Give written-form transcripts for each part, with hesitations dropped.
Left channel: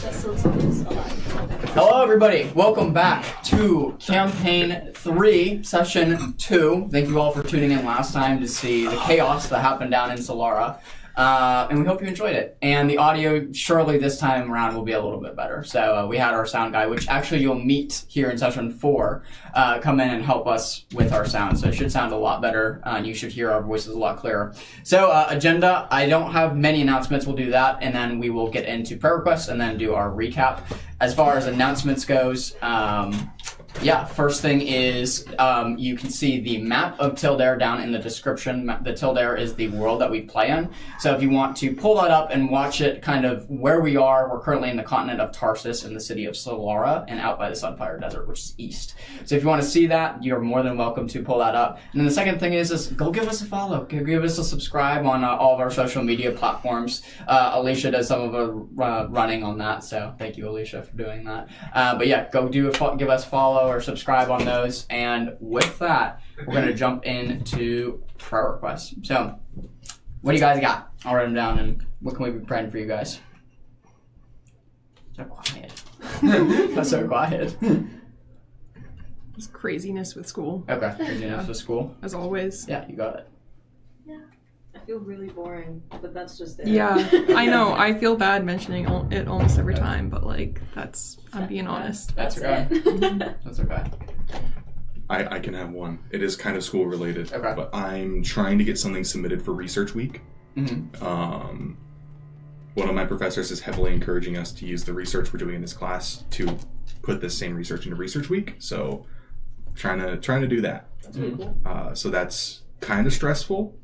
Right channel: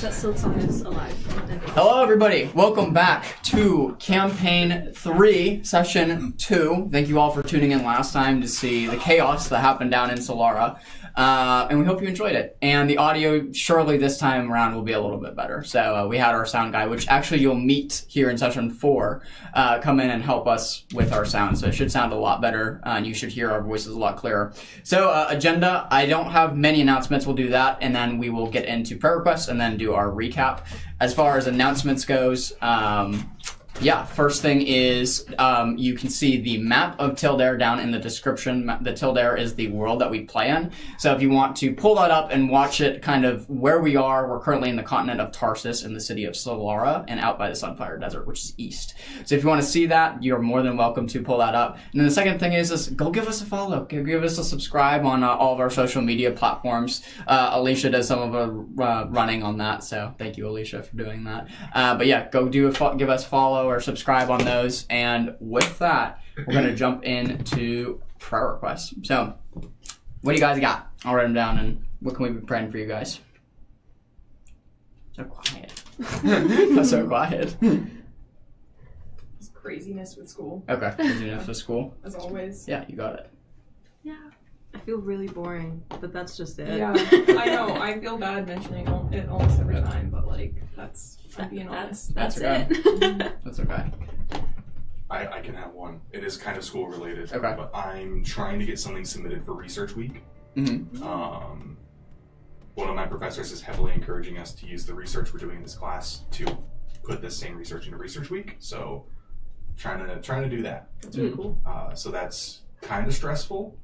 That still is alive. Hello, everybody. Welcome back to Campaign 3, Session 2. Thank you all for tuning in last time to see the chaos that happened down in Solara. And we hope you enjoyed it. And the audio, surely this time around, will be a little bit better. So we had our sound guy, which actually you'll meet here in Session 4, come in and help us with our sound. So it should sound a lot better. And you should hear our voices a lot clearer. So agenda, I don't have many announcements. We'll do that. And then we will get into prayer requests and then do our recap. As far as announcements goes, first thing is you can see the map of Tildare down in the description. The Tildare is the world that we play in. So if you want to pull that up and watch it kind of where we are, we're currently in the continent of Tarsus in the city of Solara and out by the Sunfire Desert, which is east. So if you want to see that, you're more than welcome to pull that up. And then the second thing is go give us a follow. Give us a subscribe on all of our social media platforms. Alicia does some of the running on that, so thank you, Alicia, for doing that. But yeah, go give us a follow or subscribe on those. And with that, we're going to jump into prayer requests. So, what do you guys got? I'll write them down, and what can we be praying for you guys? So quiet. That's so quiet. Just craziness with school. Okay, craziness with school. As always. Yeah, you got it. Yeah. I feel really boring, but that's just it. Yeah, I know. I feel bad mentioning it almost every time, but like, I'm being honest. That's okay. it. That's okay. I can have one. It is kind of school related. Okay. But I'm trying to get something submitted for Research Week. Mm-hmm. One of my professors is heavily encouraging us to use the research we're doing in this class to put this same research into Research Week. So trying to do that. That's really cool. So that's kind of stressful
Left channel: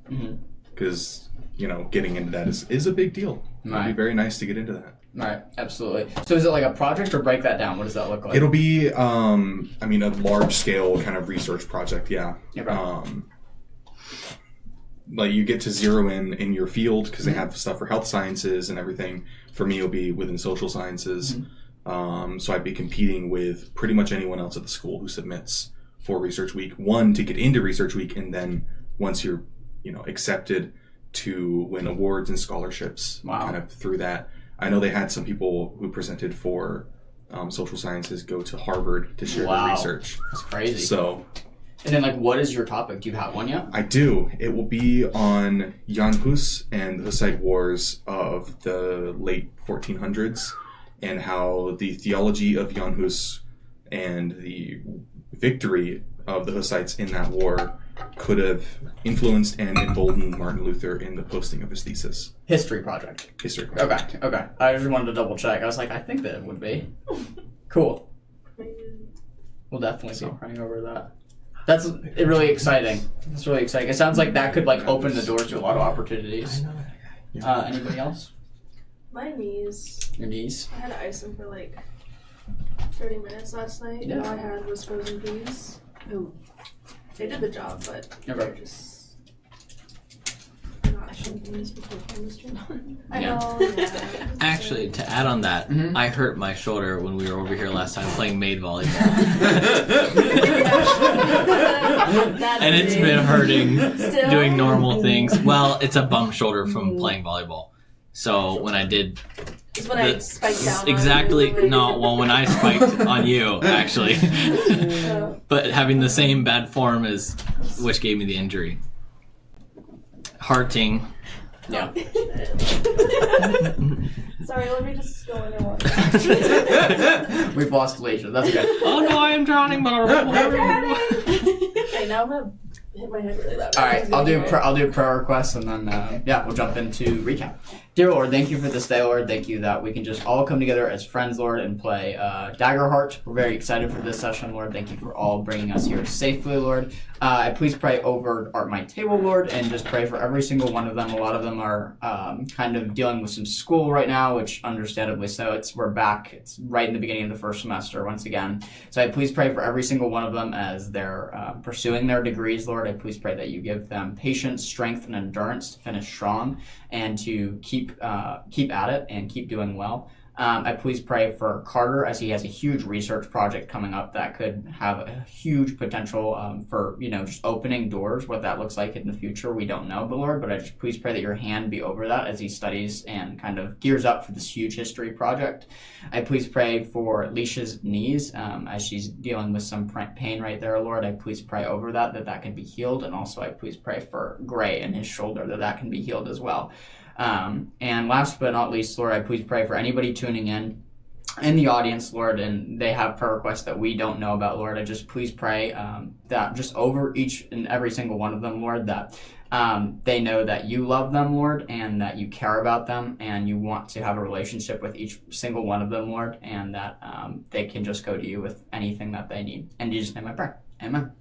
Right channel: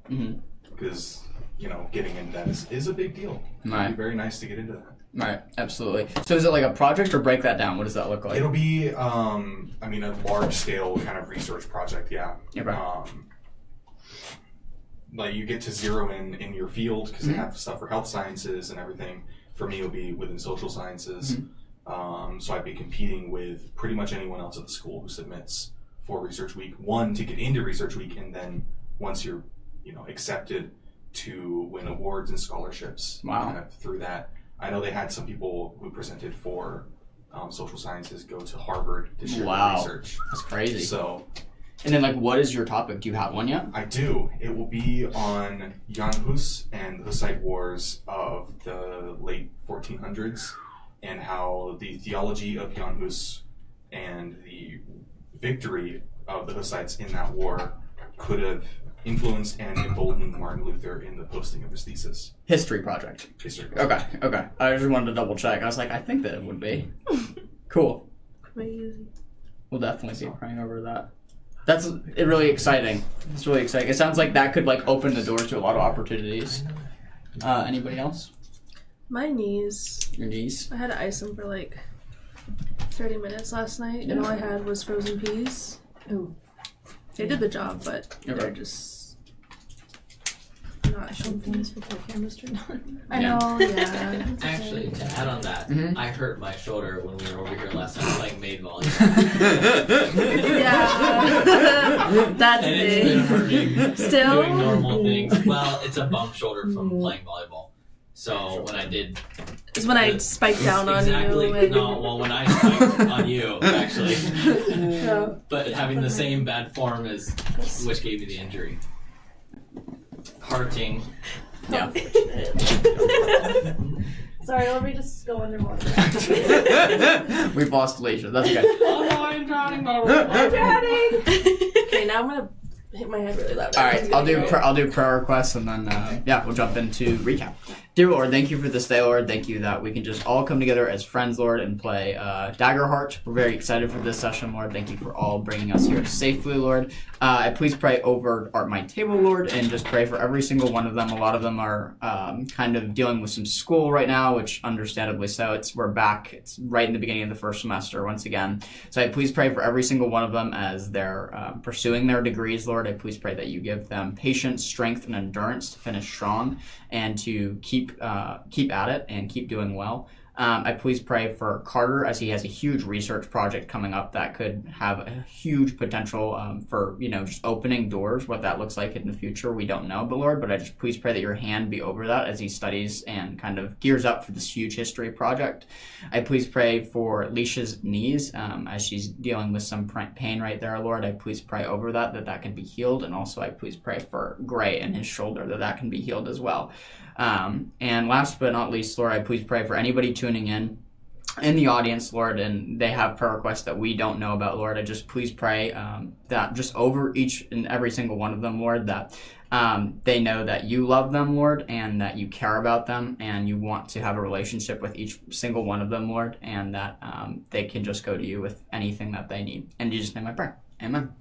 because getting into that is a big deal. Right. It'd be very nice to get into that. Right, absolutely. So is it like a project, or break that down? What does that look like? It'll be, a large-scale kind of research project, yeah. Okay. Like, you get to zero in your field, because they have stuff for health sciences and everything. For me, it'll be within social sciences. So I'd be competing with pretty much anyone else at the school who submits for Research Week. One, to get into Research Week, and then once you're, accepted, to win awards and scholarships. Wow. Kind of through that. I know they had some people who presented for social sciences go to Harvard to share their research. That's crazy. So, and then, what is your topic? Do you have one yet? I do. It will be on Jan Hus and the Hussite Wars of the late 1400s and how the theology of Jan Hus and the victory of the Hussites in that war could have influenced and emboldened Martin Luther in the posting of his thesis. History project. History project. Okay. I just wanted to double check. I was like, I think that it would be. Cool. Crazy. We'll definitely be praying over that. That's really exciting. It's really exciting. It sounds like that could open the doors to a lot of opportunities. Anybody else? My knees. Your knees? I had to ice them for 30 minutes last night, Yeah. and all I had was frozen peas. Ooh. They did the job, but they're just not something before cameras turned on. I know, yeah. Actually, to add on that, I hurt my shoulder when we were over here last time playing maid volleyball. That's and it's big. been hurting Still? doing normal things. Well, it's a bump shoulder from playing volleyball. So when I did... It's when I spiked down exactly, on you. No, well, when I spiked on you, actually. Yeah. But having the same bad form as which gave me the injury. Hearting. Yeah. Sorry, let me just go underwater. We've lost Alicia. That's okay. Oh no, I'm drowning. I'm drowning. Okay, now I'm gonna hit my head really loud. All right, I'll do prayer requests, and then we'll jump into recap. Dear Lord, thank you for this day, Lord. Thank you that we can just all come together as friends, Lord, and play Daggerheart. We're very excited for this session, Lord. Thank you for all bringing us here safely, Lord. I please pray over my table, Lord, and just pray for every single one of them. A lot of them are kind of dealing with some school right now, which understandably so. We're back. It's right in the beginning of the first semester once again. So I please pray for every single one of them as they're pursuing their degrees, Lord. I please pray that you give them patience, strength, and endurance to finish strong and to keep at it and keep doing well. I please pray for Carter, as he has a huge research project coming up that could have a huge potential for, just opening doors. What that looks like in the future, we don't know, but Lord, I just please pray that your hand be over that as he studies and kind of gears up for this huge history project. I please pray for Leisha's knees as she's dealing with some pain right there, Lord. I please pray over that can be healed, and also I please pray for Gray and his shoulder, that can be healed as well. And last but not least, Lord, I please pray for anybody tuning in the audience, Lord, and they have prayer requests that we don't know about, Lord. I just please pray that just over each and every single one of them, Lord, that they know that you love them, Lord, and that you care about them, and you want to have a relationship with each single one of them, Lord, and that they can just go to you with anything that they need. In Jesus' name I pray. Amen.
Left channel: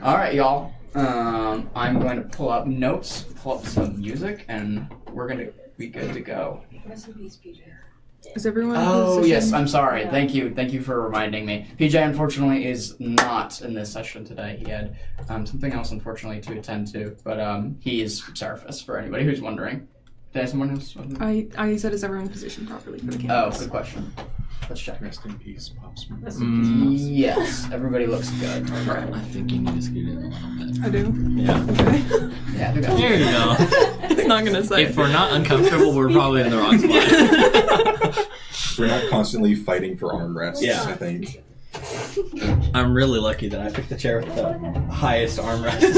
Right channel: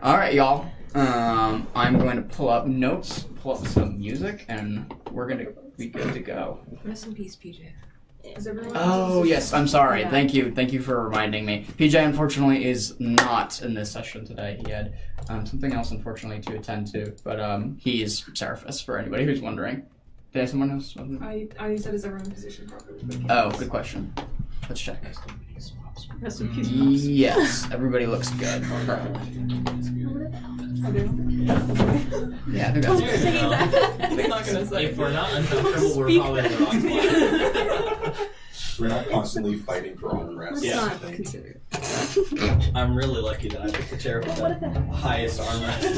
All right, y'all. I'm going to pull up notes, pull up some music, and we're going to be good to go. Rest in peace, PJ. Is everyone? Oh, yes, I'm sorry. Yeah. Thank you for reminding me. PJ, unfortunately, is not in this session today. He had something else, unfortunately, to attend to, but he is Seraphis, for anybody who's wondering. Did someone else? I said, is everyone positioned properly for the campus? Oh, good question. Let's check. Rest in peace, Pops. Rest in peace, Pops. Yes, everybody looks good. I think you need to scoot in. I do? Yeah. Okay. Yeah, who got There you go. It's not gonna say. If we're not uncomfortable, we're probably in the wrong spot. We're not constantly fighting for armrests, Yeah. I think. I'm really lucky that I picked the chair with the highest armrest.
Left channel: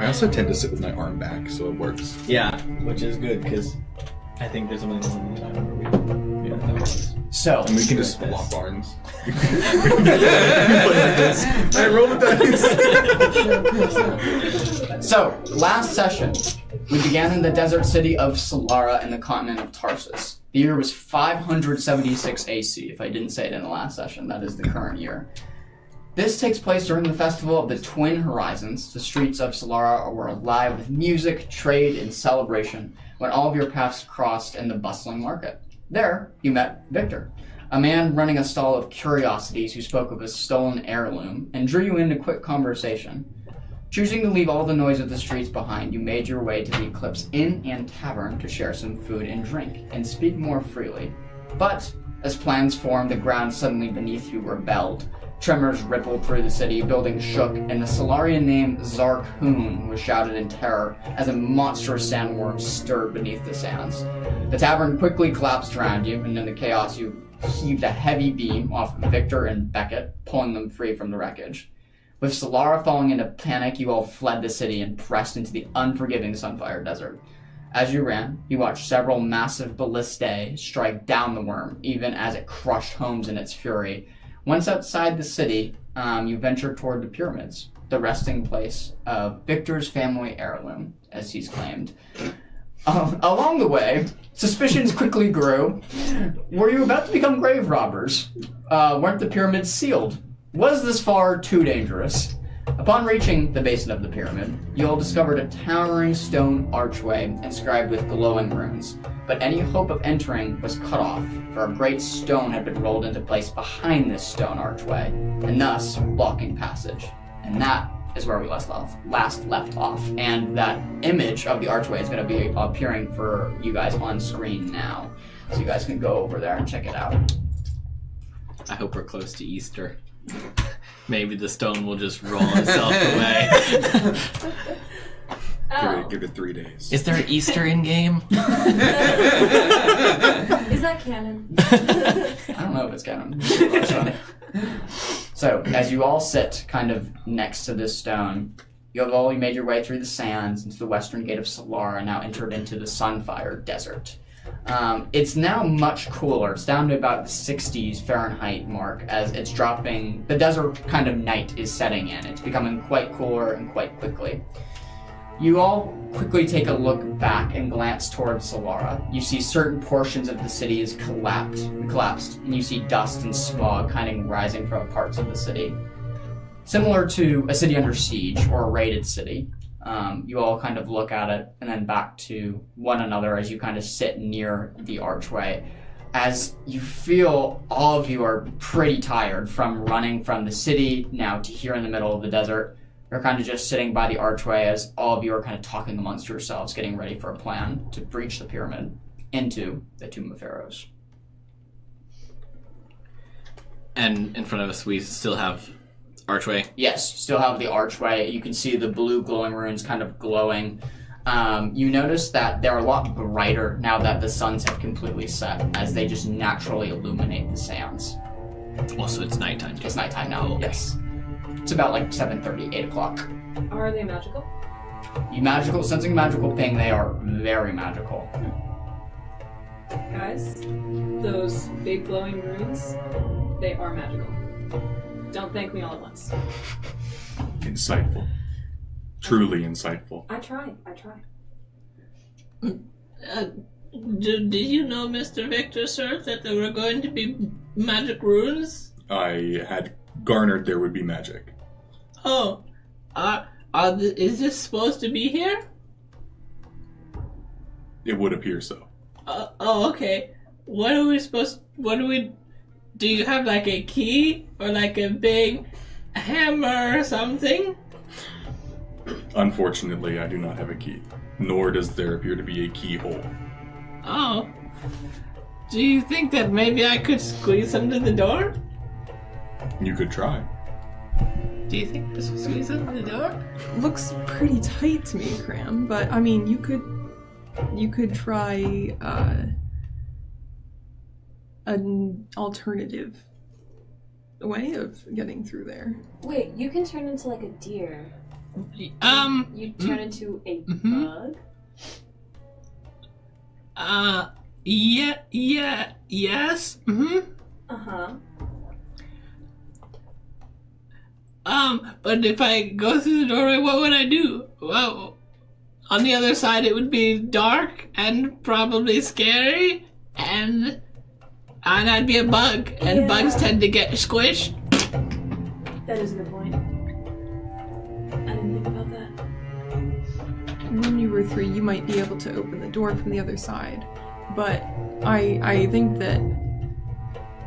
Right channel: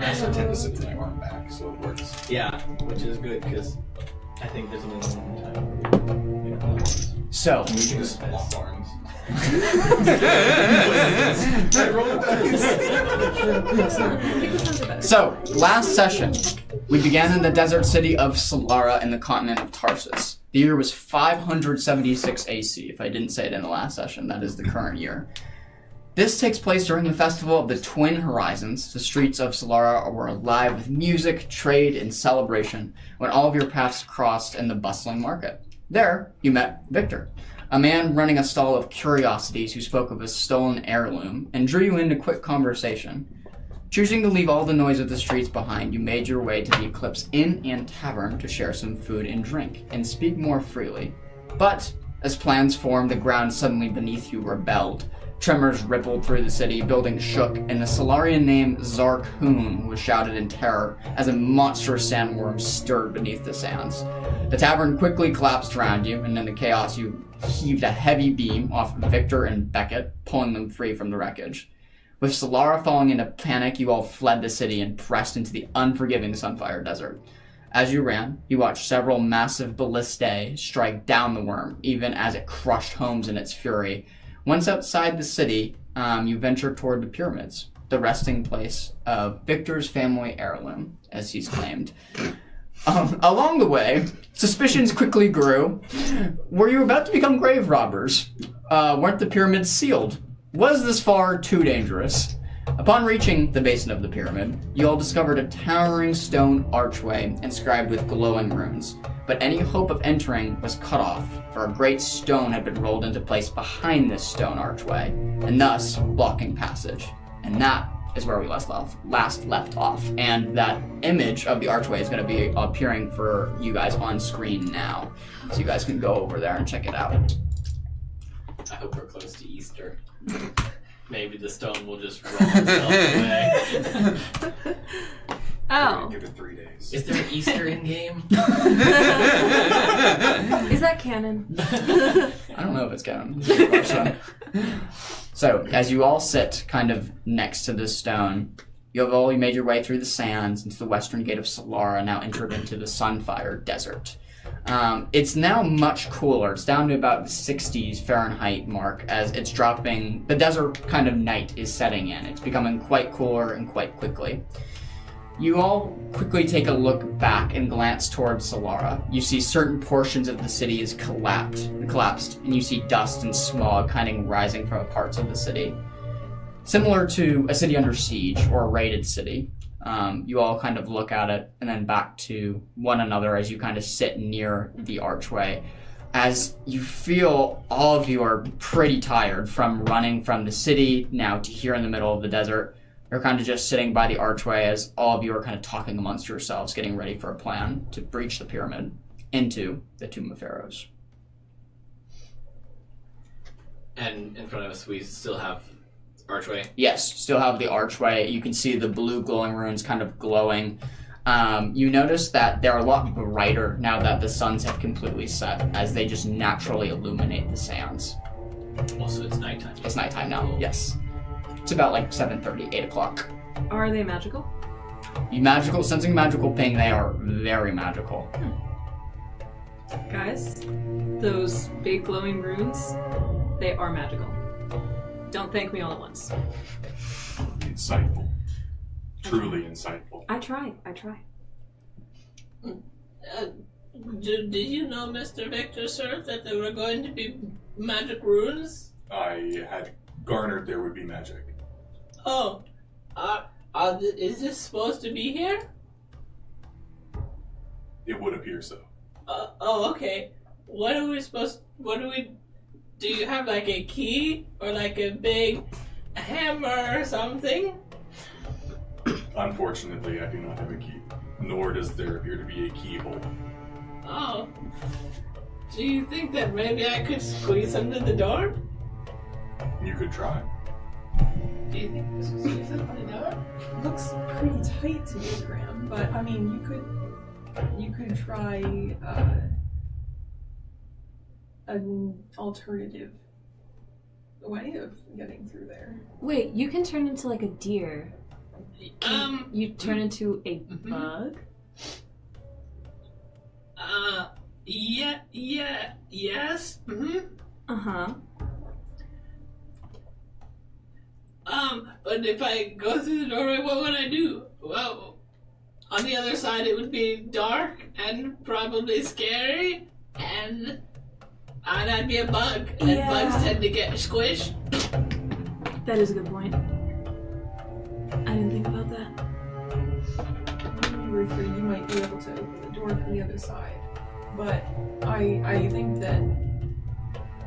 I also tend to sit with my arm back, so it works. Yeah, which is good because I think there's only one time where we don't know. So, And we can just swap arms. I rolled So, last session, we began in the desert city of Solara in the continent of Tarsus. The year was 576 AC, if I didn't say it in the last session. That is the current year. This takes place during the festival of the Twin Horizons. The streets of Solara were alive with music, trade, and celebration when all of your paths crossed in the bustling market. There, you met Victor, a man running a stall of curiosities who spoke of a stolen heirloom and drew you into quick conversation. Choosing to leave all the noise of the streets behind, you made your way to the Eclipse Inn and Tavern to share some food and drink, and speak more freely. But, as plans formed, the ground suddenly beneath you rebelled. Tremors rippled through the city, buildings shook, and a Solarian named Zarkhoon was shouted in terror as a monstrous sandworm stirred beneath the sands. The tavern quickly collapsed around you, and in the chaos you heaved a heavy beam off Victor and Beckett, pulling them free from the wreckage. With Solara falling into panic, you all fled the city and pressed into the unforgiving Sunfire Desert. As you ran, you watched several massive ballistae strike down the worm, even as it crushed homes in its fury. Once outside the city, you ventured toward the pyramids, the resting place of Victor's family heirloom, as he's claimed. Along the way, suspicions quickly grew. Were you about to become grave robbers? Weren't the pyramids sealed? Was this far too dangerous? Upon reaching the basin of the pyramid, you all discovered a towering stone archway inscribed with glowing runes, but any hope of entering was cut off, for a great stone had been rolled into place behind this stone archway, and thus blocking passage. And that is where we last left off, and that image of the archway is going to be appearing for you guys on screen now, so you guys can go over there and check it out. I hope we're close to Easter. Maybe the stone will just roll itself away. Oh. Give it 3 days. Is there Easter in game? Is that canon? I don't know if it's canon. So, as you all sit kind of next to this stone, you have all made your way through the sands into the western gate of Solara, now entered into the Sunfire Desert. It's now much cooler. It's down to about the 60s Fahrenheit mark as it's dropping. The desert kind of night is setting in. It's becoming quite cooler and quite quickly. You all quickly take a look back and glance towards Solara. You see certain portions of the city is collapsed, and you see dust and smog kind of rising from parts of the city. Similar to a city under siege or a raided city. You all kind of look at it and then back to one another as you kind of sit near the archway. As you feel all of you are pretty tired from running from the city now to here in the middle of the desert. You're kind of just sitting by the archway as all of you are kind of talking amongst yourselves, getting ready for a plan to breach the pyramid. into the Tomb of Pharaohs. And in front of us, we still have archway. Yes, still have the archway. You can see the blue glowing runes kind of glowing. You notice that they're a lot brighter now that the suns have completely set, as they just naturally illuminate the sands. Also, it's nighttime. It's nighttime now, yes. It's about like 7:30, 8 o'clock. Are they magical? Magical, sensing magical ping, they are very magical. Guys, those big glowing runes, they are magical. Don't thank me all at once. Insightful. Truly insightful. I try. Did you know, Mr. Victor, sir, that there were going to be magic runes? I had garnered there would be magic. Oh, is this supposed to be here? It would appear so. Okay. Do you have like a key or like a big hammer or something? Unfortunately, I do not have a key, nor does there appear to be a keyhole. Oh. Do you think that maybe I could squeeze them to the door? You could try. Do you think this will squeeze them to the door? Looks pretty tight to me, Cram, but I mean, you could try an alternative way of getting through there. Wait, you can turn into like a deer. You turn into a bug? Yes. Mm-hmm. Uh-huh. But if I go through the doorway, what would I do? Well, on the other side, it would be dark and probably scary, and I'd be a bug, and Yeah. bugs tend to get squished. That is a good point. I didn't think about that. When you were 3, you might be able to open the door from the other side, but I think that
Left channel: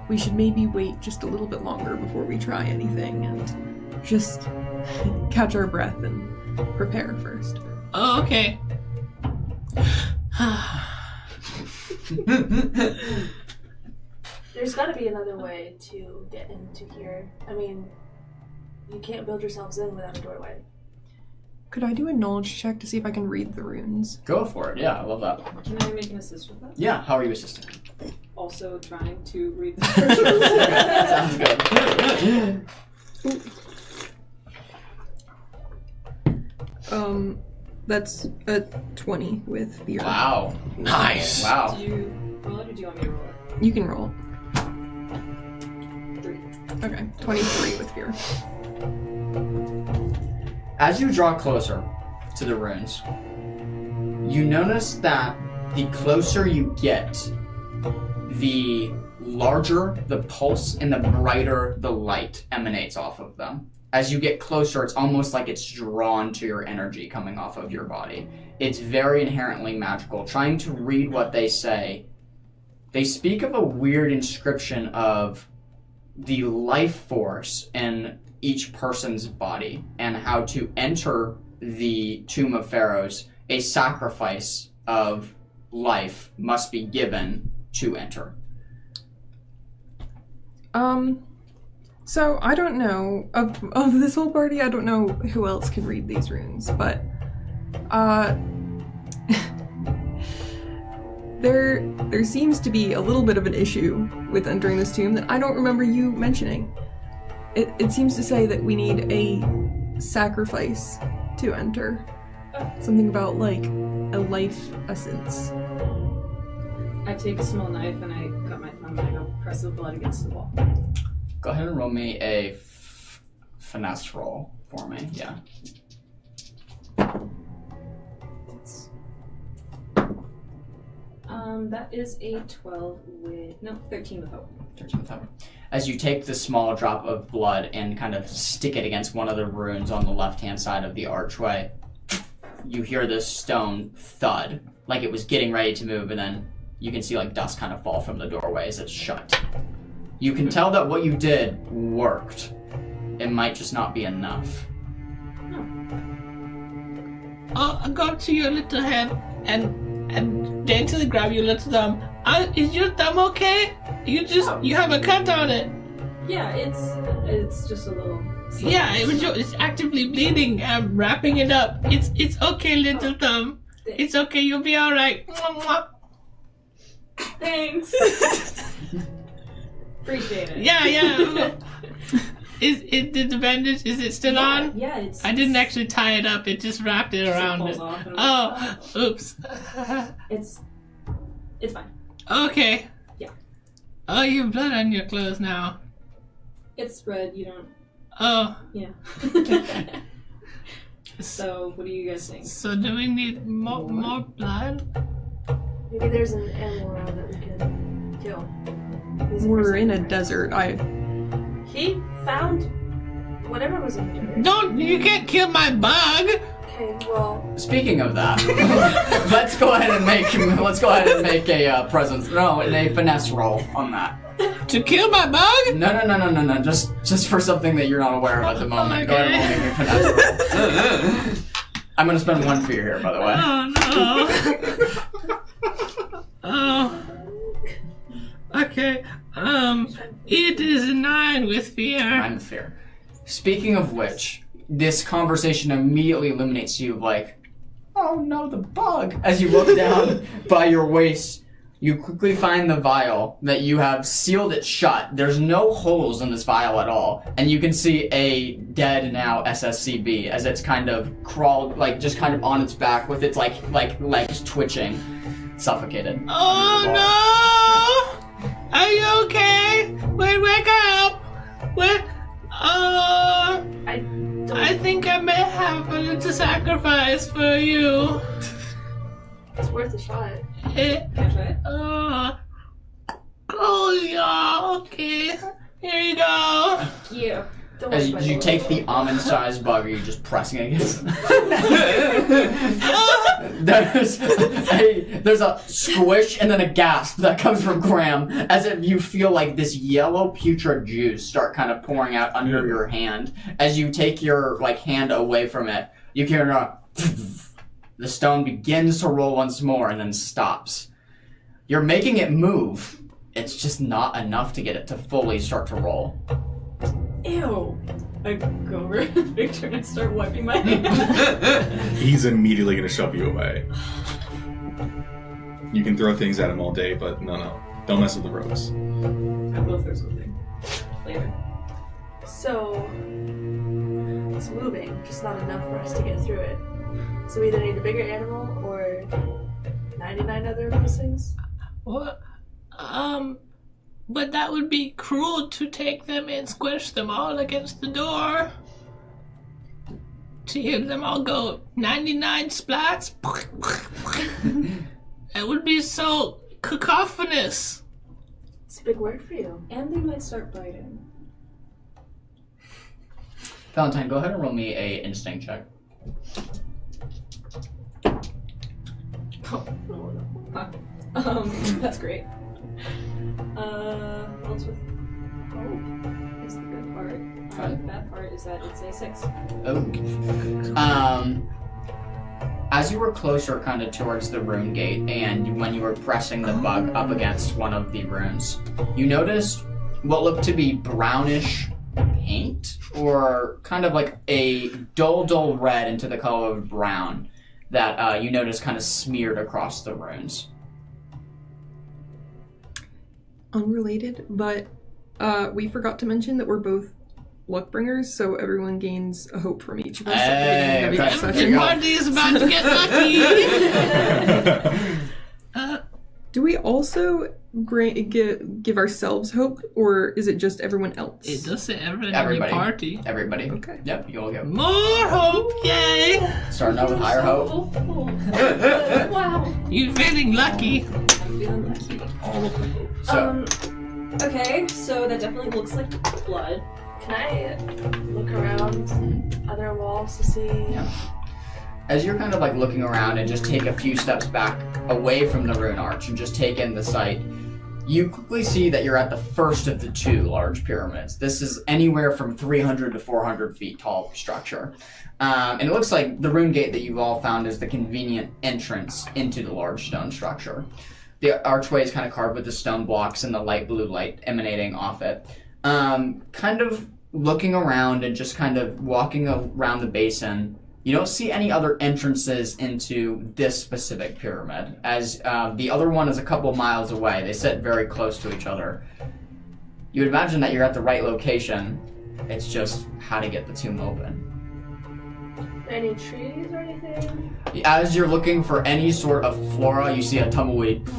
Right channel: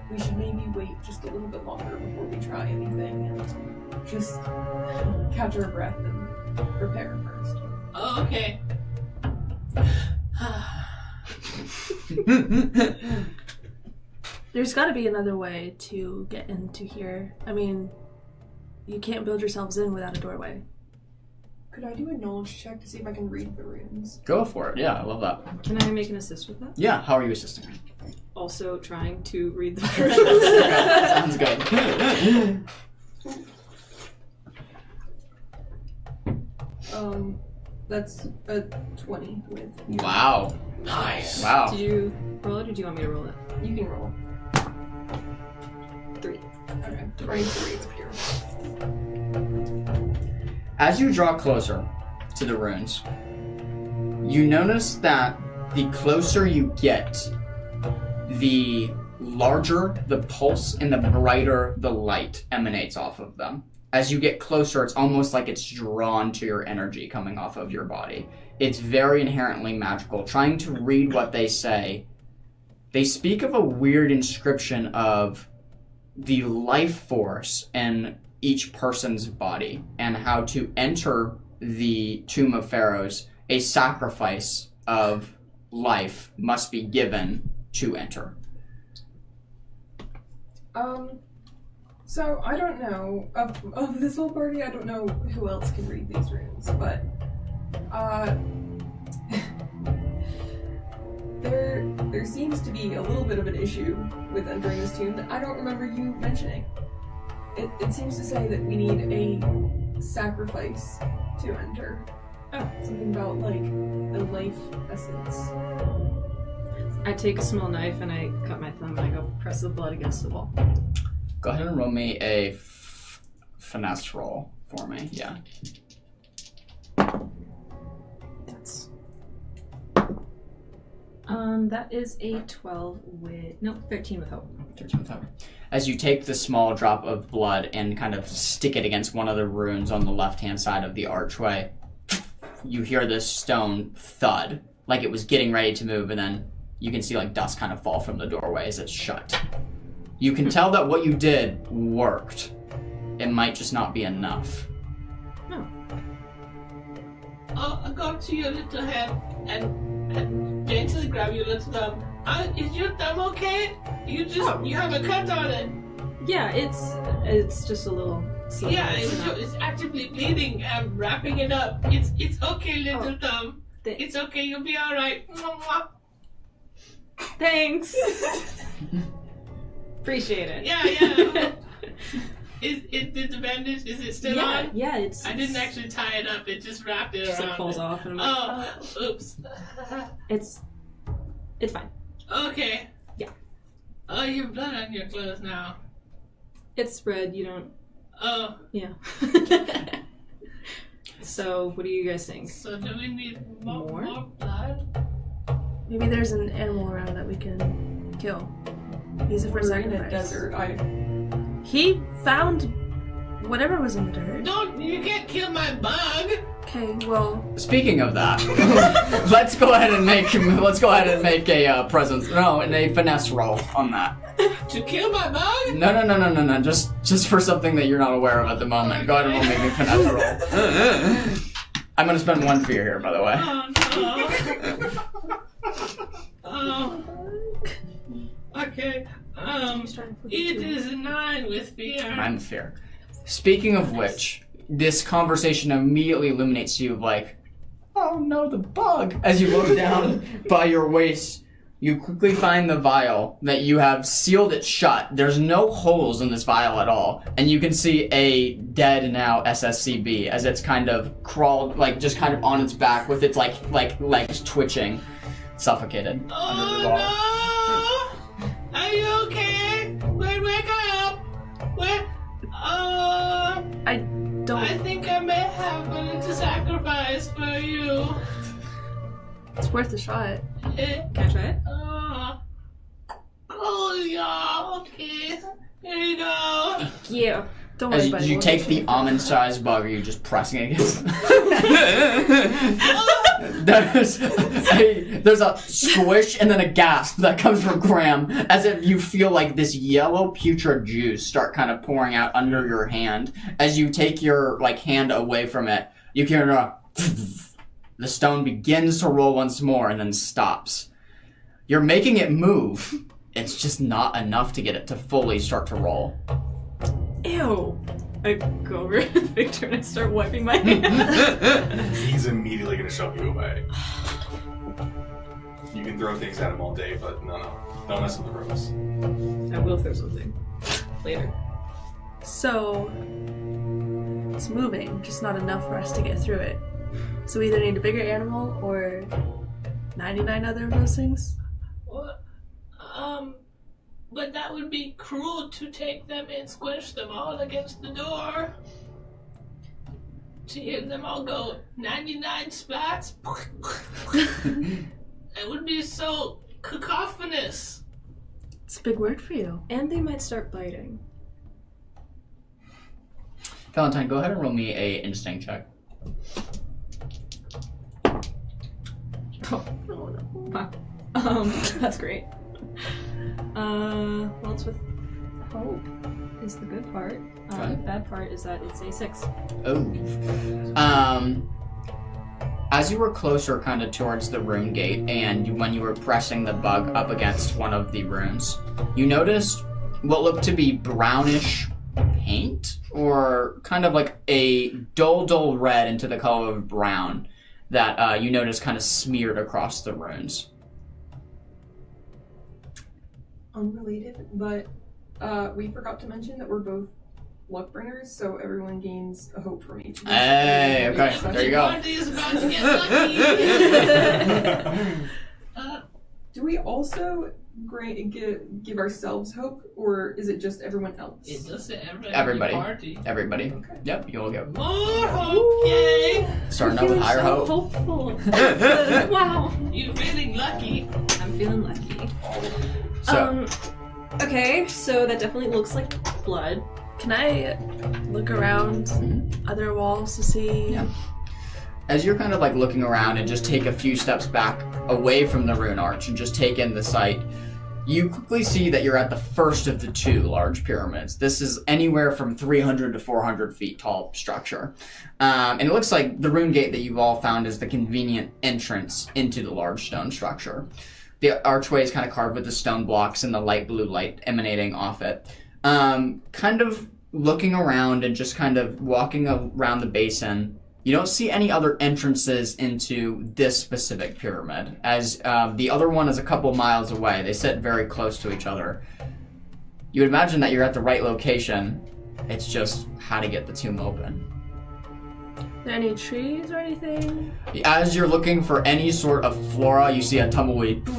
we should maybe wait just a little bit longer before we try anything and just catch our breath and prepare first. Oh, okay. There's got to be another way to get into here. I mean, you can't build yourselves in without a doorway. Could I do a knowledge check to see if I can read the runes? Go for it, yeah, I love that. Can I make an assist with that? Yeah, how are you assisting? Also trying to read the Sounds good. That's a 20 with fear. Wow. Nice. Wow. Do you roll it or do you want me to roll it? You can roll. 3. Okay, 23 with fear. As you draw closer to the runes, you notice that the closer you get, the larger the pulse and the brighter the light emanates off of them. As you get closer, it's almost like it's drawn to your energy coming off of your body. It's very inherently magical. Trying to read what they say, they speak of a weird inscription of the life force in each person's body and how to enter the Tomb of Pharaohs, a sacrifice of life must be given to enter. So I don't know of this whole party. I don't know who else can read these runes, but there seems to be a little bit of an issue with entering this tomb that I don't remember you mentioning. It seems to say that we need a sacrifice to enter. Oh. Something about like a life essence. I take a small knife and I cut my thumb and I go press the blood against the wall. Go ahead and roll me a finesse roll for me, yeah. That's... that is a 13 with hope. 13 with hope. As you take the small drop of blood and kind of stick it against one of the runes on the left-hand side of the archway, you hear this stone thud, like it was getting ready to move, and then you can see like dust kind of fall from the doorway as it's shut. You can tell that what you did worked. It might just not be enough. I'll go up to your little hand and daintily grab your little thumb. Is your thumb okay? You have a cut on it. Yeah, it's just a little. Yeah, it's actively bleeding. I'm wrapping it up. It's okay, little thumb. It's okay. You'll be all right. Thanks. Appreciate it. Yeah. Is the bandage? Is it still on? Yeah, it's. I didn't actually tie it up. It just wrapped it around falls it. off. And Oops. It's fine. Okay. Yeah. Oh, you have blood on your clothes now. It's red. You don't. Oh. Yeah. So, what are you guys saying? So, do we need more blood? Maybe there's an animal around that we can kill. We're in a desert. He found whatever was in the dirt. You can't kill my bug. Okay, well. Speaking of that, let's go ahead and make a presence. No, a finesse roll on that. To kill my bug? No. Just for something that you're not aware of at the moment. Go ahead and make a finesse roll. I'm gonna spend 1 fear here, by the way. Oh no. Oh. Okay. It is 9 with fear. 9 with fear. Speaking of which, this conversation immediately illuminates you like, oh no, the bug. As you look down by your waist, you quickly find the vial that you have sealed it shut. There's no holes in this vial at all. And you can see a dead now SSCB as it's kind of crawled, like just kind of on its back with its like legs twitching, suffocated. Oh no! Are you okay? Wake up! I think I may have a little sacrifice for you. It's worth a shot. Can I try it? Oh yeah, okay. Here you go. Thank you. Don't As worry, you take the almond-sized bug, are you just pressing it against? There's a squish and then a gasp that comes from Graham, as if you feel like this yellow putrid juice start kind of pouring out under your hand. As you take your hand away from it, you can hear the stone begins to roll once more and then stops. You're making it move. It's just not enough to get it to fully start to roll. Ew. I go over to Victor and I start wiping my hands. He's immediately going to shove you away. You can throw things at him all day, but no. Don't mess with the ropes. I will throw something later. So, it's moving, just not enough for us to get through it. So we either need a bigger animal or 99 other of those things. What? But that would be cruel to take them and squish them all against the door. To hear them all go 99 splats. It would be so cacophonous. It's a big word for you. And they might start biting. Valentine, go ahead and roll me a instinct check. Oh no. Wow. That's great. Well, it's with hope is the good part. The bad part is that it's a 6. Oh. As you were closer kind of towards the rune gate, and when you were pressing the bug up against one of the runes, you noticed what looked to be brownish paint, or kind of like a dull red into the color of brown that you noticed kind of smeared across the runes. Unrelated, but we forgot to mention that we're both luck bringers, so everyone gains a hope from each of us. Hey, okay, there you go. Marty is about to get lucky. Do we also give ourselves hope, or is it just everyone else? It does say everybody. Everybody. Party. Everybody. Okay. Yep, you'll get More hope, yay! starting out with higher hope. Hopeful. Wow. You feeling lucky? I'm feeling lucky. So, Okay, so that definitely looks like blood. Can I look around other walls to see? Yeah. As you're kind of looking around and just take a few steps back away from the rune arch and just take in the sight, You quickly see that you're at the first of the two large pyramids. This is anywhere from 300 to 400 feet tall structure. And it looks like the rune gate that you've all found is the convenient entrance into the large stone structure. The archway is kind of carved with the stone blocks and the light blue light emanating off it. Kind of looking around and just kind of walking around the basin, you don't see any other entrances into this specific pyramid, as the other one is a couple miles away. They sit very close to each other. You would imagine that you're at the right location. It's just how to get the tomb open. Are there any trees or anything? As you're looking for any sort of flora, you see a tumbleweed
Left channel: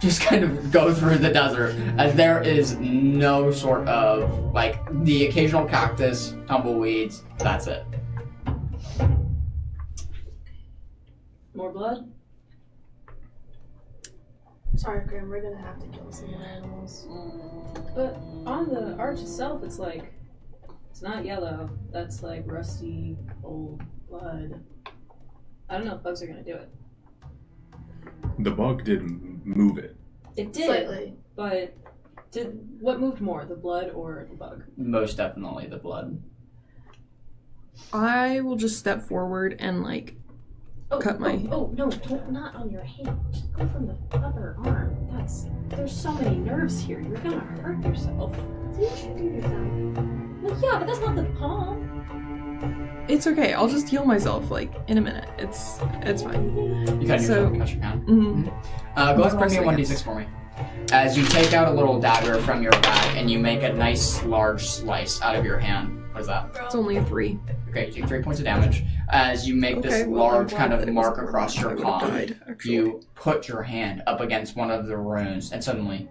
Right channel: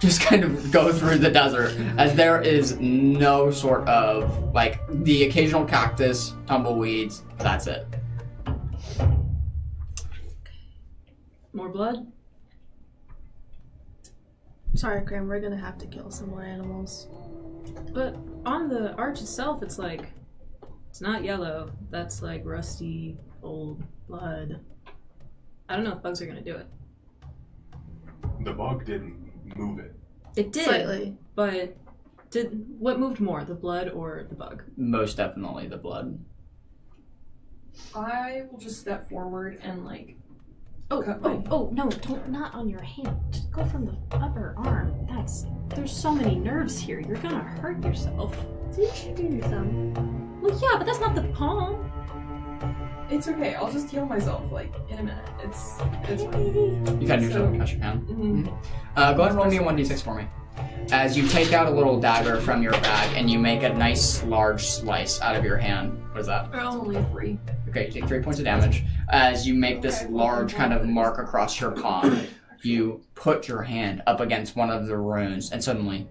just kind of go through the desert, as there is no sort of, like, the occasional cactus, tumbleweeds, that's it. More blood? Sorry, Graham, we're gonna have to kill some more animals. But on the arch itself, it's like, it's not yellow. That's like rusty, old blood. I don't know if bugs are gonna do it. The bug didn't move it. It did, Slightly. but what moved more, the blood or the bug? Most definitely the blood. I will just step forward and cut my. Oh no! Don't not on your hand. Just go from the upper arm. There's so many nerves here. You're gonna hurt yourself. Didn't you do yourself? Well, yeah, but that's not the palm. It's okay. I'll just heal myself in a minute. It's fine. You cut yourself, catch your hand. Go ahead and roll me a 1d6 for me. As you take out a little dagger from your bag and you make a nice large slice out of your hand. What is that? It's only a 3. Okay, you take 3 points of damage. As you make this large kind of mark across your palm, you put your hand up against one of the runes, and suddenly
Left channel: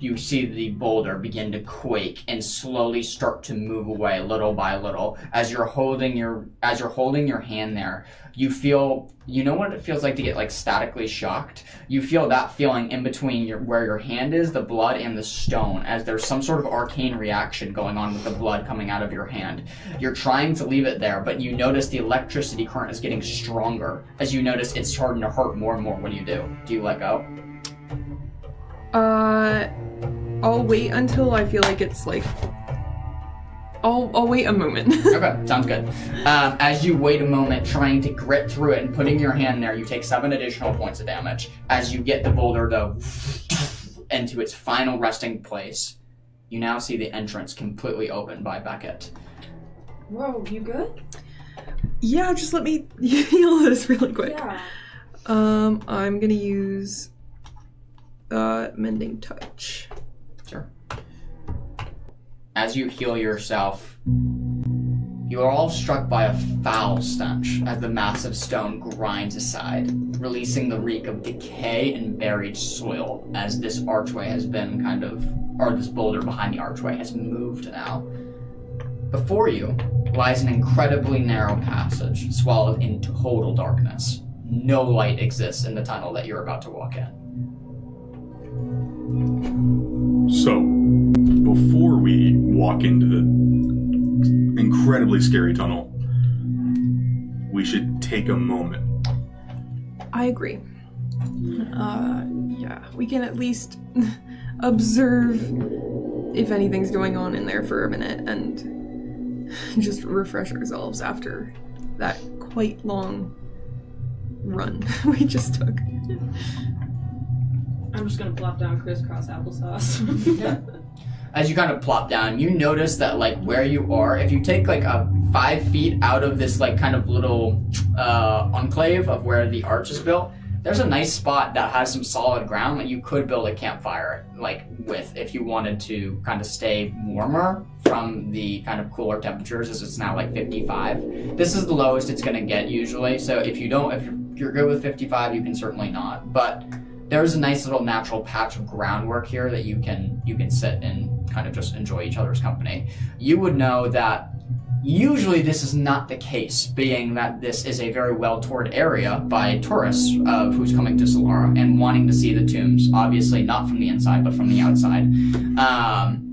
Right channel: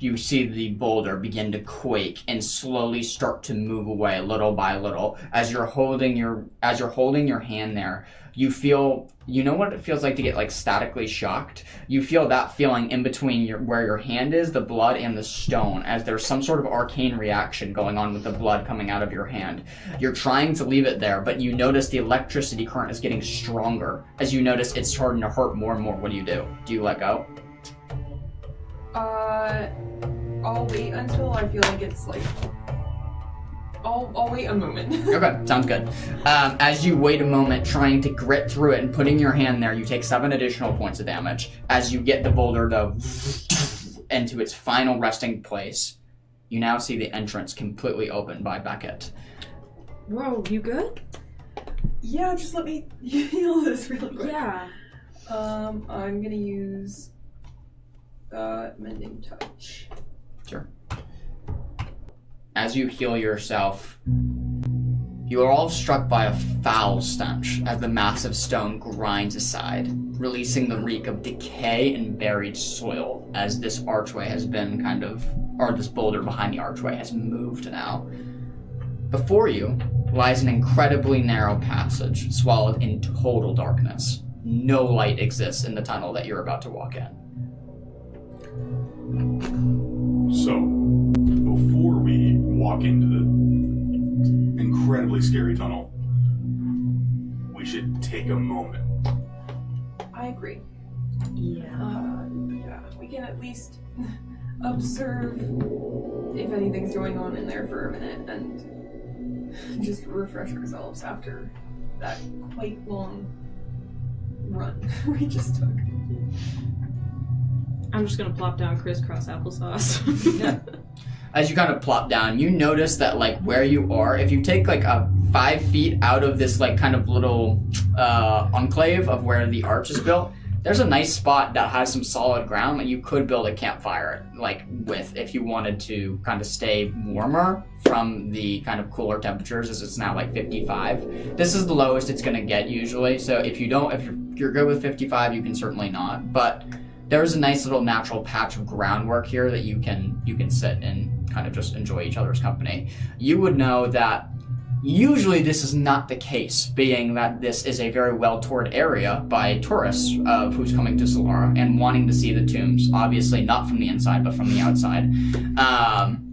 you see the boulder begin to quake and slowly start to move away little by little. As you're holding your hand there, you feel, you know what it feels like to get statically shocked? You feel that feeling in between where your hand is, the blood, and the stone, as there's some sort of arcane reaction going on with the blood coming out of your hand. You're trying to leave it there, but you notice the electricity current is getting stronger. As you notice it's starting to hurt more and more. What do? Do you let go? I'll wait until I feel like it's I'll wait a moment. Okay, sounds good. As you wait a moment, trying to grit through it and putting your hand there, you take 7 additional points of damage. As you get the boulder to into its final resting place, you now see the entrance completely open by Beckett. Whoa, you good? Yeah, just let me heal this really quick. Yeah. I'm gonna use Mending Touch. Sure. As you heal yourself, you are all struck by a foul stench as the massive stone grinds aside, releasing the reek of decay and buried soil as this archway has been this boulder behind the archway has moved now. Before you lies an incredibly narrow passage swallowed in total darkness. No light exists in the tunnel that you're about to walk in. So, before we walk into the incredibly scary tunnel, we should take a moment. I agree. Yeah, we can at least observe if anything's going on in there for a minute and just refresh ourselves after that quite long run we just took. I'm just gonna plop down crisscross applesauce. Yeah. As you kind of plop down, you notice that where you are, if you take a 5 feet out of this kind of little enclave of where the arch is built, there's a nice spot that has some solid ground that you could build a campfire with if you wanted to kind of stay warmer from the kind of cooler temperatures, as it's now 55. This is the lowest it's going to get usually, so if you're good with 55, you can certainly not, but there's a nice little natural patch of groundwork here that you can sit and kind of just enjoy each other's company. You would know that usually this is not the case, being that this is a very well-toured area by tourists who's coming to Solara and wanting to see the tombs, obviously not from the inside, but from the outside.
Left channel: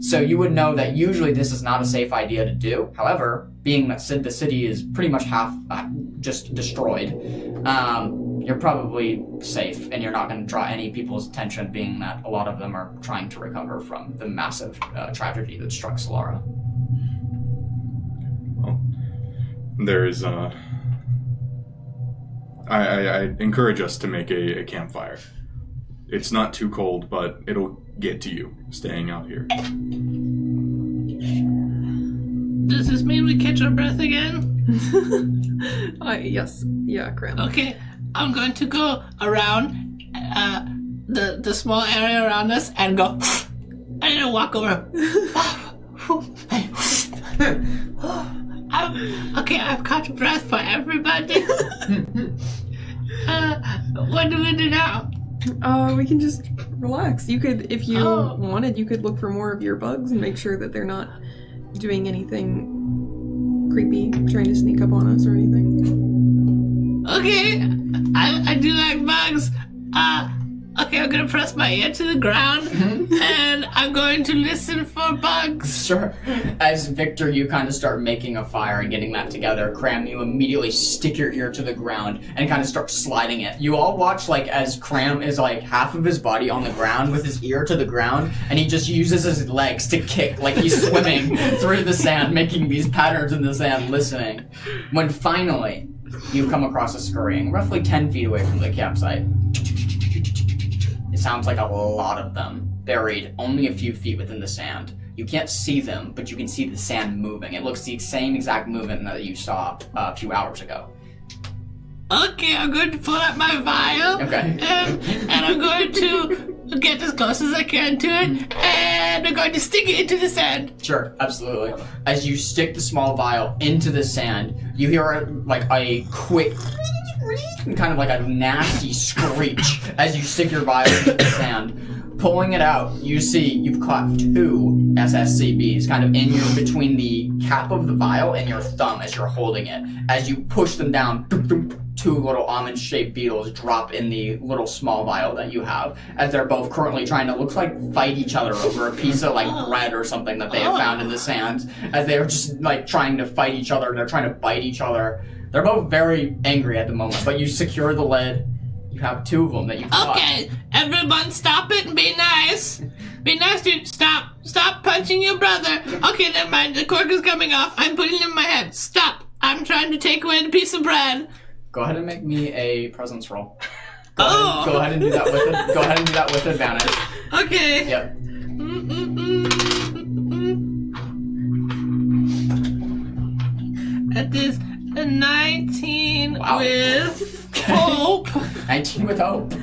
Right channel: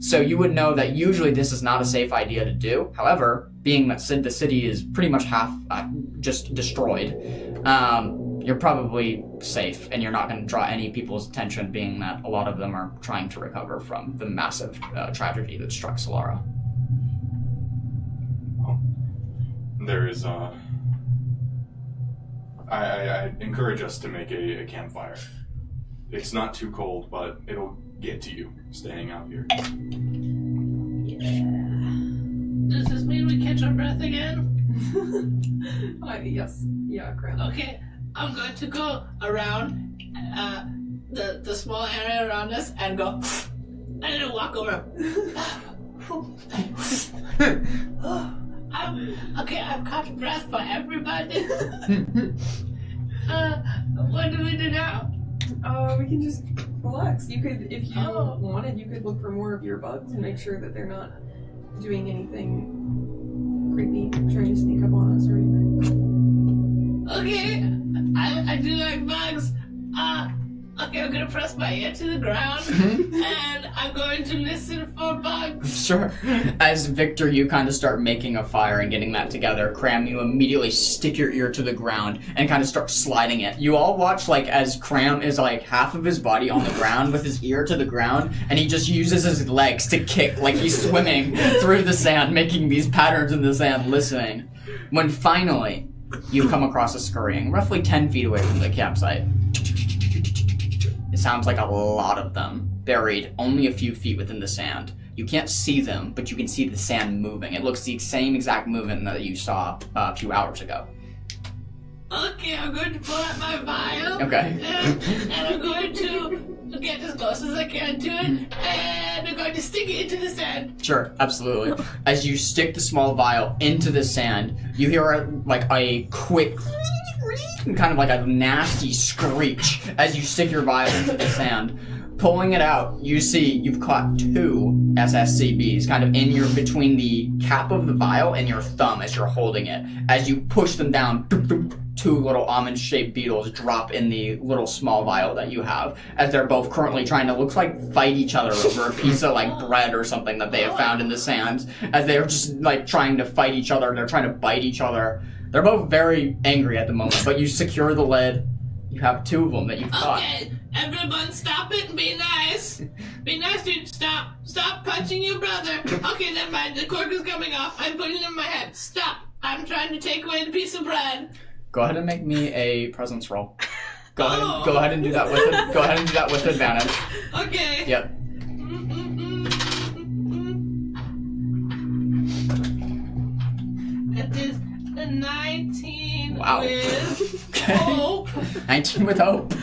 So you would know that usually this is not a safe idea to do. However, being that the city is pretty much half just destroyed, you're probably safe, and you're not going to draw any people's attention, being that a lot of them are trying to recover from the massive tragedy that struck Solara. Well, there is, I encourage us to make a campfire. It's not too cold, but it'll get to you staying out here. Does this mean we catch our breath again? Yes. Yeah, Graham. Okay, I'm going to go around the small area around us and go. I'm gonna walk over. I've caught breath for everybody. What do we do now? We can just relax. You could, if you wanted, you could look for more of your bugs and make sure that they're not doing anything creepy, trying to sneak up on us or anything. Okay, I do like bugs. Okay, I'm gonna press my ear to the ground and I'm going to listen for bugs. Sure. As Victor, you kind of start making a fire and getting that together. Cram, you immediately stick your ear to the ground and kind of start sliding it. You all watch, like, as Cram is, like, half of his body on the ground with his ear to the ground, and he just uses his legs to kick like he's swimming through the sand, making these patterns in the sand, listening. When finally you come across a scurrying, roughly 10 feet away from the campsite. It sounds like a lot of them, buried only a few feet within the sand. You can't see them, but you can see the sand moving. It looks the same exact movement that you saw a few hours ago. Okay, I'm going to pull out my vial. Okay. And I'm going to get as close as I can to it, and I'm going to stick it into the sand. Sure, absolutely. As you stick the small vial into the sand, you hear like a quick, kind of like a nasty screech as you stick your vial into the sand. Pulling it out, you see you've caught 2 SSCBs kind of in between the cap of the vial and your thumb as you're holding it. As you push them down, 2 little almond-shaped beetles drop in the little small vial that you have, as they're both currently trying to, looks like, fight each other over a piece of, like, bread or something that they have found in the sands, as they're just, like, trying to fight each other. They're trying to bite each other. They're both very angry at the moment, but you secure the lid. You have 2 of them that you've caught. Okay, everyone stop it and be nice. Be nice, dude. Stop punching your brother. Okay, never mind. The cork is coming off. I'm putting it in my head. Stop. I'm trying to take away the piece of bread. Go ahead and make me a presence roll. Go ahead and do that with it. Go ahead and do that with advantage. Okay. Yep. That is a 19 Wow. with hope. 19 with hope.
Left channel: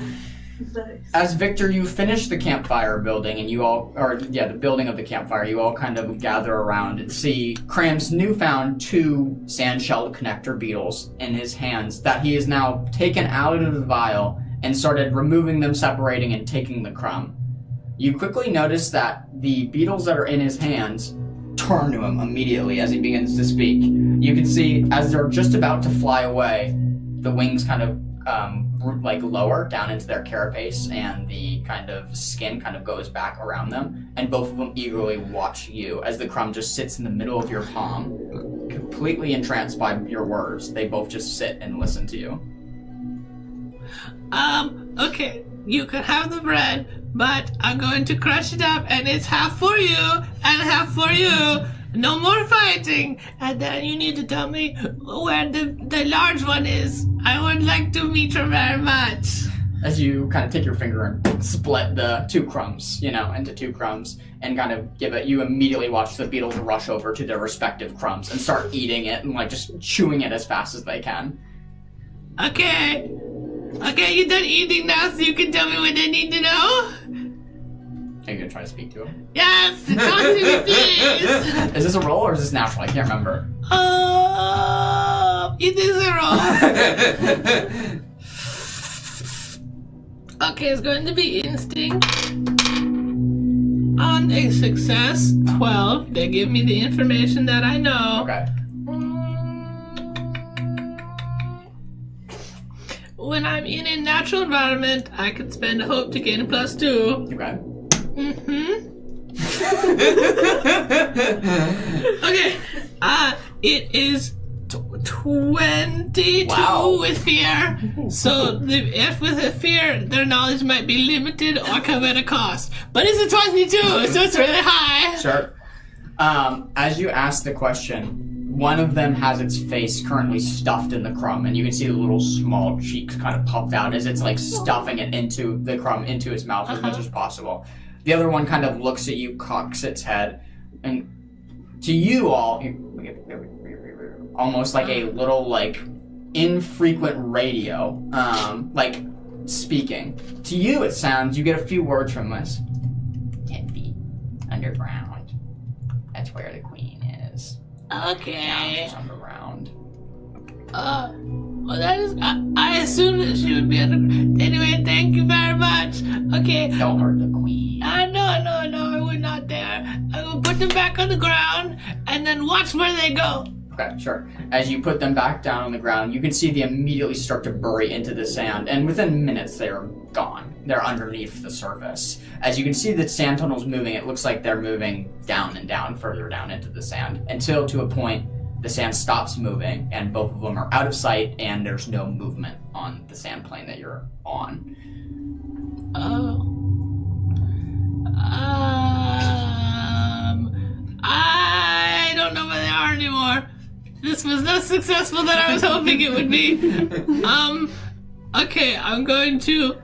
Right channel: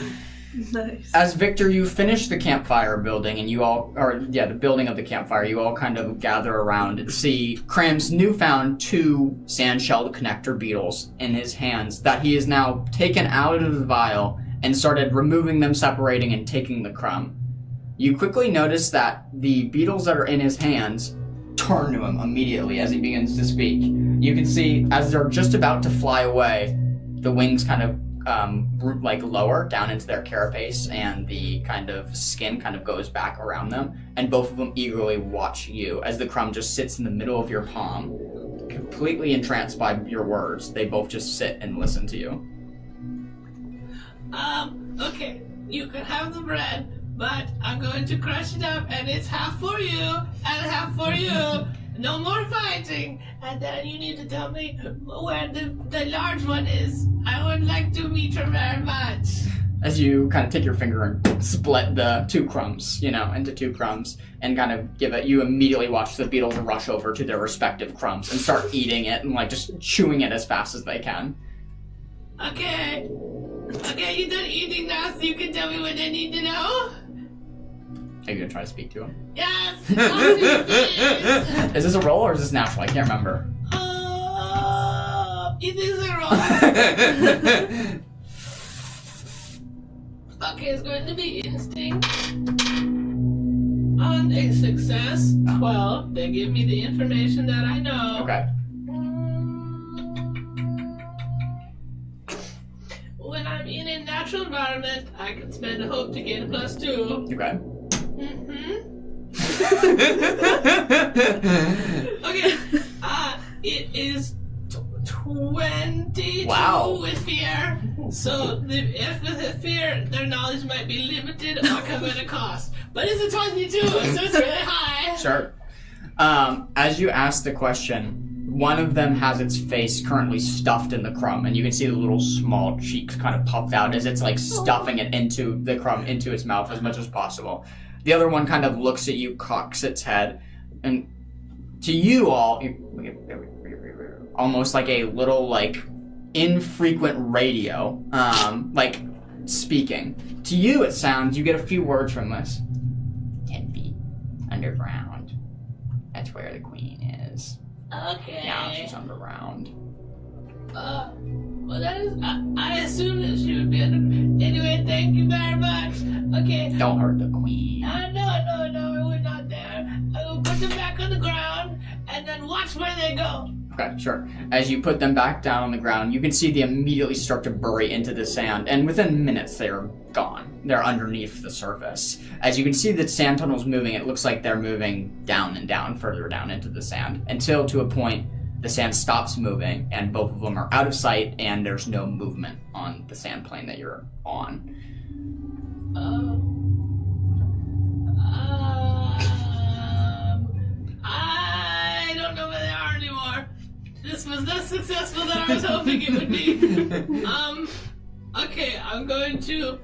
Nice. As Victor, you finish the campfire building, and the building of the campfire, you all kind of gather around and see Cram's newfound 2 sand-shelled connector beetles in his hands that he has now taken out of the vial and started removing them, separating, and taking the crumb. You quickly notice that the beetles that are in his hands turn to him immediately as he begins to speak. You can see, as they're just about to fly away, the wings kind of lower down into their carapace, and the kind of skin kind of goes back around them, and both of them eagerly watch you as the crumb just sits in the middle of your palm, completely entranced by your words. They both just sit and listen to you. Okay, you can have the bread, but I'm going to crush it up, and it's half for you and half for you. No more fighting. And then you need to tell me where the large one is. I would like to meet her very much. As you kind of take your finger and split the 2 crumbs, into 2 crumbs, and kind of give it, you immediately watch the beetles rush over to their respective crumbs and start eating it and just chewing it as fast as they can. Okay, you're done eating now, so you can tell me what I need to know? Are you gonna try to speak to him? Yes, talk to me, please. Is this a roll or is this natural? I can't remember. It is a roll. Okay, it's going to be instinct. On a success, 12. They give me the information that I know. Okay. When I'm in a natural environment, I can spend a hope to gain a +2. Okay. Okay. It is 22 Wow. with fear. So, if with a fear, their knowledge might be limited or come at a cost. But it's a 22, so it's really high. Sure. As you ask the question, one of them has its face currently stuffed in the crumb, and you can see the little small cheeks kind of puffed out as it's like stuffing it into the crumb into its mouth as much as possible. The other one kind of looks at you, cocks its head, and to you all, almost like a little like infrequent radio, like speaking. To you it sounds, you get a few words from this. 10 feet underground. That's where the queen is. Okay. Now she's underground. Well, that is. I assume that she would be under. Anyway, thank you very much. Okay. Don't hurt the queen. No, I would not dare. I will put them back on the ground and then watch where they go. Okay, sure. As you put them back down on the ground, you can see they immediately start to bury into the sand, and within minutes they are gone. They're underneath the surface. As you can see the sand tunnel's moving, it looks like they're moving down and down, further down into the sand, until to a point the sand stops moving, and both of them are out of sight, and there's no movement on the sand plane that you're on. I don't know where they are anymore. This was not successful that I was hoping it would be. Okay, I'm going to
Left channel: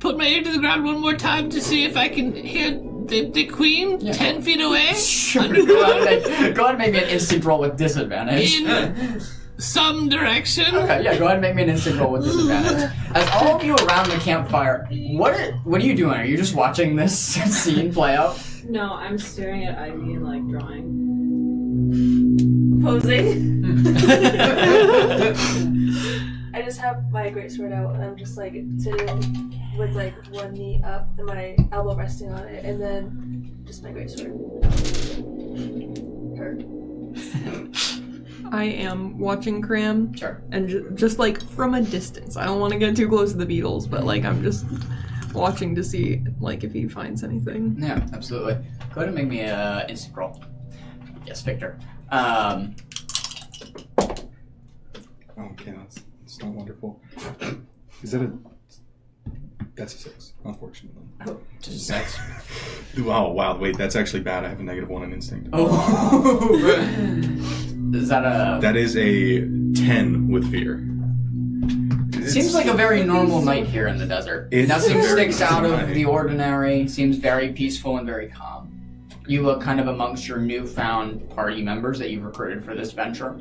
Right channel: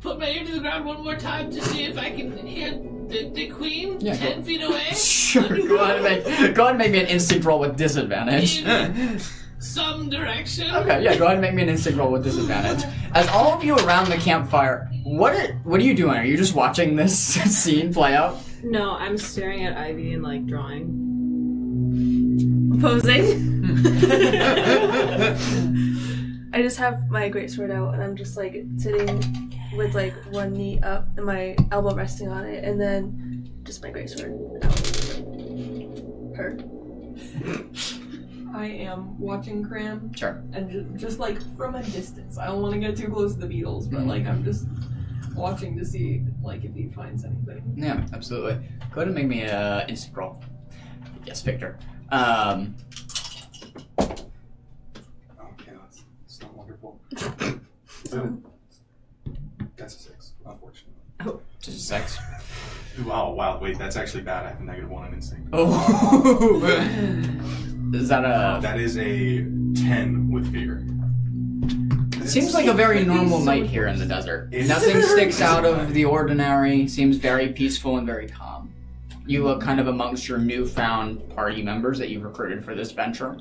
put my ear to the ground one more time to see if I can hear the queen 10 feet away. Sure, go ahead and make me an instinct roll with disadvantage. In some direction. Okay, yeah, go ahead and make me an instinct roll with disadvantage. As all of you around the campfire, what are you doing? Are you just watching this scene play out? No, I'm staring at Ivy and like drawing. Posing. I just have my greatsword out and I'm just like sitting with like one knee up and my elbow resting on it, and then just my greatsword out. Her. I am watching Cram. Sure. And just like from a distance. I don't want to get too close to the beetles, but like I'm just watching to see like if he finds anything. Yeah, absolutely. Go ahead and make me an instinct roll. Yes, Victor. Okay, that's not wonderful. Is it a... That's a 6, unfortunately. Just a 6. Oh, wow, wait, that's actually bad. I have a -1 on instinct. Oh. Is that a... That is a 10 with fear. Seems like a very normal night here in the desert. Nothing sticks out of the ordinary. Seems very peaceful and very calm. You look kind of amongst your newfound party members that you've recruited for this venture.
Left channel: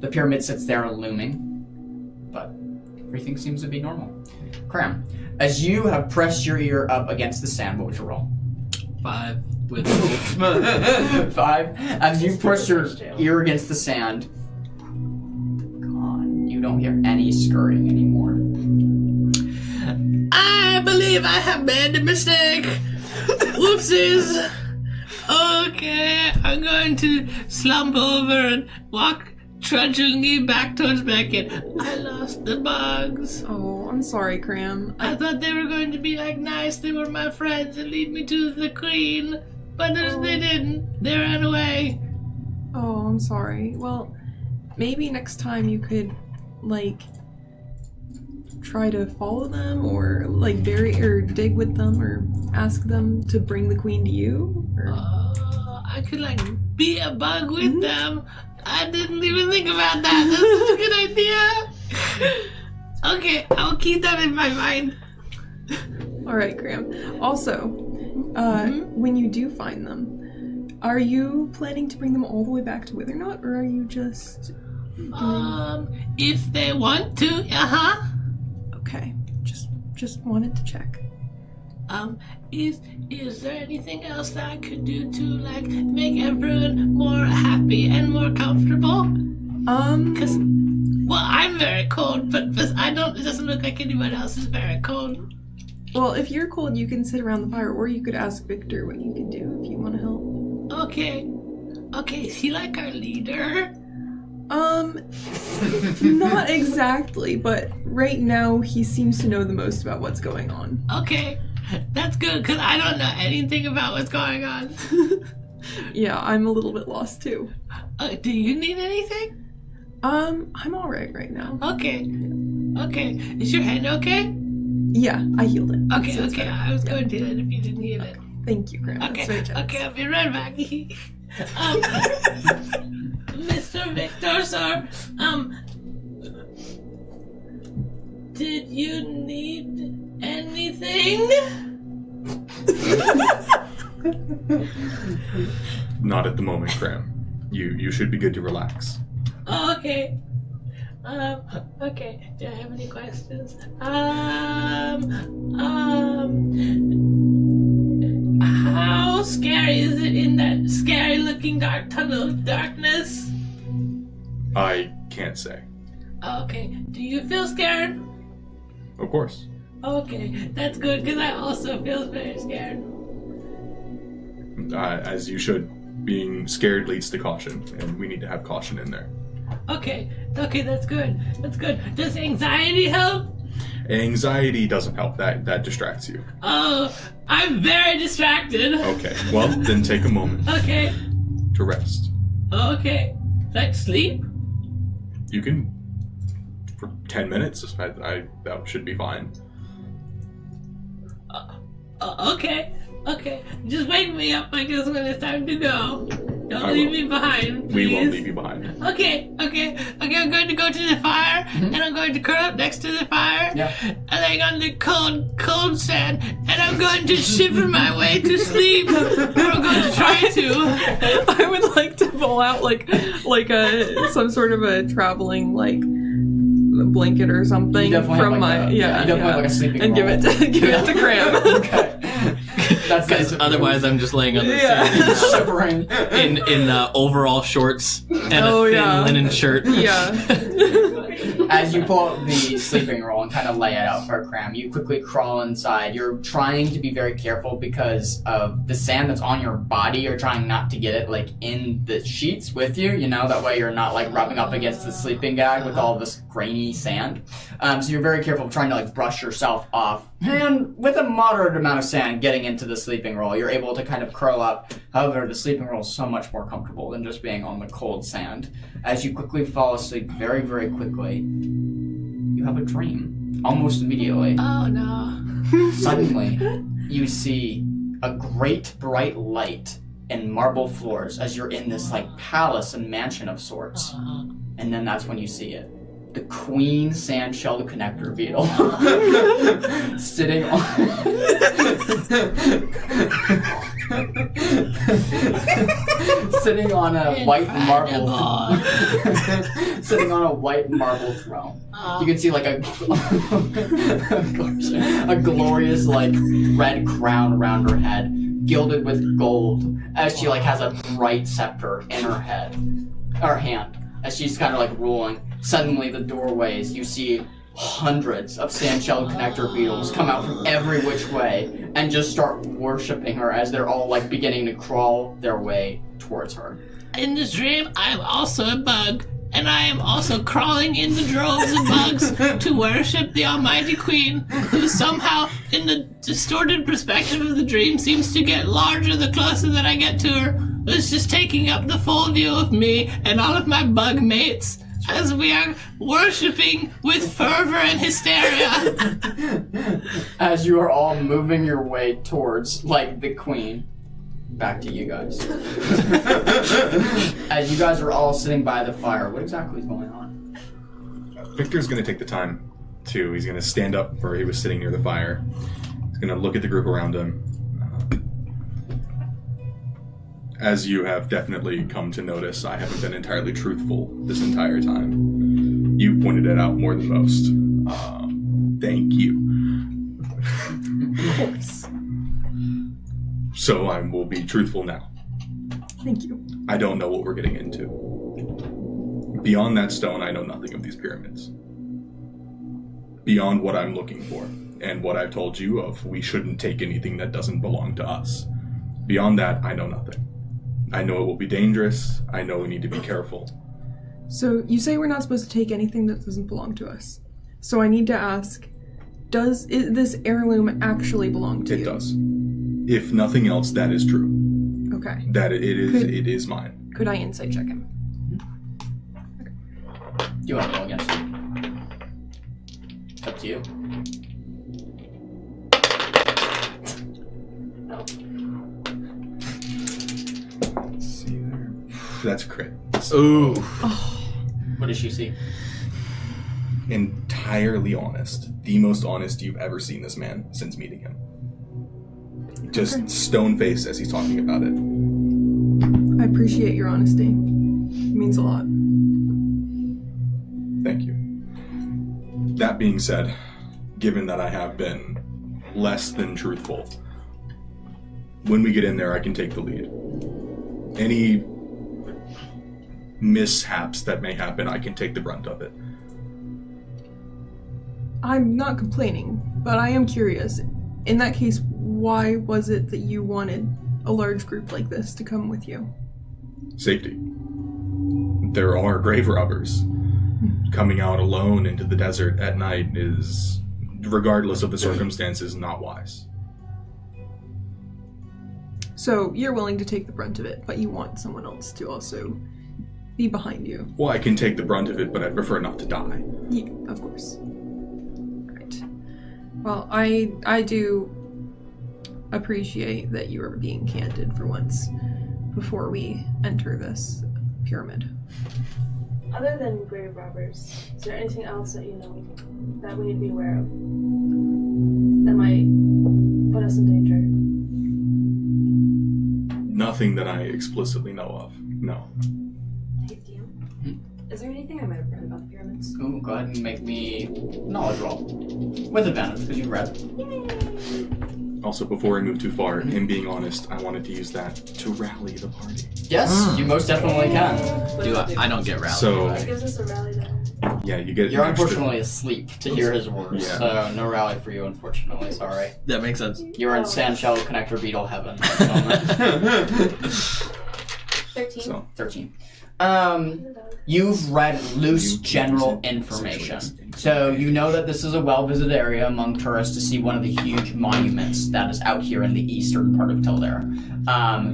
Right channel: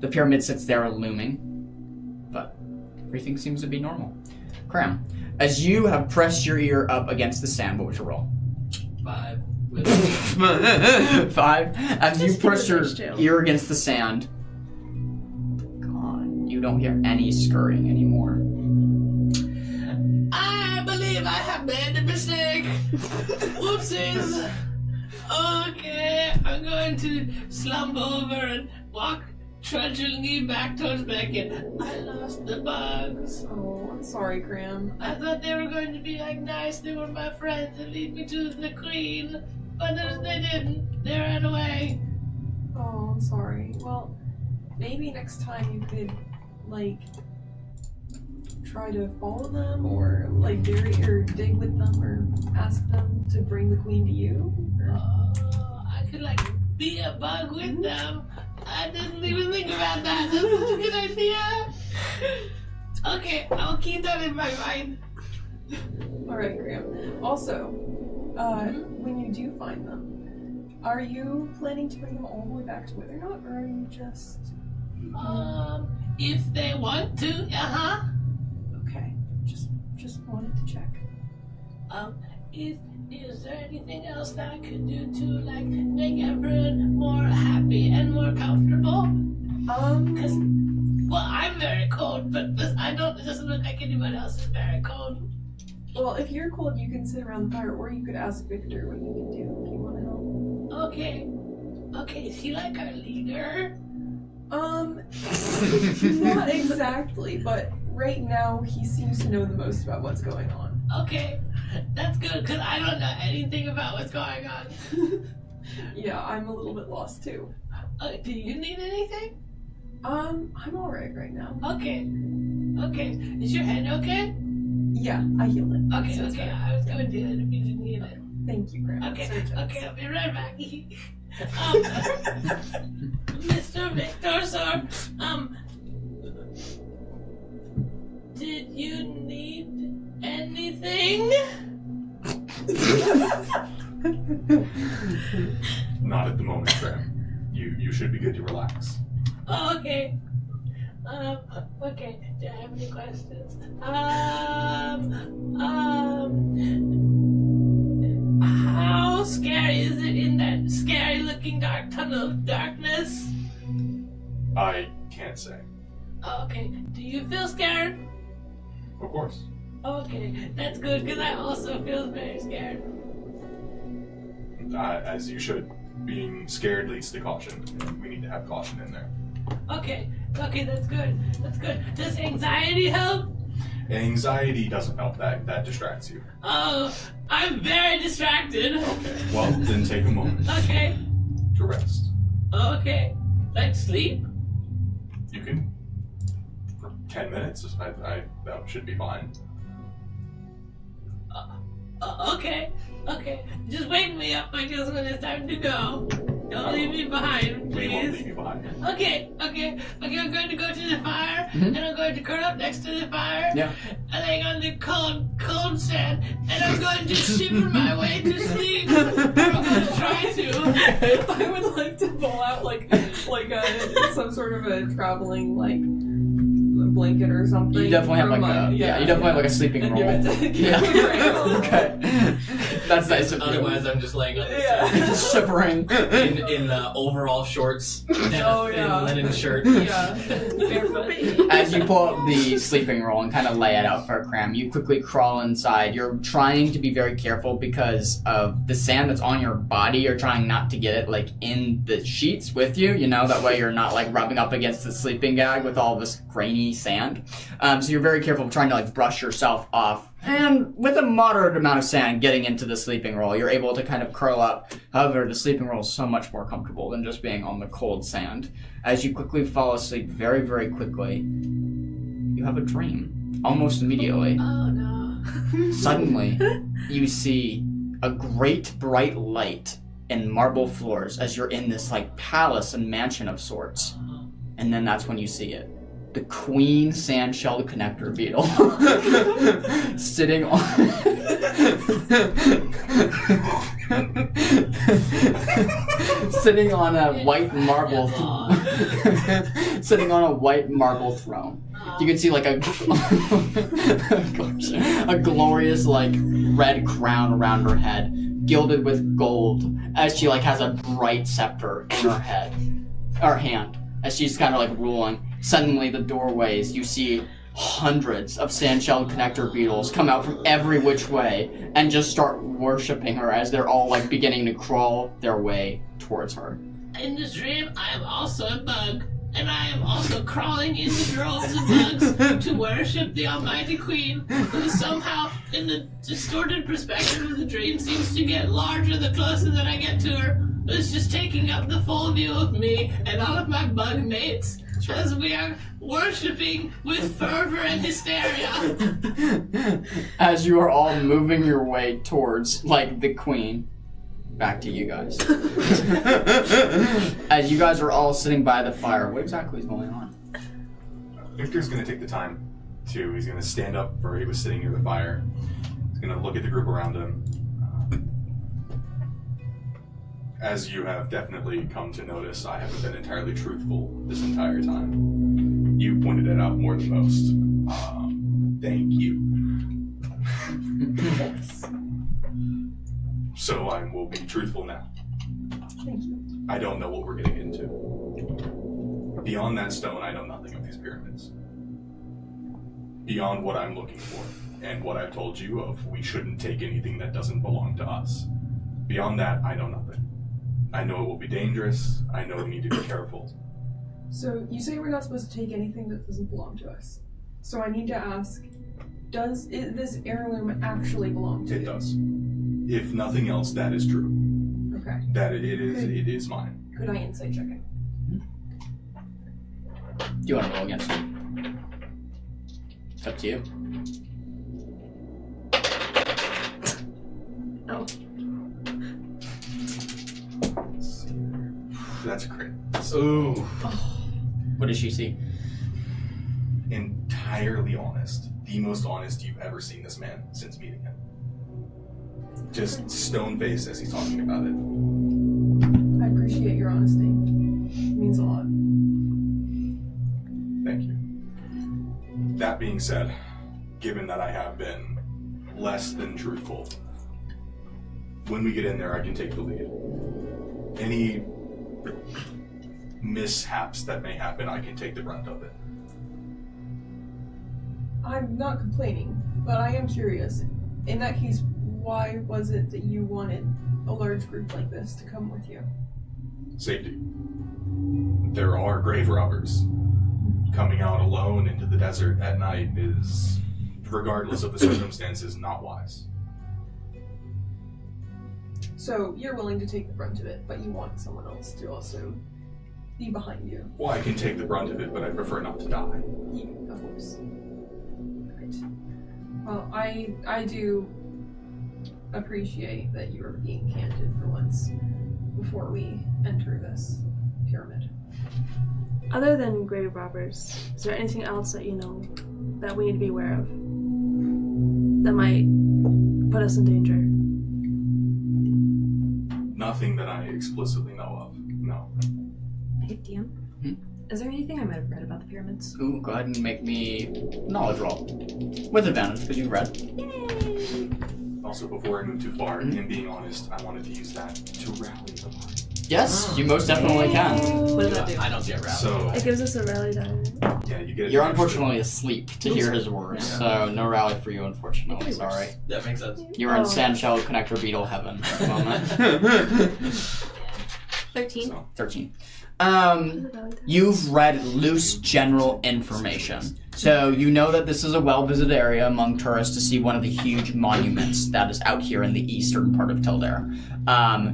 The pyramid sits there looming, but everything seems to be normal. Cram, as you have pressed your ear up against the sand, what was your roll? 5 with 5. As you press your ear against the sand, God, you don't hear any scurrying anymore. I believe I have made a mistake. Whoopsies. Okay, I'm going to slump over and walk trudgingly back towards Beckett. I lost the bugs. Oh, I'm sorry, Cram. I thought they were going to be like nice, they were my friends and lead me to the queen. But they didn't. They ran away. Oh, I'm sorry. Well, maybe next time you could, like, try to follow them or, like, bury or dig with them or ask them to bring the queen to you? Or... I could, like, be a bug with them. I didn't even think about that. That's such a good idea. Okay, I'll keep that in my mind. Alright, Graham. Also, when you do find them, are you planning to bring them all the way back to Withernot, or are you just... If they want to, Okay, just wanted to check. Is there anything else that I could do to, like, make everyone more happy and more comfortable? Because, well, I'm very cold, but it doesn't look like anyone else is very cold. Well, if you're cold, you can sit around the fire, or you could ask Victor what you can do if you want to help. Okay, is he like our leader? Not exactly, but right now he seems to know the most about what's going on. Okay, that's good, because I don't know anything about what's going on. Yeah, I'm a little bit lost too. Do you need anything? I'm alright right now. Okay. Okay. Is your hand okay? Yeah, I healed it. Okay, So it's okay. better. I was going to do that if you didn't heal it. Thank you, Graham. Okay, That's very generous. okay, I'll be right back. Mr. Victor, sir, did you need anything? Not at the moment, Graham. You should be good to relax. Oh, okay. Okay. Do I have any questions? How scary is it in that scary-looking dark tunnel of darkness? I can't say. Okay. Do you feel scared? Of course. Okay, that's good because I also feel very scared. As you should. Being scared leads to caution, and we need to have caution in there. Okay, that's good. That's good. Does anxiety help? Anxiety doesn't help. That distracts you. Oh, I'm very distracted. Okay. Well, then take a moment Okay, to rest. okay. Like sleep? You can for 10 minutes. That should be fine. Okay. Just wake me up because when it's time to go. Don't I leave will. me behind, please. We won't leave you behind. Okay. I'm going to go to the fire, and I'm going to curl up next to the fire, Yeah. and I'm on the cold sand, and I'm going to shiver my way to sleep. Or I'm going to try to. I would like to pull out like some sort of a traveling blanket or something You definitely from have like my you definitely have like a sleeping and roll. give it to Graham. Okay. That's nice. of you. Otherwise, I'm just laying on the Yeah. sand Shivering. in overall shorts and Oh, a thin yeah. linen shirt. Yeah. As you pull out the sleeping roll and kind of lay it out for a cram, you quickly crawl inside. You're trying to be very careful because of the sand that's on your body. You're trying not to get it like in the sheets with you, that way you're not like rubbing up against the sleeping bag with all this grainy sand. So you're very careful of trying to like brush yourself off. And with a moderate amount of sand getting into the sleeping roll, you're able to kind of curl up. However, the sleeping roll is so much more comfortable than just being on the cold sand. As you quickly fall asleep very, very quickly, you have a dream. Almost immediately. Oh no. Suddenly, you see a great bright light and marble floors as you're in this like palace and mansion of sorts. And then that's when you see it. The queen sand-shelled connector beetle sitting on sitting on a white marble sitting on a white marble throne. You can see like a glorious like red crown around her head, gilded with gold, as she like has a bright scepter in her hand, as she's kind of like ruling. Suddenly, the doorways, you see hundreds of sand-shelled connector beetles come out from every which way and just start worshipping her as they're all like beginning to crawl their way towards her. In this dream, I am also a bug, and I am also crawling in the droves of bugs to worship the Almighty Queen, who somehow, in the distorted perspective of the dream, seems to get larger the closer that I get to her. It's just taking up the full view of me and all of my bug mates as we are worshipping with fervor and hysteria. As you are all moving your way towards, like, the queen. Back to you guys. As you guys are all sitting by the fire, what exactly is going on? Victor's going to take the time he's going to stand up where he was sitting near the fire. He's going to look at the group around him. As you have definitely come to notice, I haven't been entirely truthful this entire time. You've pointed it out more than most. Thank you. So I will be truthful now. Thank you. I don't know what we're getting into. Beyond that stone, I know nothing of these pyramids. Beyond what I'm looking for, and what I've told you of, we shouldn't take anything that doesn't belong to us. Beyond that, I know nothing. I know it will be dangerous. I know we need to be careful. So you say we're not supposed to take anything that doesn't belong to us. So I need to ask, does this heirloom actually belong to you? It does. If nothing else, that is true. Okay. That it is mine. Could I insight check him? You want to roll against it? up to you. Oh. Let's see there. That's a crit. Ooh. What does she see? Entirely honest. The most honest you've ever seen this man since meeting him. Just stone face as he's talking about it. I appreciate your honesty. It means a lot. Thank you. That being said, given that I have been less than truthful, when we get in there, I can take the lead. Any mishaps that may happen, I can take the brunt of it. I'm not complaining, but I am curious. In that case, why was it that you wanted a large group like this to come with you? Safety. There are grave robbers. Coming out alone into the desert at night is, regardless of the circumstances, not wise. So you're willing to take the brunt of it, but you want someone else to also be behind you. Well, I can take the brunt of it, but I prefer not to die. Yeah, of course. Right. Well, I do appreciate that you are being candid for once before we enter this pyramid. Other than grave robbers, is there anything else that you know that we need to be aware of that might put us in danger? Nothing that I explicitly know of. No. Hey, DM. Is there anything I might have read about the pyramids? Ooh, go ahead and make me knowledge roll. With advantage, because you've read. Yay! Also, before I move too far, him being honest, I wanted to use that to rally the party. Yes, you most definitely can. What does it do? I don't get rallied. So, It gives us a rally die. yeah, you get. You're an extra- unfortunately asleep to hear his words, Yeah. so no rally for you, unfortunately. Sorry. That makes sense. You're in Oh. Sandshell Connector Beetle heaven at the moment. 13. So, 13. You've read loose general information. So you know that this is a well-visited area among tourists to see one of the huge monuments that is out here in the eastern part of Tildare.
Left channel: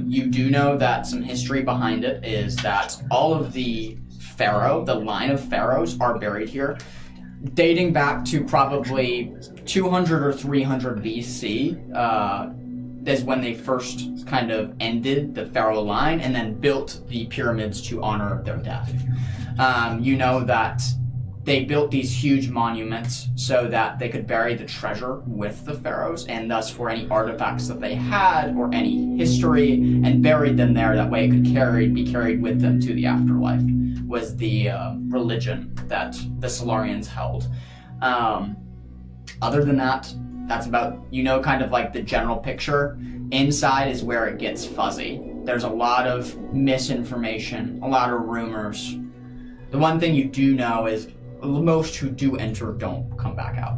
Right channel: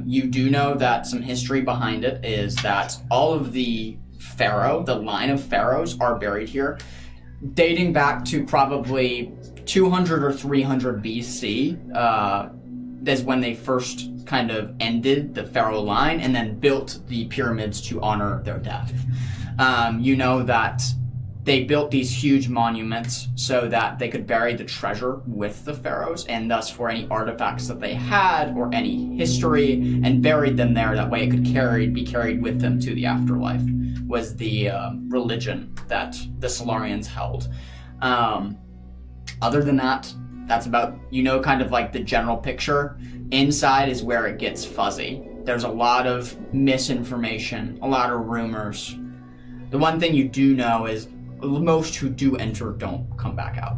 You do know that some history behind it is that all of the the line of pharaohs are buried here, dating back to probably 200 or 300 BC. Is when they first kind of ended the pharaoh line and then built the pyramids to honor their death. You know that they built these huge monuments so that they could bury the treasure with the pharaohs, and thus for any artifacts that they had or any history, and buried them there. That way it could be carried with them to the afterlife, was the religion that the Solarians held. Other than that, that's about, kind of like the general picture. Inside is where it gets fuzzy. There's a lot of misinformation, a lot of rumors. The one thing you do know is most who do enter don't come back out.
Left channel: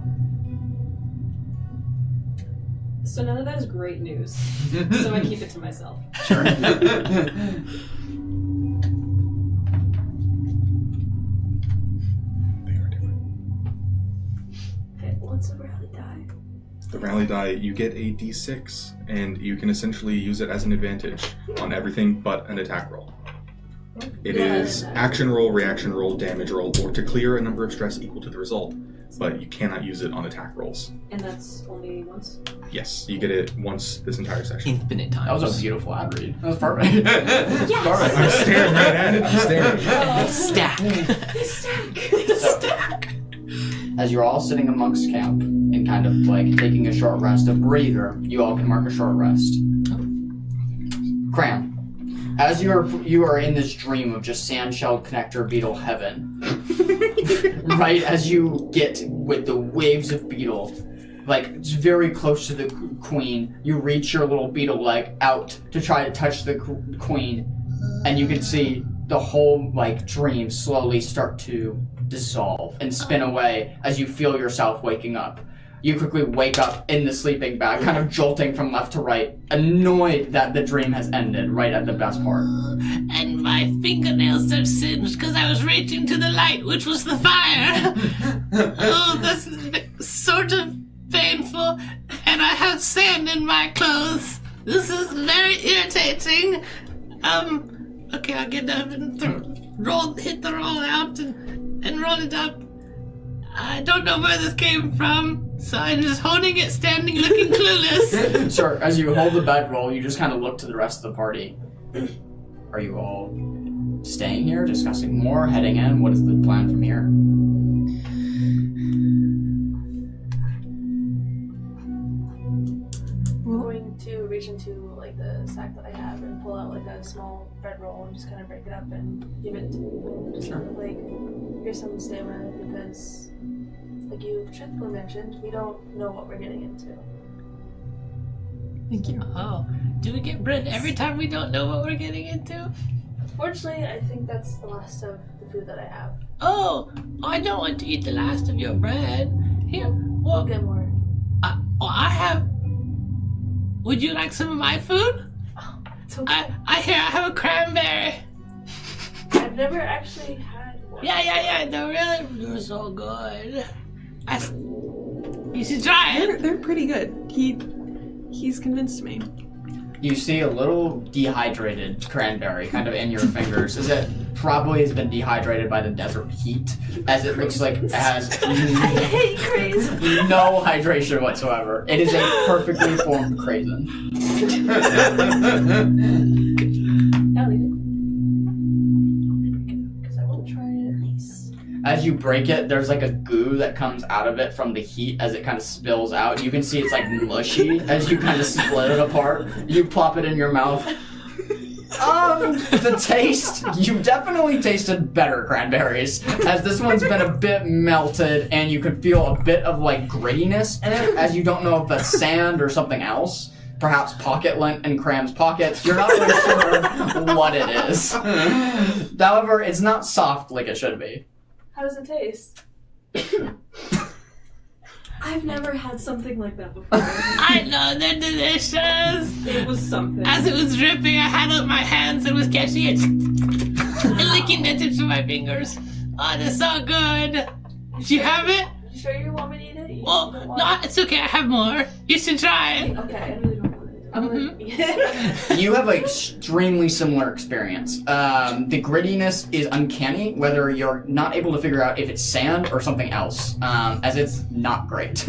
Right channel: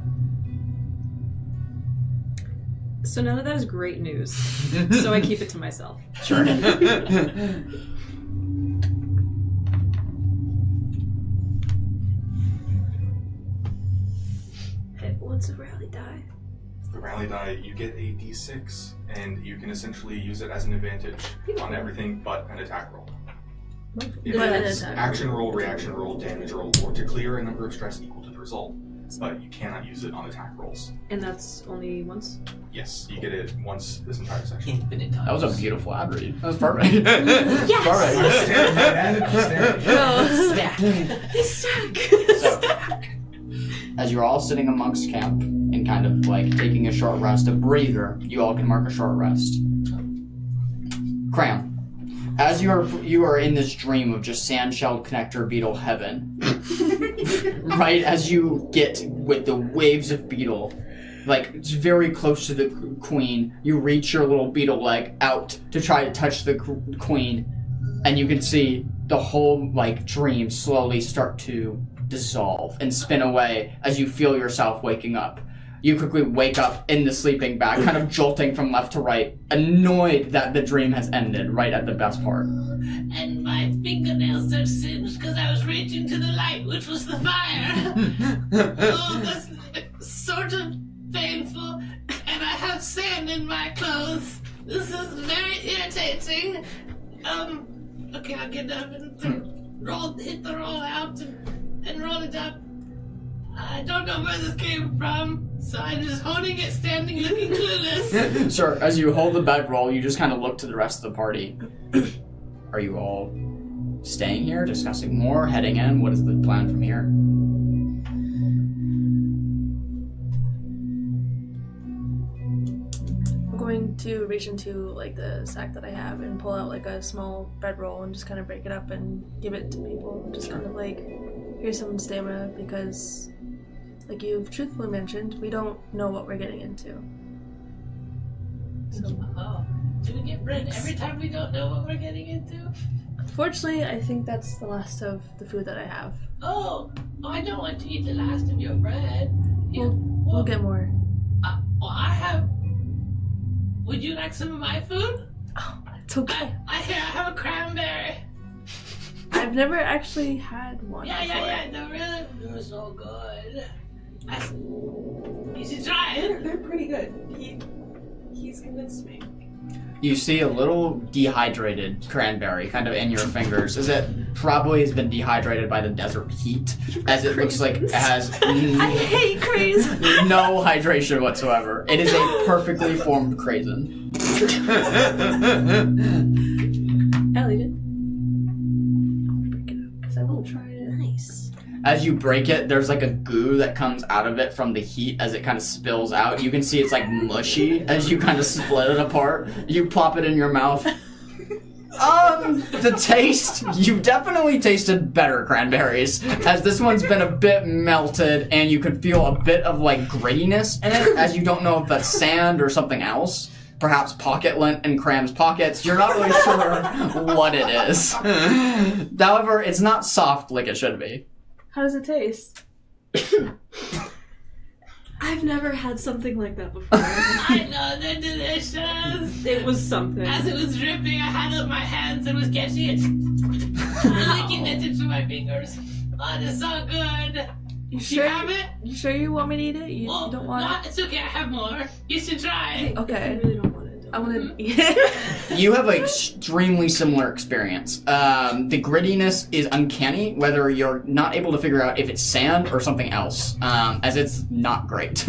So none of that is great news. So I keep it to myself. Sure. they are different. Hey, what's a rally die? The rally die, you get a d6, and you can essentially use it as an advantage on everything but an attack roll. It What is attack? action roll, reaction roll, damage roll, or to clear a number of stress equal to the result, but you cannot use it on attack rolls. And that's only once? Yes, you get it once this entire session. Infinite times. That was a beautiful ad read. That was perfect. Yes! Perfect. I'm staring right at it, I'm staring. Stack! So, as you're all sitting amongst camp and kind of like taking a short rest, a breather, you all can mark a short rest. Cram. As you are in this dream of just sandshell connector beetle heaven, right as you get with the waves of beetle, like it's very close to the queen, you reach your little beetle leg out to try to touch the queen, and you can see the whole dream slowly start to dissolve and spin away as you feel yourself waking up. You quickly wake up in the sleeping bag, kind of jolting from left to right, annoyed that the dream has ended right at the best part. And my fingernails are singed because I was reaching to the light, which was the fire. Oh, that's sort of painful. And I have sand in my clothes. This is very irritating. Okay, I'll get up and hit the roll out and roll it up. I don't know where this came from, so I'm just holding it, standing, looking clueless. Sure, as you hold the bedroll, you just kind of look to the rest of the party. Are you all staying here, discussing more, heading in? What is the plan from here? I'm going to reach into like the sack that I have and pull out like a small bread roll and just kind of break it up and give it to people. Just kind of like, here's some stamina because, like you've truthfully mentioned, we don't know what we're getting into. Thank you. Oh, do we get bread every time we don't know what we're getting into? Unfortunately, I think that's the last of the food that I have. Oh, I don't want to eat the last of your bread. Here, We'll get more. I have. Would you like some of my food? It's okay. I have a cranberry. I've never actually had one. Yeah. They're really so good. You should try it. They're pretty good. He's convinced me. You see a little dehydrated cranberry kind of in your fingers, as it probably has been dehydrated by the desert heat, as it looks like it has I hate craze. no hydration whatsoever. It is a perfectly formed craisin. I'll eat it. Break it up because I will try it. Nice. As you break it, there's like a goo that comes out of it from the heat as it kind of spills out. You can see it's like mushy as you kind of split it apart. You plop it in your mouth. The taste, you definitely tasted better cranberries, as this one's been a bit melted and you can feel a bit of like grittiness in it, as you don't know if that's sand or something else. Perhaps pocket lint in Cram's pockets. You're not really sure what it is. However, it's not soft like it should be. How does it taste? I've never had something like that before. I know, they're delicious. It was something. As it was dripping, I had it in my hands and was catching it and licking the tips of my fingers. Oh, they're so good. You have it? You sure you want me to eat it? You Oh, don't want no, it's okay. I have more. You should try it. it? I Okay. really don't want it. I'm gonna eat it. You have an extremely similar experience. The grittiness is uncanny, whether you're not able to figure out if it's sand or something else, as it's not great.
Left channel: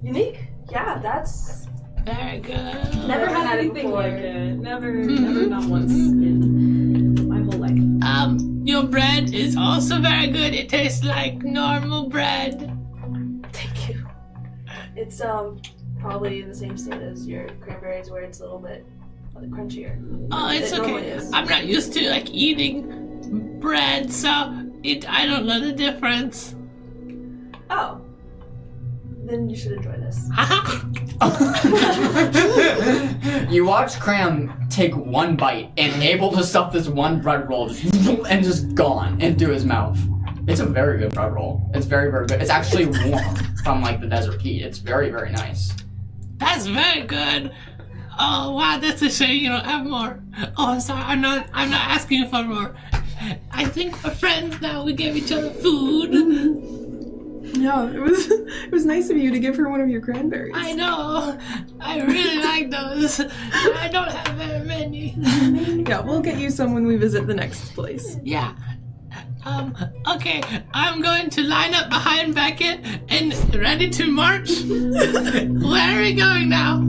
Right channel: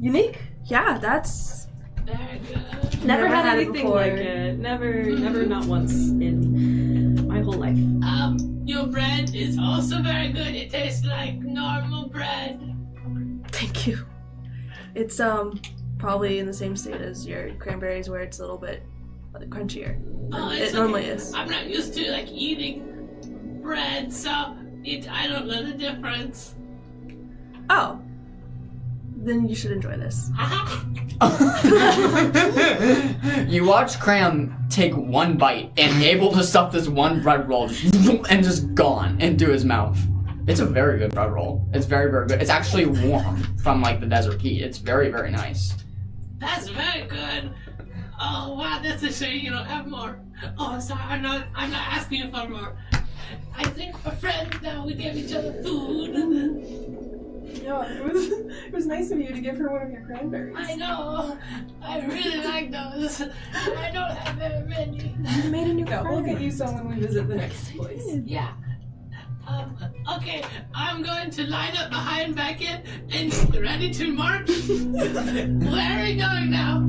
Unique? Yeah, that's... Very good. Never had it anything before. like it. Never, not once in my whole life. Your bread is also very good. It tastes like normal bread. Thank you. It's probably in the same state as your cranberries, where it's a little bit crunchier. Oh, it's It okay. normally is. I'm not used to like eating bread, so I don't know the difference. Oh. Then you should enjoy this. You watch Cram take one bite and able to stuff this one bread roll and just gone into his mouth. It's a very good bread roll. It's very, very good. It's actually warm from like the desert heat. It's very, very nice. That's very good. Oh wow, that's a shame you don't have more. Oh, I'm sorry. I'm not asking you for more. I think we're friends now. We gave each other food. No, it was nice of you to give her one of your cranberries. I know. I really like those. I don't have very many. Yeah, we'll get you some when we visit the next place. Yeah. Okay. I'm going to line up behind Beckett and ready to march. Where are we going now?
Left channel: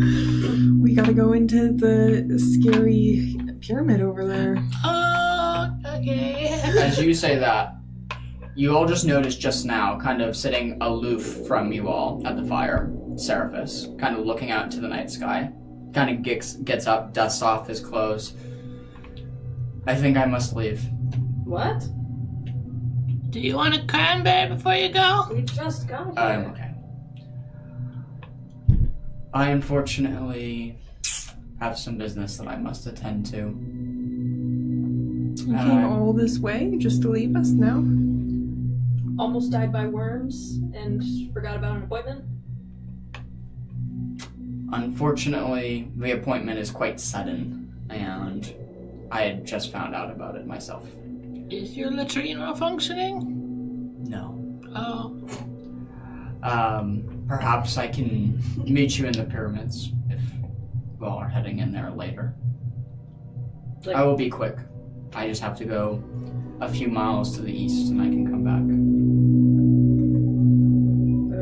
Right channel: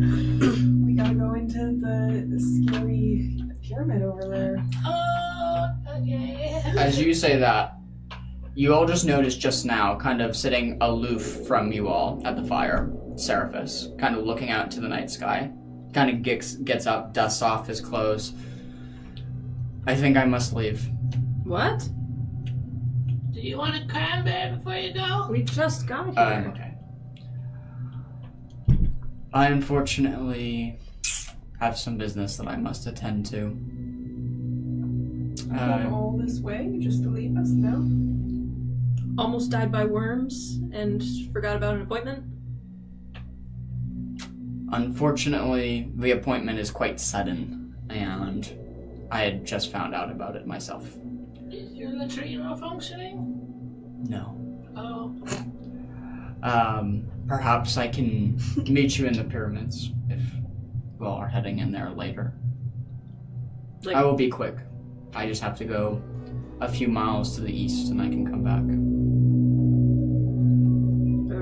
We gotta go into the scary pyramid over there. Oh, okay. As you say that, you all just noticed just now, kind of sitting aloof from you all at the fire, Seraphis, kind of looking out into the night sky. Kind of gets up, dusts off his clothes. I think I must leave. What? Do you want a cranberry before you go? We just got here. I'm okay. I unfortunately have some business that I must attend to. You came all this way just to leave us now? Almost died by worms and forgot about an appointment. Unfortunately, the appointment is quite sudden, and I had just found out about it myself. Is your latrine malfunctioning? No. Oh. Perhaps I can meet you in the pyramids if we all are heading in there later. Like, I will be quick. I just have to go a few miles to the east, and I can come back.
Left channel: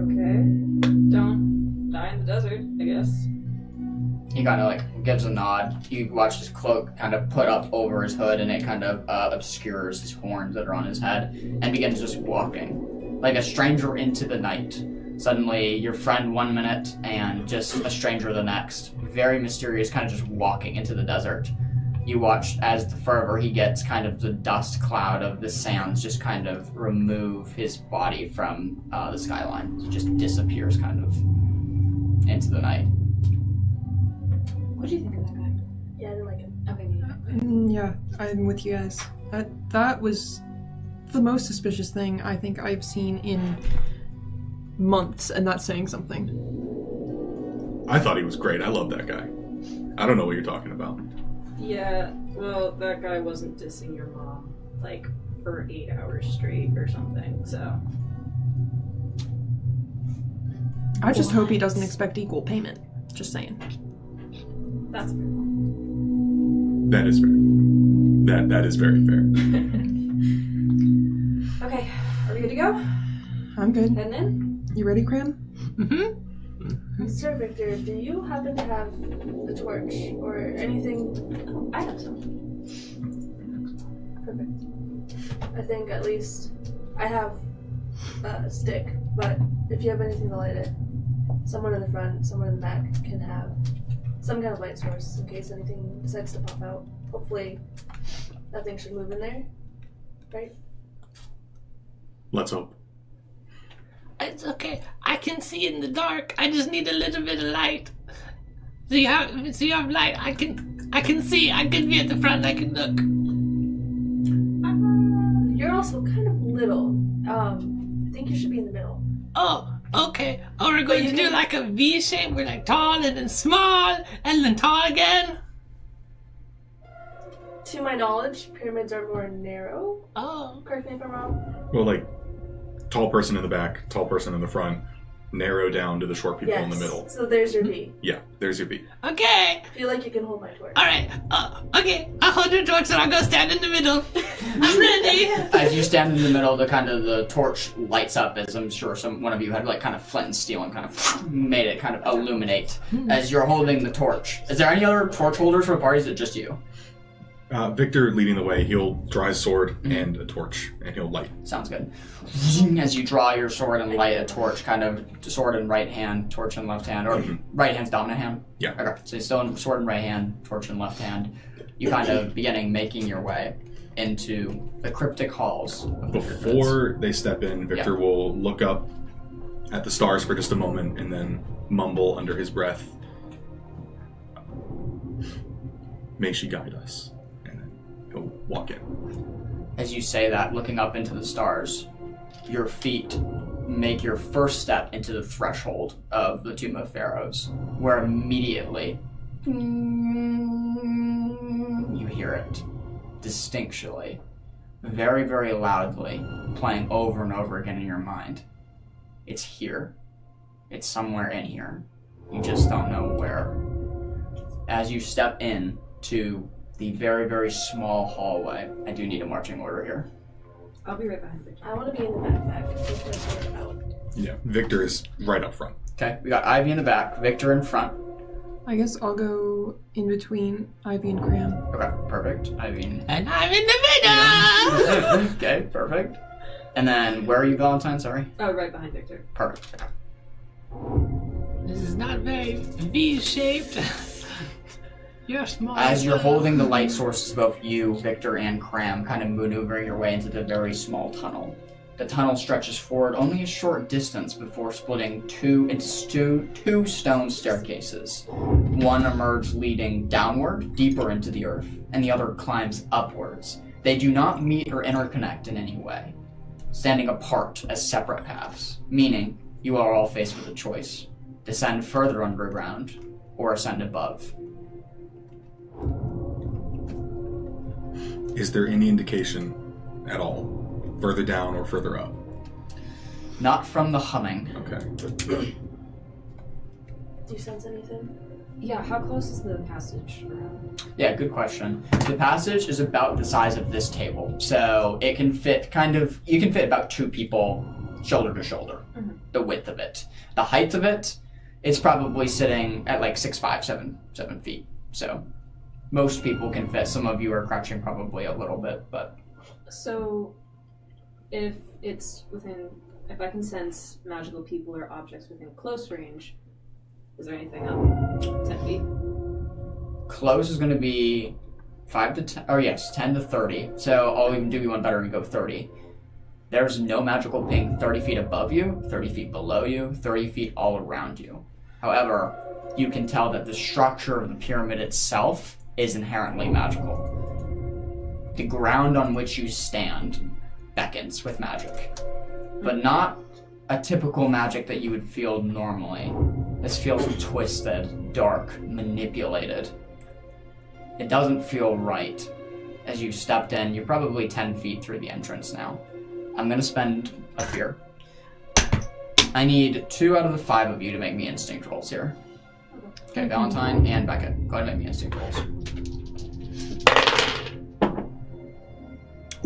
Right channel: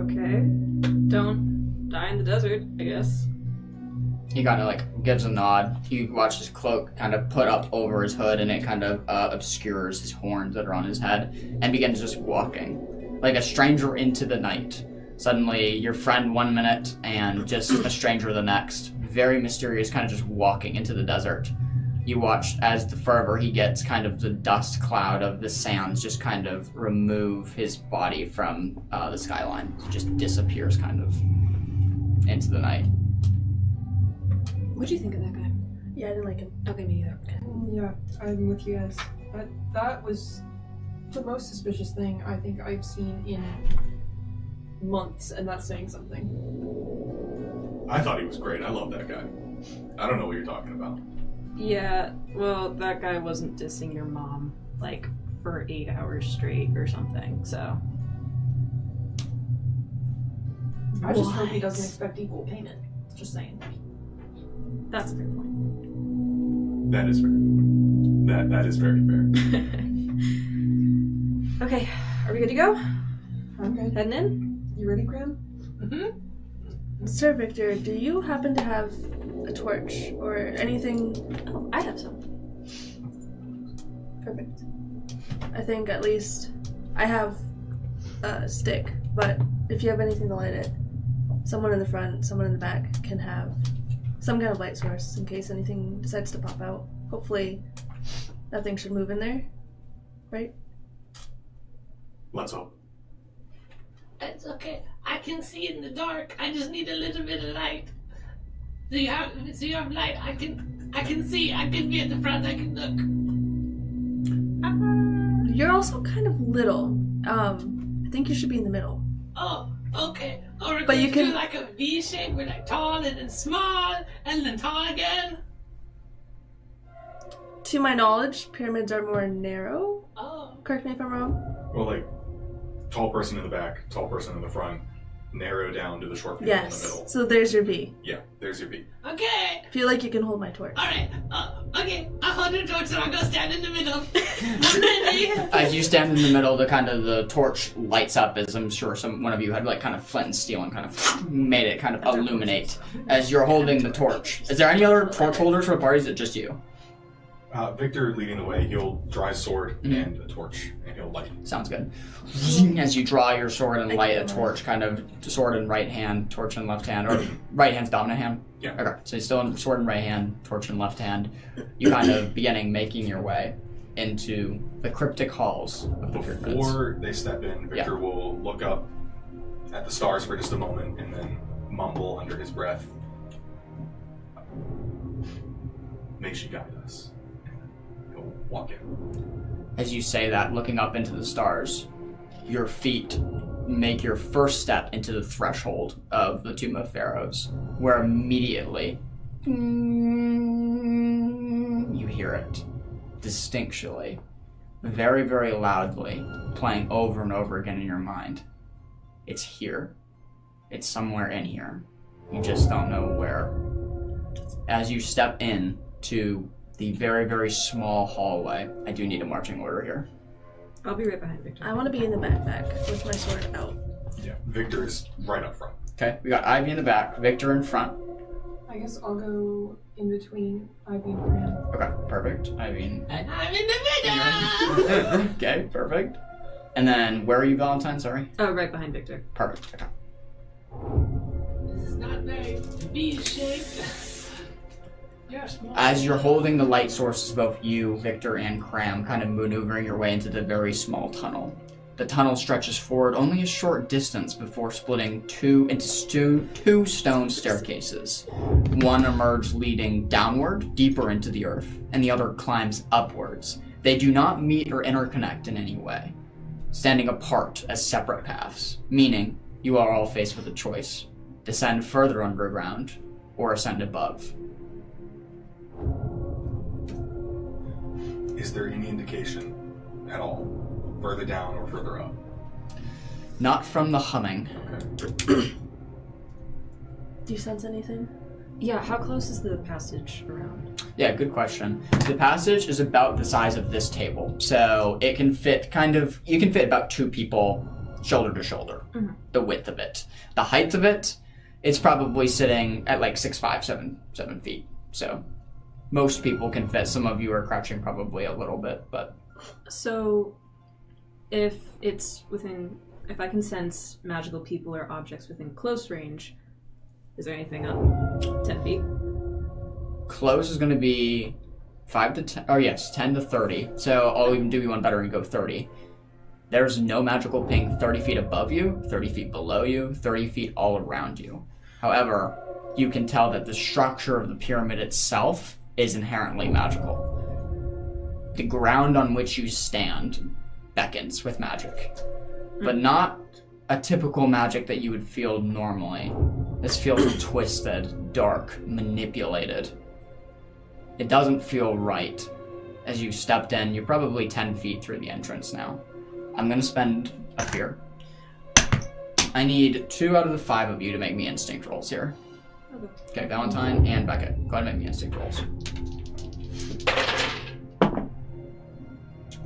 Okay. Don't die in the desert, I guess. He kind of like gives a nod. You watch his cloak kind of put up over his hood, and it kind of obscures his horns that are on his head, and begins just walking like a stranger into the night. Suddenly, your friend 1 minute, and just a stranger the next. Very mysterious, kind of just walking into the desert. You watch as the further he gets, kind of the dust cloud of the sands just kind of remove his body from the skyline. He just disappears kind of into the night. What do you think of that guy? Yeah, I didn't like him. Okay, me either. Yeah, I'm with you guys. That was the most suspicious thing I think I've seen in months, and that's saying something. I thought he was great. I love that guy. I don't know what you're talking about. Yeah, well, that guy wasn't dissing your mom, like, for 8 hours straight or something, so. I just hope he doesn't expect equal payment. Just saying. That's a fair point. That is fair. That is very fair. Okay, are we good to go? I'm good. Heading in? You ready, Cram? Sir Victor, do you happen to have a torch or anything? Oh, I have some. Perfect. I think at least I have a stick, but if you have anything to light it, someone in the front, someone in the back can have some kind of light source in case anything decides to pop out. Hopefully nothing should move in there, right? Let's hope. It's okay. I can see in the dark. I just need a little bit of light. So you have light. I can see. I can be at the front. I can look. You're also kind of little. I think you should be in the middle. Oh, okay. Or we're going to do like a V shape. We're like tall and then small and then tall again. To my knowledge, pyramids are more narrow. Oh. Correct me if I'm wrong. Well, like, tall person in the back, tall person in the front, narrow down to the short people in the middle. So there's your B. Yeah, there's your B. Okay. Feel like you can hold my torch. All right. Okay. I'll hold your torch and I'll go stand in the middle. I'm ready. As you stand in the middle, the torch lights up, as I'm sure one of you had like kind of flint and steel and kind of made it kind of illuminate as you're holding the torch. Is there any other torch holders for the party? Is it just you? Victor leading the way, he'll draw his sword and a torch, and he'll light. Sounds good. As you draw your sword and light a torch, kind of sword in right hand, torch in left hand, or right hand's dominant hand? Yeah. Okay, so you're still in sword in right hand, torch in left hand. You kind of making your way into the cryptic halls of the pyramids. Before they step in, Victor will look up at the stars for just a moment and then mumble under his breath, "May she guide us." And then he'll walk in. As you say that, looking up into the stars, your feet make your first step into the threshold of the Tomb of Pharaohs, where immediately you hear it distinctly, very, very loudly, playing over and over again in your mind. It's here. It's somewhere in here. You just don't know where. As you step in to the very, very small hallway, I do need a marching order here. I'll be right behind Victor. I want to be in the backpack with my sword out. Yeah, Victor is right up front. Okay, we got Ivy in the back, Victor in front. I guess I'll go in between Ivy and Cram. Okay, perfect. Ivy. And I'm in the middle. Okay, perfect. And then, where are you, Valentine? Sorry? Oh, right behind Victor. Perfect. Okay. This is not very V-shaped. You're small. As you're holding the light sources, both you, Victor, and Cram, kind of maneuvering your way into the very small tunnel. The tunnel stretches forward only a short distance before splitting into two stone staircases. One emerges leading downward, deeper into the earth, and the other climbs upwards. They do not meet or interconnect in any way, standing apart as separate paths, meaning you are all faced with a choice: descend further underground or ascend above. Is there any indication at all, further down or further up? Not from the humming. Okay. Do you sense anything? Yeah, how close is the passage around? Yeah, good question. The passage is about the size of this table, so it can fit you can fit about 2 people shoulder to shoulder, the width of it. The height of it, it's probably sitting at like 6'5", 7 feet. So most people can fit. Some of you are crouching probably a little bit, but... So, if I can sense magical people or objects within close range, is there anything up 10 feet? Close is going to be 5 to 10, or yes, 10 to 30. So I'll even do you one better and go 30. There's no magical ping 30 feet above you, 30 feet below you, 30 feet all around you. However, you can tell that the structure of the pyramid itself is inherently magical. The ground on which you stand beckons with magic, but not a typical magic that you would feel normally. This feels twisted, dark, manipulated. It doesn't feel right. As you stepped in, you're probably 10 feet through the entrance now. I'm gonna spend a fear. I need 2 out of the 5 of you to make me instinct rolls here. Okay, Valentine and Becca, go ahead and make me instinct rolls.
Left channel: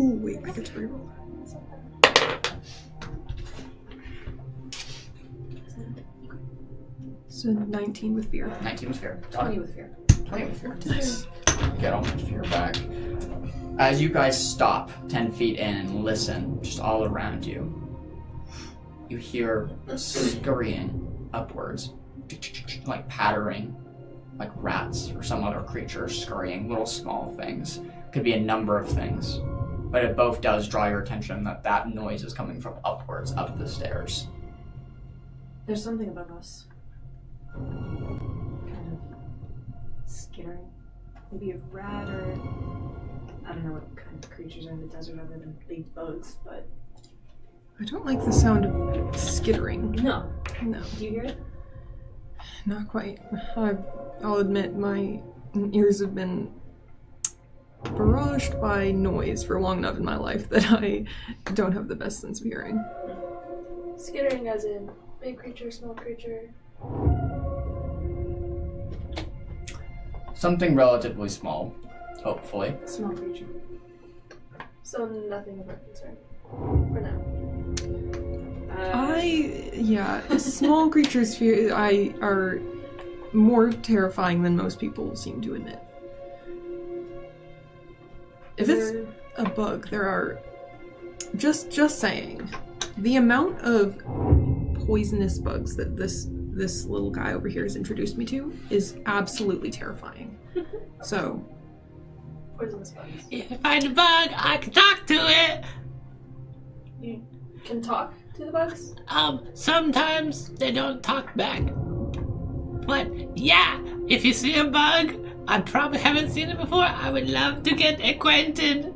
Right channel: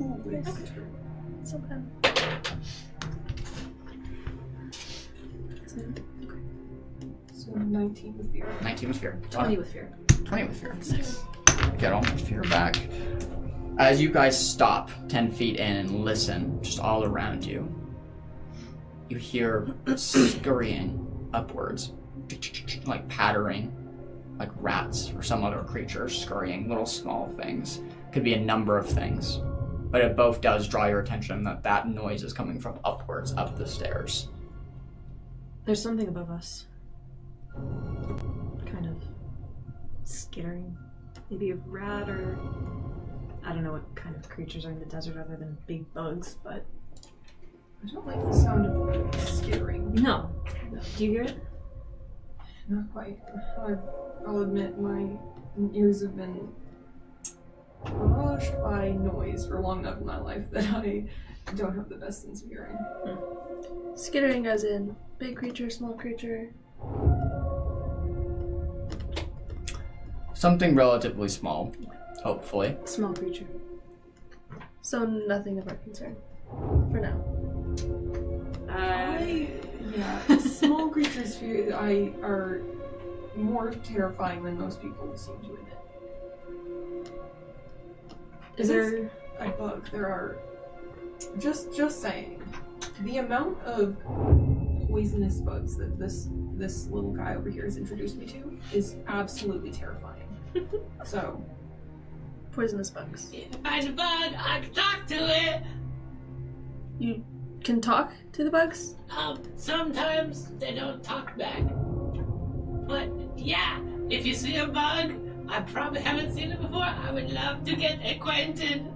Ooh, wait, I get to reroll. So 19 with fear. 19 with fear. 20 with fear. 20 with fear. Nice. Get all my fear back. As you guys stop 10 feet in and listen, just all around you, you hear scurrying upwards, like pattering, like rats or some other creature scurrying, little small things. Could be a number of things, but it both does draw your attention that noise is coming from upwards, up the stairs. There's something above us. Kind of skittering. Maybe a rat or... I don't know what kind of creatures are in the desert other than big bugs, but... I don't like the sound of skittering. No. No. Do you hear it? Not quite. I'll admit my ears have been barraged by noise for long enough in my life that I don't have the best sense of hearing. Skittering as in big creature, small creature. Something relatively small, hopefully. Small creature. So nothing of our concern. For now. Small creatures are more terrifying than most people seem to admit. If it's a bug, there are just saying, the amount of poisonous bugs that this little guy over here has introduced me to is absolutely terrifying. So, Poisonous bugs. If I find a bug, I can talk to it. You can talk to the bugs? Sometimes they don't talk back. But yeah, if you see a bug, I probably haven't seen it before, I would love to get acquainted.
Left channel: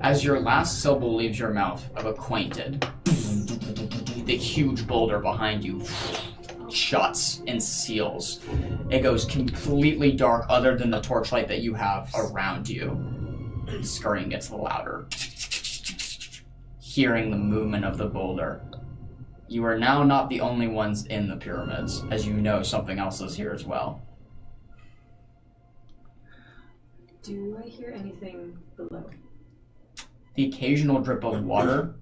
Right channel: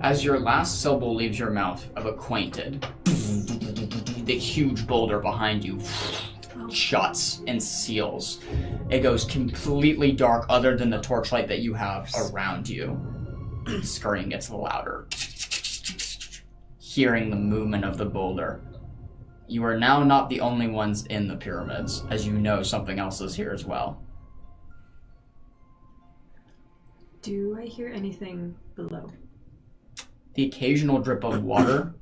As your last syllable leaves your mouth of acquainted, the huge boulder behind you shuts and seals. It goes completely dark other than the torchlight that you have around you. Scurrying gets louder. Hearing the movement of the boulder. You are now not the only ones in the pyramids, as you know something else is here as well. Do I hear anything below? The occasional drip of water.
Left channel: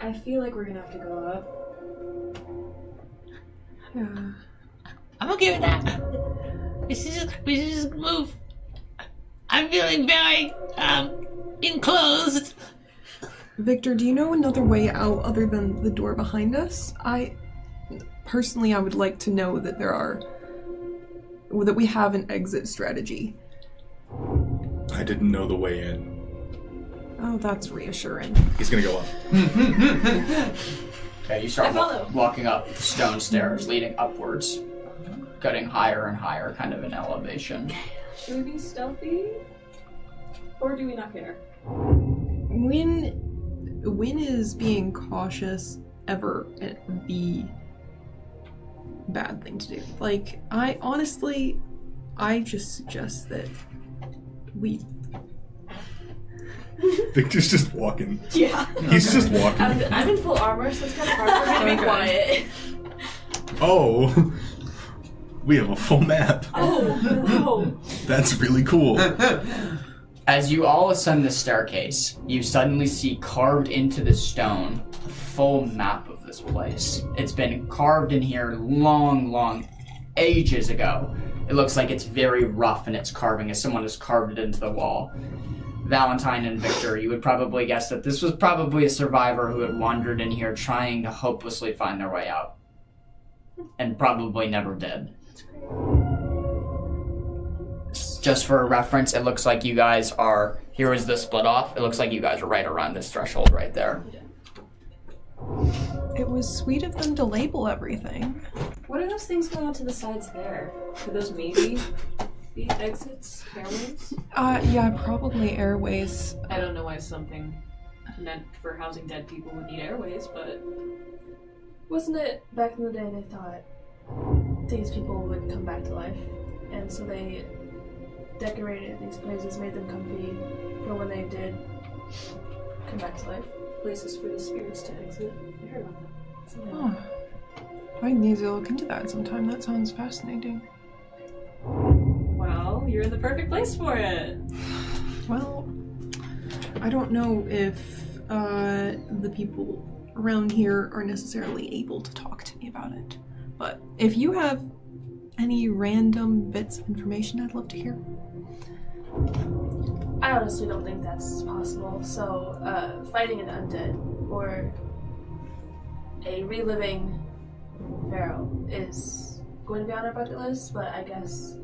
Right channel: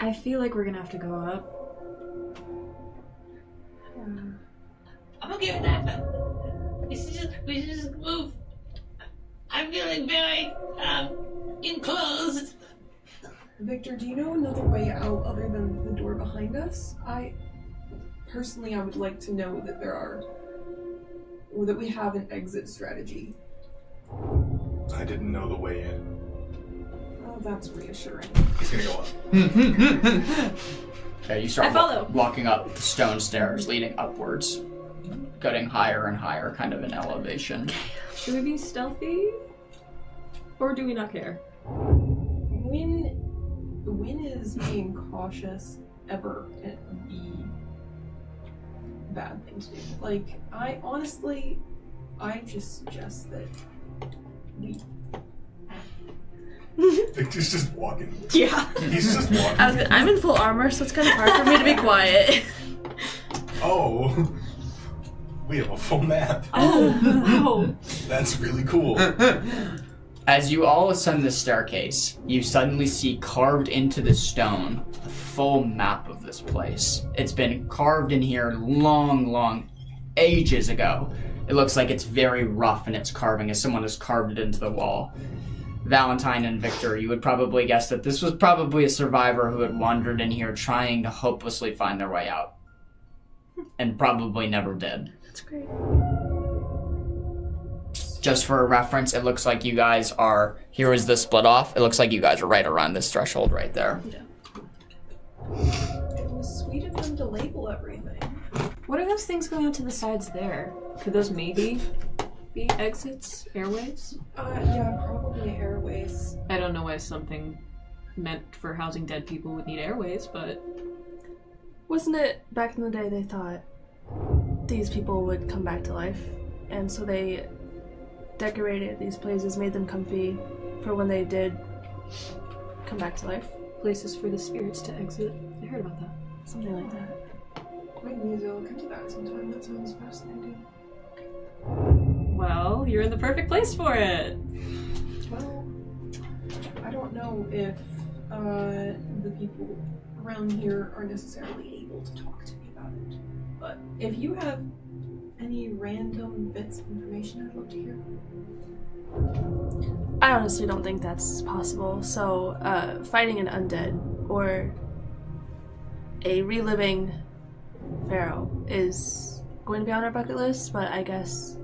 I feel like we're gonna have to go up. I'm okay with that. We should just move. I'm feeling very, enclosed. Victor, do you know another way out other than the door behind us? Personally, I would like to know that that we have an exit strategy. I didn't know the way in. Oh, that's reassuring. He's gonna go up. Okay, you start I follow. walking up the stone stairs leading upwards, getting higher and higher, kind of in elevation. Should we be stealthy? Or do we not care? When is being cautious ever the bad thing to do? Like, I just suggest that we Victor's just walking. Yeah. He's just walking. I'm in full armor, so it's kind of hard for me to be quiet. Oh, we have a full map. Oh, no. That's really cool. As you all ascend the staircase, you suddenly see carved into the stone a full map of this place. It's been carved in here long ages ago. It looks like it's very rough in its carving as someone has carved it into the wall. Valentine and Victor, you would probably guess that this was probably a survivor who had wandered in here trying to hopelessly find their way out. And probably never did. That's great. Just for reference, it looks like you guys are, here is the split off, it looks like you guys are right around this threshold right there. It was sweet of them to label everything. What are those things going out to the sides there? Could those maybe be exits? Airways? Yeah, probably airways. I don't know why something meant for housing dead people would need airways, but... Wasn't it back in the day they thought these people would come back to life? And so they decorated these places, made them comfy for when they did come back to life. Places for the spirits to exit. I heard about that. Something like that. I need to look into that sometime. That sounds fascinating. Well, you're in the perfect place for it. Well, I don't know if the people around here are necessarily able to talk to me about it. But if you have any random bits of information, I'd love to hear. I honestly don't think that's possible. So, fighting an undead or a reliving pharaoh is going to be on our bucket list, but I guess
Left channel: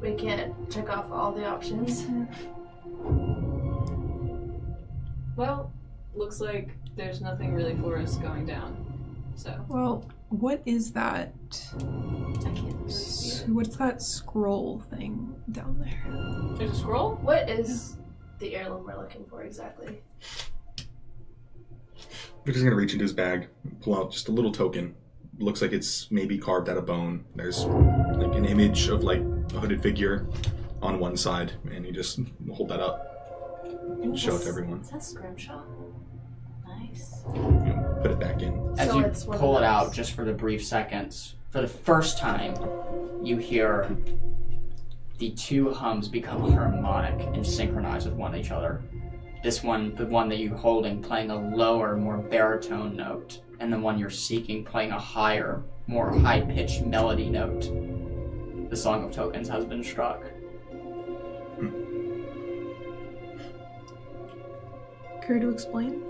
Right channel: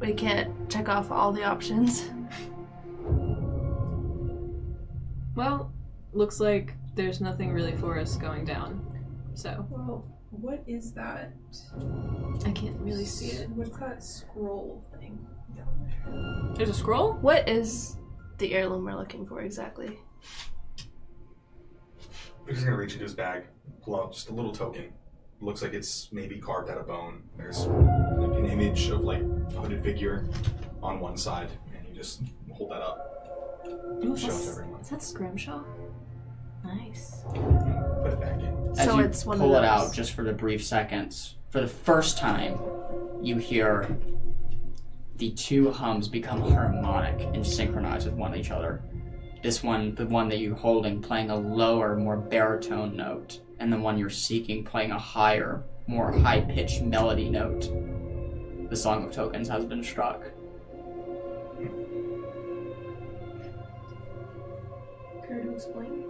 we can't check off all the options. Well, looks like there's nothing really for us going down. So, Well, what is that? I can't really see it. What's that scroll thing down there? There's a scroll? What is the heirloom we're looking for exactly? Victor's gonna reach into his bag, pull out just a little token. Looks like it's maybe carved out of bone. There's like an image of like a hooded figure on one side, and you just hold that up, show it to everyone. Is that Scrimshaw? Nice. Put it back in. As So you it's one of pull it those. out, just for the brief seconds, for the first time, you hear the two hums become harmonic and synchronize with one each other. This one, the one that you're holding, playing a lower, more baritone note, and the one you're seeking playing a higher, more high-pitched melody note. The Song of Tokens has been struck. Care to explain?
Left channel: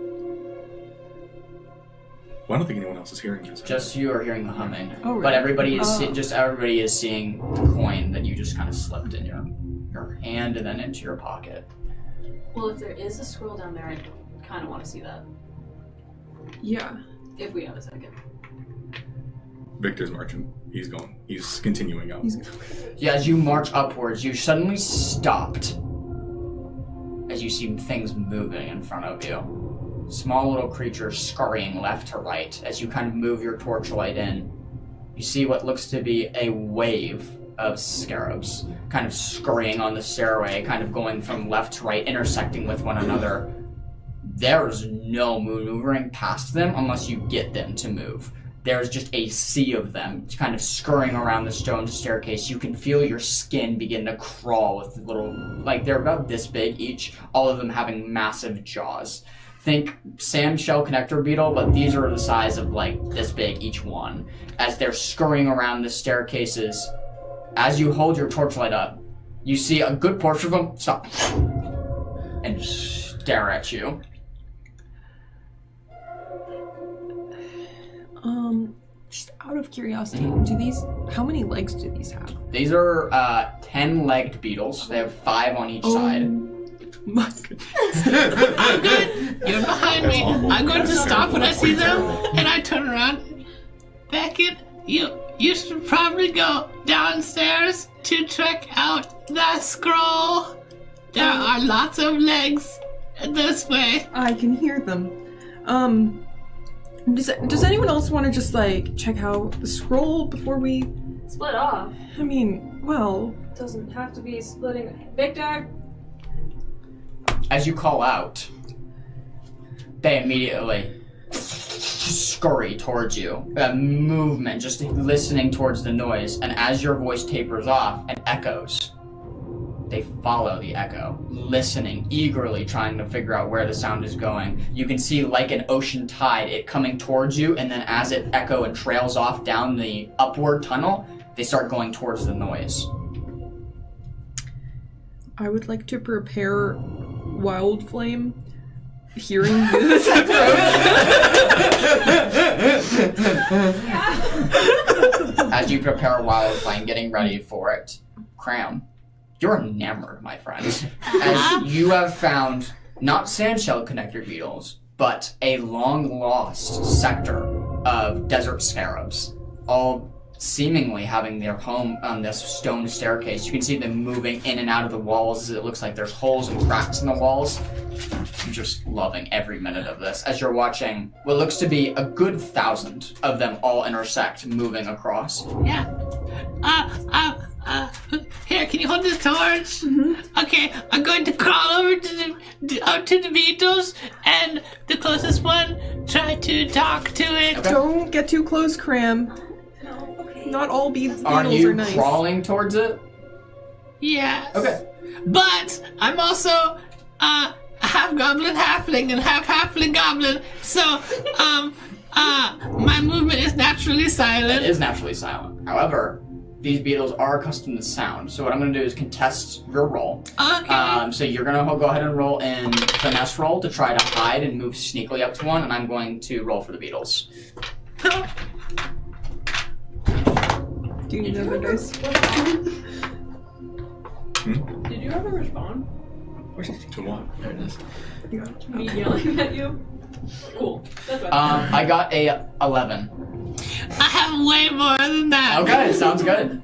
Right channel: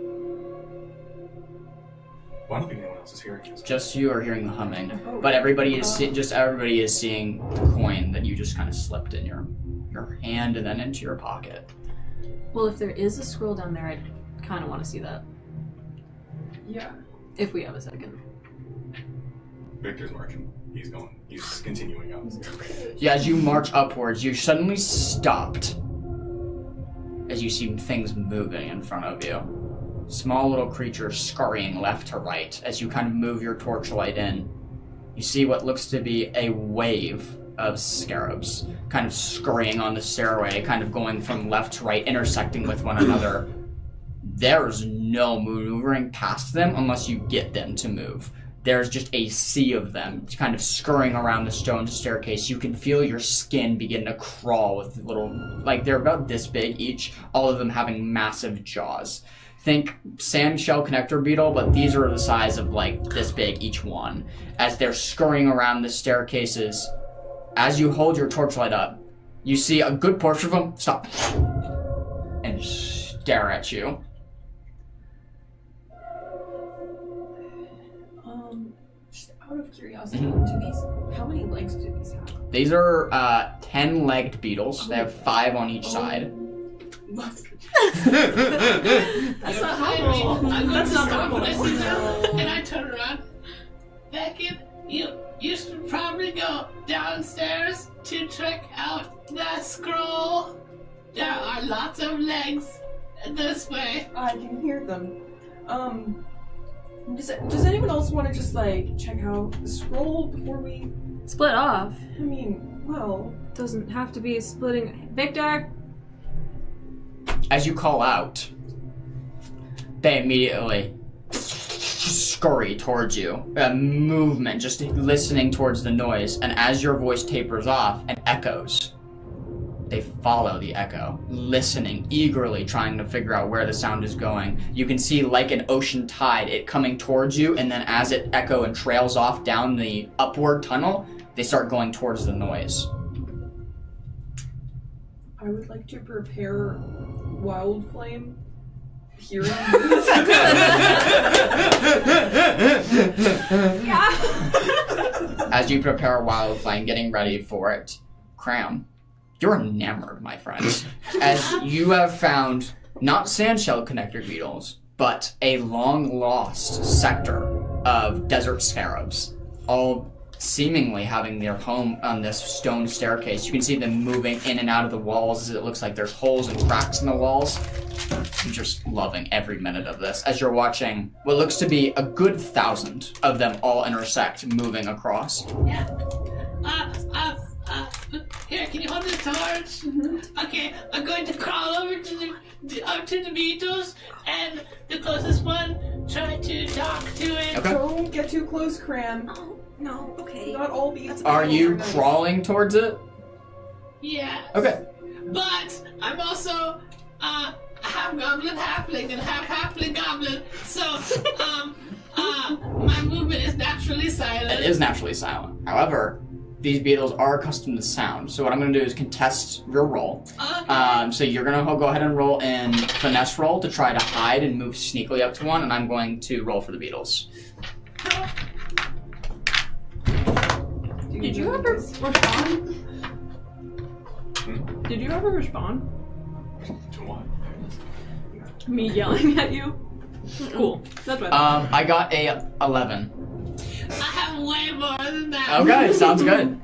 Well, I don't think anyone else is hearing this. Just you are hearing the humming, Oh, really? but everybody is everybody is seeing the coin that you just kind of slipped in your hand and then into your pocket. Well, if there is a scroll down there, I kind of want to see that. Yeah. If we have a second. Victor's marching. He's going. He's continuing up. Yeah, as you march upwards, you're suddenly stopped as you see things moving in front of you. Small little creatures scurrying left to right. As you kind of move your torchlight in, you see what looks to be a wave of scarabs kind of scurrying on the stairway, kind of going from left to right, intersecting with one another. There's no maneuvering past them unless you get them to move. There's just a sea of them kind of scurrying around the stone staircase. You can feel your skin begin to crawl with little, like they're about this big each, all of them having massive jaws. Think sand shell connector beetle, but these are the size of like this big each one. As they're scurrying around the staircases, as you hold your torchlight up, you see a good portion of them stop and stare at you. Just out of curiosity, how many legs do these have? These are 10-legged beetles. They have 5 on each side. My goodness. You're behind me. I'm going to stop when I see them, and I turn around. Beckett, you should probably go downstairs to check out that scroll. There are lots of legs this way. I can hear them. Does anyone else want to just like check out the scroll before we Split off. I mean, well, Doesn't have to be splitting. Victor! As you call out, they immediately scurry towards you. A movement, just listening towards the noise. And as your voice tapers off and echoes, they follow the echo, listening eagerly, trying to figure out where the sound is going. You can see, like an ocean tide, it coming towards you, and then as it echo and trails off down the upward tunnel, they start going towards the noise. I would like to prepare Wild Flame. Hearing this. As you prepare Wild Flame, getting ready for it, Cram, you're enamored, my friend. As you have found not sandshell connector beetles, but a long-lost sector of desert scarabs, all seemingly having their home on this stone staircase. You can see them moving in and out of the walls as it looks like there's holes and cracks in the walls. I'm just loving every minute of this as you're watching what looks to be a good 1,000 of them all intersect, moving across. Yeah. Here, can you hold this torch? Mm-hmm. Okay, I'm going to crawl over to the beetles, and the closest one, try to talk to it. Okay. Don't get too close, Cram. No, okay. Not all beetles Are you nice. crawling towards it? Yeah. Okay. But I'm also half goblin halfling and half halfling goblin, so my movement is naturally silent. It is naturally silent. However, these beetles are accustomed to sound, so what I'm going to do is contest your roll. Okay. So you're going to go ahead and roll in finesse roll to try to hide and move sneakily up to one, and I'm going to roll for the beetles. Do you know ever this? Did you ever respond? To what? There it is. Me yelling at you? Cool. That's what I got a 11. I have way more than that. Okay, sounds good.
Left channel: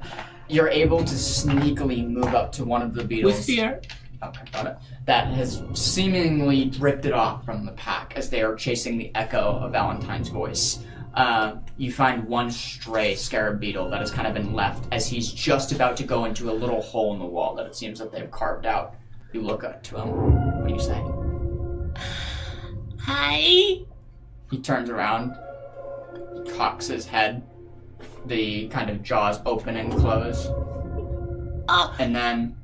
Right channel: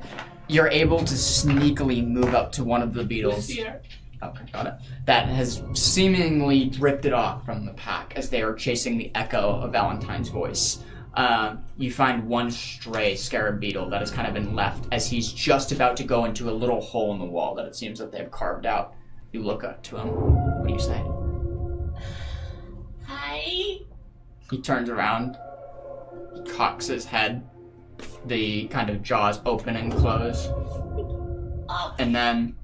You're able to sneakily move up to one of the beetles. With fear. Okay, got it. That has seemingly drifted off from the pack as they are chasing the echo of Valentine's voice. You find one stray scarab beetle that has kind of been left as he's just about to go into a little hole in the wall that it seems that they've carved out. You look up to him. What do you say? Hi. He turns around, cocks his head, the kind of jaws open and close, Oh. and then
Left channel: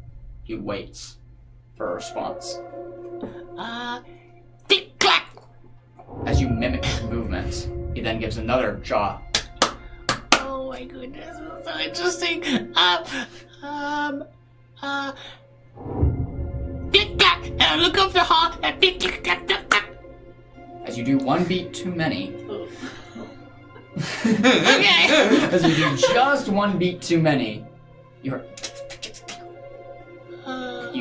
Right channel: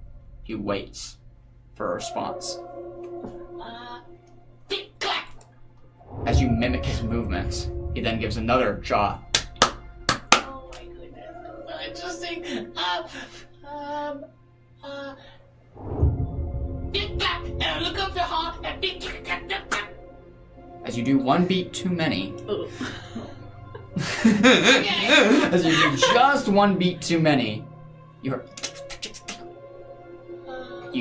he waits for a response. Tick clack. As you mimic his movements, he then gives another jaw. Oh my goodness, this is so interesting. Tick clack. And I look up the hall and tick clack clack clack clack. As you do one beat too many. Okay. As you do just one beat too many, you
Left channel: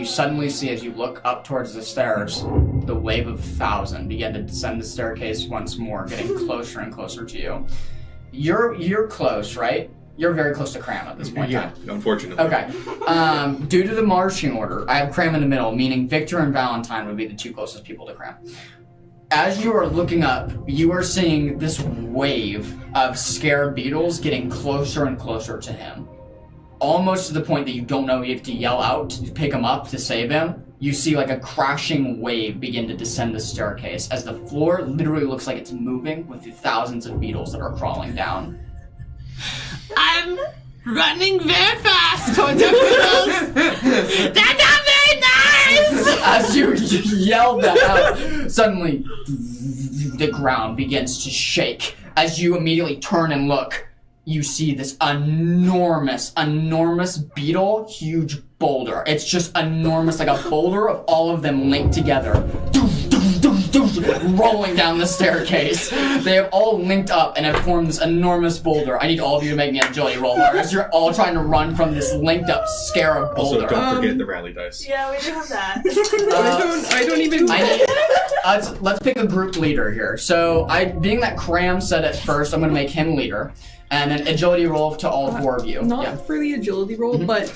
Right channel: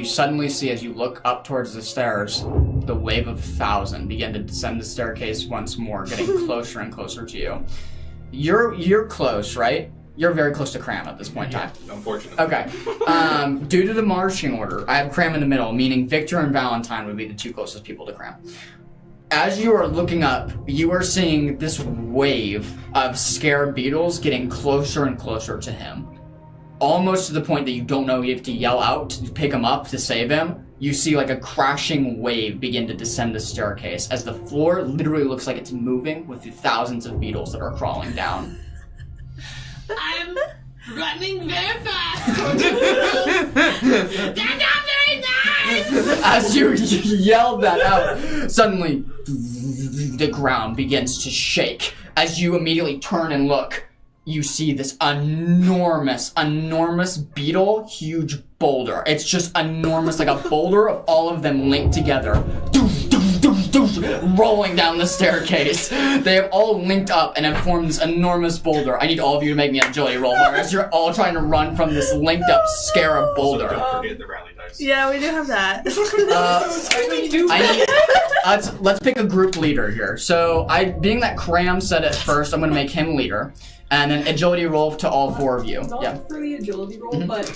suddenly see, as you look up towards the stairs, the wave of 1,000 begin to descend the staircase once more, getting closer and closer to you. You're close, right? You're very close to Cram at this point in time. Unfortunately. Okay. Due to the marching order, I have Cram in the middle, meaning Victor and Valentine would be the two closest people to Cram. As you are looking up, you are seeing this wave of scarab beetles getting closer and closer to him. Almost to the point that you don't know if to yell out to pick him up to save him. You see like a crashing wave begin to descend the staircase as the floor literally looks like it's moving with the thousands of beetles that are crawling down. I'm running very fast towards the beetles. They're not very nice! As you yelled that out, suddenly the ground begins to shake. As you immediately turn and look, you see this enormous beetle, huge boulder. It's just enormous, like a boulder of all of them linked together, rolling down the staircase. They have all linked up and have formed this enormous boulder. I need all of you to make me a agility roll, as you're all trying to run from this linked up scarab Also, boulder. don't forget the rally dice. Yeah, we do have that. I don't even. Let's pick a group leader here. So, being that Cram said it first, I'm going to make him leader. And then agility roll to all four of you. Not for the agility roll, but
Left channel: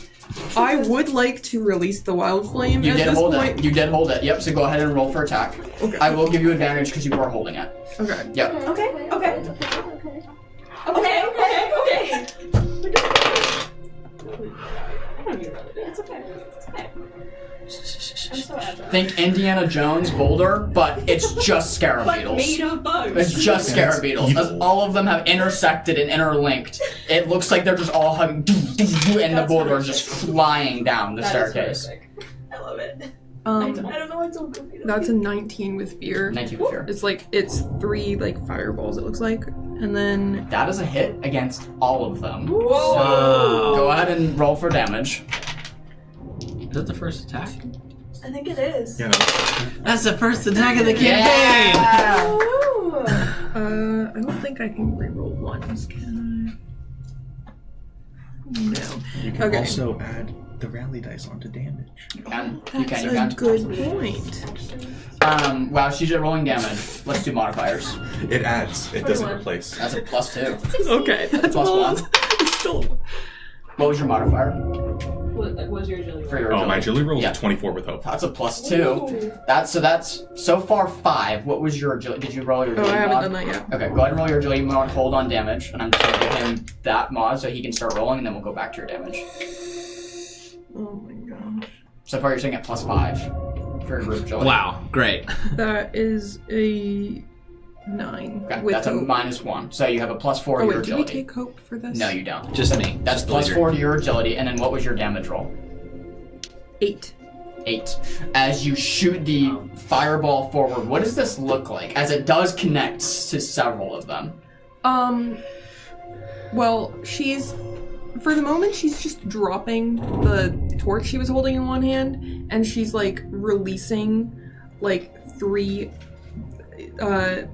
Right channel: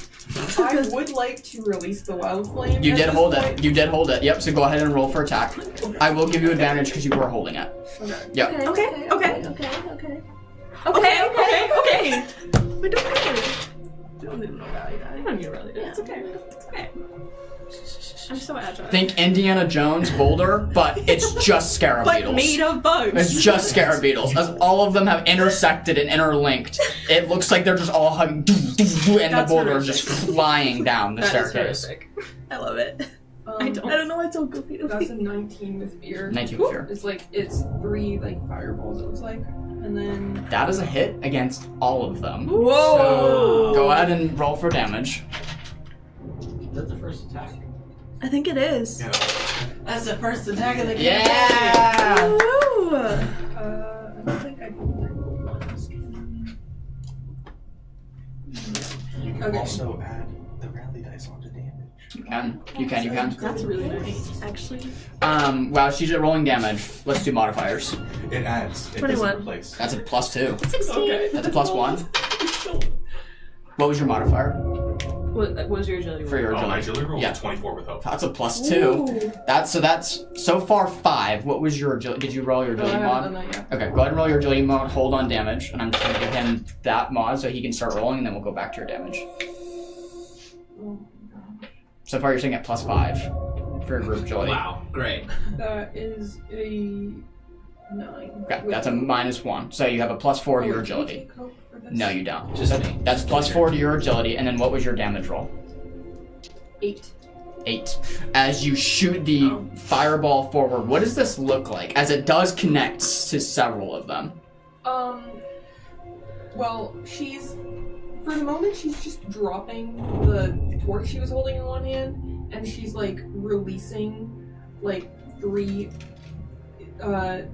I would like to release the wild flame. You at did this hold point. it. You did hold it. Yep, so go ahead and roll for attack. Okay. I will give you advantage because you were holding it. Okay. Yep. Okay. We're doing it. I don't need to run it. It's okay. It's okay. I'm so agile. Think Indiana Jones boulder, but it's just scarab Like beetles. made of bugs. It's just scarab beetles. As all of them have intersected and interlinked. It looks like they're just all hugging, and the That's boulder is horrific. just flying down the That is staircase. horrific. I love it. I I don't know why it's so goofy. That's a 19 with fear. 19 with fear. It's 3 like fireballs. It looks like, and then That is a hit against all of them. whoa. Go ahead and roll for damage. Is that the first attack? I think it is. You know, That's the first attack of the campaign. Yeah! Woo! I don't think I can reroll ones, can I? No. you can Okay. also add the rally dice onto damage. You can. That's a good point. Actually. While she's rolling damage, let's do modifiers. It adds. It doesn't 21. replace. That's a +2. Okay. That's a +1. Still. What was your modifier What was your agility for roll? your Oh, my agility? agility roll Yeah. is 24 with hope. That's a +2. That's so far 5. What was your agility? Did you roll your Oh, I agility haven't mod? done that yet. Okay, go ahead and roll your agility mod. Hold on damage, and I'm just gonna give him that mod so he can start rolling, and then we'll go back to your damage. Oh my gosh. So far, you're sitting at +5 for your group agility. Wow, great. That is a 9. Okay, with that's a hope. -1. So you have a +4 to Oh, your wait, do we agility. take hope for this? No, you don't. Just me. That's +4 to your agility, and then what was your damage roll? 8. 8. As you shoot the fireball forward, what does this look like? As it does connect to several of them. Well, for the moment, she's just dropping the torch she was holding in one hand, and she's, like, releasing, like, 3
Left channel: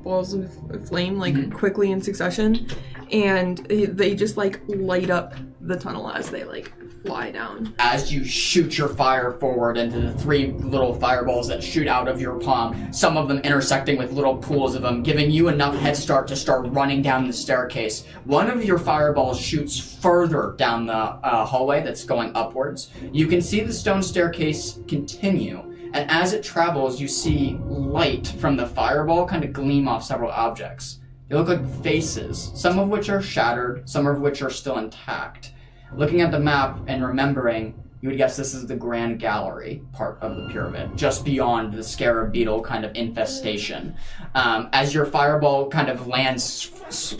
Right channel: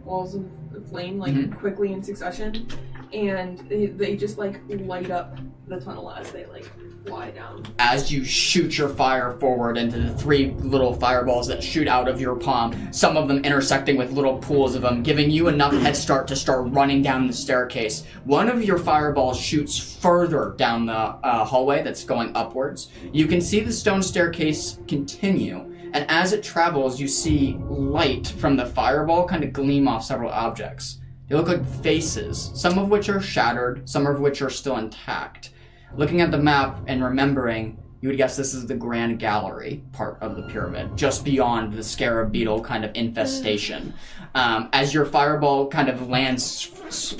balls of flame, like, Mhm. quickly in succession, and they just, like, light up the tunnel as they, like, fly down. As you shoot your fire forward into the 3 little fireballs that shoot out of your palm, some of them intersecting with little pools of them, giving you enough head start to start running down the staircase. One of your fireballs shoots further down the hallway that's going upwards. You can see the stone staircase continue, and as it travels, you see light from the fireball kind of gleam off several objects. They look like faces, some of which are shattered, some of which are still intact. Looking at the map and remembering, you would guess this is the Grand Gallery part of the pyramid, just beyond the scarab beetle kind of infestation. As your fireball kind of lands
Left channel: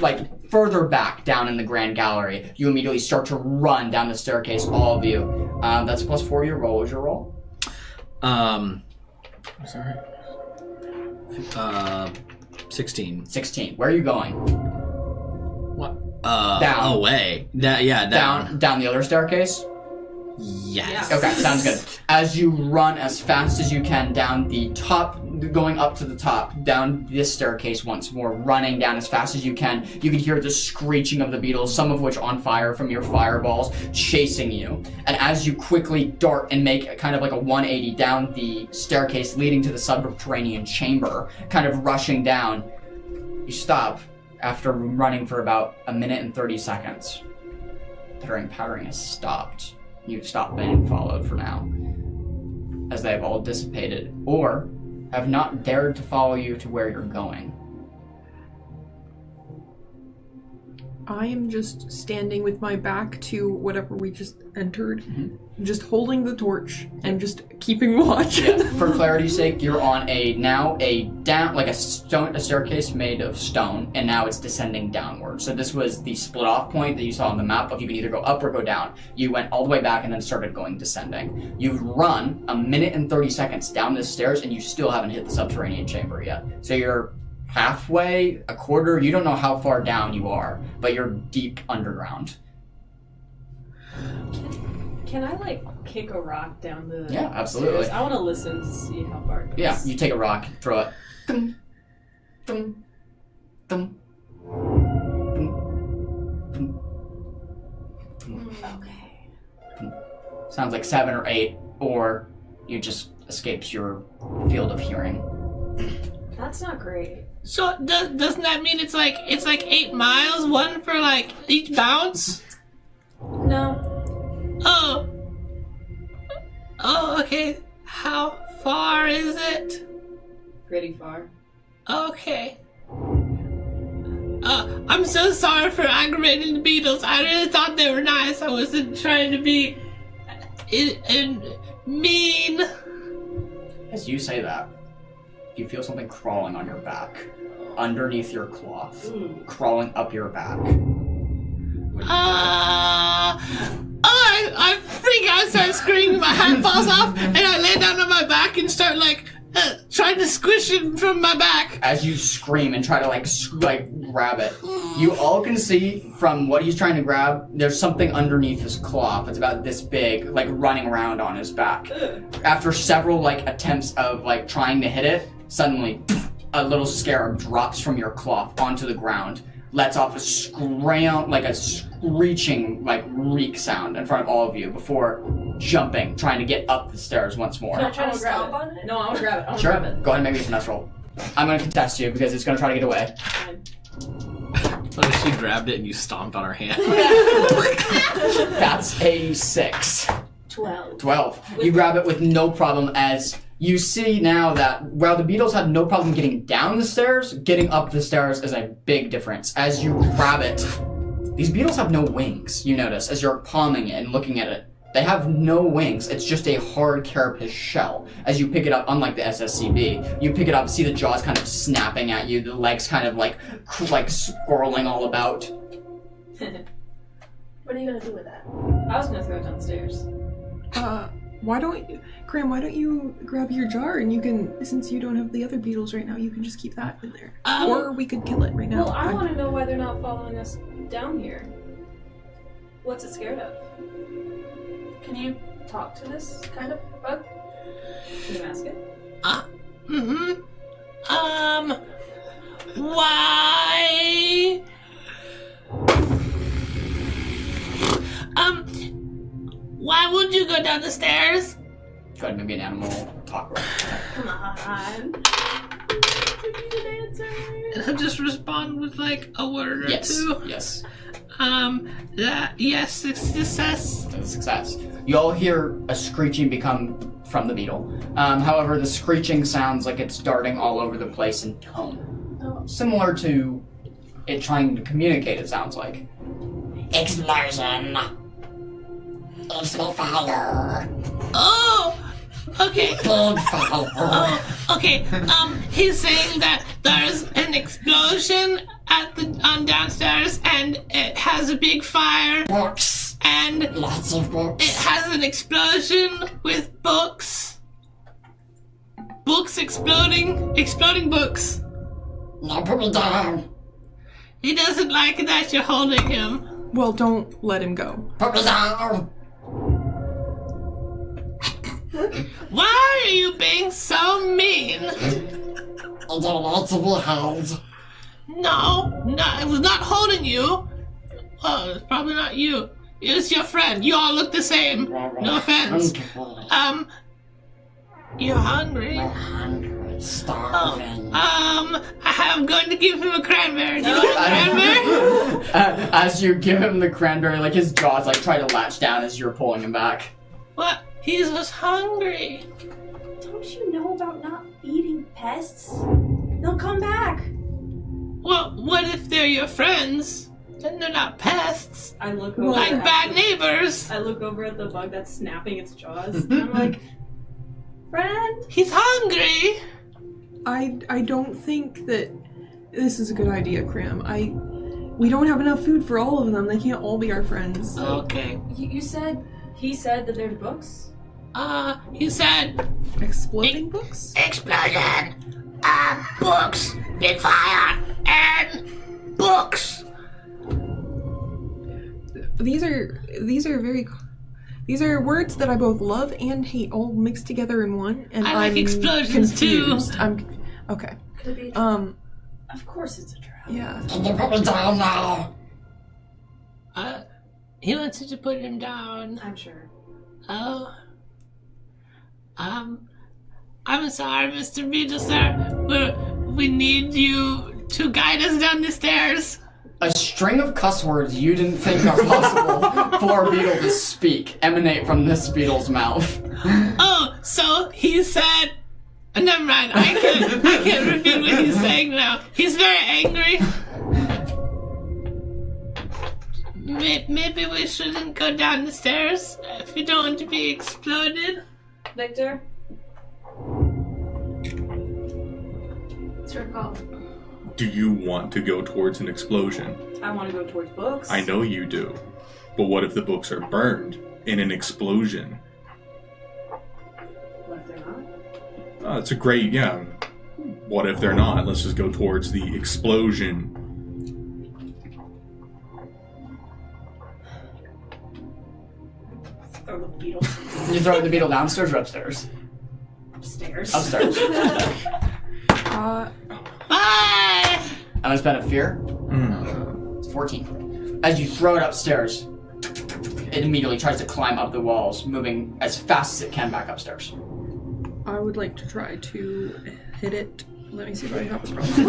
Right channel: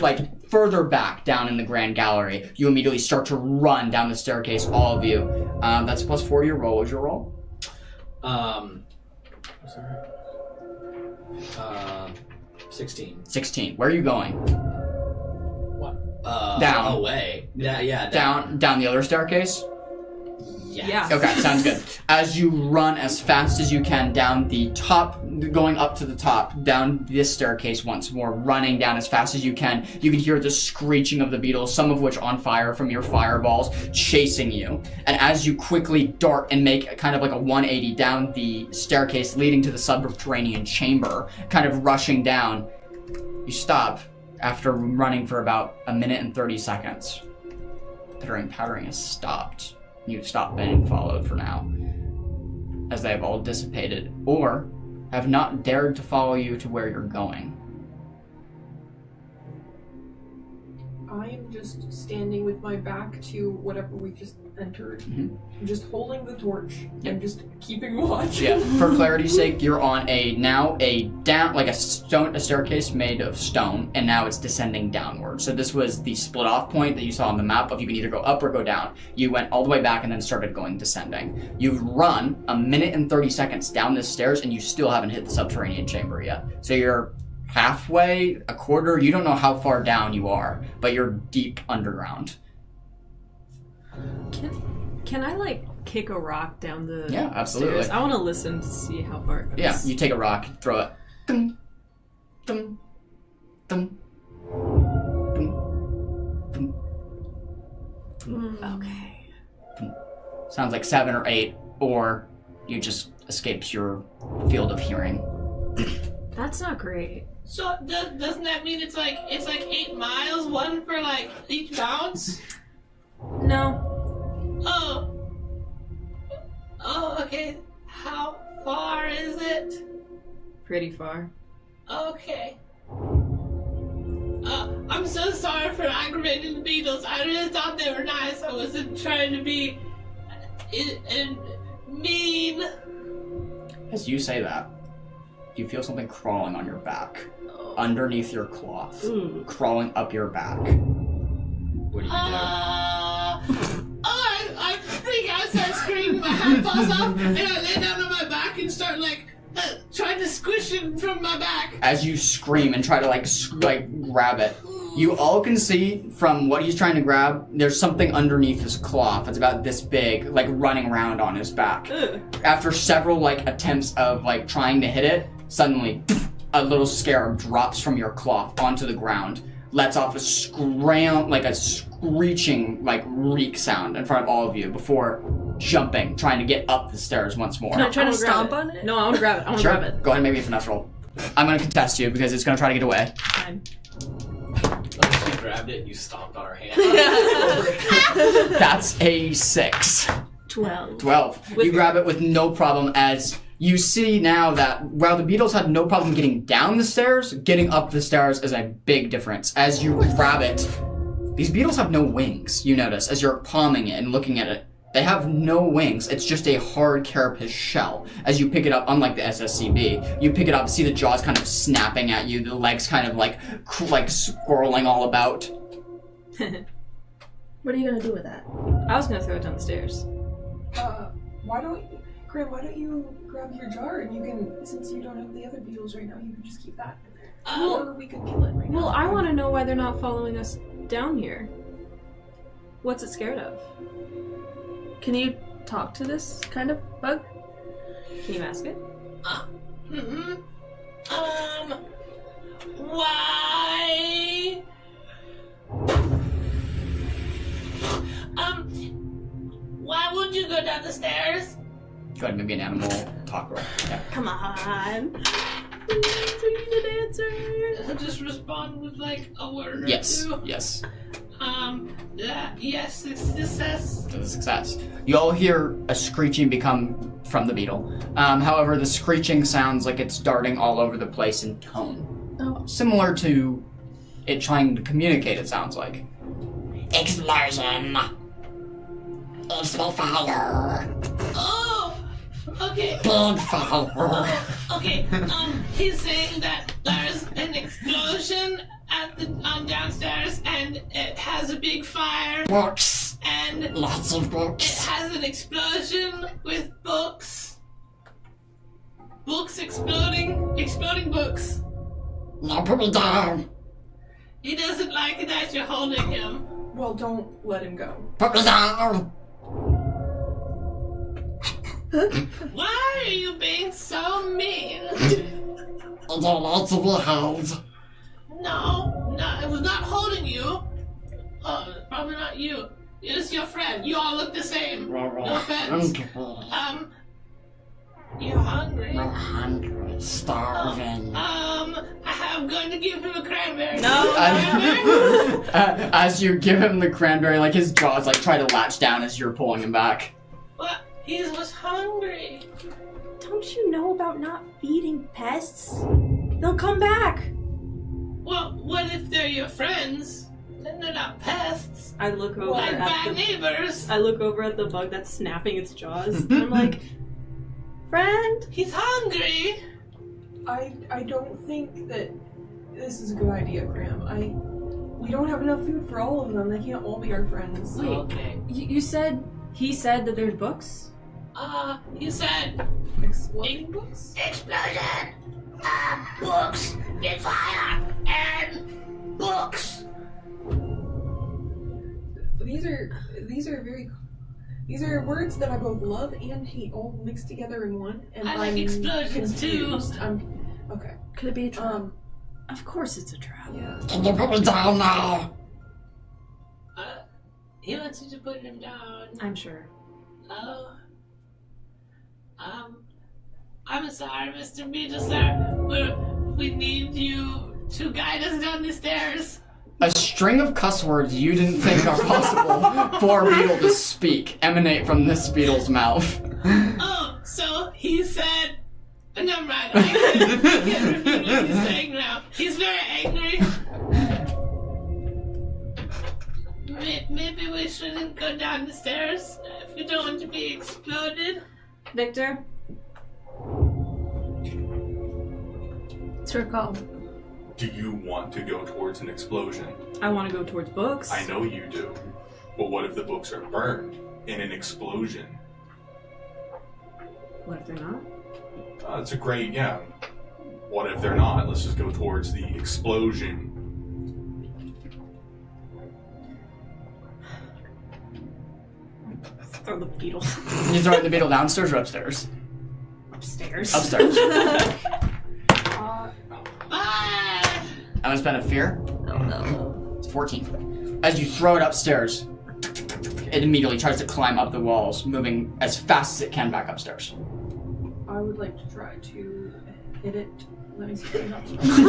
like further back down in the Grand Gallery, you immediately start to run down the staircase, all of you. That's +4 to your roll. What was your roll? Sorry. 16. 16. Where are you going? Down. Away. Yeah, down. Down the other staircase? Yes. Okay, sounds good. As you run as fast as you can down the top, going up to the top, down this staircase once more, running down as fast as you can hear the screeching of the beetles, some of which on fire from your fireballs, chasing you. And as you quickly dart and make kind of like a 180 down the staircase leading to the subterranean chamber, kind of rushing down, you stop after running for about 1 minute and 30 seconds. Pattering has stopped. You've stopped being followed for now, as they have all dissipated, or have not dared to follow you to where you're going. I am just standing with my back to whatever we just entered, just holding the torch and just keeping watch. Yeah, for clarity's sake, you're on a staircase made of stone, and now it's descending downward. So this was the split off point that you saw on the map of you can either go up or go down. You went all the way back and then started going descending. You've run 1 minute and 30 seconds down the stairs, and you still haven't hit the subterranean chamber yet. So you're halfway, a quarter, you don't know how far down you are, but you're deep underground. Can I like kick a rock down the Yeah, absolutely. stairs? I want to listen to see how far it goes. Yeah, you take a rock, throw it. Dum, dum, dum, dum, dum, dum. Okay. Sounds like 7 or 8, or you just escapes your field of hearing. That's not great. So doesn't that mean it's like 8 miles, one for like each bounce? No. Oh, okay. How far is it? Pretty far. Okay. I'm so sorry for aggravating the beetles. I really thought they were nice. I wasn't trying to be mean. As you say that, you feel something crawling on your back, underneath your cloth, crawling up your back. What do you I freak out, start screaming, my hand falls off, and I lay down on my back and start trying to squish it from my back. As you scream and try to grab it, you all can see from what he's trying to grab, there's something underneath his cloth. It's about this big, running around on his back. After several attempts of trying to hit it, suddenly a little scarab drops from your cloth onto the ground, lets off a screeching reek sound in front of all of you before jumping, trying to get up the stairs once more. Can I try to stomp on it? No, I want to grab it. I want to Sure. grab it. Go ahead and make me a finesse roll. I'm going to contest you because it's going to try to get away. Fine. What if she grabbed it and you stomped on her hand? That's a 6. 12. 12. You grab it with no problem as you see now that while the beetles had no problem getting down the stairs, getting up the stairs is a big difference. As you grab it, these beetles have no wings, you notice, as you're palming it and looking at it. They have no wings. It's just a hard carapace shell. As you pick it up, unlike the SSCB, you pick it up, see the jaws kind of snapping at you, the legs kind of swirling all about. What are you gonna do with that? I was gonna throw it down the stairs. Graham, why don't you grab your jar and you can, since you don't have the other beetles right now, you can just keep that in there. Or we could kill it right now. Well, I want to know why they're not following us down here. What's it scared of? Can you talk to this kind of bug? Can you ask it? Why? Why would you go down the stairs? Go ahead, maybe an animal talk roll. Come on. We need an answer. I'll just respond with a word or Yes, two. yes. Yes, success. That's a success. You all hear a screeching become from the beetle. However, the screeching sounds like it's darting all over the place in tone. Similar to it trying to communicate, it sounds like. Explosion. It's the fire. Oh, okay. Big fire. Oh, okay. He's saying that there's an explosion on downstairs, and it has a big fire, Books. and Lots of it books. has an explosion with books. Books exploding books. Now put me down. He doesn't like that you're holding him. Well, don't let him go. Put me down. Why are you being so mean? I don't like to be held. No, it was not holding you. Oh, it's probably not you. It's your friend. You all look the same. No offense. You're hungry. I'm hungry. Starving. I'm going to give him a cranberry. No. Do you want a cranberry? As you give him the cranberry, his jaws try to latch down as you're pulling him back. What? He was hungry. Don't you know about not feeding pests? They'll come back. Well, what if they're your friends? Then they're not pests. I look over Like at bad the, neighbors. I look over at the bug that's snapping its jaws, and I'm like, friend. He's hungry. I don't think that this is a good idea, Graham. We don't have enough food for all of them. They can't all be our friends. Okay. You said he said that there's books. He said Exploding books? explosion, books, big fire, and books. These are words that I both love and hate all mixed together in one, and I like I'm explosions, too. confused. Okay. Could it be a trap? Of course it's a trap. Yeah. Can you put me down now? He wants you to put him down. I'm sure. Oh. I'm sorry, Mr. Beetle, sir. We need you to guide us down the stairs. A string of cuss words you didn't think are possible for a beetle to speak emanate from this beetle's mouth. Oh, so he said... Never mind, I can't repeat what he's saying now. He's very angry. Victor? It's your call. Do you want to go towards an explosion? I want to go towards books. I know you do. But what if the books are burned in an explosion? What if they're not? It's a great, yeah. What if they're not? Let's just go towards the explosion. Throw the beetle You throw the beetle downstairs or upstairs? upstairs. Upstairs. Uh, Bye! I'm gonna spend a fear. It's 14. As you throw it upstairs, it immediately tries to climb up the walls, moving as fast as it can back upstairs. I would like to try to hit it. Let me see if I have a crossbow.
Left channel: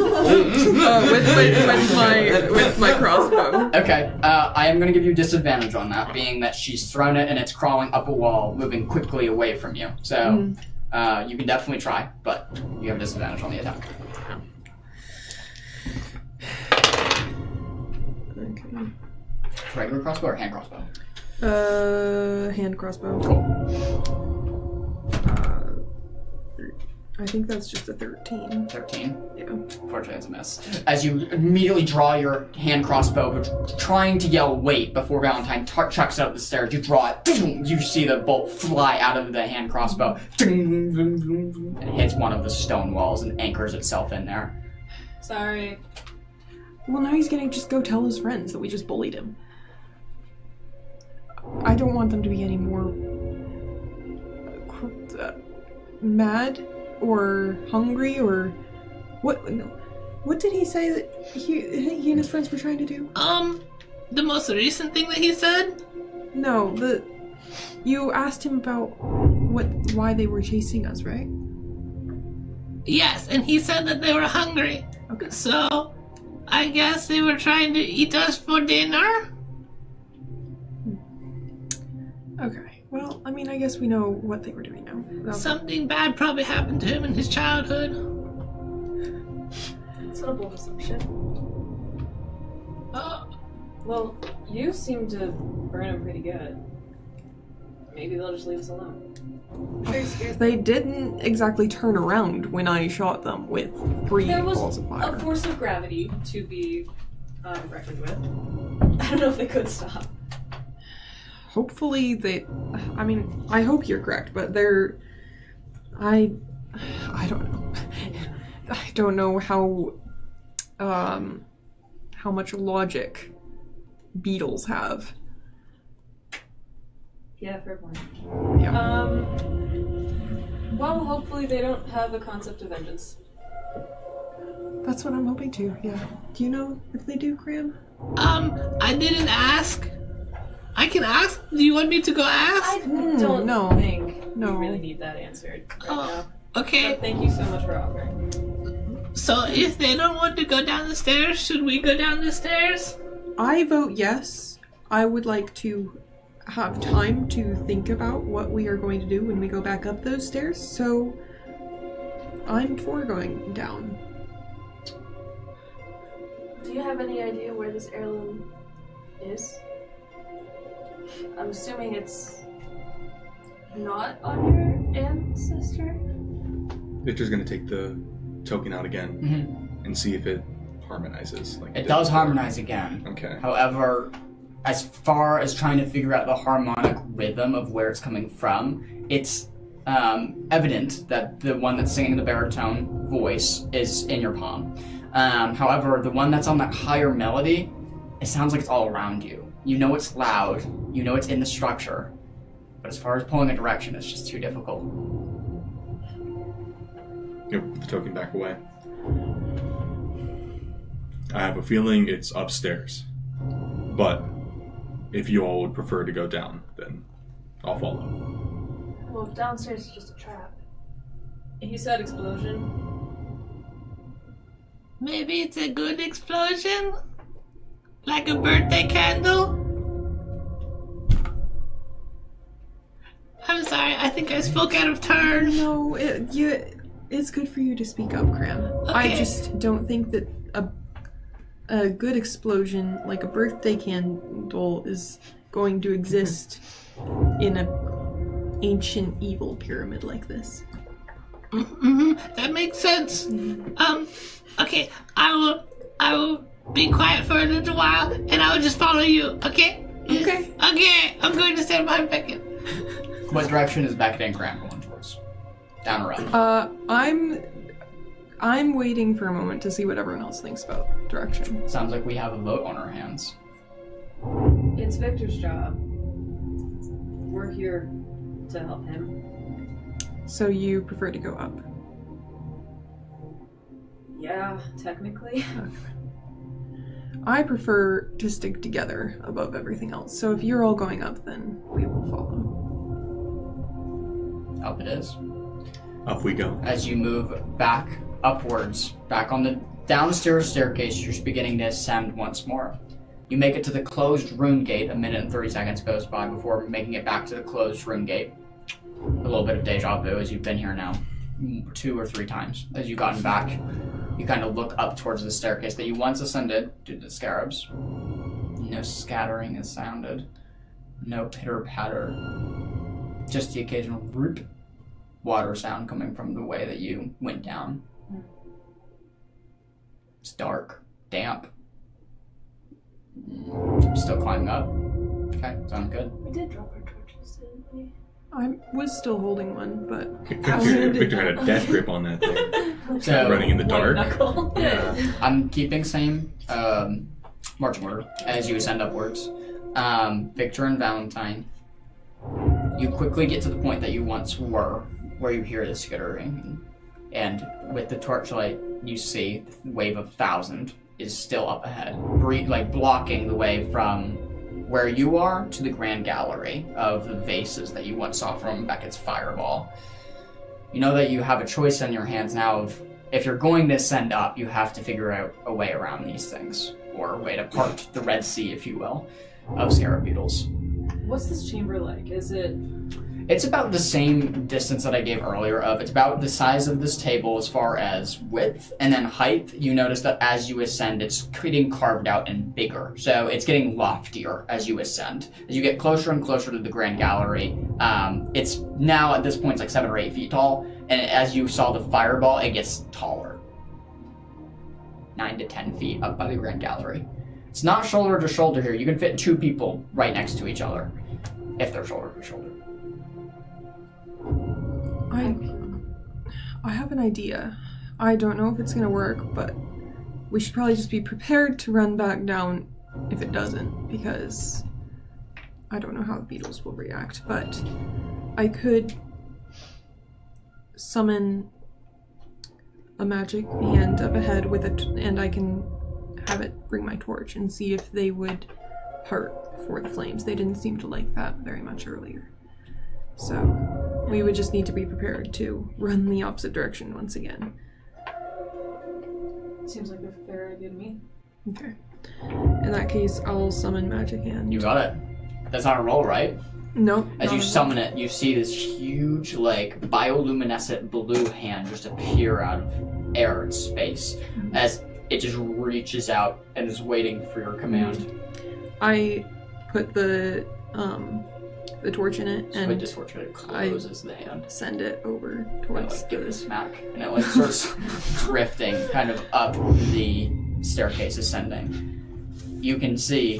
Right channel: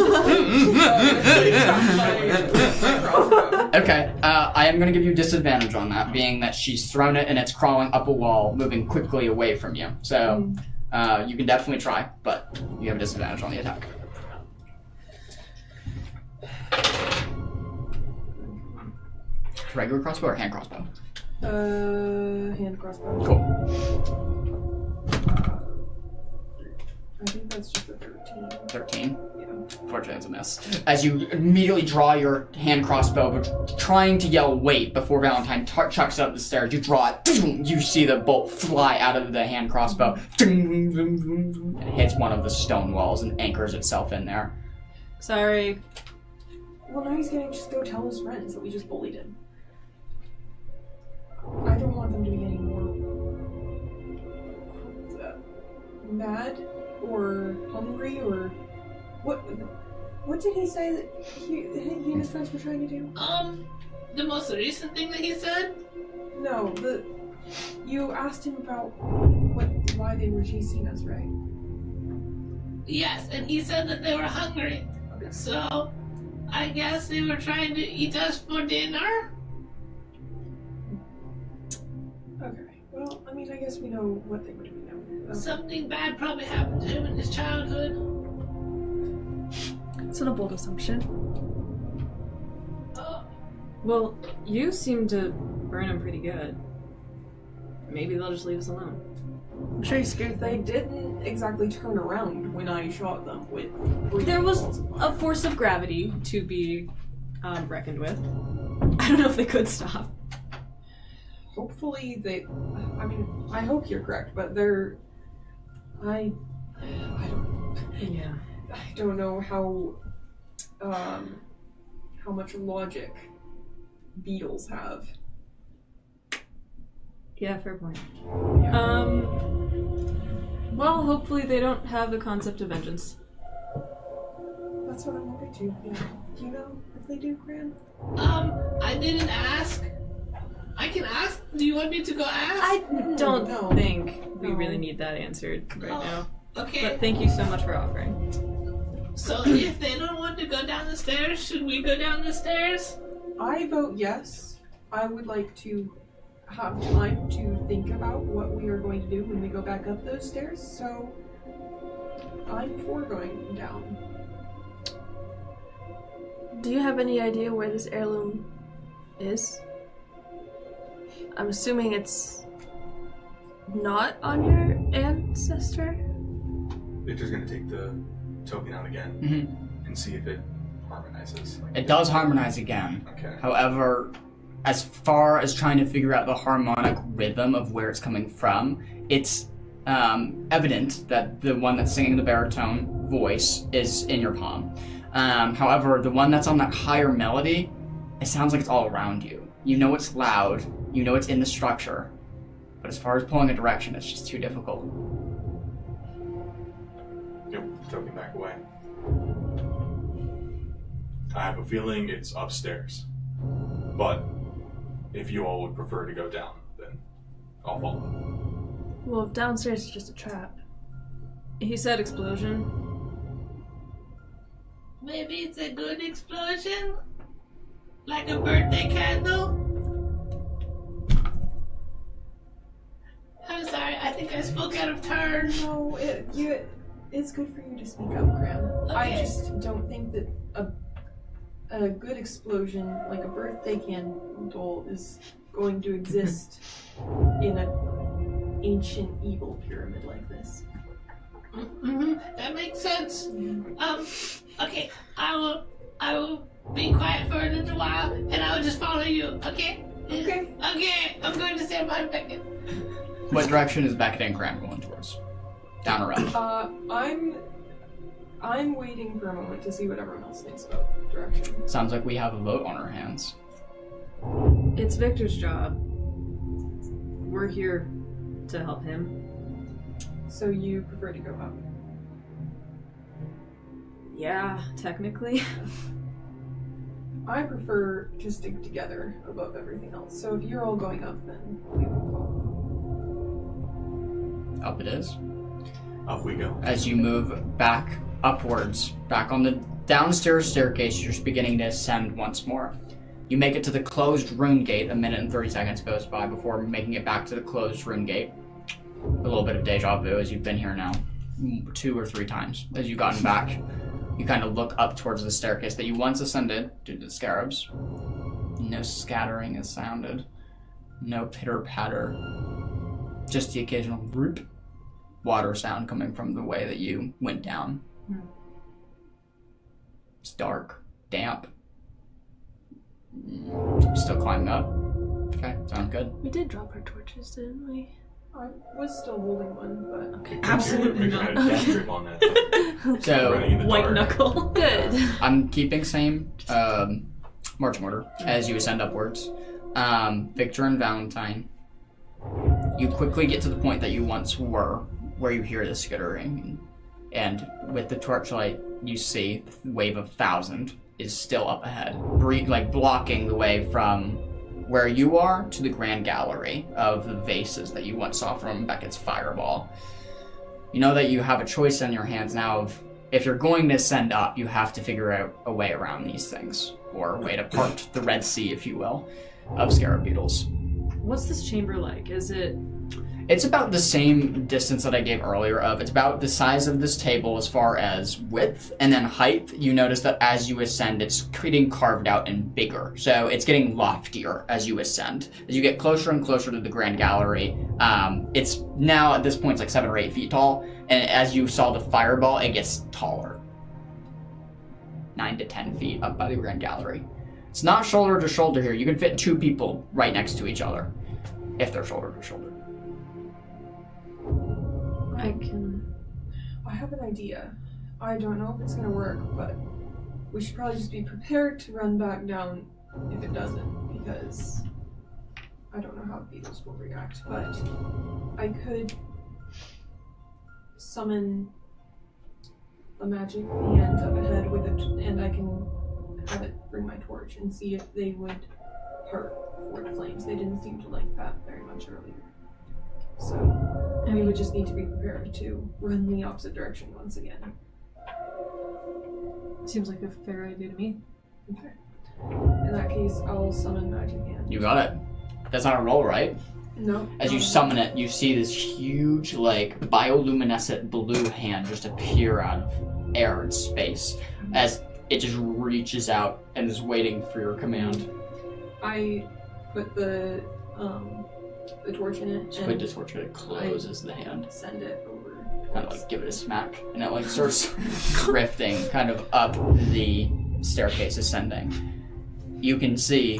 with my crossbow. Okay, I am going to give you disadvantage on that, being that she's thrown it and it's crawling up a wall, moving quickly away from you. So, you can definitely try, but you have a disadvantage on the attack. Okay. Regular crossbow or hand crossbow? Hand crossbow. Cool. I think that's just a 13. 13. Yeah. Fortunately, it's a miss. As you immediately draw your hand crossbow, but trying to yell wait before Valentine chucks it up the stairs, you draw it. You see the bolt fly out of the hand crossbow. It hits one of the stone walls and anchors itself in there. Sorry. Well, now he's gonna just go tell his friends that we just bullied him. I don't want them to be any more mad or hungry or what? What did he say that he and his friends were trying to do? The most recent thing that he said? No, you asked him about why they were chasing us, right? Yes, and he said that they were hungry. Okay. So, I guess they were trying to eat us for dinner? Okay. Well, I mean, I guess we know what they were doing now. Something bad probably happened to him in his childhood. It's not a bold assumption. Well, you seem to burn him pretty good. Maybe they'll just leave us alone. They didn't exactly turn around when I shot them with 3 There was balls of fire. a force of gravity to be reckoned with. I don't know if they could stop. Hopefully I mean, I hope you're correct, but I don't know. Yeah. I don't know how much logic beetles have. Yeah, fair point. Yeah. Well, hopefully they don't have a concept of vengeance. That's what I'm hoping to, yeah. Do you know if they do, Graham? I didn't ask. I can ask. Do you want me to go ask? I don't no. think No. we really need that answered right now. Okay. But thank you so much for offering. So if they don't want to go down the stairs, should we go down the stairs? I vote yes. I would like to have time to think about what we are going to do when we go back up those stairs, so I'm for going down. Do you have any idea where this heirloom is? I'm assuming it's not on your ancestor? Victor's gonna take the token out again and see if it harmonizes. Like It does harmonize again. Okay. However, as far as trying to figure out the harmonic rhythm of where it's coming from, it's evident that the one that's singing the baritone voice is in your palm. However, the one that's on that higher melody, it sounds like it's all around you. You know it's loud, you know it's in the structure, but as far as pulling a direction, it's just too difficult. Yep, put the token back away. I have a feeling it's upstairs. But if you all would prefer to go down, then I'll follow. Well, if downstairs is just a trap. He said explosion. Maybe it's a good explosion? Like a birthday candle? I'm sorry, I think I spoke out of turn. No, it's good for you to speak up, Graham. I Okay. just don't think that a good explosion, like a birthday candle, is going to exist in a ancient evil pyramid like this. That makes sense. Okay, I will be quiet for a little while, and I will just follow you. Okay. Okay. Okay, I'm going to stand behind Beckett. What direction is Beckett and Graham going towards? Down or up? I'm waiting for a moment to see what everyone else thinks about direction. Sounds like we have a vote on our hands. It's Victor's job. We're here to help him. So you prefer to go up? Yeah, technically. I prefer to stick together above everything else. So if you're all going up, then we will follow. Up it is. Up we go. As you move back upwards, back on the downstairs staircase, you're just beginning to ascend once more. You make it to the closed rune gate. A minute and 30 seconds goes by before making it back to the closed rune gate. A little bit of deja vu as you've been here now 2 or 3 times. As you've gotten back, you kind of look up towards the staircase that you once ascended due to the scarabs. No scattering is sounded. No pitter-patter. Just the occasional root water sound coming from the way that you went down. It's dark, damp. Still climbing up. Okay, sounds good. We did drop our torches, didn't we? I was still holding one, but Victor had a death grip on that thing. So Running in the White dark. knuckle. Good. I'm keeping same marching order as you ascend upwards. Victor and Valentine, you quickly get to the point that you once were, where you hear the skittering, and with the torchlight, you see the wave of 1,000 is still up ahead, blocking the way from where you are to the grand gallery of the vases that you once saw from Beckett's fireball. You know that you have a choice in your hands now of, if you're going to ascend up, you have to figure out a way around these things, or a way to part the Red Sea, if you will, of scarab beetles. What's this chamber like? Is it... It's about the same distance that I gave earlier of, it's about the size of this table as far as width, and then height. You notice that as you ascend, it's getting carved out and bigger. So it's getting loftier as you ascend. As you get closer and closer to the grand gallery, it's now at this point it's like 7 or 8 feet tall, and as you saw the fireball, it gets taller. 9 to 10 feet up by the grand gallery. It's not shoulder to shoulder here. You can fit 2 people right next to each other, if they're shoulder to shoulder. I have an idea. I don't know if it's gonna work, but we should probably just be prepared to run back down if it doesn't, because I don't know how the beetles will react, but I could summon a magic hand up ahead with it, and I can have it bring my torch and see if they would part for the flames. They didn't seem to like that very much earlier. So we would just need to be prepared to run the opposite direction once again. Seems like a fair idea to me. Okay. In that case, I'll summon Magic Hand. You got it. That's not a roll, right? Nope. As you summon it, you see this huge, bioluminescent blue hand just appear out of air and space as it just reaches out and is waiting for your command. I put the torch in it So and it just it closes the hand. send it over And towards give it a smack, and it starts drifting kind of up the staircase, ascending. You can see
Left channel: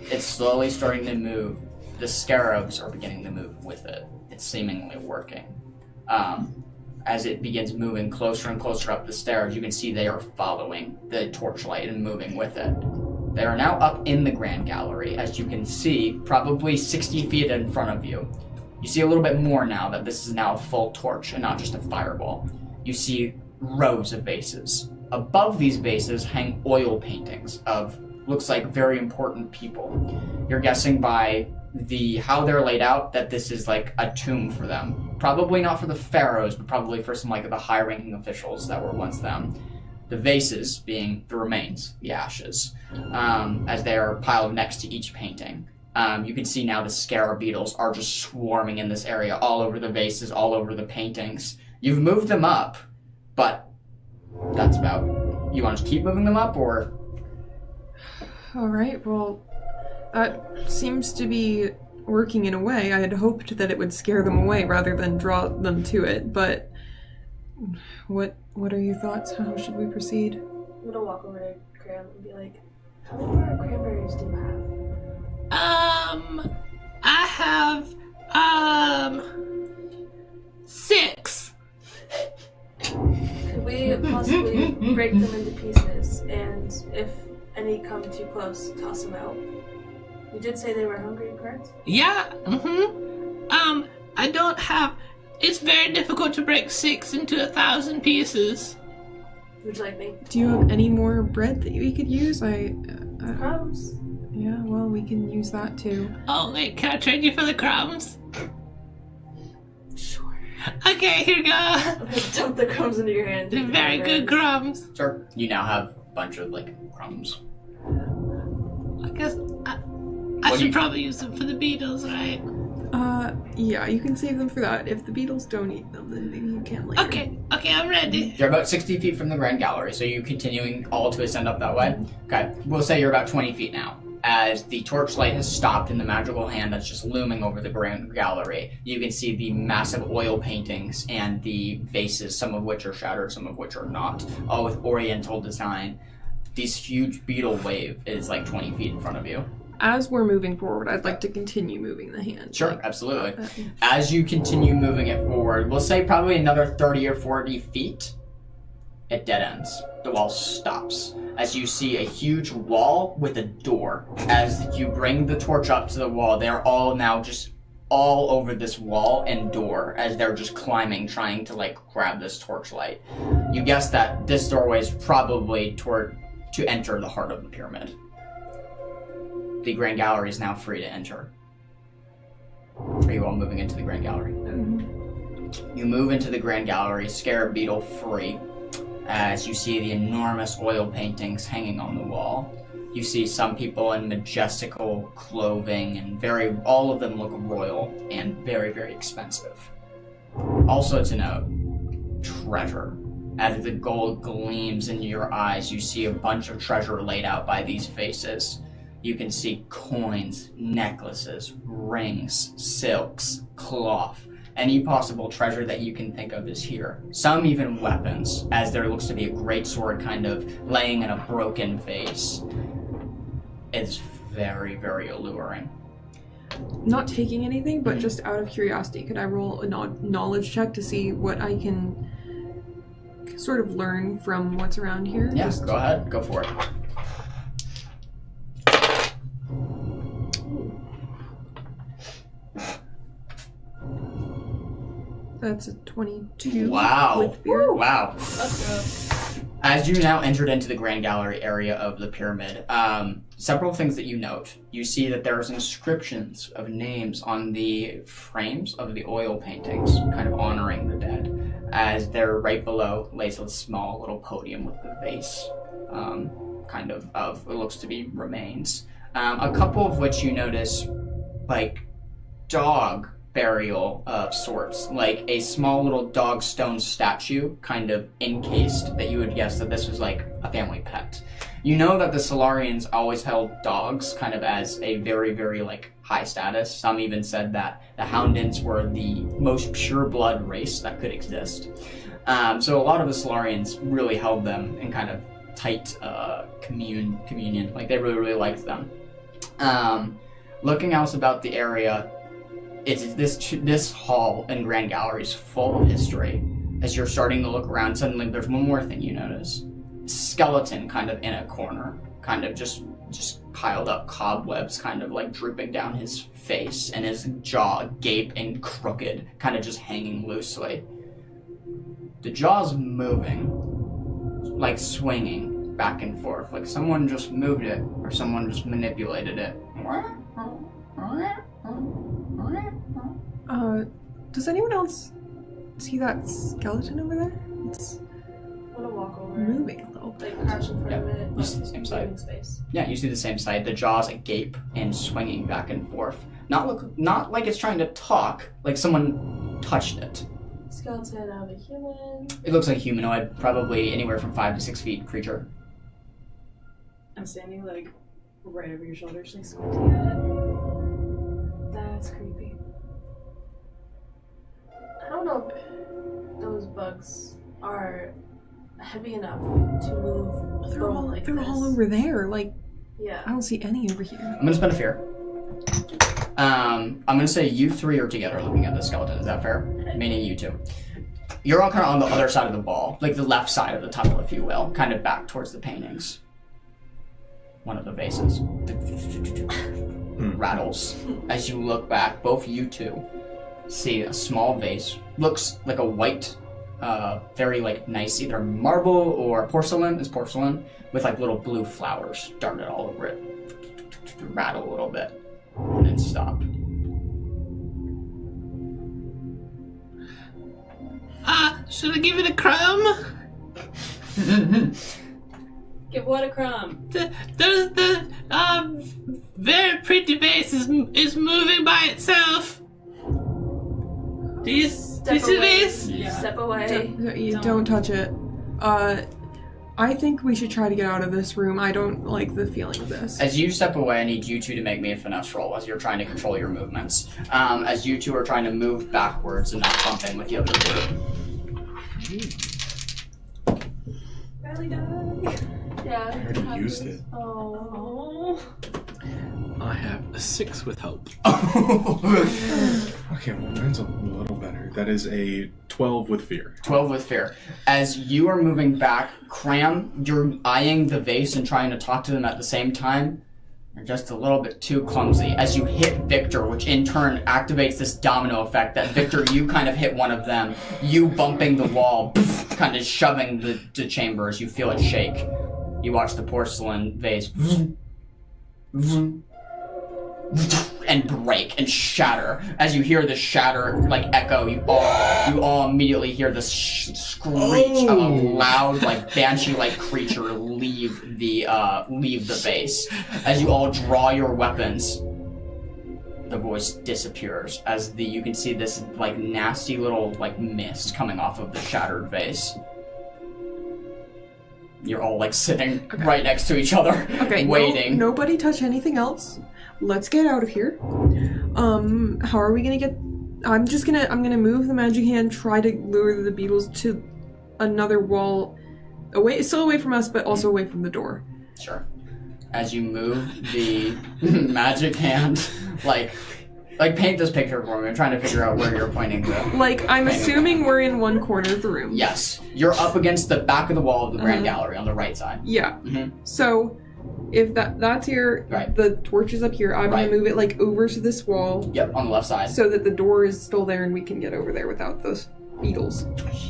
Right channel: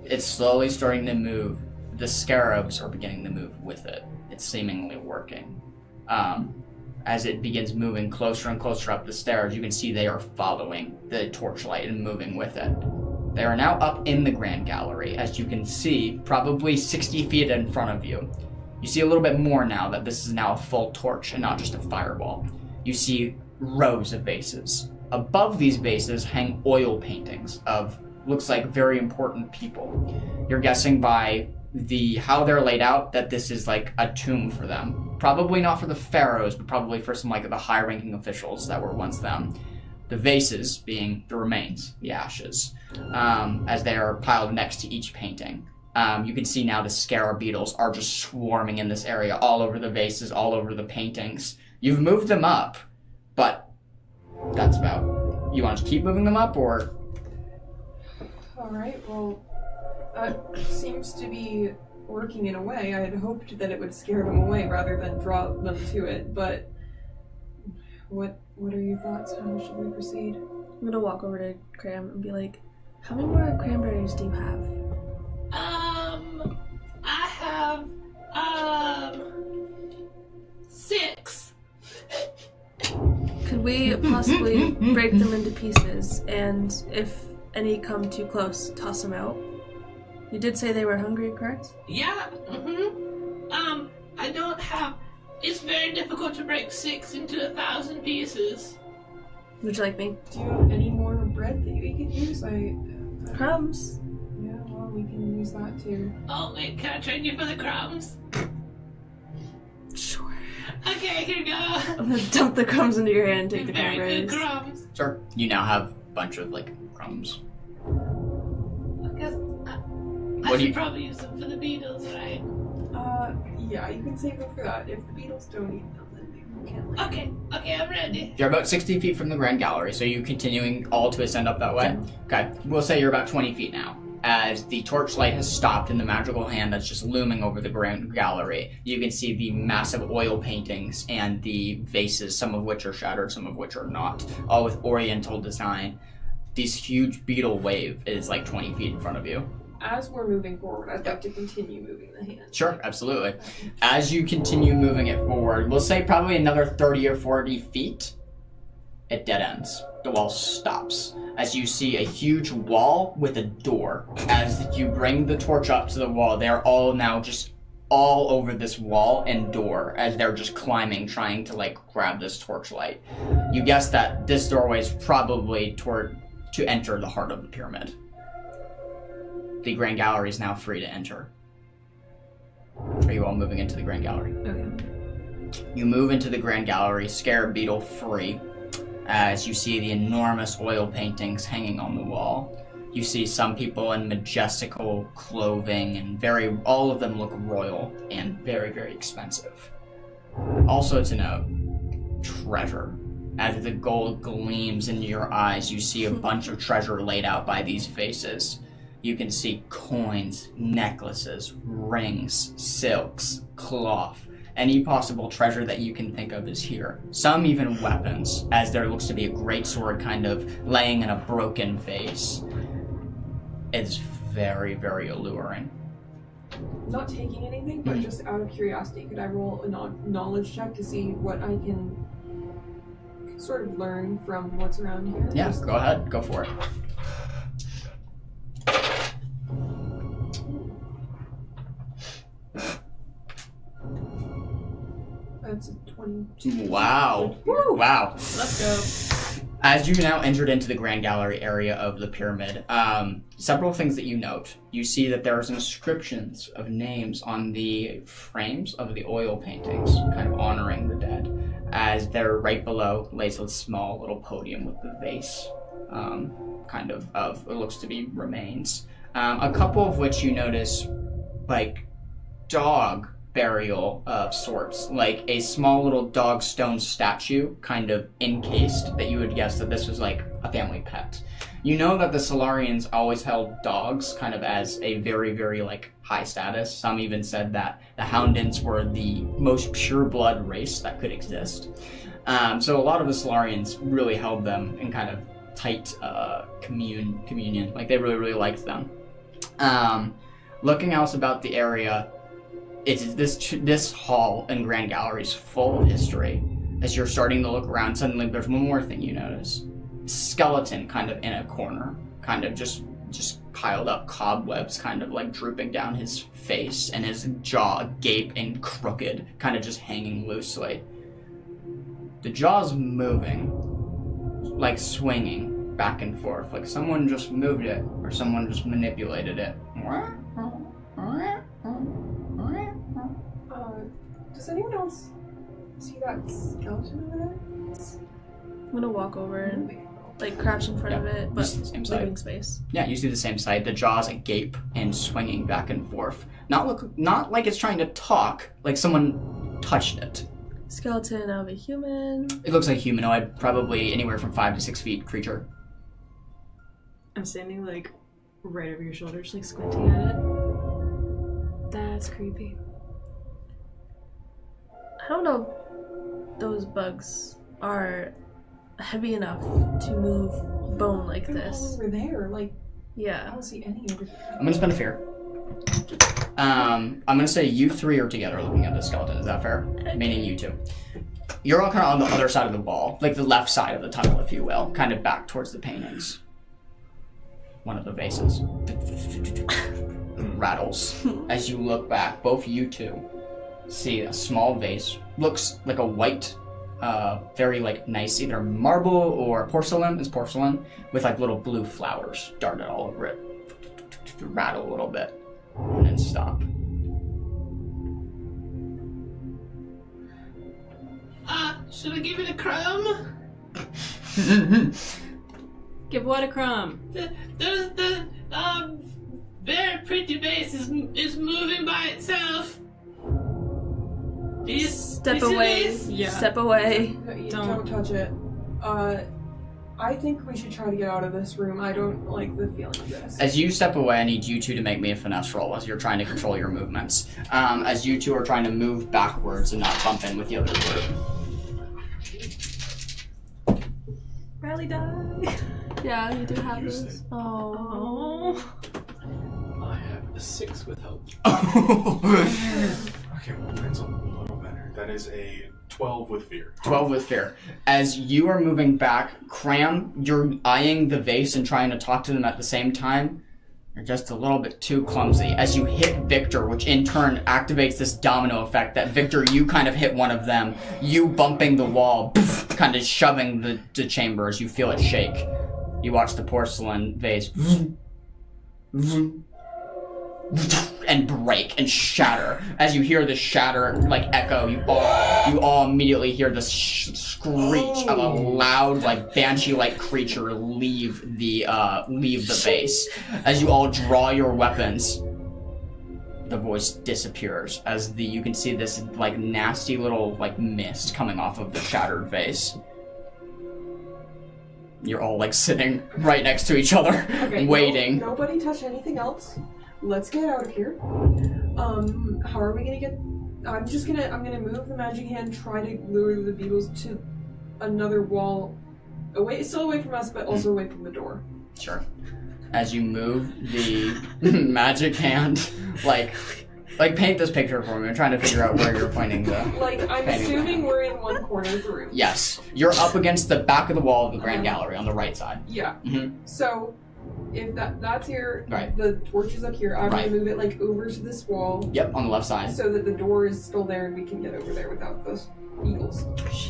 it's slowly starting to move. The scarabs are beginning to move with it. It's seemingly working. As it begins moving closer and closer up the stairs, you can see they are following the torchlight and moving with it. They are now up in the grand gallery, as you can see, probably 60 feet in front of you. You see a little bit more now that this is now a full torch and not just a fireball. You see rows of vases. Above these vases hang oil paintings of, looks like, very important people. You're guessing by how they're laid out that this is like a tomb for them. Probably not for the pharaohs, but probably for some of the high-ranking officials that were once them. The vases being the remains, the ashes, as they are piled next to each painting. You can see now the scarab beetles are just swarming in this area, all over the vases, all over the paintings. You've moved them up, but that's about... You want to keep moving them up, or...? Alright, well, that seems to be working in a way. I had hoped that it would scare them away rather than draw them to it, but what are your thoughts? How should we proceed? I'm gonna walk over to Cram and be like, how many more cranberries do you have? I have 6. Could we possibly break them into pieces, and if any come too close, toss them out? You did say they were hungry, correct? Yeah, I don't have... It's very difficult to break 6 into 1,000 pieces. Would you like me? Do you have any more bread that we could use? Crumbs? Yeah, well, we can use that too. Oh, wait, can I trade you for the crumbs? Sure. Okay, here you go. I'm gonna dump the crumbs into your hand. Take the Very good cranberries. crumbs. Sure. You now have a bunch of like crumbs. I guess I What do should you- probably use them for the beetles, right? Yeah, you can save them for that. If the beetles don't eat them, then maybe you can later. Okay, I'm ready. You're about 60 feet from the Grand Gallery, so you continuing all to ascend up that way? Okay. We'll say you're about 20 feet now. As the torchlight has stopped in the magical hand that's just looming over the Grand Gallery, you can see the massive oil paintings and the vases, some of which are shattered, some of which are not, all with oriental design. This huge beetle wave is like 20 feet in front of you. As we're moving forward, I'd like to continue moving the hand. Sure, absolutely. As you continue moving it forward, we'll say probably another 30 or 40 feet, it dead ends. The wall stops as you see a huge wall with a door. As you bring the torch up to the wall, they're all now just all over this wall and door as they're just climbing, trying to like grab this torchlight. You guess that this doorway is probably to enter the heart of the pyramid. The Grand Gallery is now free to enter. Are you all moving into the Grand Gallery? You move into the Grand Gallery, Scarab Beetle free, as you see the enormous oil paintings hanging on the wall. You see some people in majestical clothing, and all of them look royal and very, very expensive. Also to note, treasure. As the gold gleams into your eyes, you see a bunch of treasure laid out by these faces. You can see coins, necklaces, rings, silks, cloth. Any possible treasure that you can think of is here. Some even weapons, as there looks to be a great sword kind of laying in a broken vase. It's very, very alluring. Not taking anything, but just out of curiosity, could I roll a knowledge check to see what I can sort of learn from what's around here? Yeah, go ahead. Go for it. That's a 22. Wow. Wow. Let's go. As you now entered into the Grand Gallery area of the pyramid, several things that you note. You see that there's inscriptions of names on the frames of the oil paintings, kind of honoring the dead, as they're right below lays a small little podium with the vase, kind of it looks to be remains. A couple of which you notice, like, dog burial of sorts, like a small little dog stone statue kind of encased that you would guess that this was like a family pet. You know that the Solarians always held dogs kind of as a very, very like high status. Some even said that the Houndins were the most pure blood race that could exist. So a lot of the Solarians really held them in kind of tight communion. Like they really, really liked them. Looking else about the area, it's this hall and Grand Gallery is full of history. As you're starting to look around, suddenly there's one more thing you notice. Skeleton kind of in a corner, kind of just piled up cobwebs, kind of like drooping down his face, and his jaw agape and crooked, kind of just hanging loosely. The jaw's moving, like swinging back and forth, like someone just moved it or someone just manipulated it. Does anyone else see that skeleton over there? It's I'm gonna walk over and moving a little. like crouch in front of it, but This is the same side. leaving space. Yeah, you see the same sight. The jaw's agape and swinging back and forth. Not like it's trying to talk, like someone touched it. Skeleton of a human. It looks like humanoid, probably anywhere from 5 to 6 feet creature. I'm standing like right over your shoulder, just like squinting at it. That That's creepy. I don't know if those bugs are heavy enough to move bone like They're this. all over there. Like, I Yeah. don't see any over here. I'm gonna spend a fear. I'm gonna say you three are together looking at the skeleton. Is that fair? Meaning you two. You're all kind of on the other side of the wall, like the left side of the tunnel, if you will, kind of back towards the paintings. One of the vases rattles as you look back. Both you two see a small vase. Looks like a white, very like nice, either marble or porcelain. It's porcelain with like little blue flowers darted all over it. Rattle a little bit and then stop. Should I give it a crumb? Give what a crumb? The very pretty vase is moving by itself. Do you Step see away. this? Yeah. Step away. You don't touch it. I think we should try to get out of this room. I don't like the feeling of this. As you step away, I need you two to make me a finesse roll as you're trying to control your movements. As you two are trying to move backwards and not bump in with the other two. Rally die. Yeah, you do already have used this. it. Oh. I have a 6 with help. Okay, well, mine's a little better. That is a 12 with fear. 12 with fear. As you are moving back, Cram, you're eyeing the vase and trying to talk to them at the same time. You're just a little bit too clumsy. As you hit Victor, which in turn activates this domino effect that Victor, you kind of hit one of them. You bumping the wall, kind of shoving the chamber as you feel it shake. You watch the porcelain vase and break and shatter. As you hear this shatter, like echo, you all immediately hear this screech of a loud, like banshee-like creature leave the base. As you all draw your weapons, the voice disappears. As you can see this like nasty little like mist coming off of the shattered vase. You're all like sitting right next to each other, waiting. Nobody touch anything else. Let's get out of here. How are we gonna get? I'm gonna move the magic hand, try to lure the beetles to another wall, still away from us, but also away from the door. Sure. As you move the magic hand, like paint this picture for me. I'm trying to figure out where you're pointing the. Like, I'm assuming we're in one corner of the room. Yes, you're up against the back of the wall of the grand gallery on the right side. Yeah. Mm-hmm. So, if that's here, Right. the torch is up here. I'm Right. gonna move it like over to this wall, Yep, on the left side. so that the door is still there and we can get over there without those beetles.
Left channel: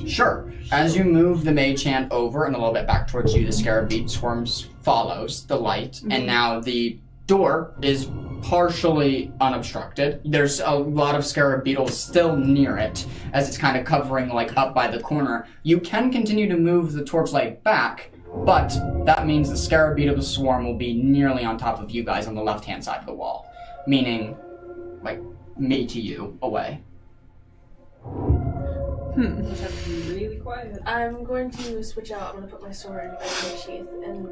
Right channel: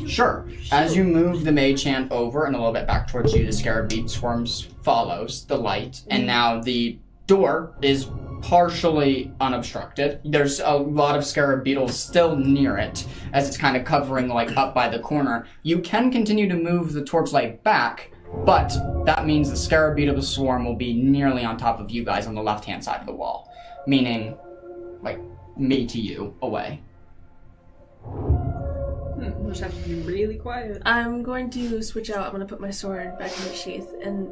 Sure. As you move the mage hand over and a little bit back towards you, the scarab beat swarms follows the light, and now the door is partially unobstructed. There's a lot of scarab beetles still near it, as it's kind of covering like up by the corner. You can continue to move the torchlight back, but that means the scarab beetle swarm will be nearly on top of you guys on the left-hand side of the wall, meaning like me to you away. You just have to be really quiet. I'm going to switch out. I'm going to put my sword back in the sheath, and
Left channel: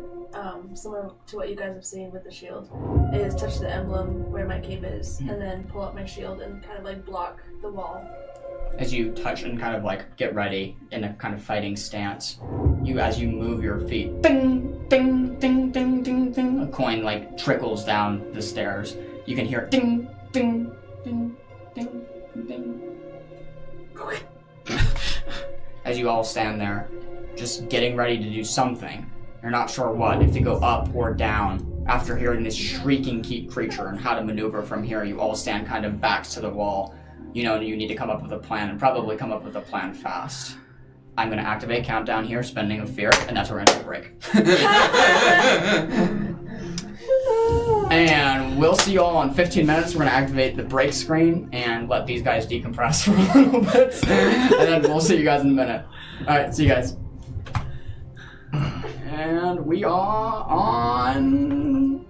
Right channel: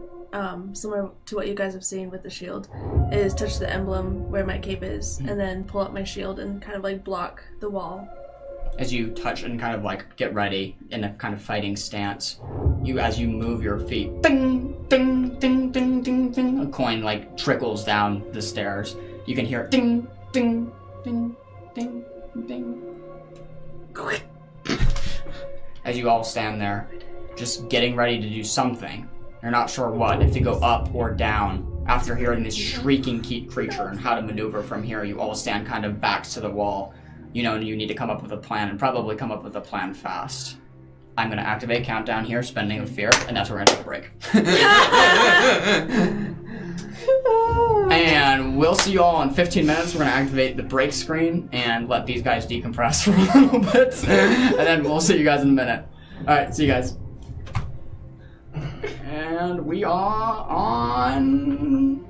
similar to what you guys have seen with the shield, is touch the emblem where my cape is, and then pull out my shield and kind of like block the wall. As you touch and kind of like get ready in a kind of fighting stance, as you move your feet, ding, ding, ding, ding, ding, ding, a coin like trickles down the stairs. You can hear ding, ding, ding, ding, ding. As you all stand there, just getting ready to do something. You're not sure what, if to go up or down. After hearing this shrieking creature and how to maneuver from here, you all stand kind of backs to the wall. You know you need to come up with a plan, and probably come up with a plan fast. I'm going to activate countdown here, spending a fear, and that's where we're going to take a break. And we'll see you all in 15 minutes. We're going to activate the break screen and let these guys decompress for a little bit. And then we'll see you guys in a minute. Alright, see you guys. And we are on...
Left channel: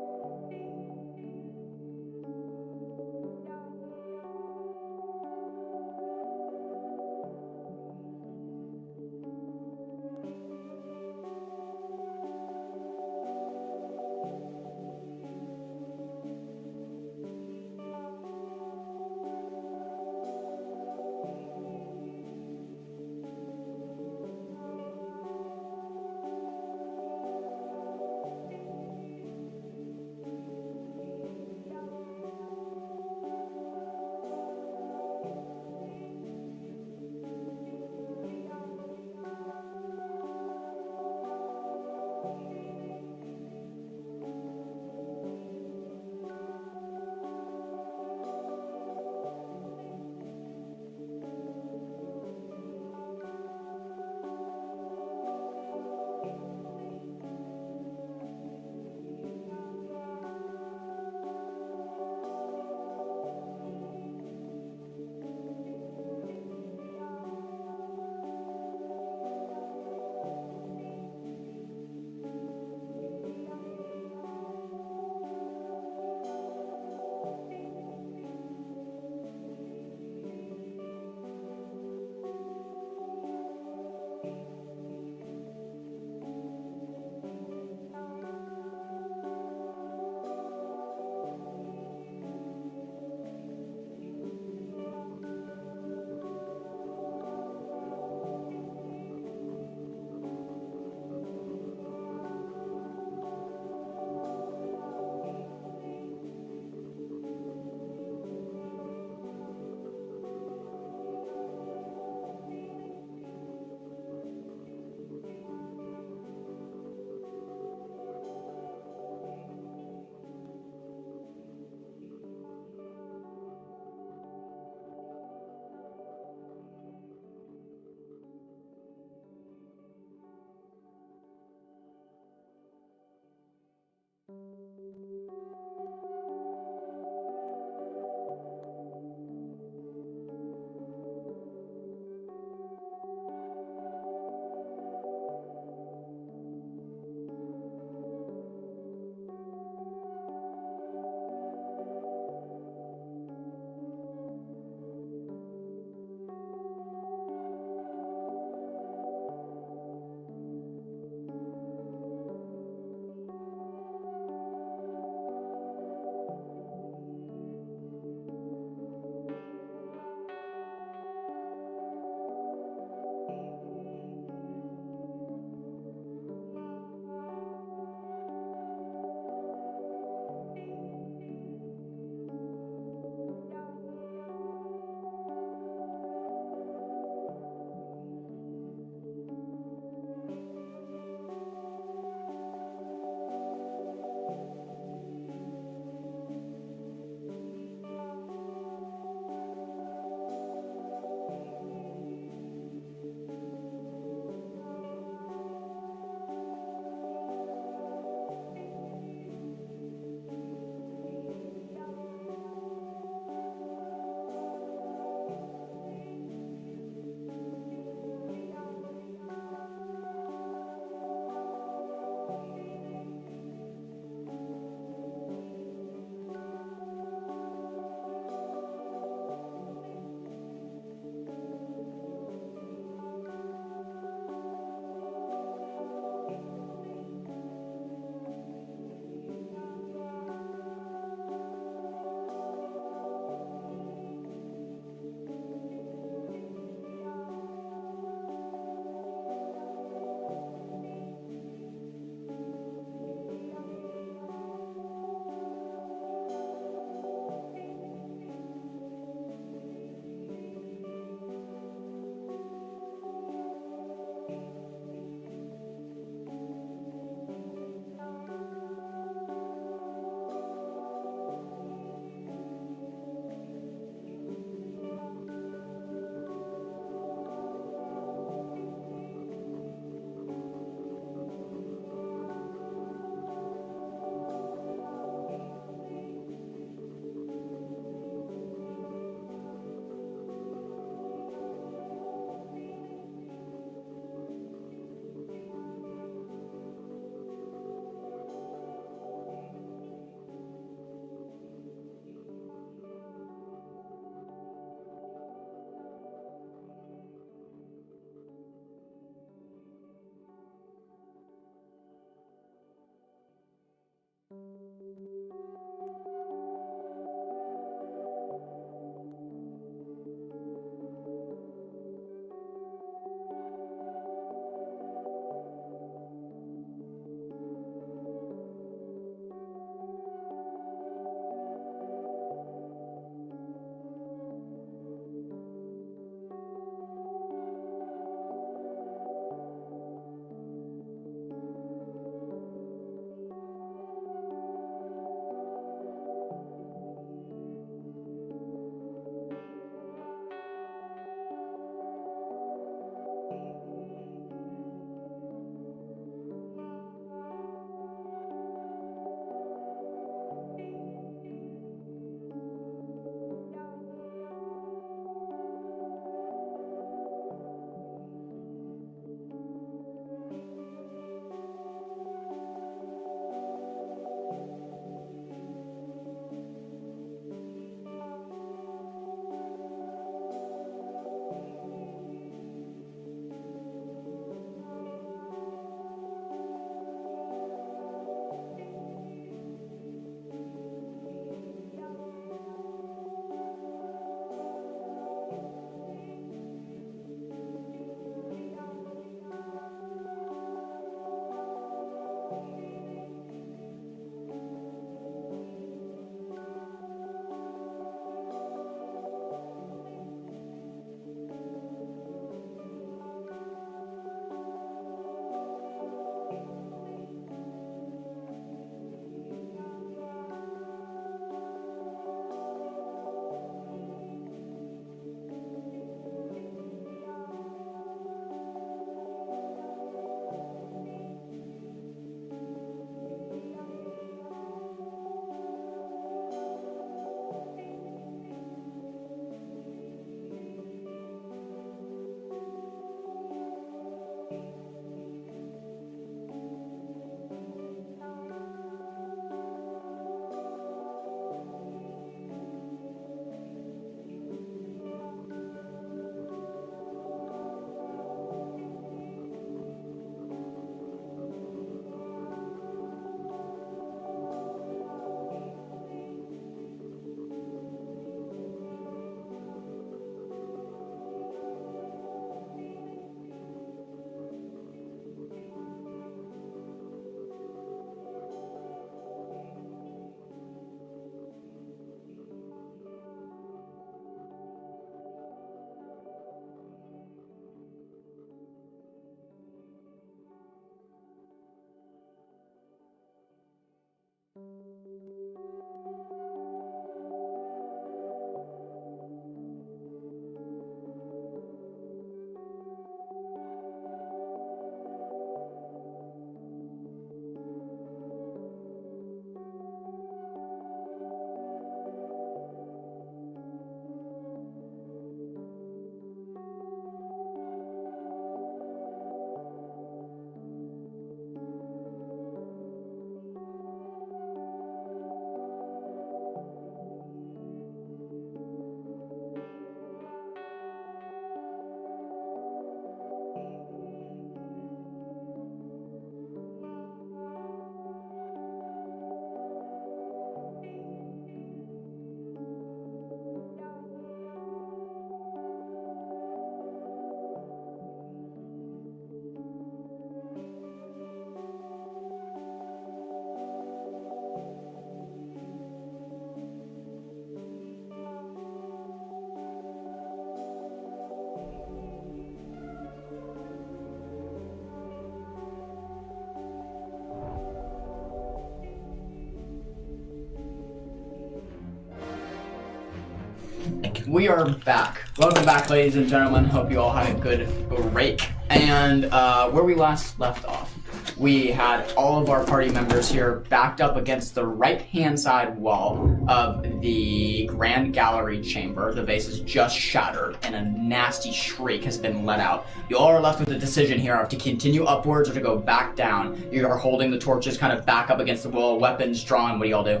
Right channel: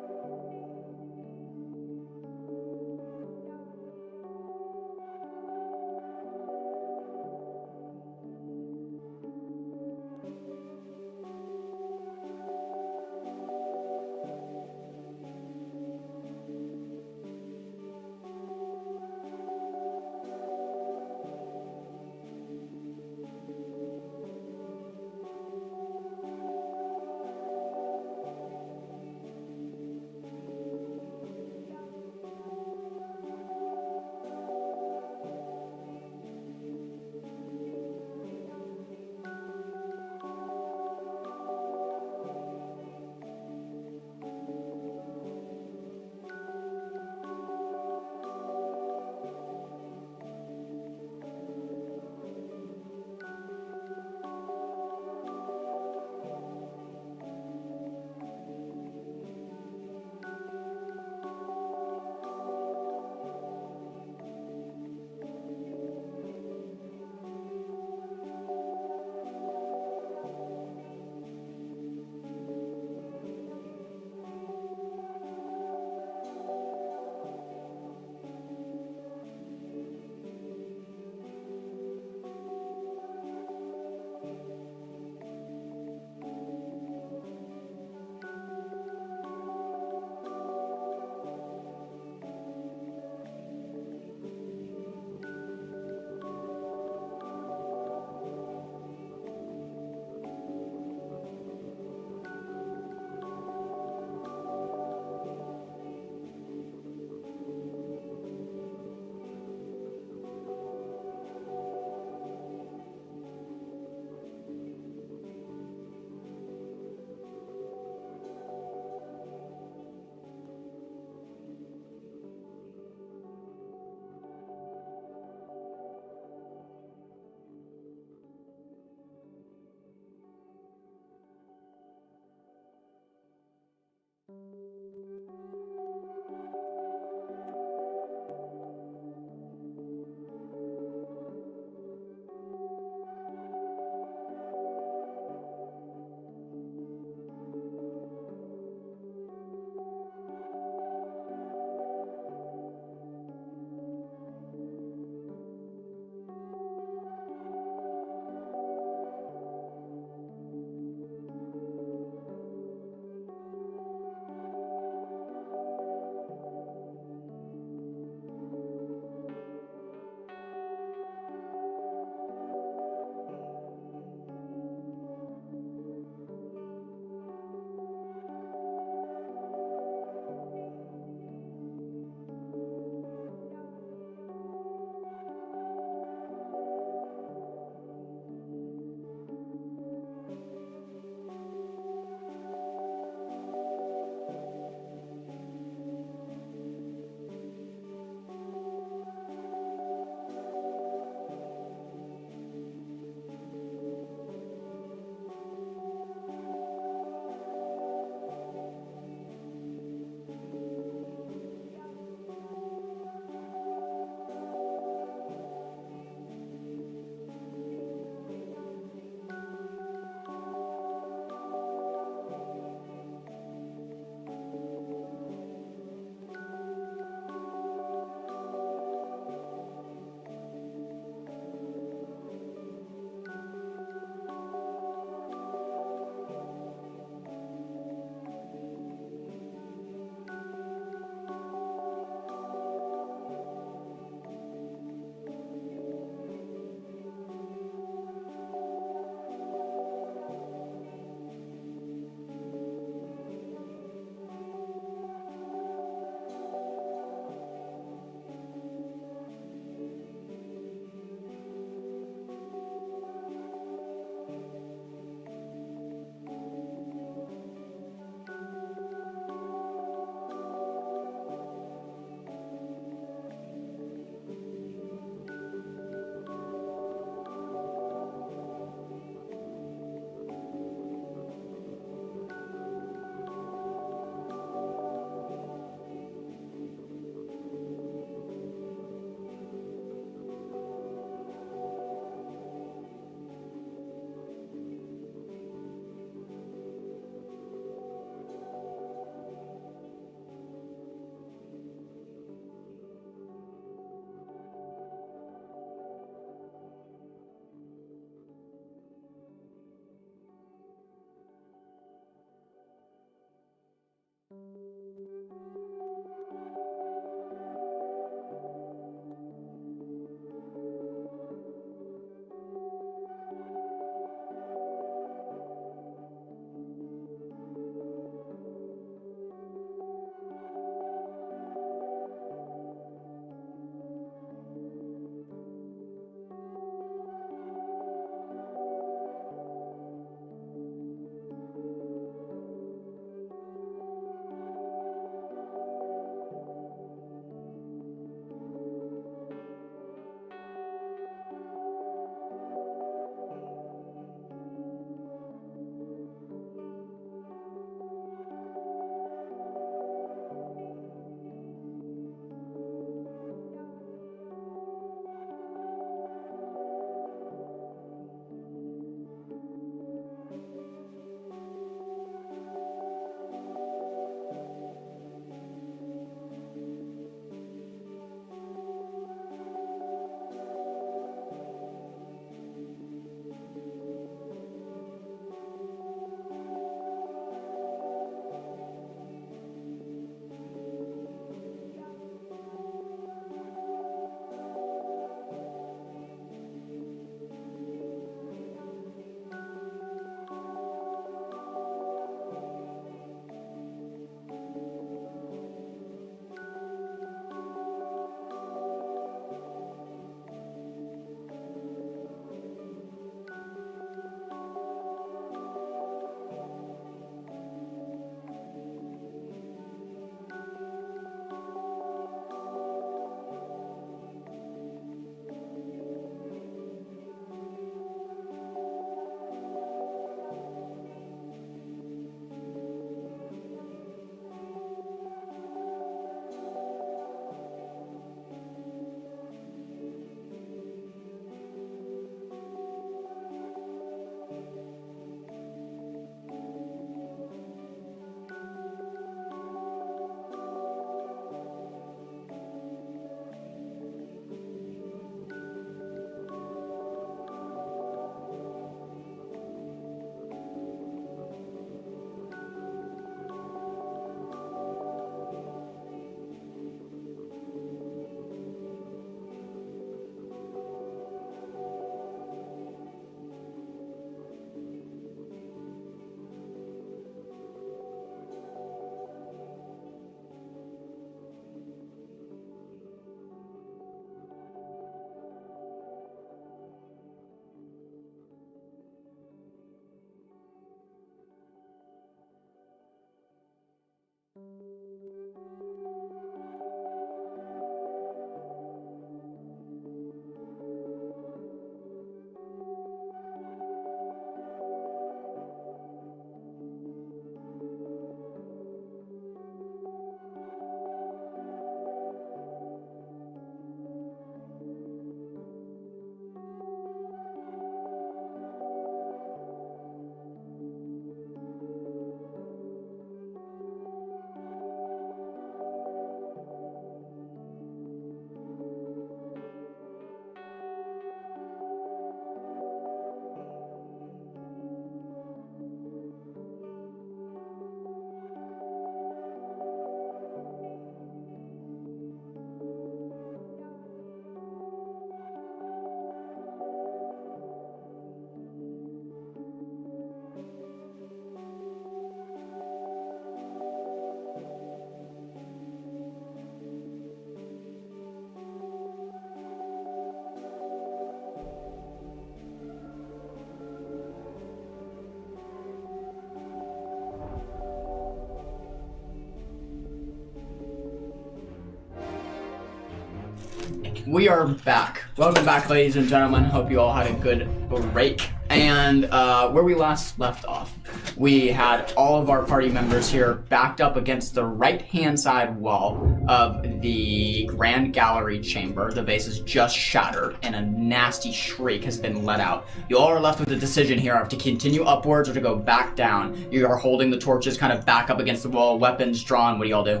We are back. Welcome back, ladies and gentlemen. Hope you all had a good break. And where we last left off, we had all of our party members here backed up against the right-hand side wall of the Grand Gallery chamber. The base is just shattered, and a nasty shriek has been let out. You all are left with a decision here of to continue upwards or to go back down. You are holding the torches kind of back up against the wall, weapons drawn. What do y'all do?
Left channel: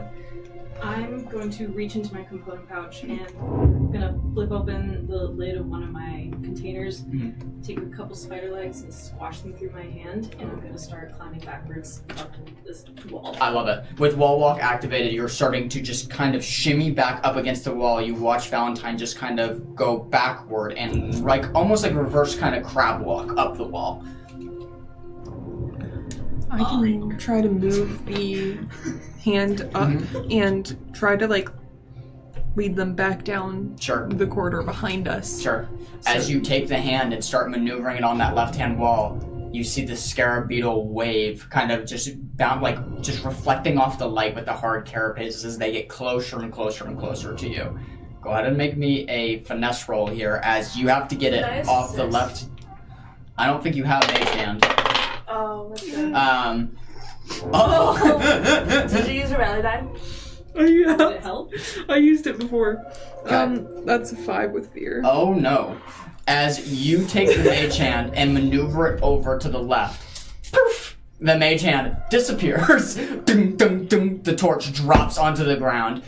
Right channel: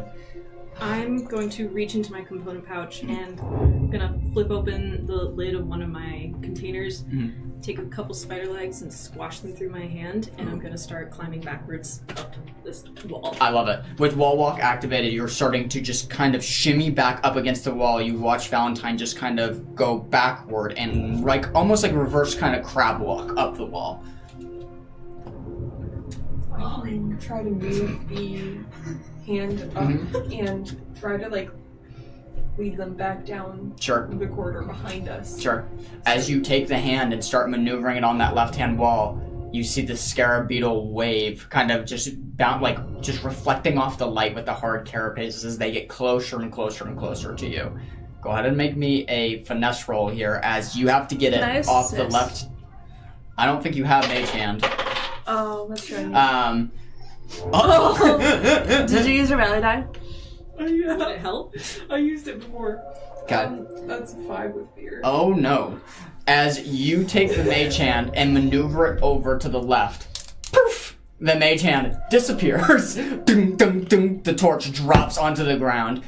I'm going to reach into my component pouch and I'm gonna flip open the lid of one of my containers, take a couple spider legs and squash them through my hand, and I'm gonna start climbing backwards up this wall. I love it. With wall walk activated, you're starting to just kind of shimmy back up against the wall. You watch Valentine just kind of go backward and like almost like reverse kind of crab walk up the wall. I can try to move the hand up and try to like lead them back down Sure. the corridor behind us. Sure. As you take the hand and start maneuvering it on that left-hand wall, you see the scarab beetle wave kind of just just reflecting off the light with the hard carapaces as they get closer and closer and closer to you. Go ahead and make me a finesse roll here as you have to get it off the left. I don't think you have Mage Hand. Oh, that's right. Did you use your rally die? Did it help? I used it before. Okay. That's a 5 with fear. Oh no. As you take the mage hand and maneuver it over to the left, poof, the mage hand disappears. Dum, dum, dum, the torch drops onto the ground.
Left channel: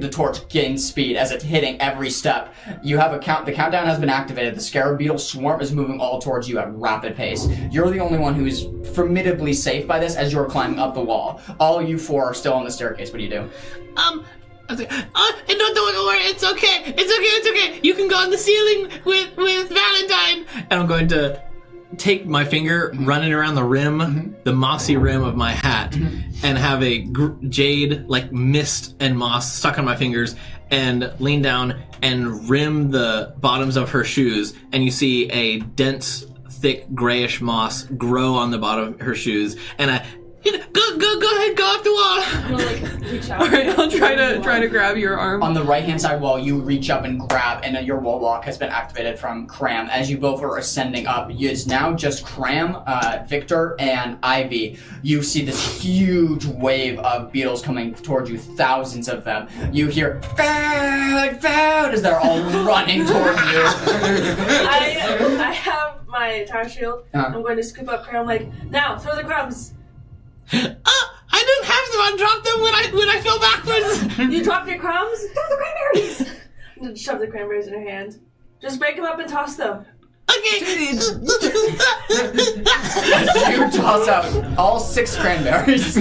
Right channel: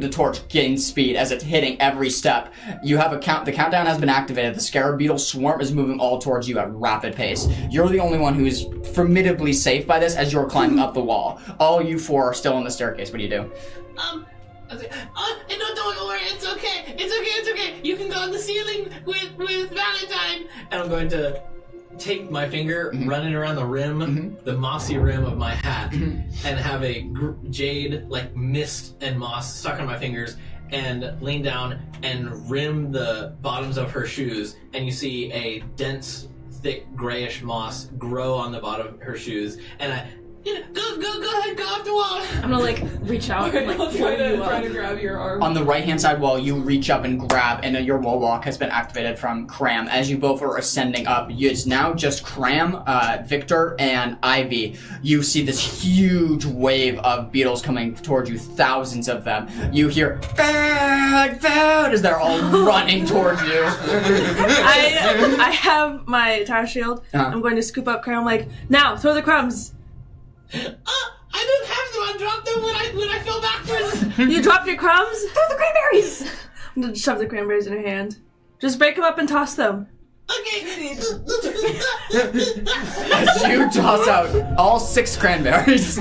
The torch gains speed as it's hitting every step. You have a count. The countdown has been activated. The scarab beetle swarm is moving all towards you at rapid pace. You're the only one who's formidably safe by this as you're climbing up the wall. All you four are still on the staircase. What do you do? Don't worry, it's okay. It's okay. You can go on the ceiling with Valentine. And I'm going to take my finger, run it around the rim, the mossy rim of my hat, and have a jade, like mist and moss stuck on my fingers, and lean down and rim the bottoms of her shoes, and you see a dense, thick, grayish moss grow on the bottom of her shoes, and I... Go ahead, go off the wall. I'm gonna like reach out. Alright, I'll try to grab your arm. On the right-hand side wall, you reach up and grab, and your wall walk has been activated from Cram. As you both are ascending up, it's now just Cram, Victor, and Ivy. You see this huge wave of beetles coming towards you, thousands of them. You hear, "Food, food," as they're all running towards you. I have my tower shield. I'm going to scoop up Cram, like, now, throw the crumbs. I don't have them. I dropped them when I fell backwards. You dropped your crumbs? Throw the cranberries! I'm going to shove the cranberries in her hand. Just break them up and toss them. Okay. You toss out all 6 cranberries.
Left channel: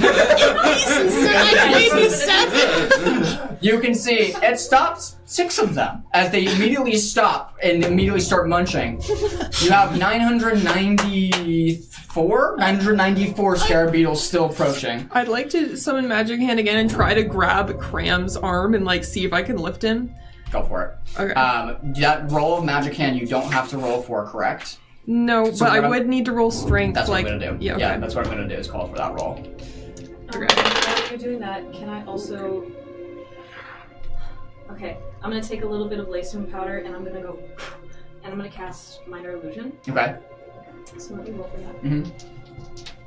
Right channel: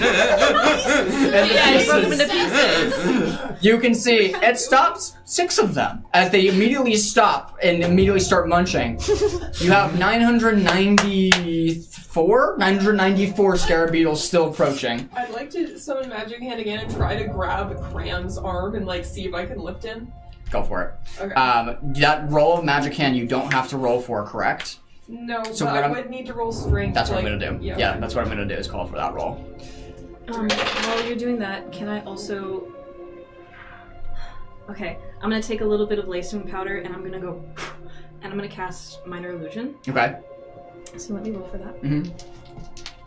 You can see it stops 6 of them as they immediately stop and immediately start munching. You have 994 scarab beetles still approaching. I'd like to summon Magic Hand again and try to grab Cram's arm and like see if I can lift him. Go for it. Okay. That roll of magic hand you don't have to roll for, correct? No, So but what I would need to roll strength. That's like, what I'm gonna do. Yeah, Yeah, okay. that's what I'm gonna do is call for that roll. While you're doing that, can I also... Okay, I'm gonna take a little bit of lacing powder and I'm gonna go... And I'm gonna cast Minor Illusion. Okay. So let me roll for that. Mm-hmm.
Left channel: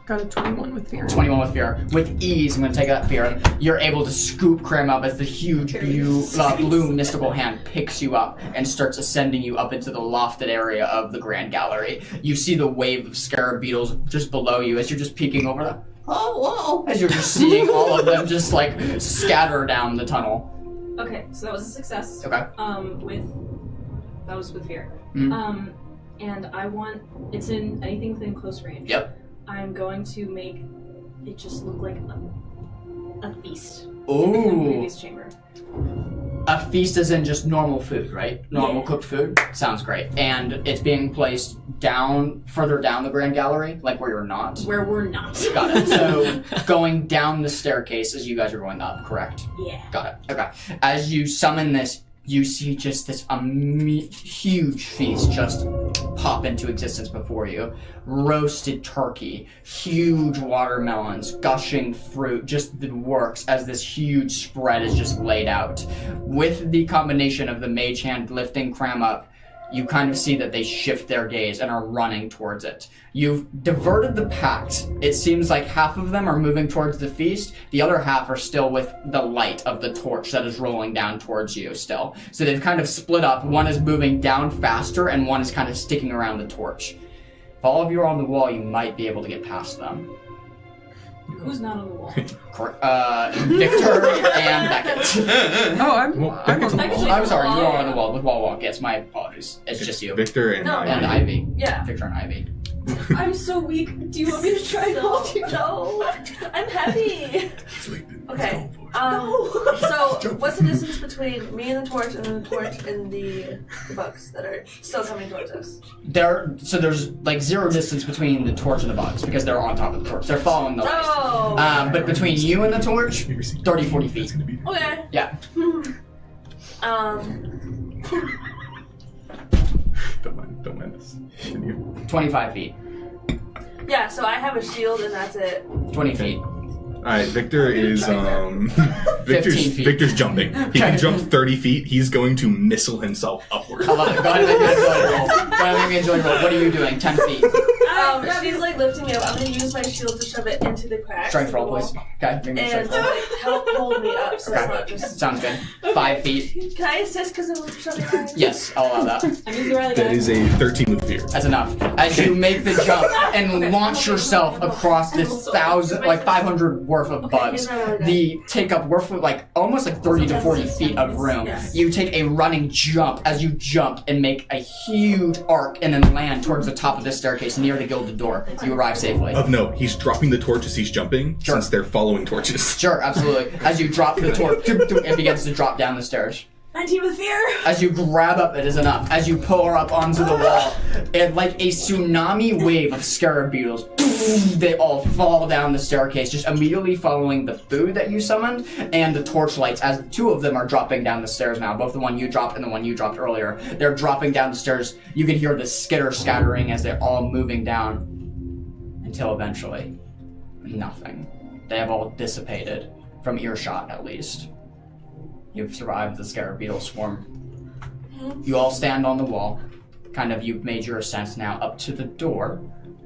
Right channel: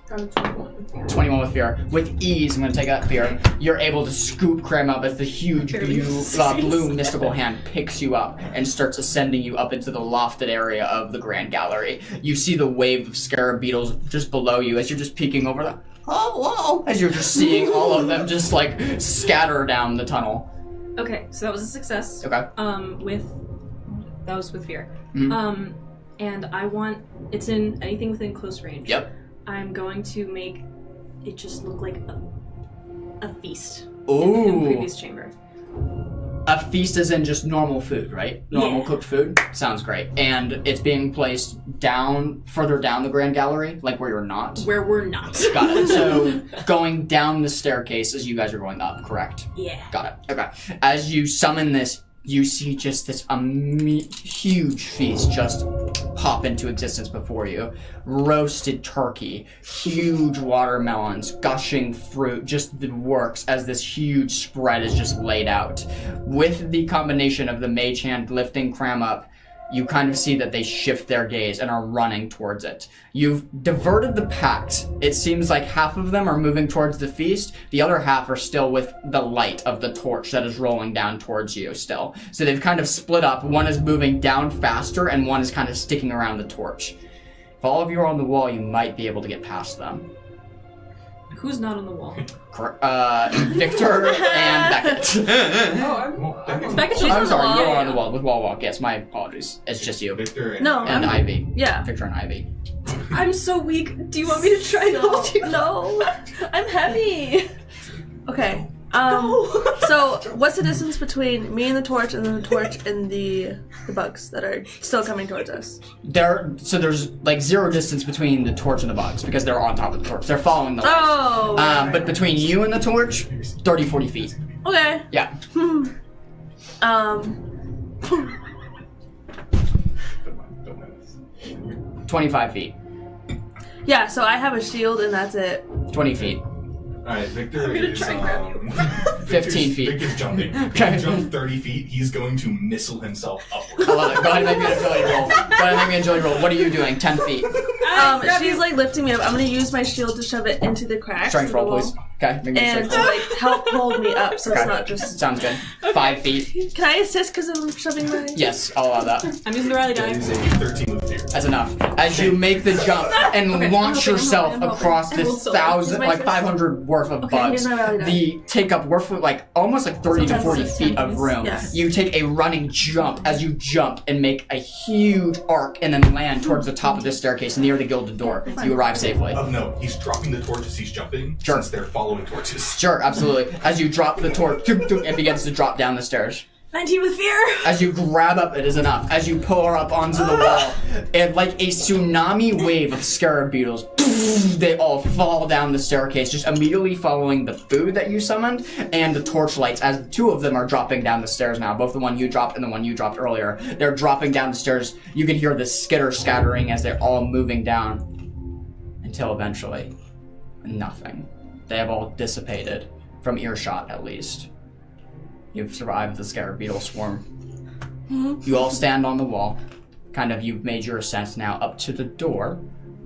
Got a 21 with fear. 21 with fear. With ease, I'm going to take that fear. You're able to scoop Cram up as the huge blue mystical hand picks you up and starts ascending you up into the lofted area of the Grand Gallery. You see the wave of scarab beetles just below you as you're just peeking over the... Oh, whoa! As you're just seeing all of them just like scatter down the tunnel. Okay, so that was a success. Okay. That was with fear. Mm-hmm. And I want... It's in anything within close range. Yep. I'm going to make it just look like a feast in the Ooh. previous chamber. A feast is in just normal food, right? Normal cooked food? Sounds great. And it's being placed further down the Grand Gallery, like where you're not? Where we're not. Got it. So going down the staircase as you guys are going up, correct? Yeah. Got it. Okay. As you summon this, you see just this huge feast just pop into existence before you. Roasted turkey, huge watermelons, gushing fruit, just the works as this huge spread is just laid out. With the combination of the mage hand lifting Cram up, you kind of see that they shift their gaze and are running towards it. You've diverted the packs. It seems like half of them are moving towards the feast, the other half are still with the light of the torch that is rolling down towards you still. So they've kind of split up. One is moving down faster and one is kind of sticking around the torch. If all of you are on the wall, you might be able to get past them. Who's not on the wall? Victor and Beckett. Oh, I'm on the Beckett's wall. I'm sorry, wall. you're on the wall with Wall Walk. Yes, my apologies. It's just you. Victor and No. And Ivy. Yeah. Victor and Ivy. I'm so weak. Do you want me to try to hold you? No, I'm heavy. Okay. So what's the distance between me and the torch and then the torch and the bugs that are still coming towards us? There's like zero distance between the torch and the bugs because they're on top of the torch. They're following the light. Oh. But between you and the torch, 30, 40 feet. Okay. Yeah. Don't mind us. Continue. 25 feet. Yeah. So I have a shield and that's it. 20 feet. Alright, Victor is 15 feet. Victor's jumping. He can jump 30 feet. He's going to missile himself upward. I love it. Go ahead and make me an agility roll. Go ahead and make me an agility roll. What are you doing? 10 feet. She's like lifting me up. I'm gonna use my shield to shove it into the cracks. Strength of the roll, wall. please. Okay, make me a And strength to roll. like help hold me up, so Okay. it's not just. Sounds good. 5 feet. Can I assist because I'm shoving my? Yes, I'll allow that. I mean, the Riley That guy. is a 13 with fear. That's enough. As you make the jump and launch yourself across this 500 worth of bugs, the take up worth of like almost like 30 to 40 feet of room. Yes. You take a running jump as you jump and make a huge arc and then land towards the top of this staircase near the gilded door. You arrive safely. Of note, he's dropping the torch as he's jumping, Sure. since they're following torches. Sure, absolutely. As you drop the torch, it begins to drop down the stairs. 19 with fear. As you grab up, it is enough. As you pull her up onto the wall, and like a tsunami wave of scarab beetles, they all fall down the staircase, just immediately following the food that you summoned and the torchlights, as the two of them are dropping down the stairs now, both the one you dropped and the one you dropped earlier. They're dropping down the stairs. You can hear the skitter scattering as they're all moving down, until eventually, nothing. They have all dissipated, from earshot at least. You've survived the scarab beetle swarm. You all stand on the wall. You've made your ascent now up to the door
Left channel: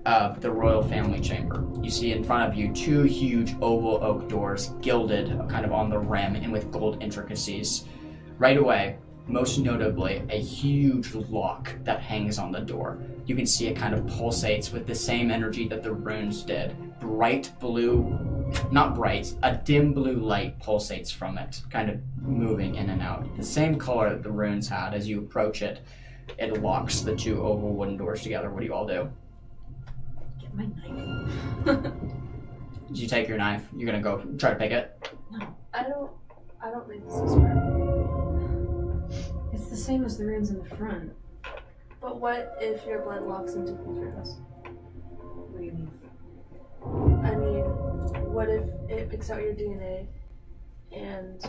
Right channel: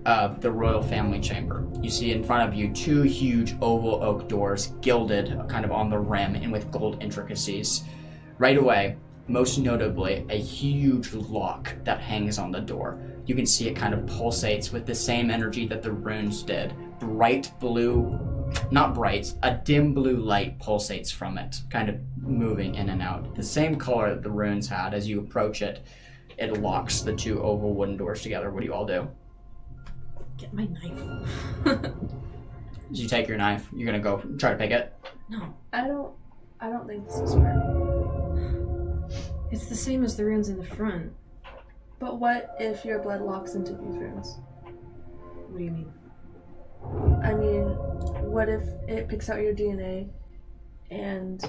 of the royal family chamber. You see in front of you 2 huge oval oak doors, gilded kind of on the rim and with gold intricacies. Right away, most notably, a huge lock that hangs on the door. You can see it kind of pulsates with the same energy that the runes did. Bright blue, not bright, a dim blue light pulsates from it, kind of moving in and out. The same color that the runes had. As you approach it, it locks the 2 oval wooden doors together. What do you all do? Get my knife. As you take your knife, you're gonna go try to pick it? No. I don't think this is fair. It's the same as the runes in the front. But what if your blood locks into these runes? What do you mean? I mean, what if it picks out your DNA and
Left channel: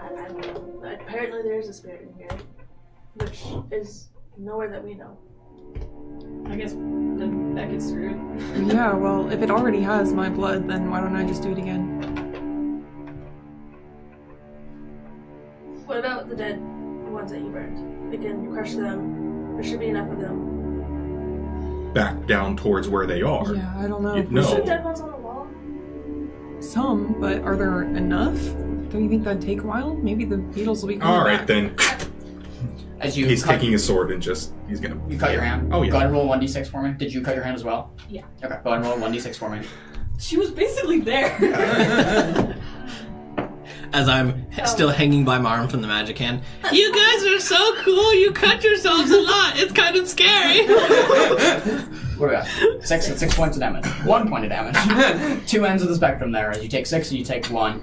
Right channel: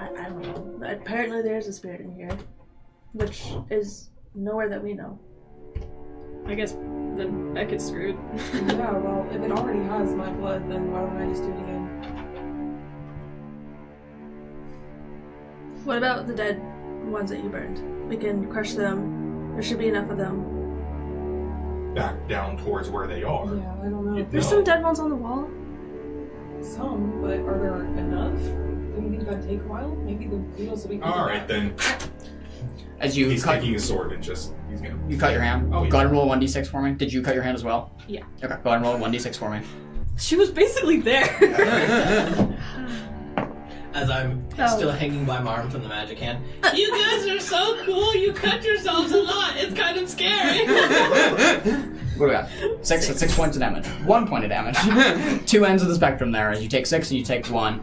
I don't know. Apparently there's a spirit in here, which is nowhere that we know. I guess then Beckett's screwed. Yeah, well, if it already has my blood, then why don't I just do it again? What about the dead ones that you burned? We can crush them. There should be enough of them. Back down towards where they are. Yeah, I don't know. You- There's No. some dead ones on the wall. Some, but are there enough? Don't you think that'd take a while? Maybe the beetles will be coming All right, back. then. As you He's cut, taking his sword and he's gonna. you cut your hand. Oh, yeah. Go ahead and roll a 1d6 for me. Did you cut your hand as well? Yeah. Okay, go ahead and roll a 1d6 for me. She was basically there. As I'm still hanging by my arm from the magic hand. You guys are so cool. You cut yourselves a lot. It's kind of scary. What do we got? 6 points of damage. 1 point of damage. 2 ends of the spectrum there. As you take 6 and you take 1.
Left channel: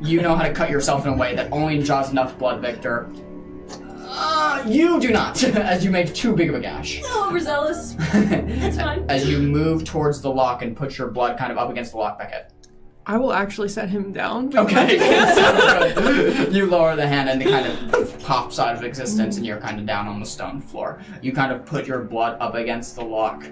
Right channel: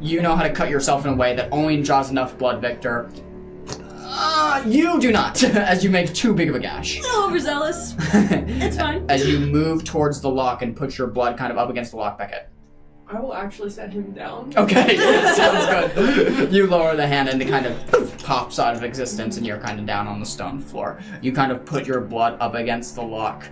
You know how to cut yourself in a way that only draws enough blood, Victor. You do not, as you make too big of a gash. A little overzealous. It's fine. As you move towards the lock and put your blood kind of up against the lock, Beckett. I will actually set him down. Okay, sounds good. You lower the hand and it kind of pops out of existence and you're kind of down on the stone floor. You kind of put your blood up against the lock.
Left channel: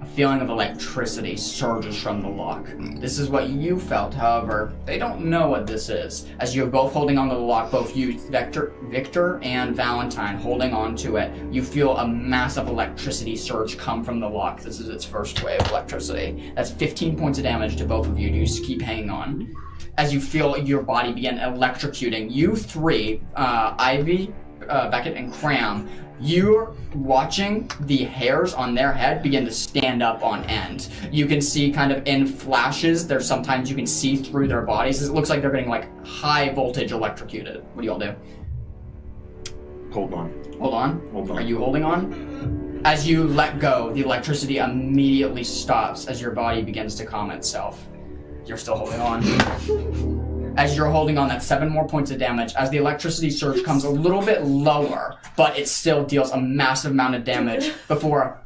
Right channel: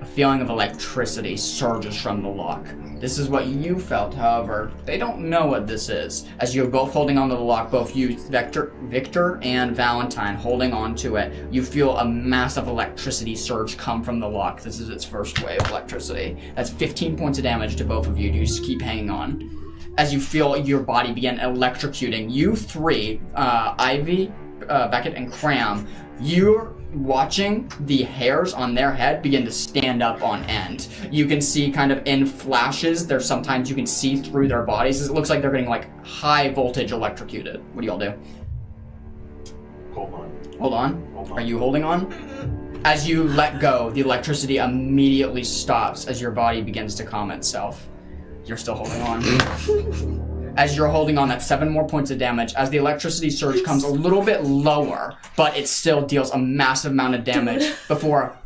A feeling of electricity surges from the lock. This is what you felt, however, they don't know what this is. As you're both holding onto the lock, both you, Victor and Valentine, holding onto it, you feel a massive electricity surge come from the lock. This is its first wave of electricity. That's 15 points of damage to both of you. You just keep hanging on. As you feel your body begin electrocuting, you three, Ivy, Beckett, and Cram, you're watching the hairs on their head begin to stand up on end. You can see kind of in flashes, there's sometimes you can see through their bodies. It looks like they're getting like high voltage electrocuted. What do y'all do? Hold on. Hold on. Hold on. Are you holding on? As you let go, the electricity immediately stops as your body begins to calm itself. You're still holding on. As you're holding on, that's 7 more points of damage. As the electricity surge comes a little bit lower, but it still deals a massive amount of damage before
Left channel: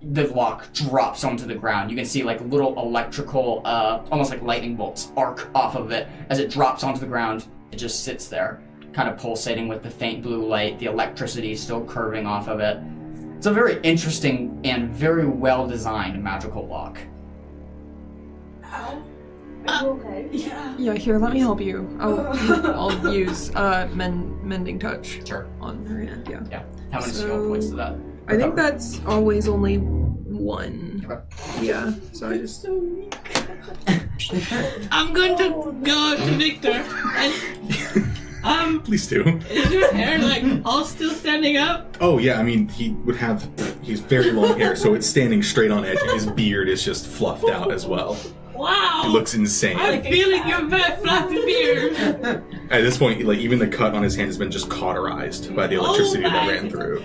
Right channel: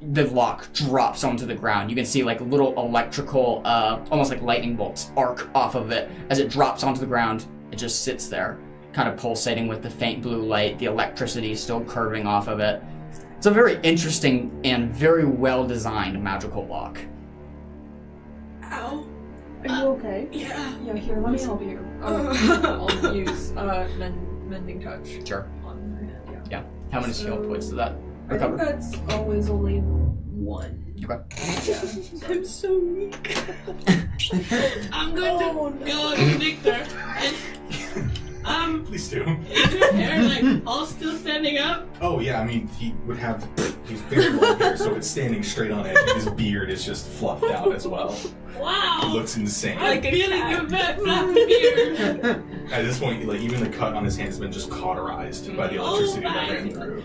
the lock drops onto the ground. You can see like little electrical, almost like lightning bolts arc off of it. As it drops onto the ground, it just sits there, kind of pulsating with the faint blue light. The electricity is still curving off of it. It's a very interesting and very well-designed magical lock. Are you okay? Yeah, here, let me help you. I'll use mending touch Sure. on her hand, yeah. How many skill points does that I think recover? that's always only 1. Okay. Yeah, so I just... I'm going to go up to Victor. And, Please do. is your hair like all still standing up? Oh yeah, I mean he's very long hair, so it's standing straight on edge, and his beard is just fluffed out as well. Wow. It looks insane. I'm feeling your fat fluffy beard. At this point, like even the cut on his hand has been just cauterized by the electricity that ran through.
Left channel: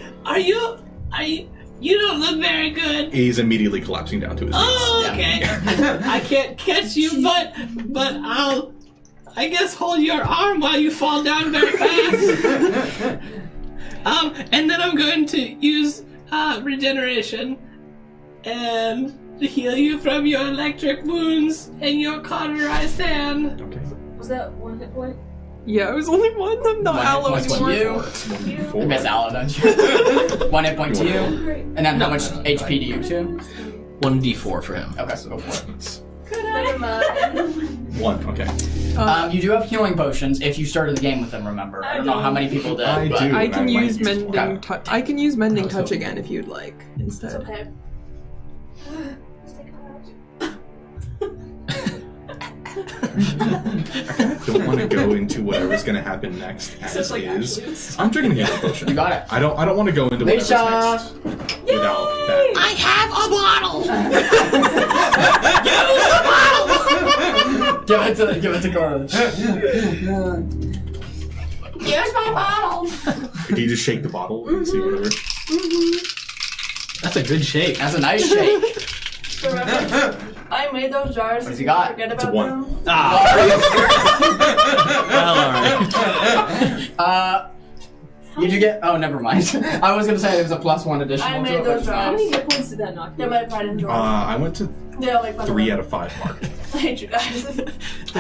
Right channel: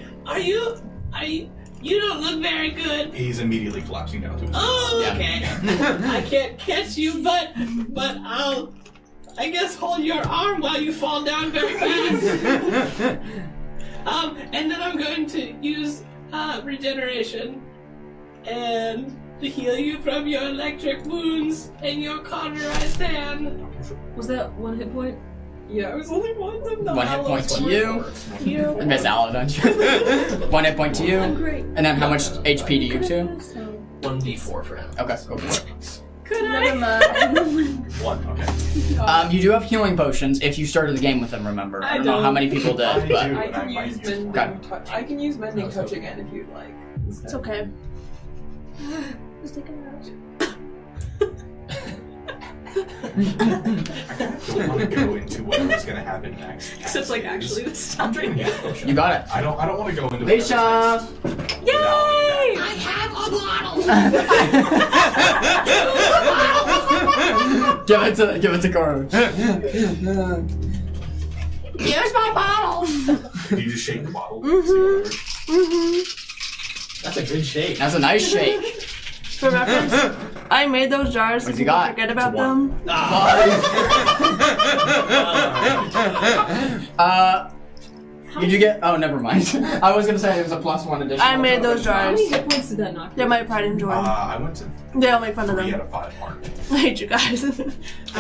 You don't look very good. He's immediately collapsing down to his knees. Oh, okay. I can't catch you, but I'll, I guess, hold your arm while you fall down very fast. And then I'm going to use regeneration and to heal you from your electric wounds and your cauterized hand. Was that 1 hit point? Yeah, it was only 1. I'm not 1 hit aloe point to anymore. you. I miss Aloe, don't you? 1 hit point to you. And then how much HP do you two? 1d4 for him. Okay, go for it. Never mind. 1, okay. You do have healing potions if you started the game with them, remember. I don't know how many people did, I but... do. I can I use might. mending touch. I can use mending touch again if you'd like instead. It's okay. Just take it out. I don't want to go into whatever's going to happen next. Except like as is. actually it's I'm drinking the other potion. You got it. I don't want to go into whatever's Leisha! next without that. I have a bottle. Give it to Cora. Here's my bottle. Can you just shake the bottle? See whatever. That's a good shake. That's a nice shake. For reference, I made those jars. What's so he got? Forget It's a about 1. them. Did you get... Oh, never mind. I was gonna say it was a +1 additional. I made those How jars. many hit points did that knock They're you? my pride and joy. I went to They all make fun 3 of out them. of 5 mark. I hate you guys. The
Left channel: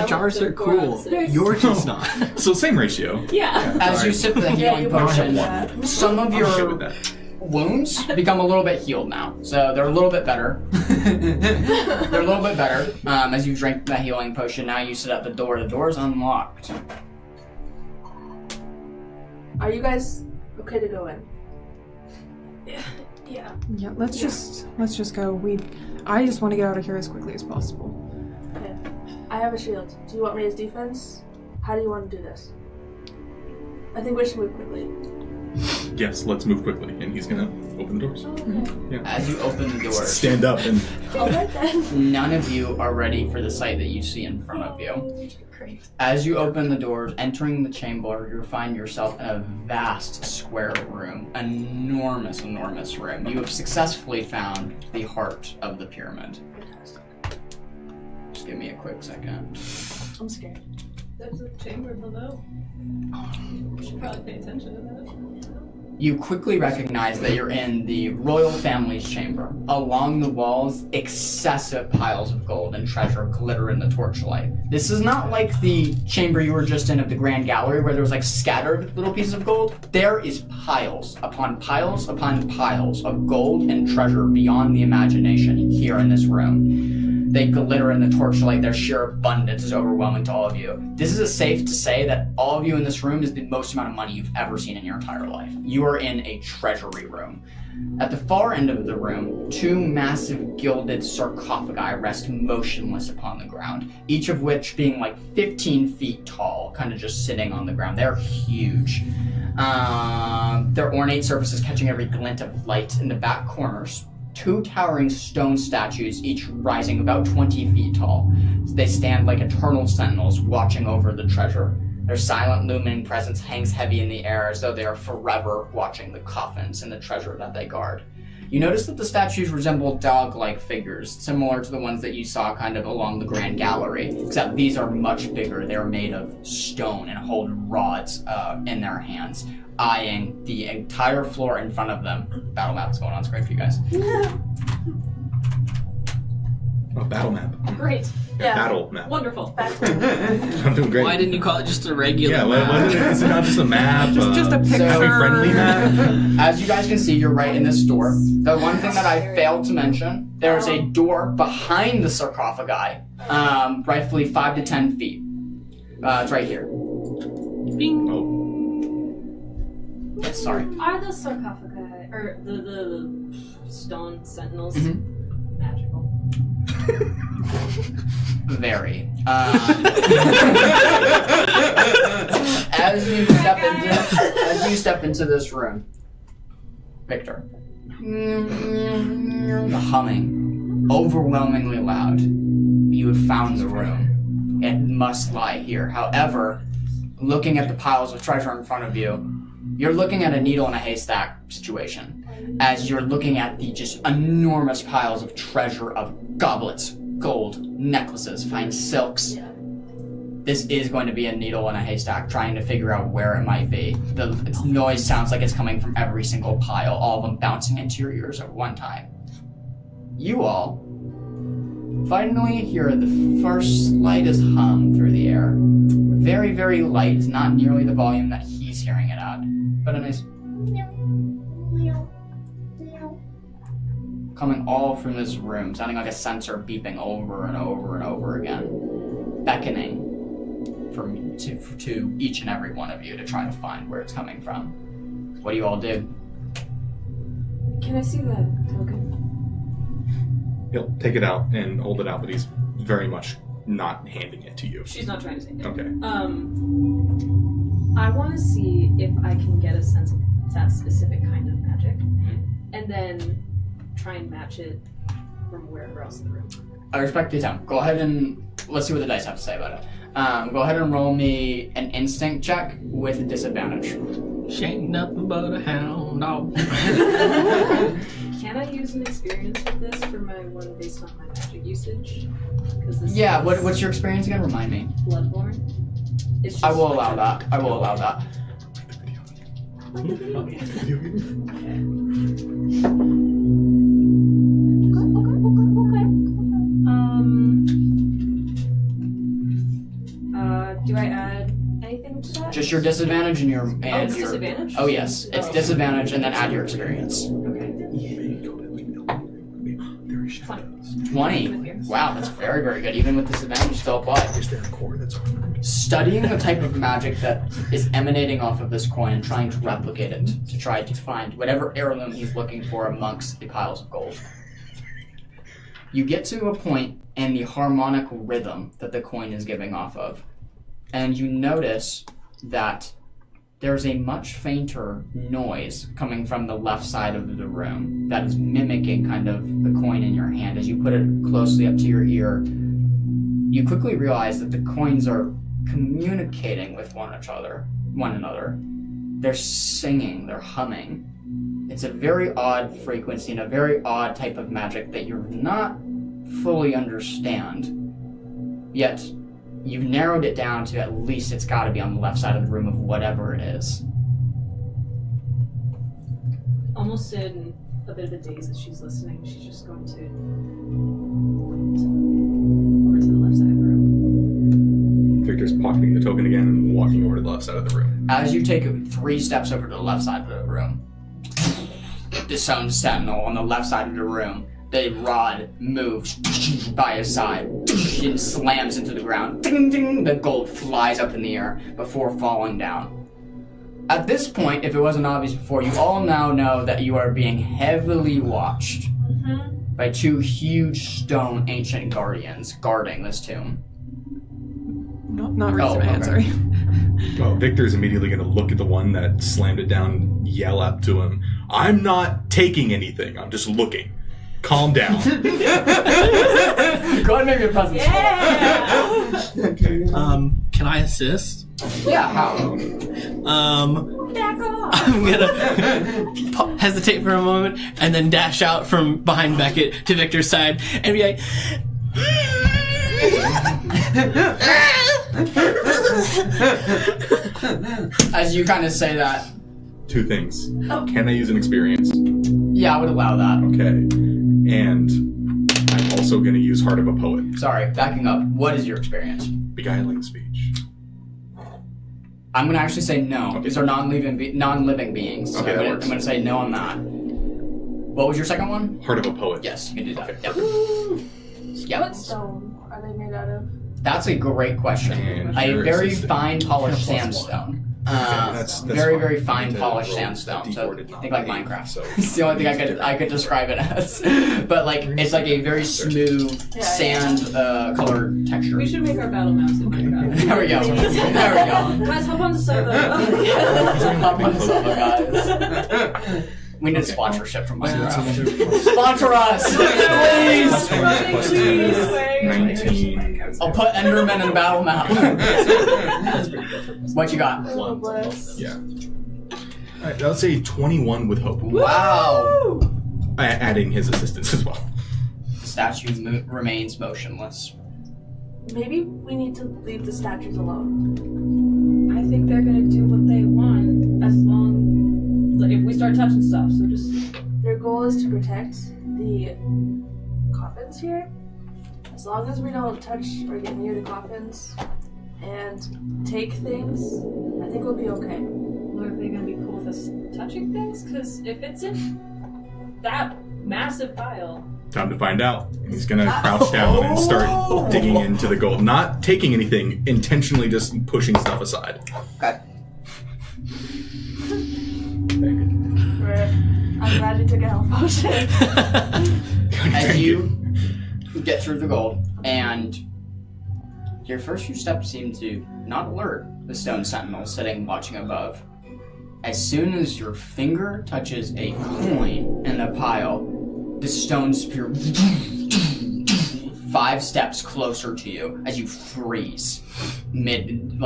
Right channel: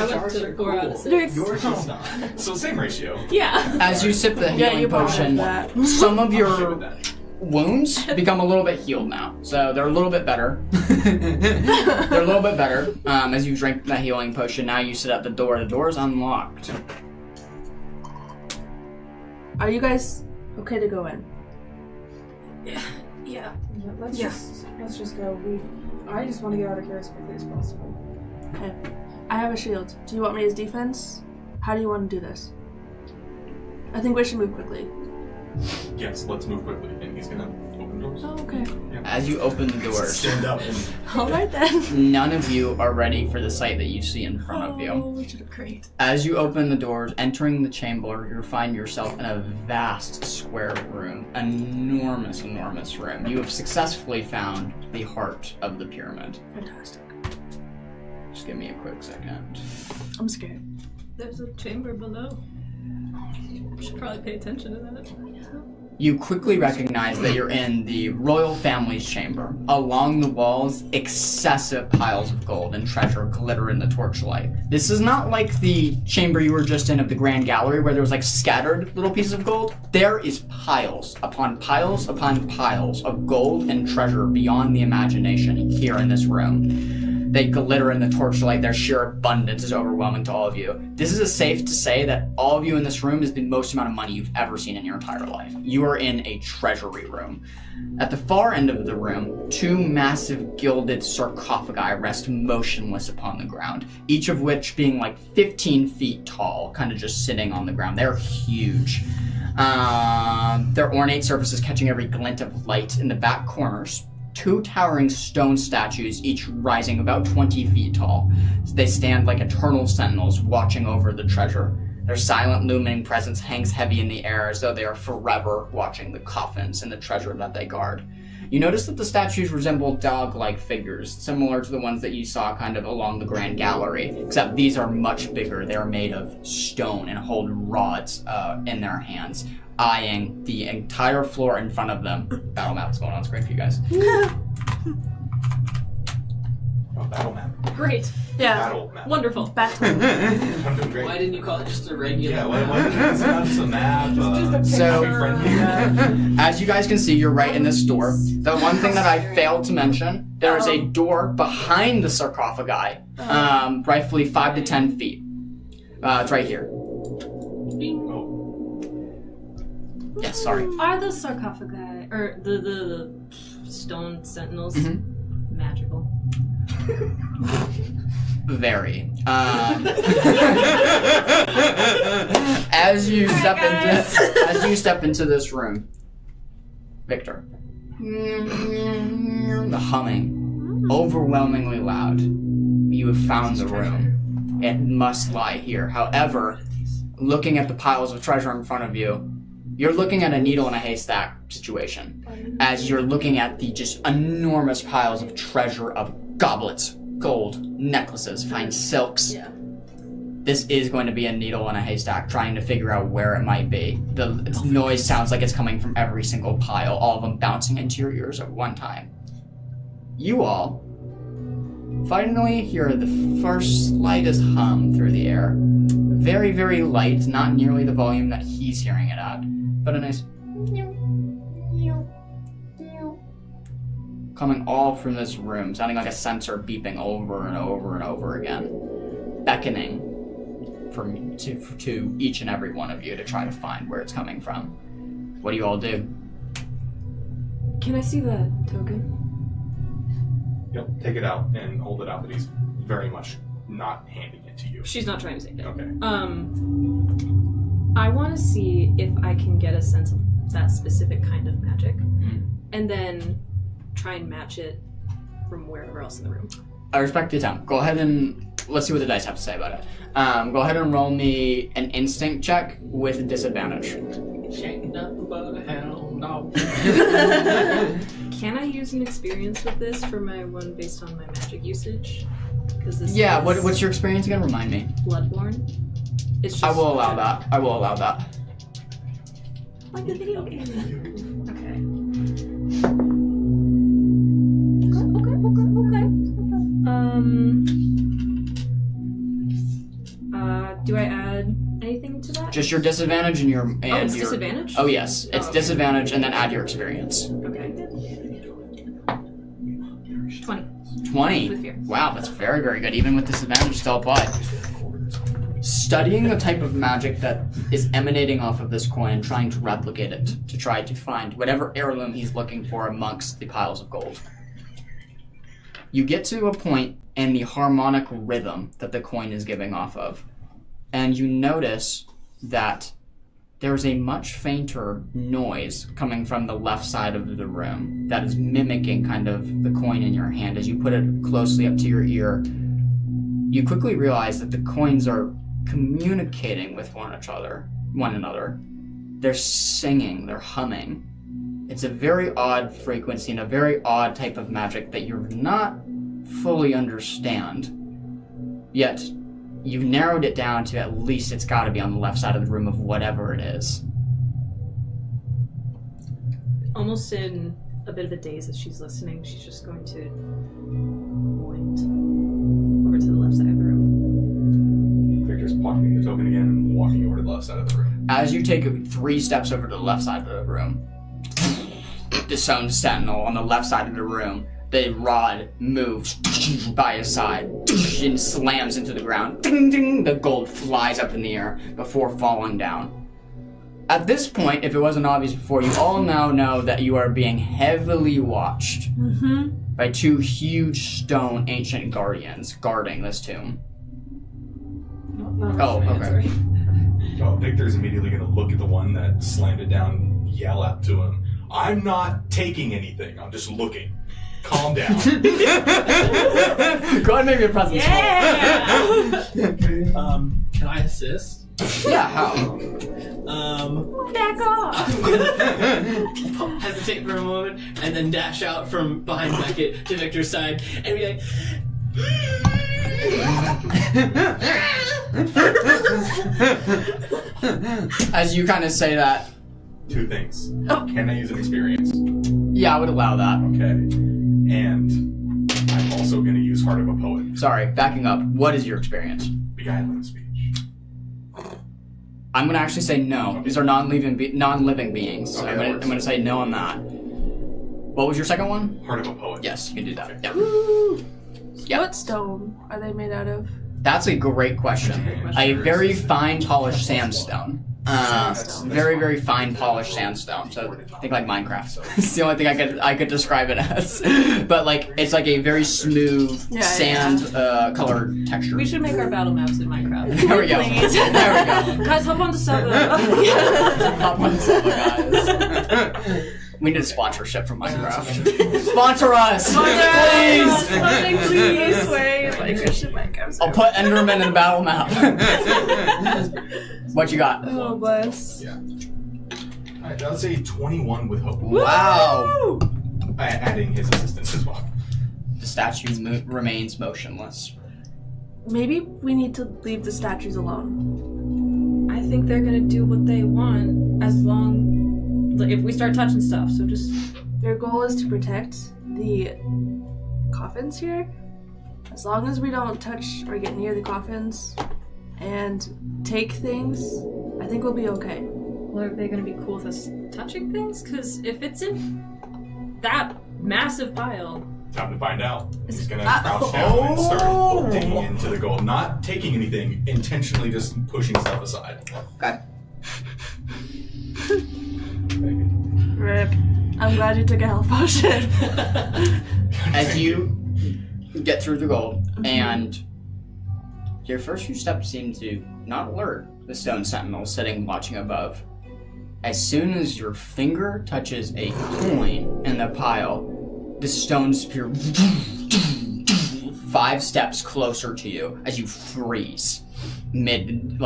jars are cool. Yours is not. So same ratio. Yeah. As you sip the Yeah, healing you probably potion, have that. some of I'm okay your with that. wounds become a little bit healed now. So they're a little bit better. They're a little bit better. As you drink that healing potion, now you sit at the door. The door is unlocked. Are you guys okay to go in? Yeah. Yeah, let's just go. I just want to get out of here as quickly as possible. Okay. I have a shield. Do you want me as defense? How do you want to do this? I think we should move quickly. Yes, let's move quickly. And he's gonna open the doors. Oh, okay. As you open the doors, Stand up and Alright then. none of you are ready for the sight that you see in front of you. Great. As you open the doors, entering the chamber, you find yourself in a vast square room. Enormous room. You have successfully found the heart of the pyramid. Fantastic. Just give me a quick second. I'm scared. There's a chamber below. Should probably pay attention to that. You quickly recognize that you're in the royal family's chamber. Along the walls, excessive piles of gold and treasure glitter in the torchlight. This is not like the chamber you were just in of the Grand Gallery where there was like scattered little pieces of gold. There is piles upon piles upon piles of gold and treasure beyond the imagination here in this room. They glitter in the torchlight. Their sheer abundance is overwhelming to all of you. This is safe to say that all of you in this room is the most amount of money you've ever seen in your entire life. You are in a treasury room. At the far end of the room, two massive gilded sarcophagi rest motionless upon the ground, each of which being like 15 feet tall, kind of just sitting on the ground. They're huge. Their ornate surfaces catching every glint of light. In the back corners, two towering stone statues, each rising about 20 feet tall. They stand like eternal sentinels watching over the treasure. Their silent, looming presence hangs heavy in the air as though they are forever watching the coffins and the treasure that they guard. You notice that the statues resemble dog-like figures, similar to the ones that you saw kind of along the Grand Gallery, except these are much bigger. They are made of stone and hold rods in their hands, eyeing the entire floor in front of them. Battle map's going on screen for you guys. oh, battle map. Great. Yeah. Battle map. Wonderful. Back to I'm doing great. Why didn't you call it just a regular Yeah, map? why is it not just a map? Just a picture. So- friendly map. As you guys can see, you're right in this door. The one thing that I failed to mention, there's a door behind the sarcophagi, rightfully 5 to 10 feet. It's right here. Bing. Oh, Yes, sorry. Are the sarcophagi or the stone sentinels Mhm. magical? Very. As you step into this room, Victor, the humming, overwhelmingly loud. You have found the room. It must lie here. However, looking at the piles of treasure in front of you, you're looking at a needle in a haystack situation. As you're looking at the just enormous piles of treasure of goblets, gold, necklaces, fine silks. Yeah. This is going to be a needle in a haystack, trying to figure out where it might be. The noise sounds like it's coming from every single pile, all of them bouncing into your ears at one time. You all finally hear the first slightest hum through the air. Very, very light, not nearly the volume that he's hearing it at, but a nice coming all from this room, sounding like a sensor beeping over and over and over again, beckoning to each and every one of you to try to find where it's coming from. What do you all do? Can I see the token? he'll take it out and hold it out, but he's very much not handing it to you. She's not trying to say that. Okay. I want to see if I can get a sense of that specific kind of magic, and then try and match it from wherever else in the room. I respect your time. Go ahead and let's see what the dice have to say about it. Go ahead and roll me an instinct check with a disadvantage. She ain't nothing but a hound dog. Can I use an experience with this for my one based on my magic usage? Because this Yeah, is what's your experience again? Remind me. Bloodborne. It's just I will allow that. I will allow that. Like the video game. Okay. Okay. Do I add anything to that? Just just your disadvantage and your it's your disadvantage? Oh yes, it's disadvantage and then add your experience. Okay. 20. 20. Wow, that's very, very good. Even with disadvantage still applied. Studying the type of magic that is emanating off of this coin and trying to replicate it to try to find whatever heirloom he's looking for amongst the piles of gold. You get to a point in the harmonic rhythm that the coin is giving off of, and you notice that there's a much fainter noise coming from the left side of the room that is mimicking kind of the coin in your hand. As you put it closely up to your ear, you quickly realize that the coins are communicating with one another. They're singing, they're humming. It's a very odd frequency and a very odd type of magic that you're not fully understand. Yet, you've narrowed it down to at least it's got to be on the left side of the room of whatever it is. Almost in a bit of a daze as she's listening, she's just going to point over to the left side of the room. Victor's pocketing the token again and walking over to the left side of the room. As you take 3 steps over to the left side of the room, the stone sentinel on the left side of the room, the rod moves by his side and slams into the ground. Ding, ding, the gold flies up in the air before falling down. At this point, if it wasn't obvious before, you all now know that you are being heavily watched by 2 huge stone ancient guardians guarding this tomb. Not raising my hand, okay. sorry. Well, Victor's immediately going to look at the one that slammed it down and yell up to him, "I'm not taking anything, I'm just looking. Calm down." Go ahead and make your presence Okay. Can I assist? Yeah, how? Back off! I'm gonna hesitate for a moment and then dash out from behind Beckett to Victor's side and be like, As you kind of say that, 2 things. Can I use an experience? yeah, I would allow that. Okay. And I'm also going to use Heart of a Poet. Sorry, backing up. What is your experience? Beguiling speech. I'm gonna actually say no. Okay. These are non-living beings. So Okay, I'm that gonna, works. I'm gonna say no on that. What was your second one? Heart of a Poet. Yes, you can do that. Okay. Yep. Yep. What stone are they made out of? That's a great question. Okay. A very fine polished sandstone. That's Very, fine. very fine Need to polished roll sandstone. So D4 think like Minecraft. So It's the only thing I could describe it as. But like it's like a very smooth Yeah, sand colored texture. We should make our battle maps in Minecraft. There we go. Please. There we go. Guys, hop on the server. Hop on the server, guys. We need a sponsorship from Minecraft. Sponsor us, please. Please. I'll put Enderman in battle map. What you got? Oh, bless. Yeah. Alright, I'll say 21 with hope. Wow. Adding his assistance as well. The statue remains motionless. Maybe we need to leave the statues alone. I think they're gonna do what they want as long, like, if we start touching stuff. So just Their goal is to protect the coffins here. As long as we don't touch or get near the coffins and take things, I think we'll be okay. well, are they gonna be cool with us touching things? Because if it's in that massive pile, Time to find out. He's gonna crouch down and start digging into the gold. Not taking anything, intentionally just pushing stuff aside. Okay. Rip. I'm glad you took a health potion. As you get through the gold, and your first few steps seem to not alert the stone sentinel sitting watching above. As soon as your finger touches a coin in the pile, the stone spear 5 steps closer to you as you freeze mid,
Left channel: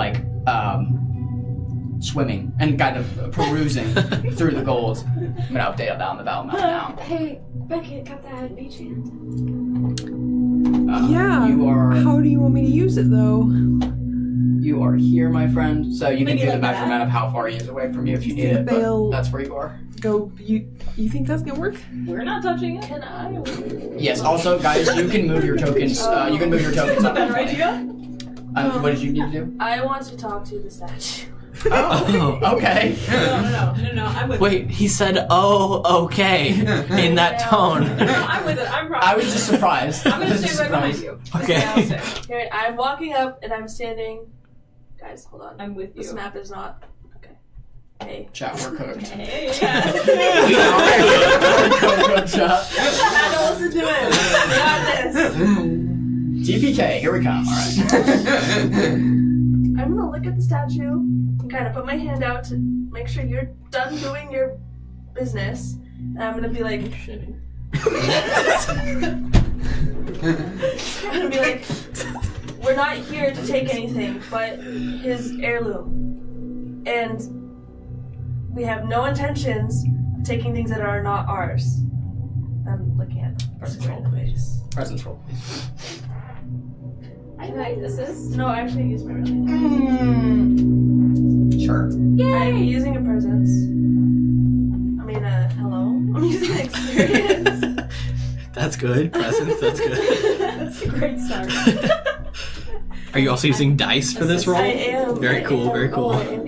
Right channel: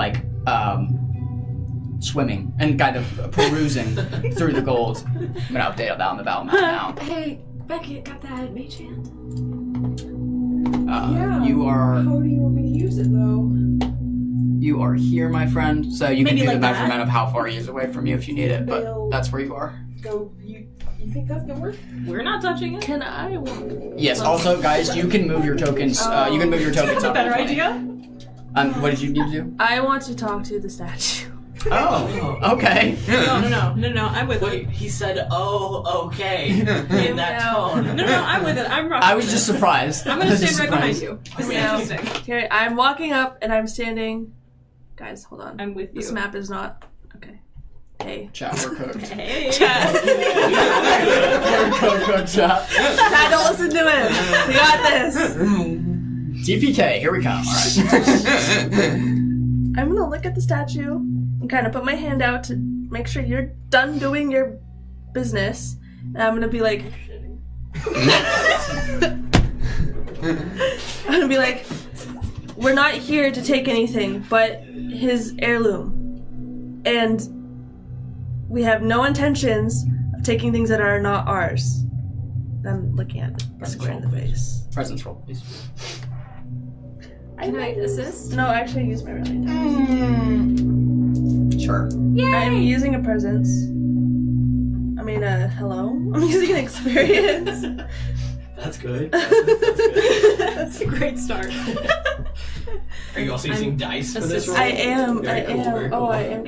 swimming and kind of perusing through the gold. I'm gonna update down the battle map now. Hey, Beckett got that mage hand. Yeah. You are How do you want me to use it, though? here, my friend. So you can Maybe do the like that. measurement of how far he is away from you if you need it, but They'll- that's where you are. Go. You think that's gonna work? we're not touching it. Can I? Yes. Also, guys, you can move your tokens. You can move your tokens up. Better idea? What did you need to do? I want to talk to the statue. Oh, okay. No, I'm with it. Wait, he said, "Oh, okay," in that tone. No, I'm with it. I'm rocking. I was just surprised. I'm gonna stand right behind you. Okay. Okay, I'm walking up and I'm standing. Guys, hold on. I'm with you. This map is not. Okay. Hey. Chat, we're cooked. Hey. We're cooked, chat. Chat, don't listen to it. We got this. TPK, here we come. Alright. I'm gonna look at the statue and kind of put my hand out to make sure you're done doing your business. And I'm gonna be like, we're not here to take anything but his heirloom. And we have no intentions of taking things that are not ours. I'm looking at the square in the face. Presence roll, please. Can I assist? No, actually, I use my really Sure. I'm using a presence. I mean, hello. I'm using an experience. That's good. That's good. That's a great start. Are you also using dice for this roll? I am. Very I cool, am. very cool. Oh, I am.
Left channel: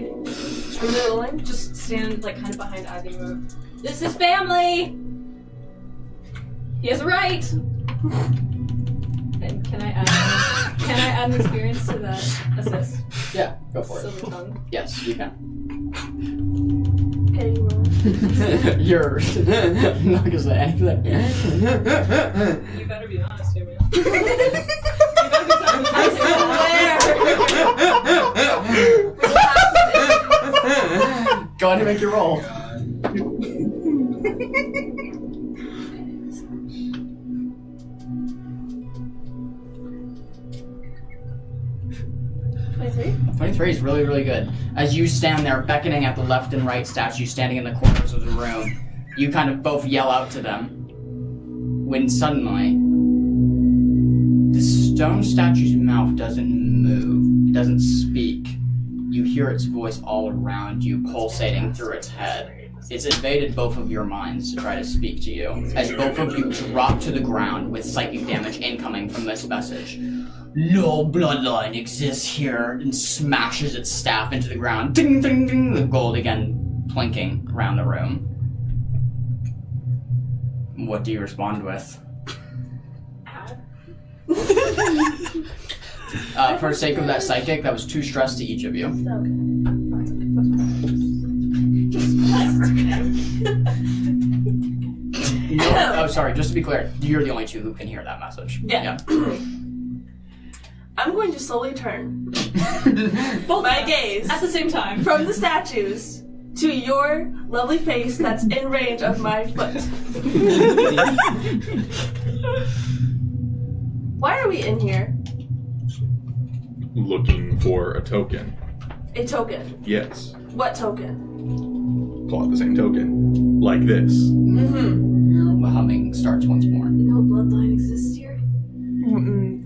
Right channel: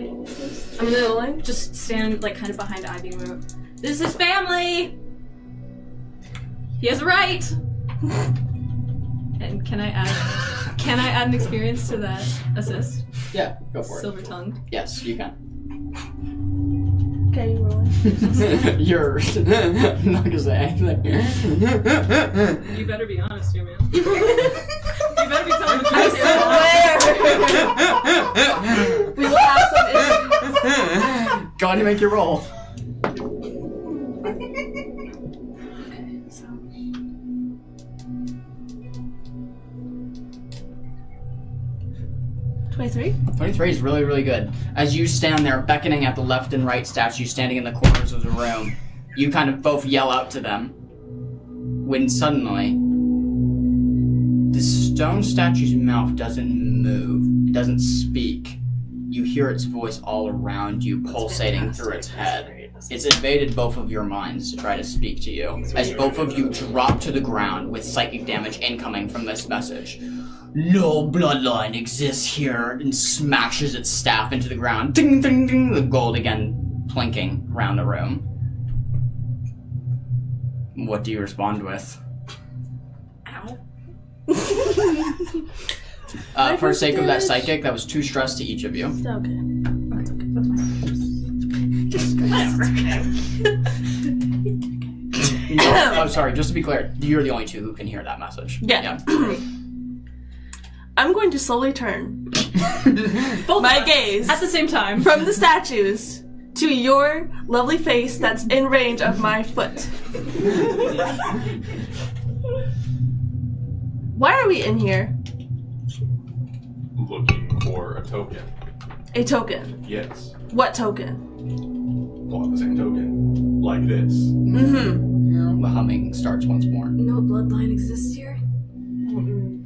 I'm rolling. Just stand like kind of behind Ivy. Move. This is family. He has a right. And can I add an experience to that assist? Yeah, go for Silver it. tongue. Yes, you can. Okay, you roll. You're I'm not gonna say anything. You better be honest here, man. You better be telling the I truth. swear. We will have some issues. Go ahead and make your roll. 23 is really, really good. As you stand there beckoning at the left and right statues standing in the corners of the room, you kind of both yell out to them. When suddenly, the stone statue's mouth doesn't move, doesn't speak. You hear its voice all around you, pulsating through its head. It's invaded both of your minds to try to speak to you, as both of you drop to the ground with psychic damage incoming from this message. No bloodline exists here, and smashes its staff into the ground. Ding, ding, ding, the gold again plinking around the room. What do you respond with? Ow. For the sake of that psychic, that was 2 stress to each of you. Okay. Oh, sorry, just to be clear, you're the only 2 who can hear that message. Yeah. I'm going to slowly turn Both my of us gaze at the same time. from the statues to your lovely face that's in range of my foot. Why are we in here? Looking for a token. A token. Yes. What token? Pull out the same token. Like this. Mm-hmm. The humming starts once more. No bloodline exists here.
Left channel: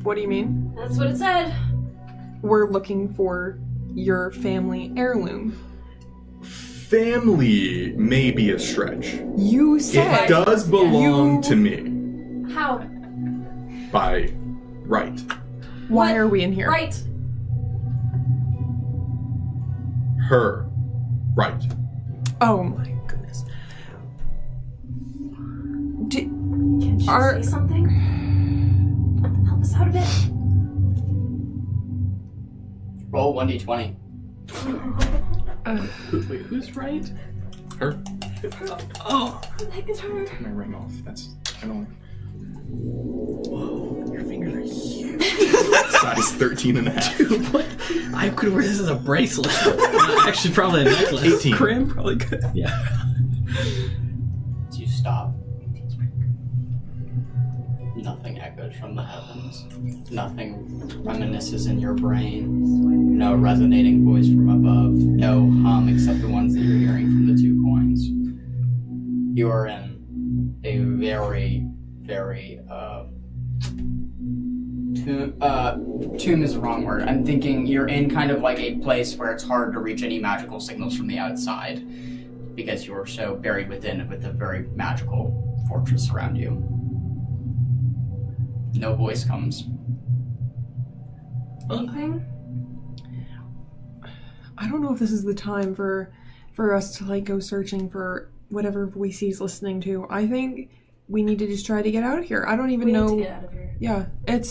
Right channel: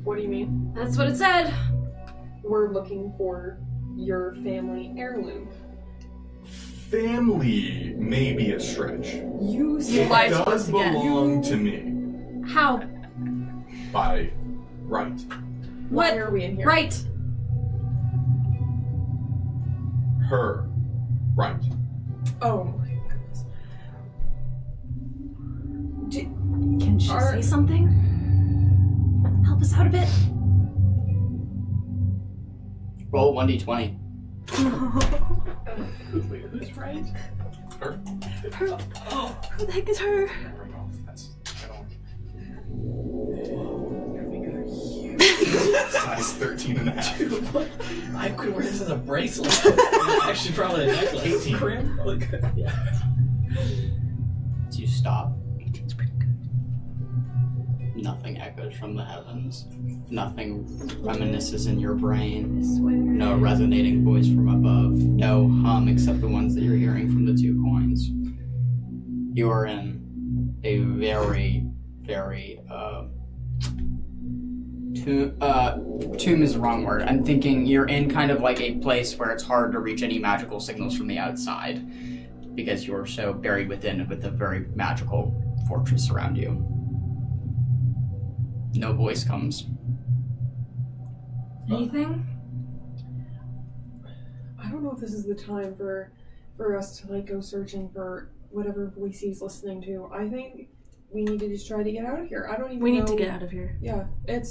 What do you mean? That's what it said. We're looking for your family heirloom. Family may be a stretch. You said It does belong to me How? by right. Why What? are we in here? Right. Her right. Oh my goodness. Can she Are- say something? Help us out a bit. Roll 1d20. Wait, who's right? Her. Oh, Who the heck is her? My ring off. That's. I don't. your fingers are huge. Size 13 and a half. I could wear this as a bracelet. Actually, probably a necklace. 18. Crim, probably good. Yeah. As you stop, nothing echoes from the heavens. Nothing reminisces in your brain. No resonating voice from above. No hum except the ones that you're hearing from the 2 coins. You are in a very, very, tomb is the wrong word. I'm thinking you're in kind of like a place where it's hard to reach any magical signals from the outside because you're so buried within with a very magical fortress around you. No voice comes. Anything? I don't know if this is the time for us to like go searching for whatever voice he's listening to. I think we need to just try to get out of here. I don't even know. We need to get out of here. Yeah, if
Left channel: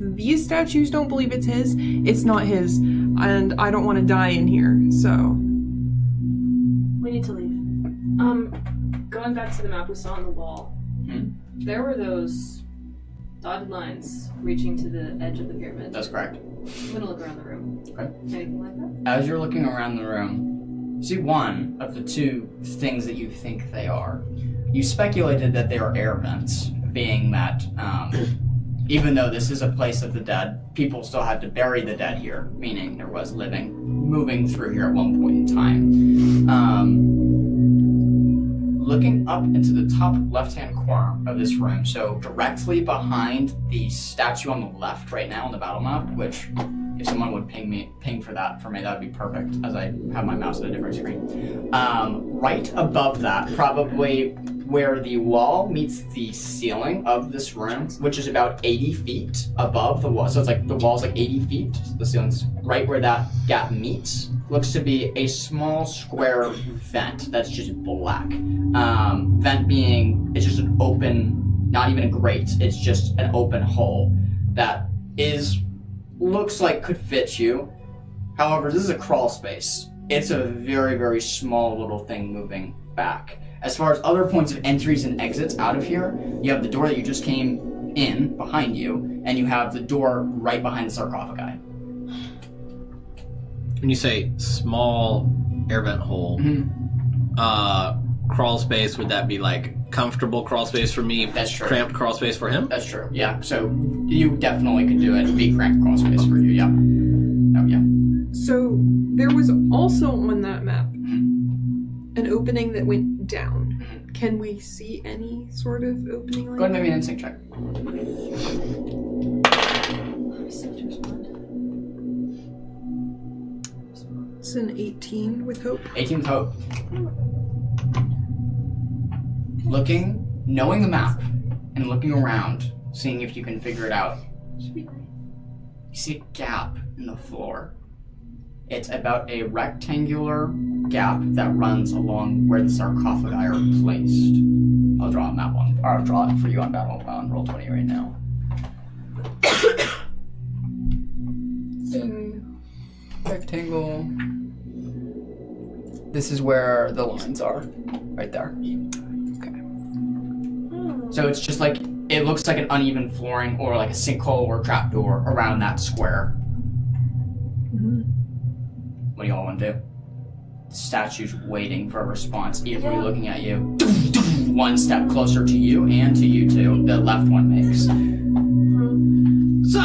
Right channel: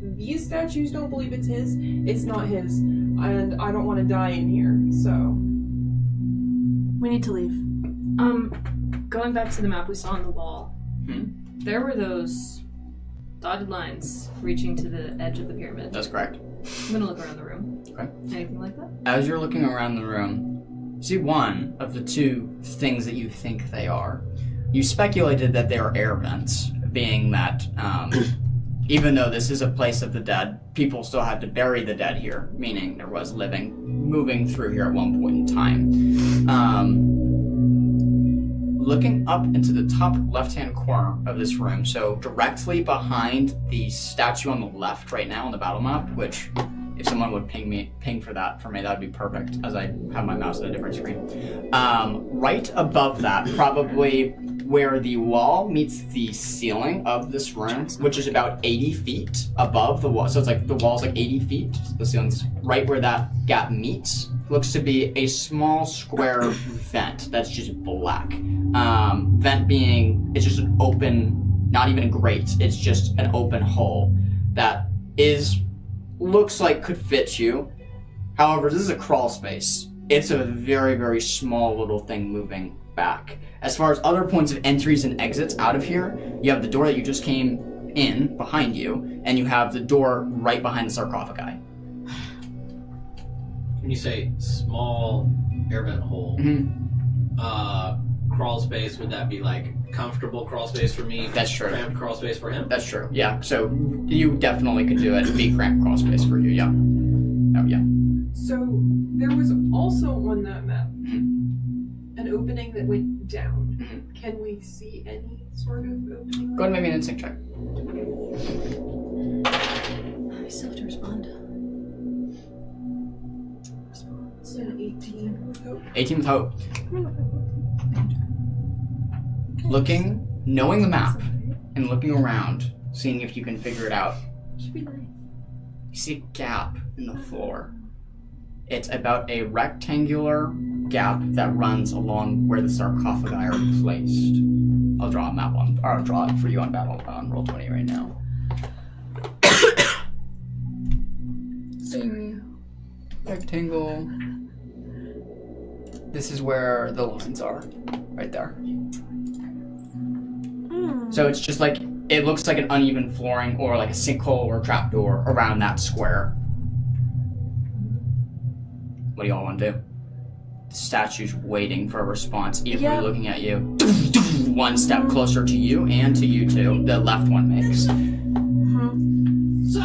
these statues don't believe it's his, it's not his, and I don't want to die in here. So we need to leave. Going back to the map we saw on the wall, there were those dotted lines reaching to the edge of the pyramid. That's correct. I'm gonna look around the room. Okay. Anything like that? As you're looking around the room, see one of the two things that you think they are. You speculated that they are air vents, being that even though this is a place of the dead, people still had to bury the dead here, meaning there was living moving through here at one point in time. Looking up into the top left-hand corner of this room, so directly behind the statue on the left right now on the battle map, which if someone would ping for that for me, that would be perfect, as I have my mouse at a different screen. Right above that, probably where the wall meets the ceiling of this room, which is about 80 feet above the wall. So it's like the wall's like 80 feet. The ceiling's right where that gap meets. Looks to be a small square vent that's just black. Vent being, it's just an open, not even a grate, it's just an open hole that looks like could fit you. However, this is a crawl space. It's a very, very small little thing moving back. As far as other points of entries and exits out of here, you have the door that you just came in behind you, and you have the door right behind the sarcophagi. When you say small air vent hole, crawl space, would that be like comfortable crawl space for me? That's true. Cramped crawl space for him? That's true, yeah. So you definitely could do it. It'd be cramped crawl space for you, yeah. Oh, yeah. So there was also on that map an opening that went down. Can we see any sort of opening like Go ahead and make me that? an instinct check. I still have to respond. It's an 18 with hope. 18 with hope. Looking, knowing the map, and looking around, seeing if you can figure it out. Should be nice. You see a gap in the floor. It's about a rectangular gap that runs along where the sarcophagi are placed. I'll draw a map on, or I'll draw it for you on Roll20 right now. So, rectangle. This is where the lines are, right there. Okay. So it's just like, it looks like an uneven flooring or like a sinkhole or trapdoor around that square. What do y'all want to do? The statue's waiting for a response, eagerly looking at you. One step closer to you and to you two. The left one makes. So,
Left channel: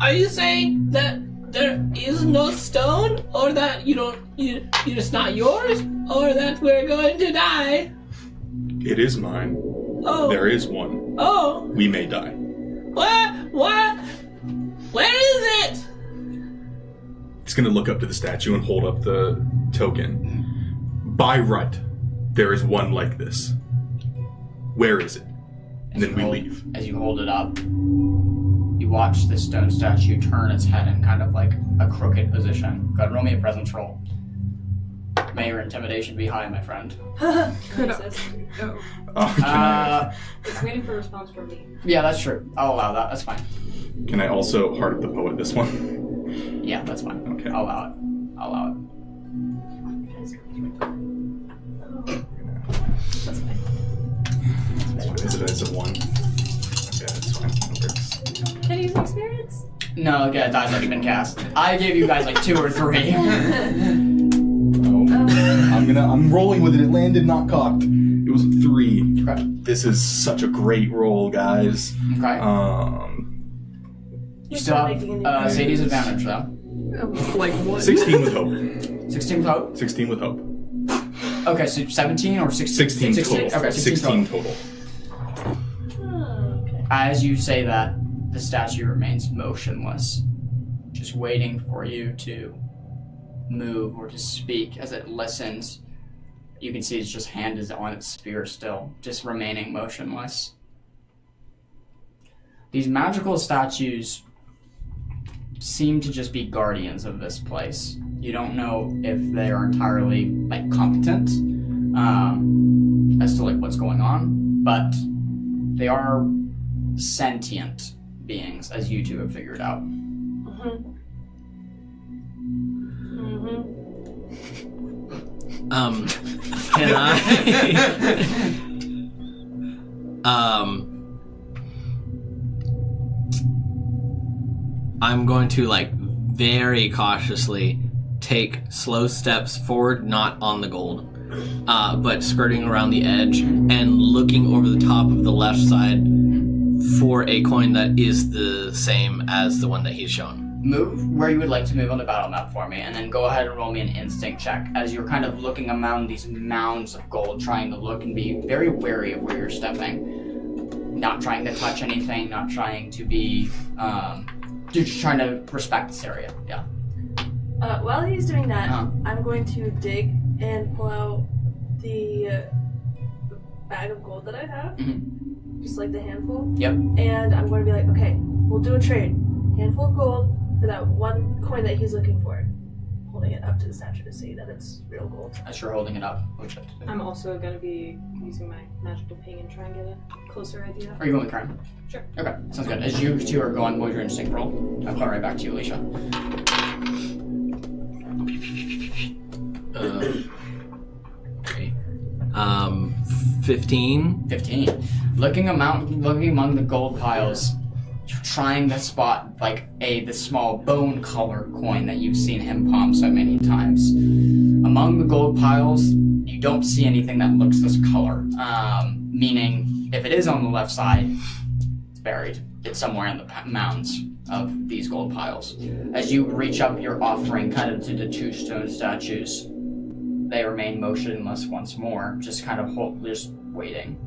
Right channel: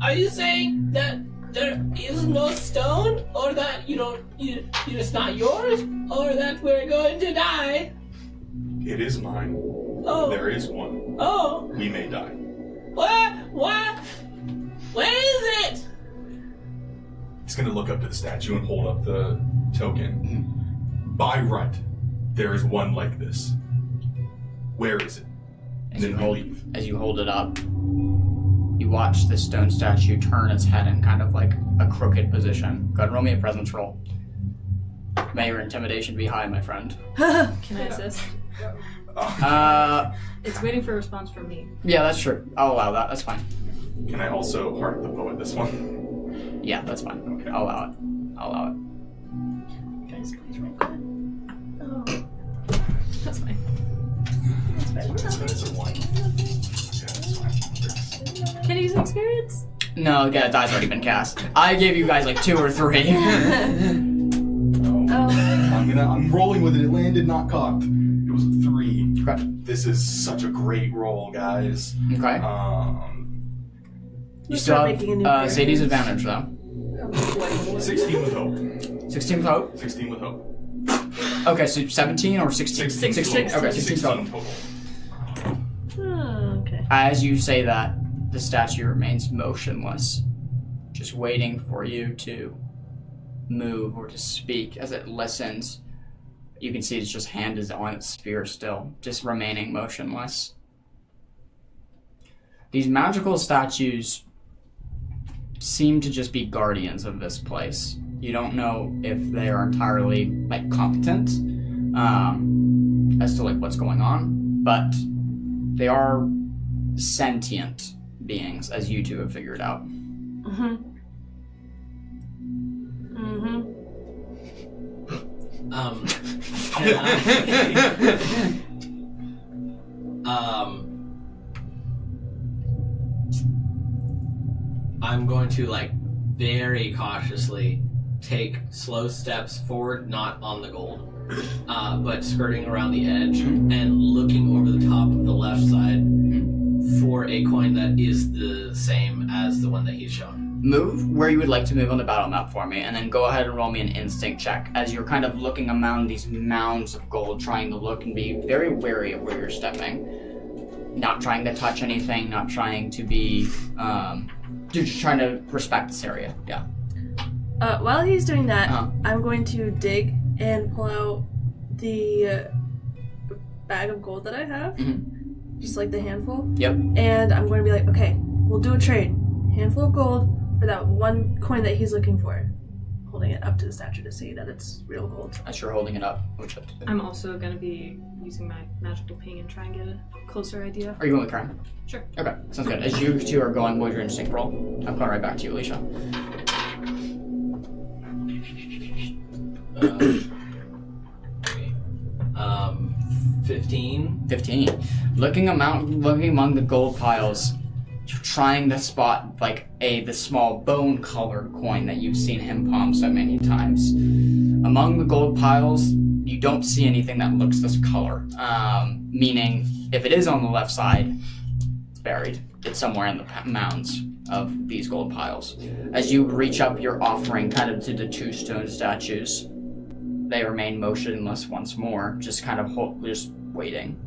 are you saying that there is no stone, or that it's not yours, or that we're going to die? It is mine. Oh. There is one. Oh. We may die. What? Where is it? He's gonna look up to the statue and hold up the token. By right, there is one like this. Where is it? And then we leave. As you hold it up, you watch the stone statue turn its head in kind of like a crooked position. Go ahead and roll me a presence roll. May your intimidation be high, my friend. Can I assist? It's waiting for a response from me. Yeah, that's true. I'll allow that. That's fine. Can I also heart the poet this one? Yeah, that's fine. Okay. I'll allow it. I'll allow it. That's fine. It's a 1. Yeah, that's fine. That Can you use experience? No, okay, that die's already been cast. I gave you guys like 2 or 3. I'm rolling with it. It landed, not cocked. It was a 3. Okay. This is such a great roll, guys. Okay. You still have Sadie's advantage though. Like what? 16 with hope. 16 with hope? 16 with hope. Okay, so 17 or 16? 16 total. Okay, 16 total. Oh, okay. As you say that, the statue remains motionless, just waiting for you to move or to speak. As it listens, you can see its just hand is on its spear still, just remaining motionless. These magical statues seem to just be guardians of this place. You don't know if they are entirely like competent as to like what's going on, but they are sentient beings, as you two have figured out. Can I? I'm going to like very cautiously take slow steps forward, not on the gold, but skirting around the edge and looking over the top of the left side for a coin that is the same as the one that he's shown. Move where you would like to move on the battle map for me, and then go ahead and roll me an instinct check as you're kind of looking among these mounds of gold, trying to look and be very wary of where you're stepping. Not trying to touch anything, not trying to be, you're just trying to respect this area, yeah. While he's doing that, I'm going to dig and pull out the bag of gold that I have, just like the handful. Yep. And I'm going to be like, okay, we'll do a trade. Handful of gold for that one coin that he's looking for. Holding it up to the statue to see that it's real gold. As you're holding it up, I'm also going to be using my magical ping and try and get a closer idea. Are you going with crime? Sure. Okay, sounds good. As you two are going, what is your instinct roll? I'm coming right back to you, Alicia. Okay. 15. 15. Looking among the gold piles, trying to spot like the small bone-colored coin that you've seen him palm so many times. Among the gold piles, you don't see anything that looks this color. Meaning, if it is on the left side, it's buried. It's somewhere in the mounds of these gold piles. As you reach up your offering kind of to the two stone statues, they remain motionless once more, just kind of just waiting.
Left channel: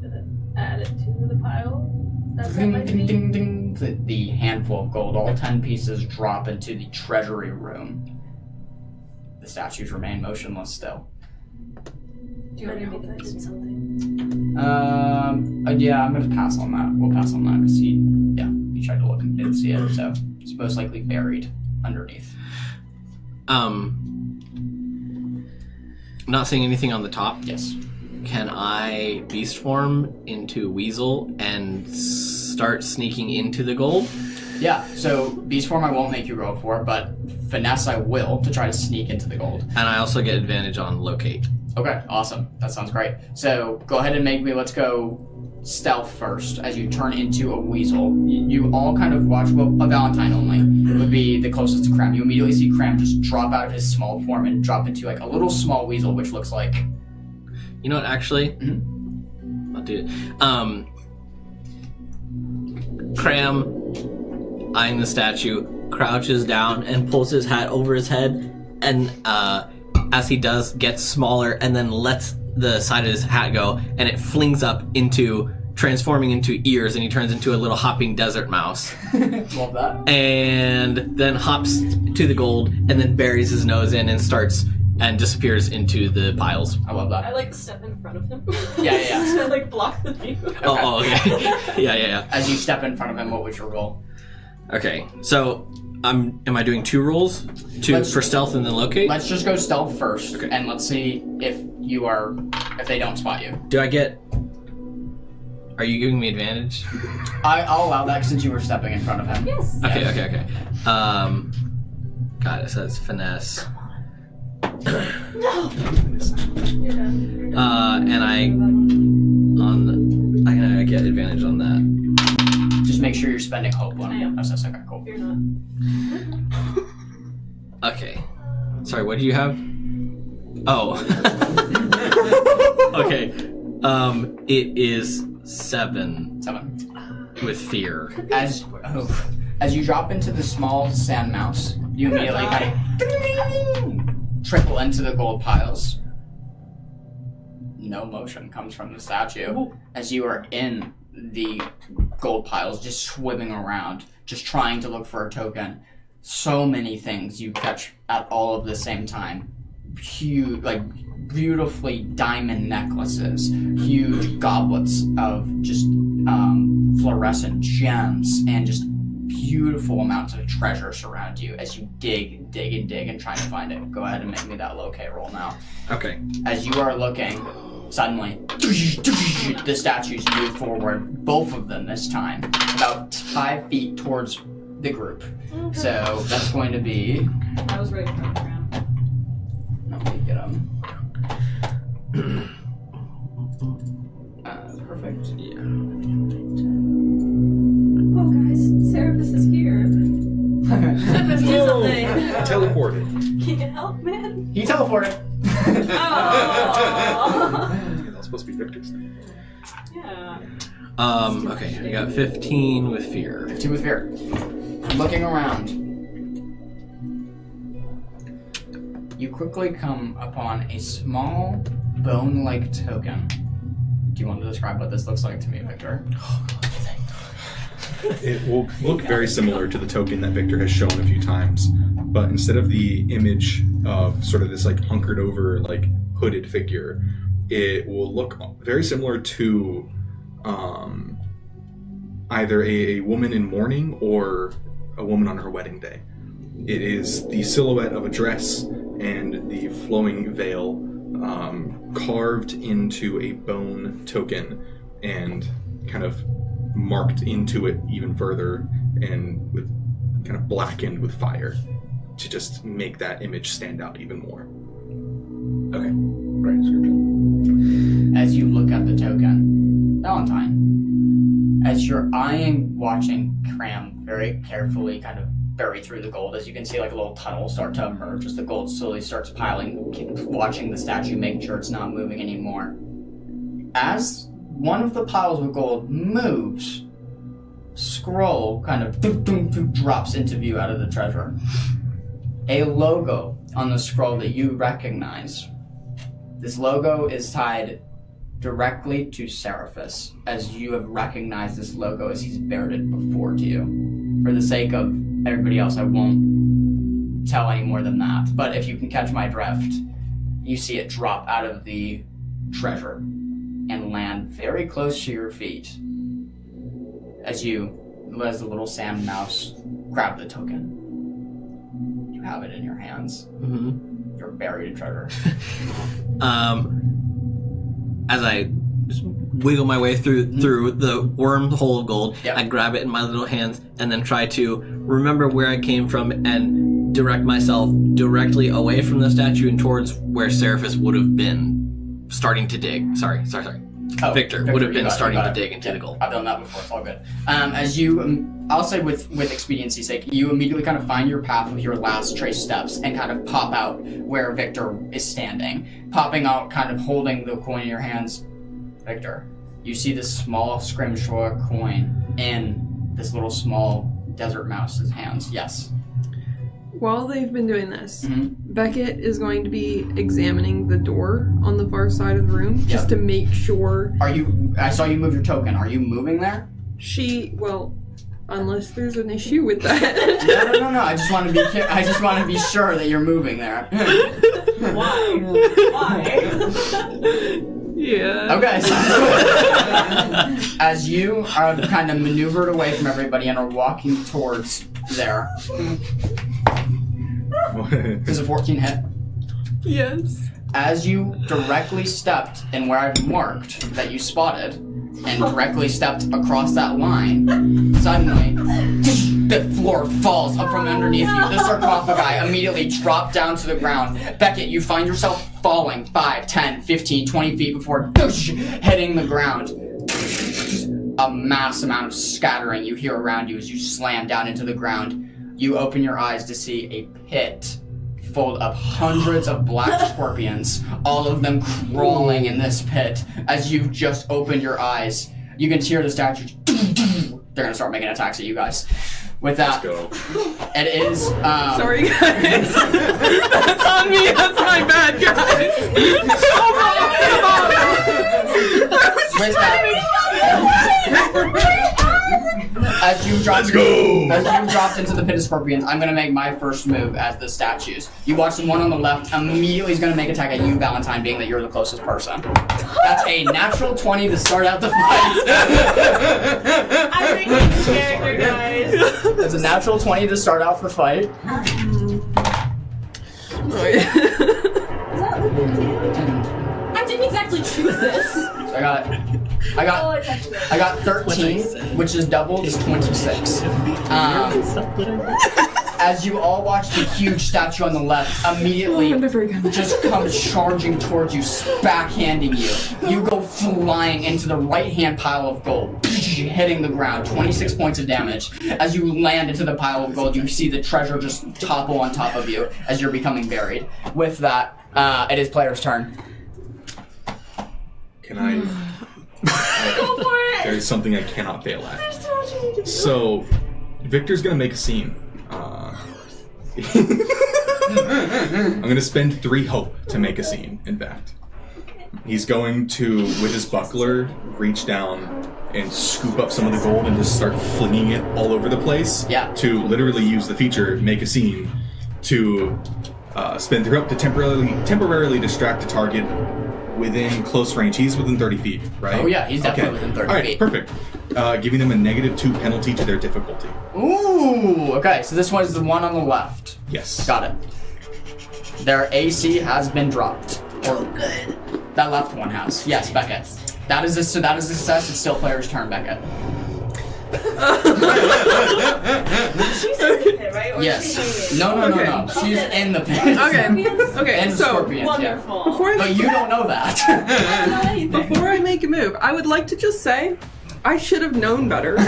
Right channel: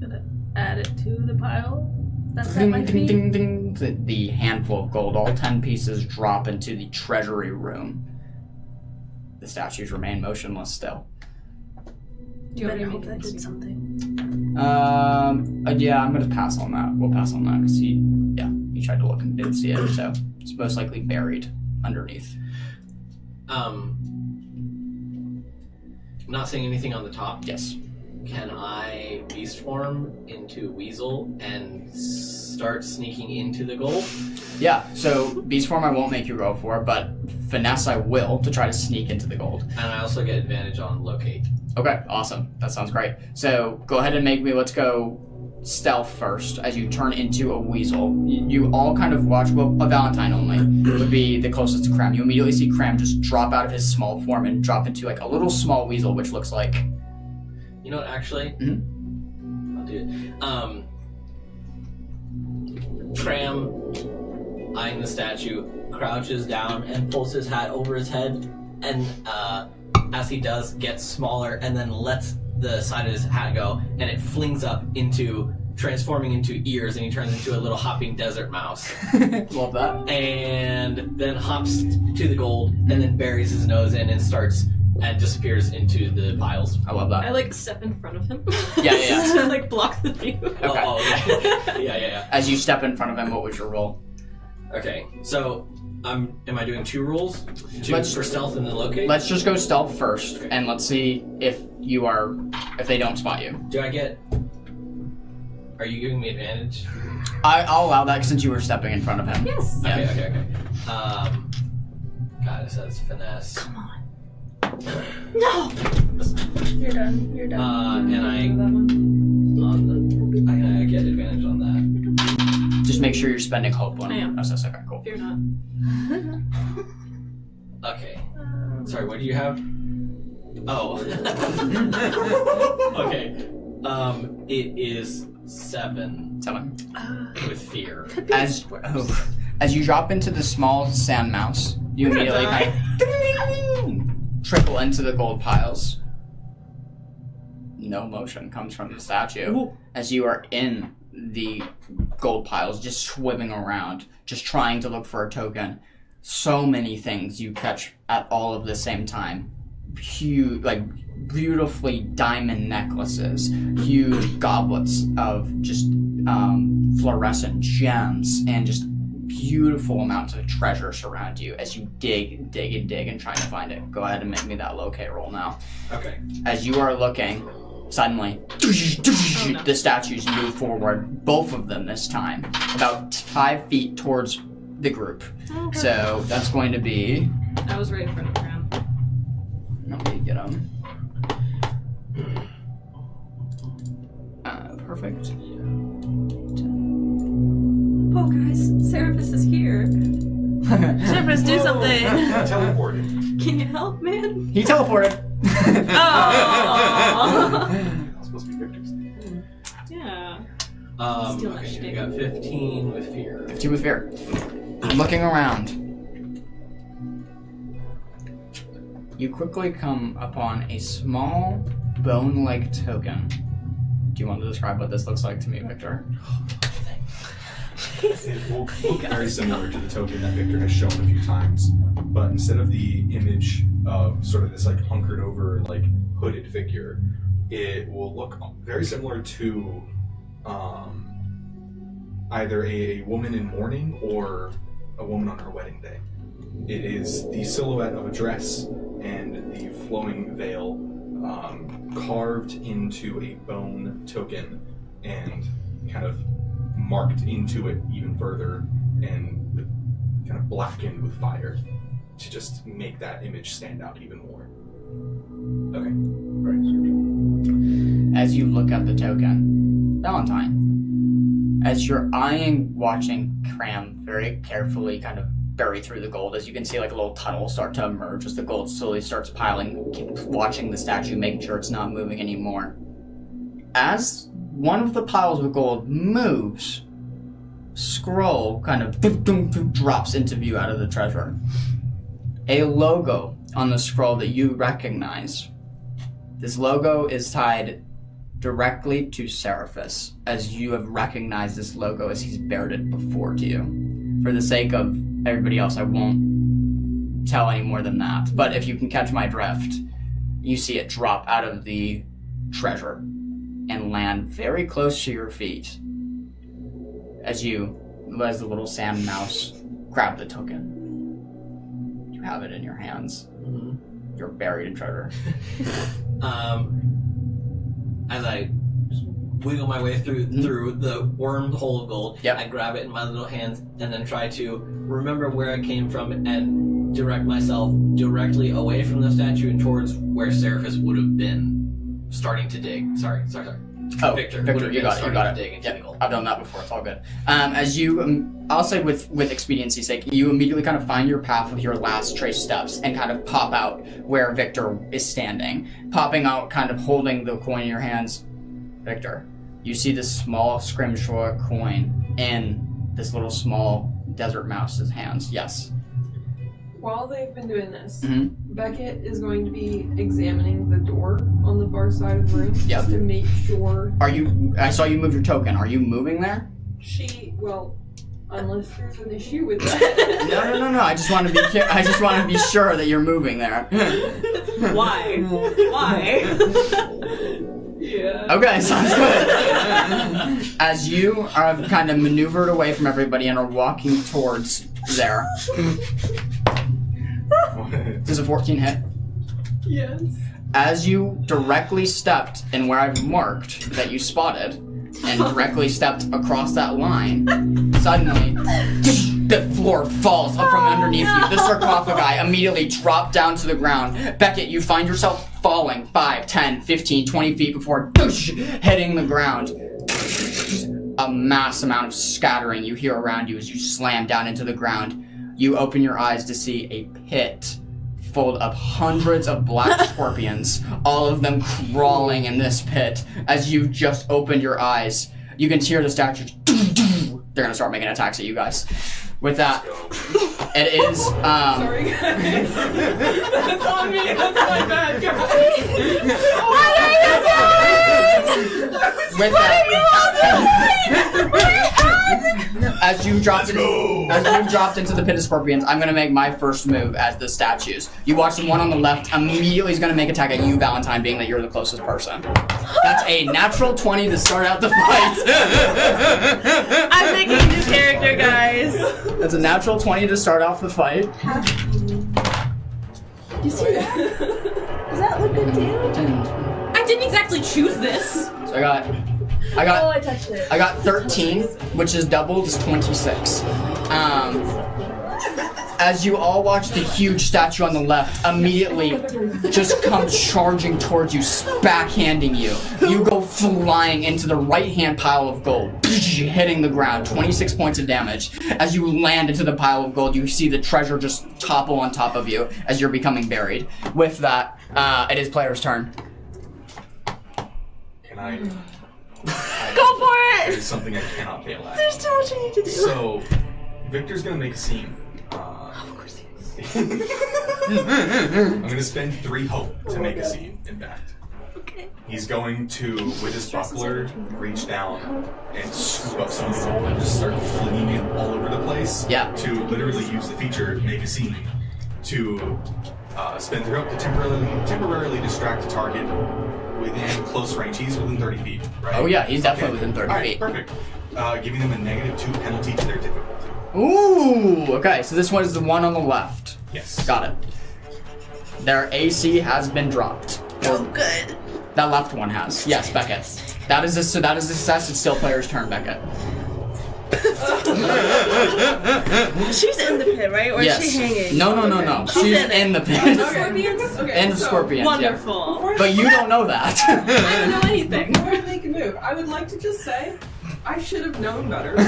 Gonna add it to the pile. That's Ding, my ding, ding, ding. The handful of gold, all 10 pieces, drop into the treasury room. The statues remain motionless still. Do you hope that did something? Yeah, I'm gonna pass on that. We'll pass on that because he tried to look and didn't see it, so it's most likely buried underneath. Not seeing anything on the top. Yes. Can I beast form into Weasel and start sneaking into the gold? Yeah, so beast form I won't make you roll for, but finesse I will to try to sneak into the gold. And I also get advantage on locate. Okay, awesome. That sounds great. So go ahead and make me, let's go stealth first as you turn into a weasel. You all kind of watch, well, a Valentine only would be the closest to Cram. You immediately see Cram just drop out of his small form and drop into like a little small weasel, which looks like... You know what, actually? I'll do it. Cram, eyeing the statue, crouches down and pulls his hat over his head, and as he does, gets smaller and then lets the side of his hat go, and it flings up into, transforming into ears, and he turns into a little hopping desert mouse. Love that. And then hops to the gold, and then buries his nose in and starts and disappears into the piles. I love that. I like step in front of him. Yeah. To like block the view. Oh, okay. yeah. As you step in front of him, what was your roll? Okay, so am I doing 2 rolls? For stealth and then locate? Let's just go stealth first, Okay. and let's see if they don't spot you. Do I get... Are you giving me advantage? I'll allow that since you were stepping in front of him. Yes. Yeah. Okay. God, it says finesse. No! You're done. And I get advantage on that. Just make sure you're spending hope on I am. it. Oh, okay, cool. Fear not. Okay. Sorry, what do you have? Oh. Okay. It is 7 with fear. As you drop into the small sand mouse, you immediately kind of trickle into the gold piles. No motion comes from the statue as you are in the gold piles, just swimming around, just trying to look for a token. So many things you catch at all of the same time. Huge, like beautifully diamond necklaces, huge goblets of just fluorescent gems, and just beautiful amounts of treasure surround you as you dig and trying to find it. Go ahead and make me that locate roll now. Okay. As you are looking, suddenly, the statues move forward, both of them this time, about 5 feet towards the group. So that's going to be... I was ready for the round. Let me get them. Perfect. Yeah. Oh, guys, Seraphis is here. Seraphis, do something. Teleported. Can you help, man? He teleported. Oh. That's supposed to be Victor's name. Yeah. Okay, I got 15 with fear. 15 with fear. Looking around, you quickly come upon a small bone-like token. Do you want to describe what this looks like to me, Victor? It will look very similar to the token that Victor has shown a few times, but instead of the image of sort of this like hunkered over, like hooded figure, it will look very similar to either a woman in mourning or a woman on her wedding day. It is the silhouette of a dress and the flowing veil carved into a bone token and kind of marked into it even further and with kind of blackened with fire to just make that image stand out even more. Okay. Great description. As you look at the token, Valentine, as you're watching Cram very carefully kind of bury through the gold, as you can see like a little tunnel start to emerge as the gold slowly starts piling, keep watching the statue, making sure it's not moving anymore. As one of the piles of gold moves, scroll kind of drops into view out of the treasure. A logo on the scroll that you recognize. This logo is tied directly to Seraphis, as you have recognized this logo as he's bared it before to you. For the sake of everybody else, I won't tell any more than that. But if you can catch my drift, you see it drop out of the treasure and land very close to your feet as the little sand mouse grab the token. You have it in your hands. Mm-hmm. You're buried in treasure. As I just wiggle my way through the wormhole of gold, Yep. I grab it in my little hands and then try to remember where I came from and direct myself directly away from the statue and towards where Seraphis would have been starting to dig. Sorry. Oh, Victor would have you been got it, starting you got to it. dig into Yeah, the gold. I've done that before, it's all good. As you, I'll say with expediency's sake, you immediately kind of find your path with your last trace steps and kind of pop out where Victor is standing. Popping out, kind of holding the coin in your hands. Victor, you see this small scrimshaw coin in this little small desert mouse's hands. Yes. While they've been doing this, Mm-hmm. Beckett is going to be examining the door on the far side of the room just to make sure I saw you move your token. Are you moving there? unless there's an issue with that. No. I just want to be sure that you're moving there. Why? Yeah. Okay, sounds good. As you are kind of maneuvered away from everybody and are walking towards there. Does a 14 hit? Yes. As you directly stepped in where I've marked that you spotted, and directly stepped across that line, suddenly the floor falls up from underneath you. The sarcophagi immediately drop down to the ground. Beckett, you find yourself falling 5, 10, 15, 20 feet before hitting the ground. A mass amount of scattering you hear around you as you slam down into the ground. You open your eyes to see a pit full of hundreds of black scorpions, all of them crawling in this pit. As you just opened your eyes, you can hear the statues. They're gonna start making attacks at you guys. With that, it is. Sorry, guys. That's on me. That's my bad, guys. With that, as you dropped, Let's go! As you dropped into the pit of scorpions, I'm gonna make my first move as the statues. You watch the one on the left immediately is gonna make attack at you, Valentine, being that you're the closest person. That's a natural 20 to start out the fight. I'm making a new character, guys. That's a natural 20 to start off the fight. Is that like good damage? I didn't exactly choose this. So I Oh, I touched it. got 13, which is doubled, is 26. As you all watch the huge statue on the left immediately just comes charging towards you, backhanding you. You go flying into the right-hand pile of gold, hitting the ground, 26 points of damage. As you land into the pile of gold, you see the treasure just topple on top of you as you're becoming buried. With that, it is player's turn. Can I? Go for it! There's something I cannot fail at. There's too much I need to do. So, Victor's gonna make a scene. I'm gonna spend 3 hope to make a scene, in fact. Okay. He's going to, with his buckler, reach down and scoop up some of the gold and just start flinging it all over the place. Yeah. To literally use the feature, make a scene, to spend 3 hope to temporarily distract a target within close range. He's within 30 feet, right? Oh yeah, he's definitely within 30 All right, feet. perfect. Giving them a -2 penalty to their difficulty. Ooh, okay, so this one is the one on the left. Yes. Got it. Their AC has been dropped. Oh, good. That left one has. Yes, Beckett. That is a success. It's still player's turn, Beckett. She's in the pit, right? Or Yes. is she hanging? No. She's in the pit. Okay, And so scorpions, yeah. Wonderful. before I, But you don't know that. I don't know anything. before I make a move, I would like to just say I should have known better. I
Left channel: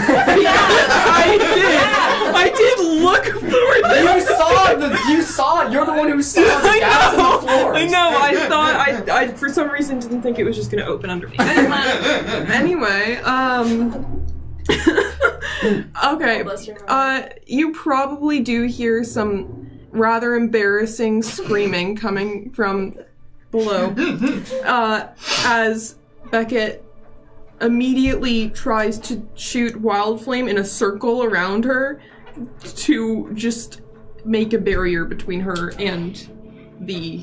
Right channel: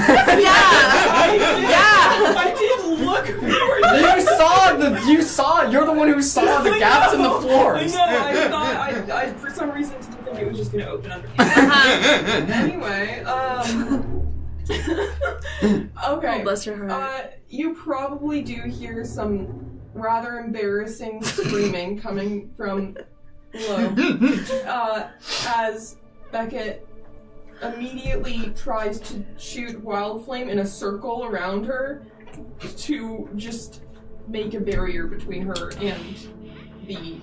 did look for this. You saw it. You're the one who saw the gaps in the floors. I know. I thought I for some reason didn't think it was just gonna open under me. Anyway, okay. Oh, bless your heart. You probably do hear some rather embarrassing screaming coming from below, as Beckett immediately tries to shoot Wild Flame in a circle around her to just make a barrier between her and the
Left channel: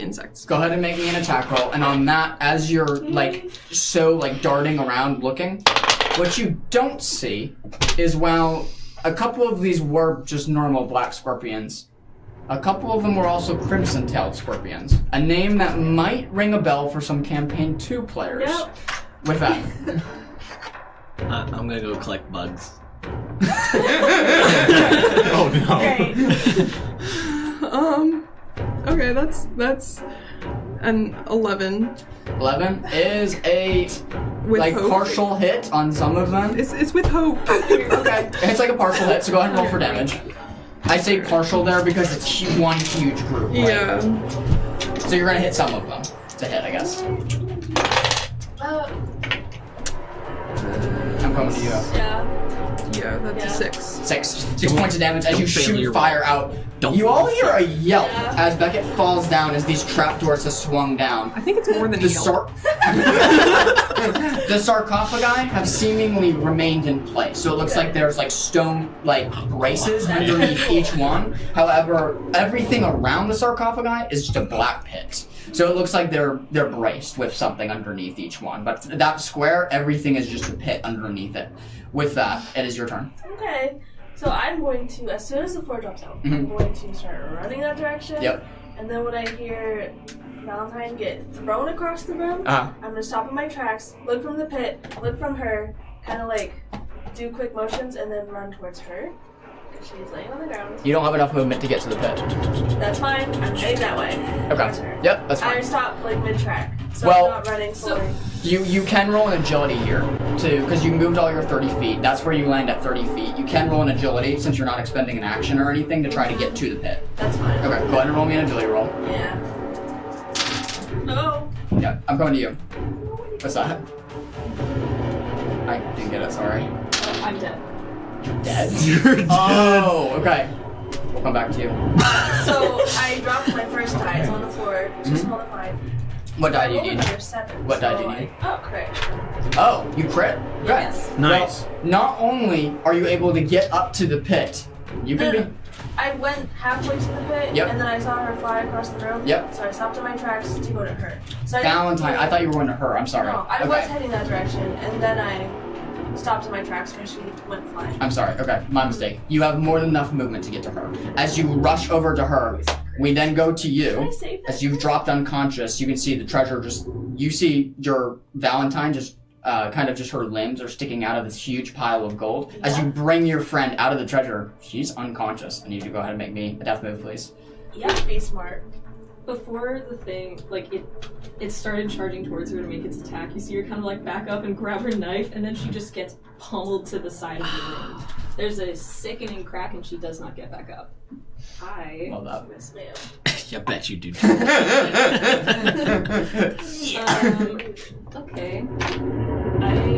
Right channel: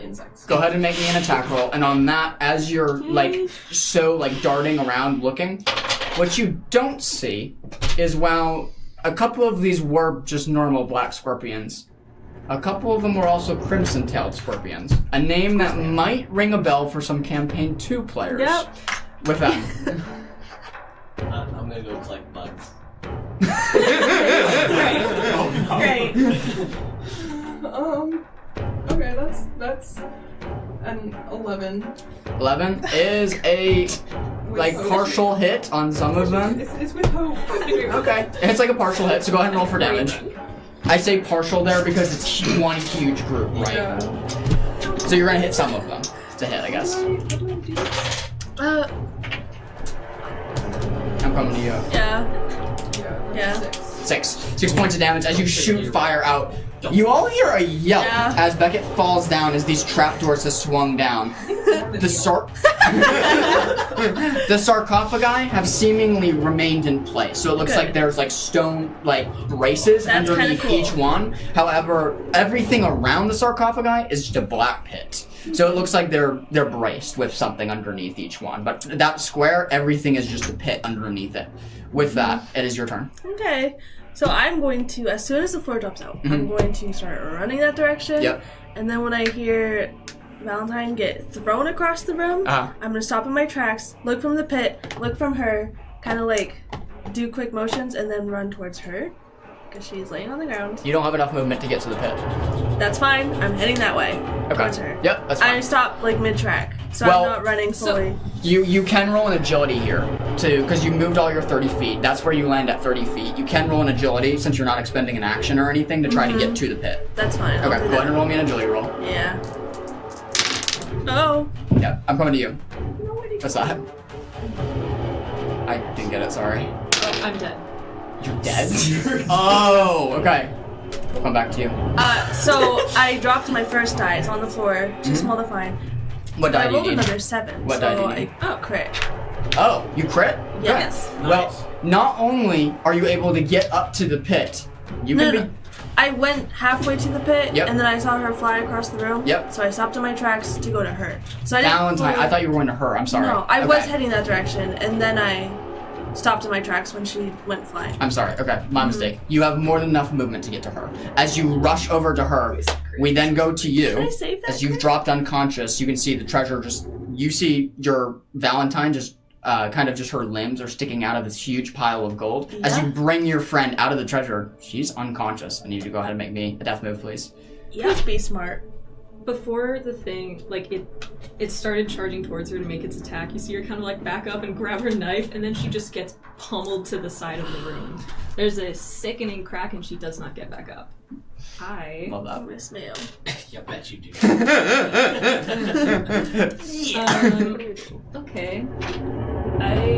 insects. Go ahead and make me an attack roll. And on that, as you're darting around looking, what you don't see is while a couple of these were just normal black scorpions, a couple of them were also crimson-tailed scorpions. A name that might ring a bell for some Campaign 2 players. Yep. With that. I'm gonna go collect bugs. Oh no. Right. Okay, that's an 11. 11 is a With hope. partial hit on some of them. It's with hope. Okay. It's like a partial hit, so go ahead and roll for damage. I say partial there because it's one huge group, right? Yeah. So you're gonna hit some of them. It's a hit, I guess. I'm coming to you. Yeah. Yeah, that's Yeah. 6. 6 points of damage as you shoot You're fire out. Don't- You all hear a yelp Yeah. as Beckett falls down as these trapdoors have swung down. I think it's more than The a yelp. the sarcophagi have seemingly remained in place, so it looks like there's stone braces That's underneath kinda cool. each one. However, everything around the sarcophagi is just a black pit. So it looks like they're braced with something underneath each one. But that square, everything is just a pit underneath it. With that, it is your turn. Okay. So I'm going to, as soon as the floor drops out, I'm going to start running that direction. Yep. And then when I hear Valentine get thrown across the room, I'm going to stop in my tracks, look from the pit, look from her, kind of do quick motions, and then run towards her. Because she's laying on the ground. You don't have enough movement to get to the pit. That's fine. I'm heading that way. Towards Okay. her. Yep, that's I fine. stop mid-track. So Well, I'm not running fully. You can roll an agility here, too, because you moved all your 30 feet. That's where you land at 30 feet. You can roll an agility, since you're not expending an action or anything, to try to get to the pit. That's fine. I'll Okay, do go that. ahead and roll me an agility roll. Yeah. Oh. Yeah, I'm coming to you. What's that? I didn't get it, sorry. Oh, I'm dead. You're dead? Oh, okay. We'll come back to you. So I dropped my first die. It's on the floor. Too small to find. What die I do you rolled need? another 7. What so die do you need? Crit. Oh, you crit? Yes. Good. Nice. Well, not only are you able to get up to the pit, you can be... I went halfway to the pit, Yep. and then I saw her fly across the room. Yep. So I stopped in my tracks to go to her. So I didn't Valentine. fully- I thought you were going to her. I'm sorry. No, I Okay. was heading that direction, and then I stopped in my tracks when she went flying. I'm sorry. Okay, my mistake. You have more than enough movement to get to her. As you rush over to her, we then go to Can I you. save that? As you've dropped unconscious, you can see the treasure just... You see your Valentine just... kind of just her limbs are sticking out of this huge pile of gold. As you Yeah. bring your friend out of the treasure, she's unconscious. I need you to go ahead and make me a death move, please. Please be smart. Before the thing, like it started charging towards her to make its attack. You see her kind of like back up and grab her knife, and then she just gets pummeled to the side of the room. There's a sickening crack, and she does not get back up. I Love that. Miss Mayo. You bet you do. okay.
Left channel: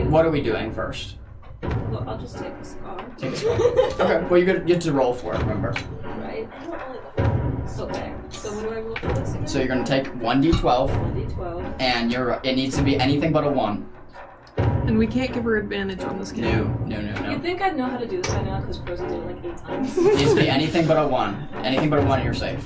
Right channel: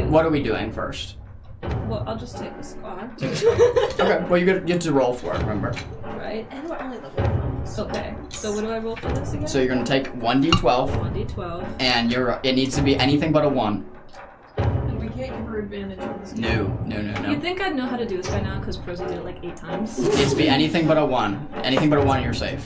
What are we doing first? Well, I'll just take a scar. Okay, well, you get to roll for it, remember. Right. And we're only level 1. Okay. So what do I roll for this again? So you're going to take 1d12, 1d12. and it needs to be anything but a 1. And we can't give her advantage on this game. No. You'd think I'd know how to do this by now because Prosa did it like 8 times. It needs to be anything but a 1. Anything but a 1, you're safe.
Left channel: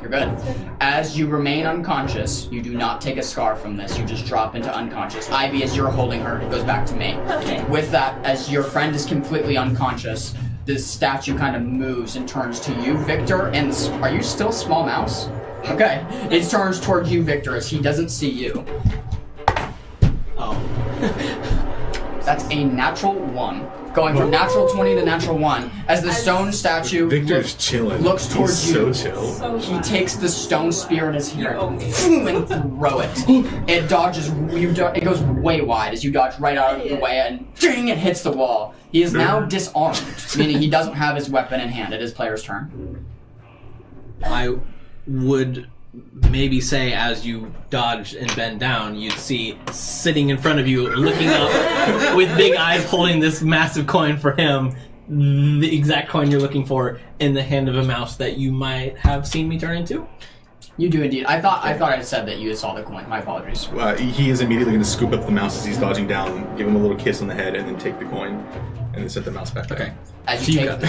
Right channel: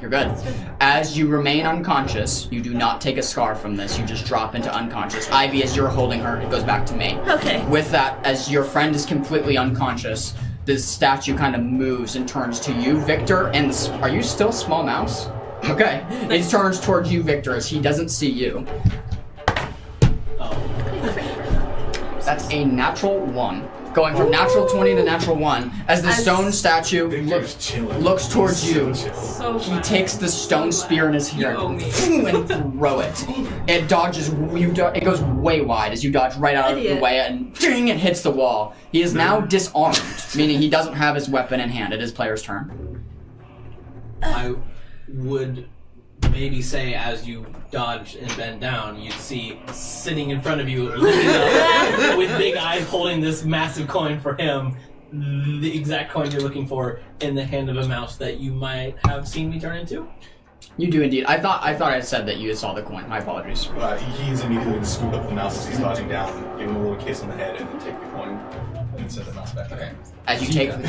You're good. As you remain unconscious, you do not take a scar from this. You just drop into unconscious. Ivy, as you're holding her, it goes back to me. Okay. With that, as your friend is completely unconscious, this statue kind of moves and turns to you, Victor. And are you still small mouse? Okay. It turns toward you, Victor, as he doesn't see you. Oh. That's a natural 1. Going from natural 20 to natural 1. As the stone statue Victor's chilling. looks towards He's you. So chill. So He takes the stone spear in his You hand owe me. and throw it. It dodges. It goes way wide as you dodge right out of the Idiot. way, and ding! It hits the wall. He is now disarmed, meaning he doesn't have his weapon in hand. It is player's turn. I would maybe say as you dodge and bend down, you'd see sitting in front of you, looking up with big eyes, holding this massive coin for him, the exact coin you're looking for, in the hand of a mouse that you might have seen me turn into. You do indeed. I thought I said that you saw the coin. My apologies. He is immediately going to scoop up the mouse as he's dodging down, give him a little kiss on the head, and then take the coin, and then set the mouse back down. As you So you take got the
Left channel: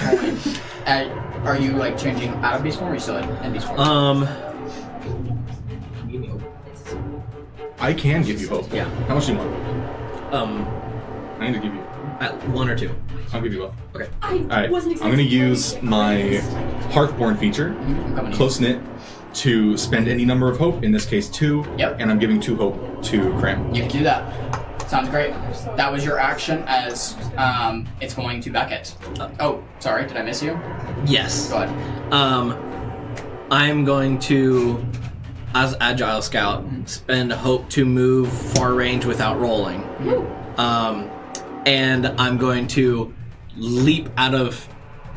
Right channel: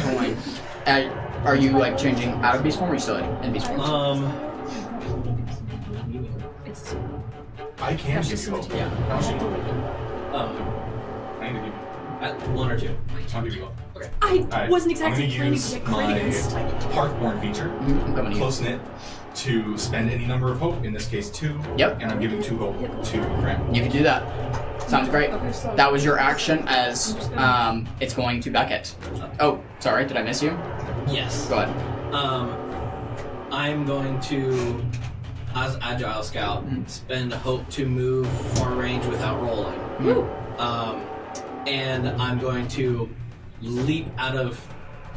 coin, are you like changing out of beast form, or are you still in beast form? I can give you hope. Yeah. How much do you want? I need to give you. At 1 or 2. I'll give you both. I Alright, wasn't I'm exactly going to use my Hearthborn feature, I'm coming to you. Close Knit, to spend any number of hope, in this case 2. Yep. And I'm giving 2 hope to Cram. You can do that. Sounds great. That was your action as it's going to Beckett. Oh, sorry, did I miss you? Yes. Go ahead. I'm going to, as Agile Scout, spend hope to move far range without rolling. And I'm going to leap out of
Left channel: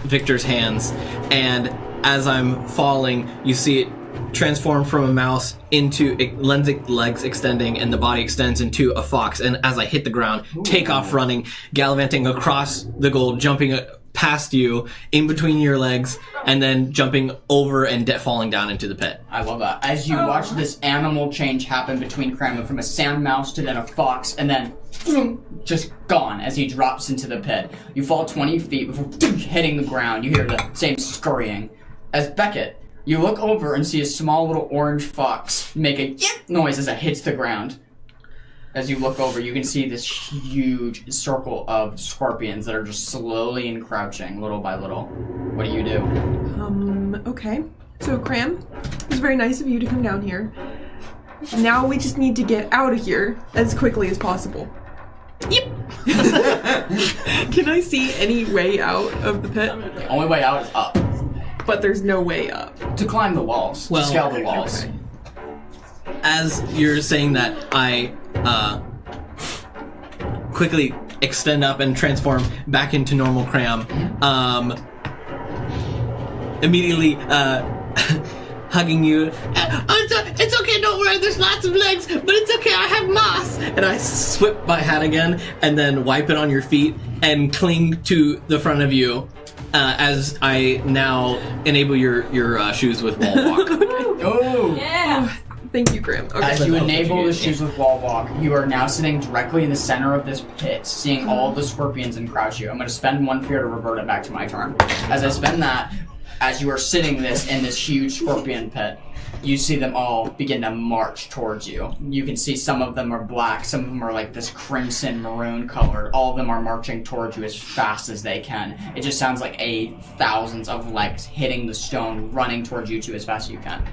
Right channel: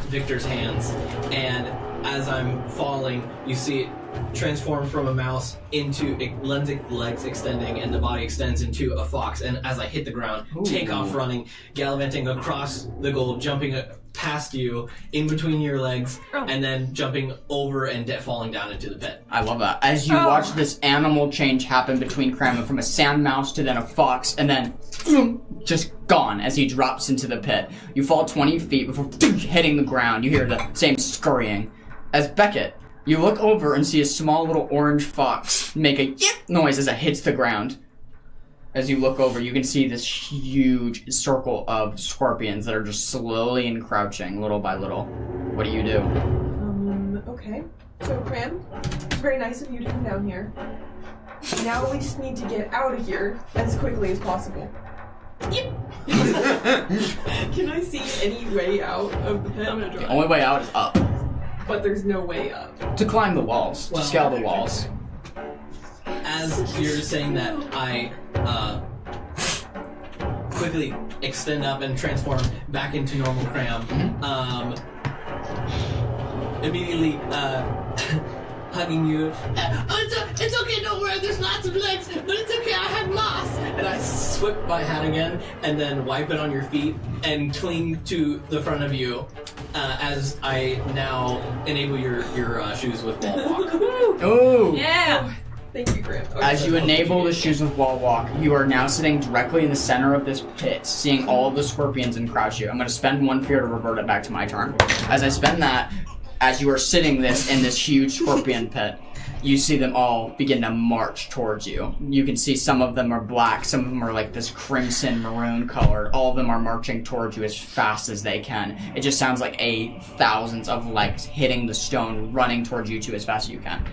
Victor's hands, and as I'm falling, you see it transform from a mouse into legs extending, and the body extends into a fox. And as I hit the ground, take off running, gallivanting across the gold, jumping past you, in between your legs, and then jumping over and falling down into the pit. I love that. As you watch this animal change happen between Kramen from a sand mouse to then a fox, and then just gone as he drops into the pit. You fall 20 feet before hitting the ground. You hear the same scurrying. As Beckett, you look over and see a small little orange fox make a yip noise as it hits the ground. As you look over, you can see this huge circle of scorpions that are just slowly encroaching, little by little. What do you do? Okay. So, Cram, it's very nice of you to come down here. Now we just need to get out of here as quickly as possible. Yep. Can I see any way out of the pit? The only way out is up. But there's no way up. To climb the walls. Well, to scale the walls. Okay. As you're saying that, I quickly extend up and transform back into normal Cram. Immediately hugging you. It's okay, don't worry, there's lots of legs, but it's okay, I have moss. And I whip my hat again and then wipe it on your feet and cling to the front of you as I now enable your shoes with wall walk. Oh! Yeah. Thank you, Graham. Okay. As you enable the shoes with wall walk, you are now sitting directly in the center of this pit, seeing all the scorpions encroach you. I'm going to spend 1 fear to revert it back to my turn. As I spend that, as you are sitting in this huge scorpion pit, you see them all begin to march towards you. You can see some of them are black, some of them are like this crimson maroon colored. All of them are marching towards you as fast as they can. It just sounds like thousands of legs hitting the stone, running towards you two as fast as you can.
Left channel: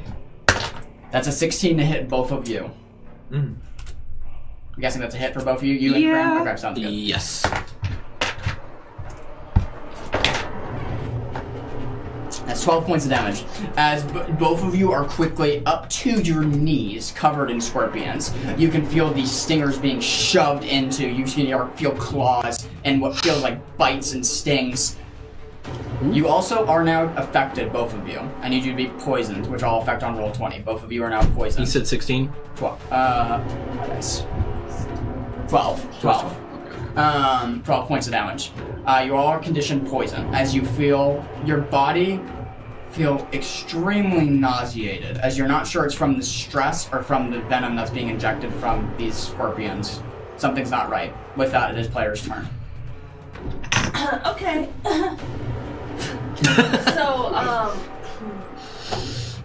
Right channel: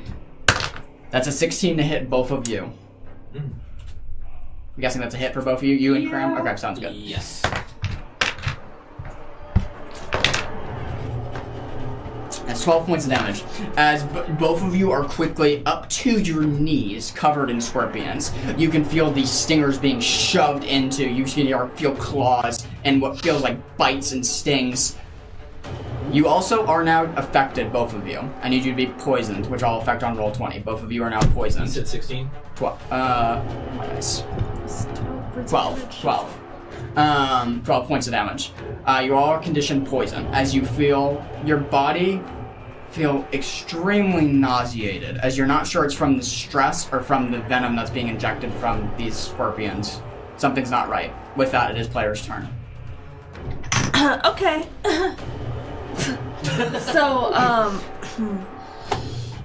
That's a 16 to hit both of you. I'm guessing that's a hit for both of you. You and Graham? Okay, sounds good. Yes. That's 12 points of damage. As both of you are quickly up to your knees, covered in scorpions, you can feel these stingers being shoved into. You feel claws and what feels like bites and stings. You also are now affected, both of you. I need you to be poisoned, which I'll affect on roll 20. Both of you are now poisoned. You said 16? 12. My dice. 12. 12 points of damage. You all are conditioned poison, as you feel your body feel extremely nauseated, as you're not sure it's from the stress or from the venom that's being injected from these scorpions. Something's not right. With that, it is player's turn. Okay. So,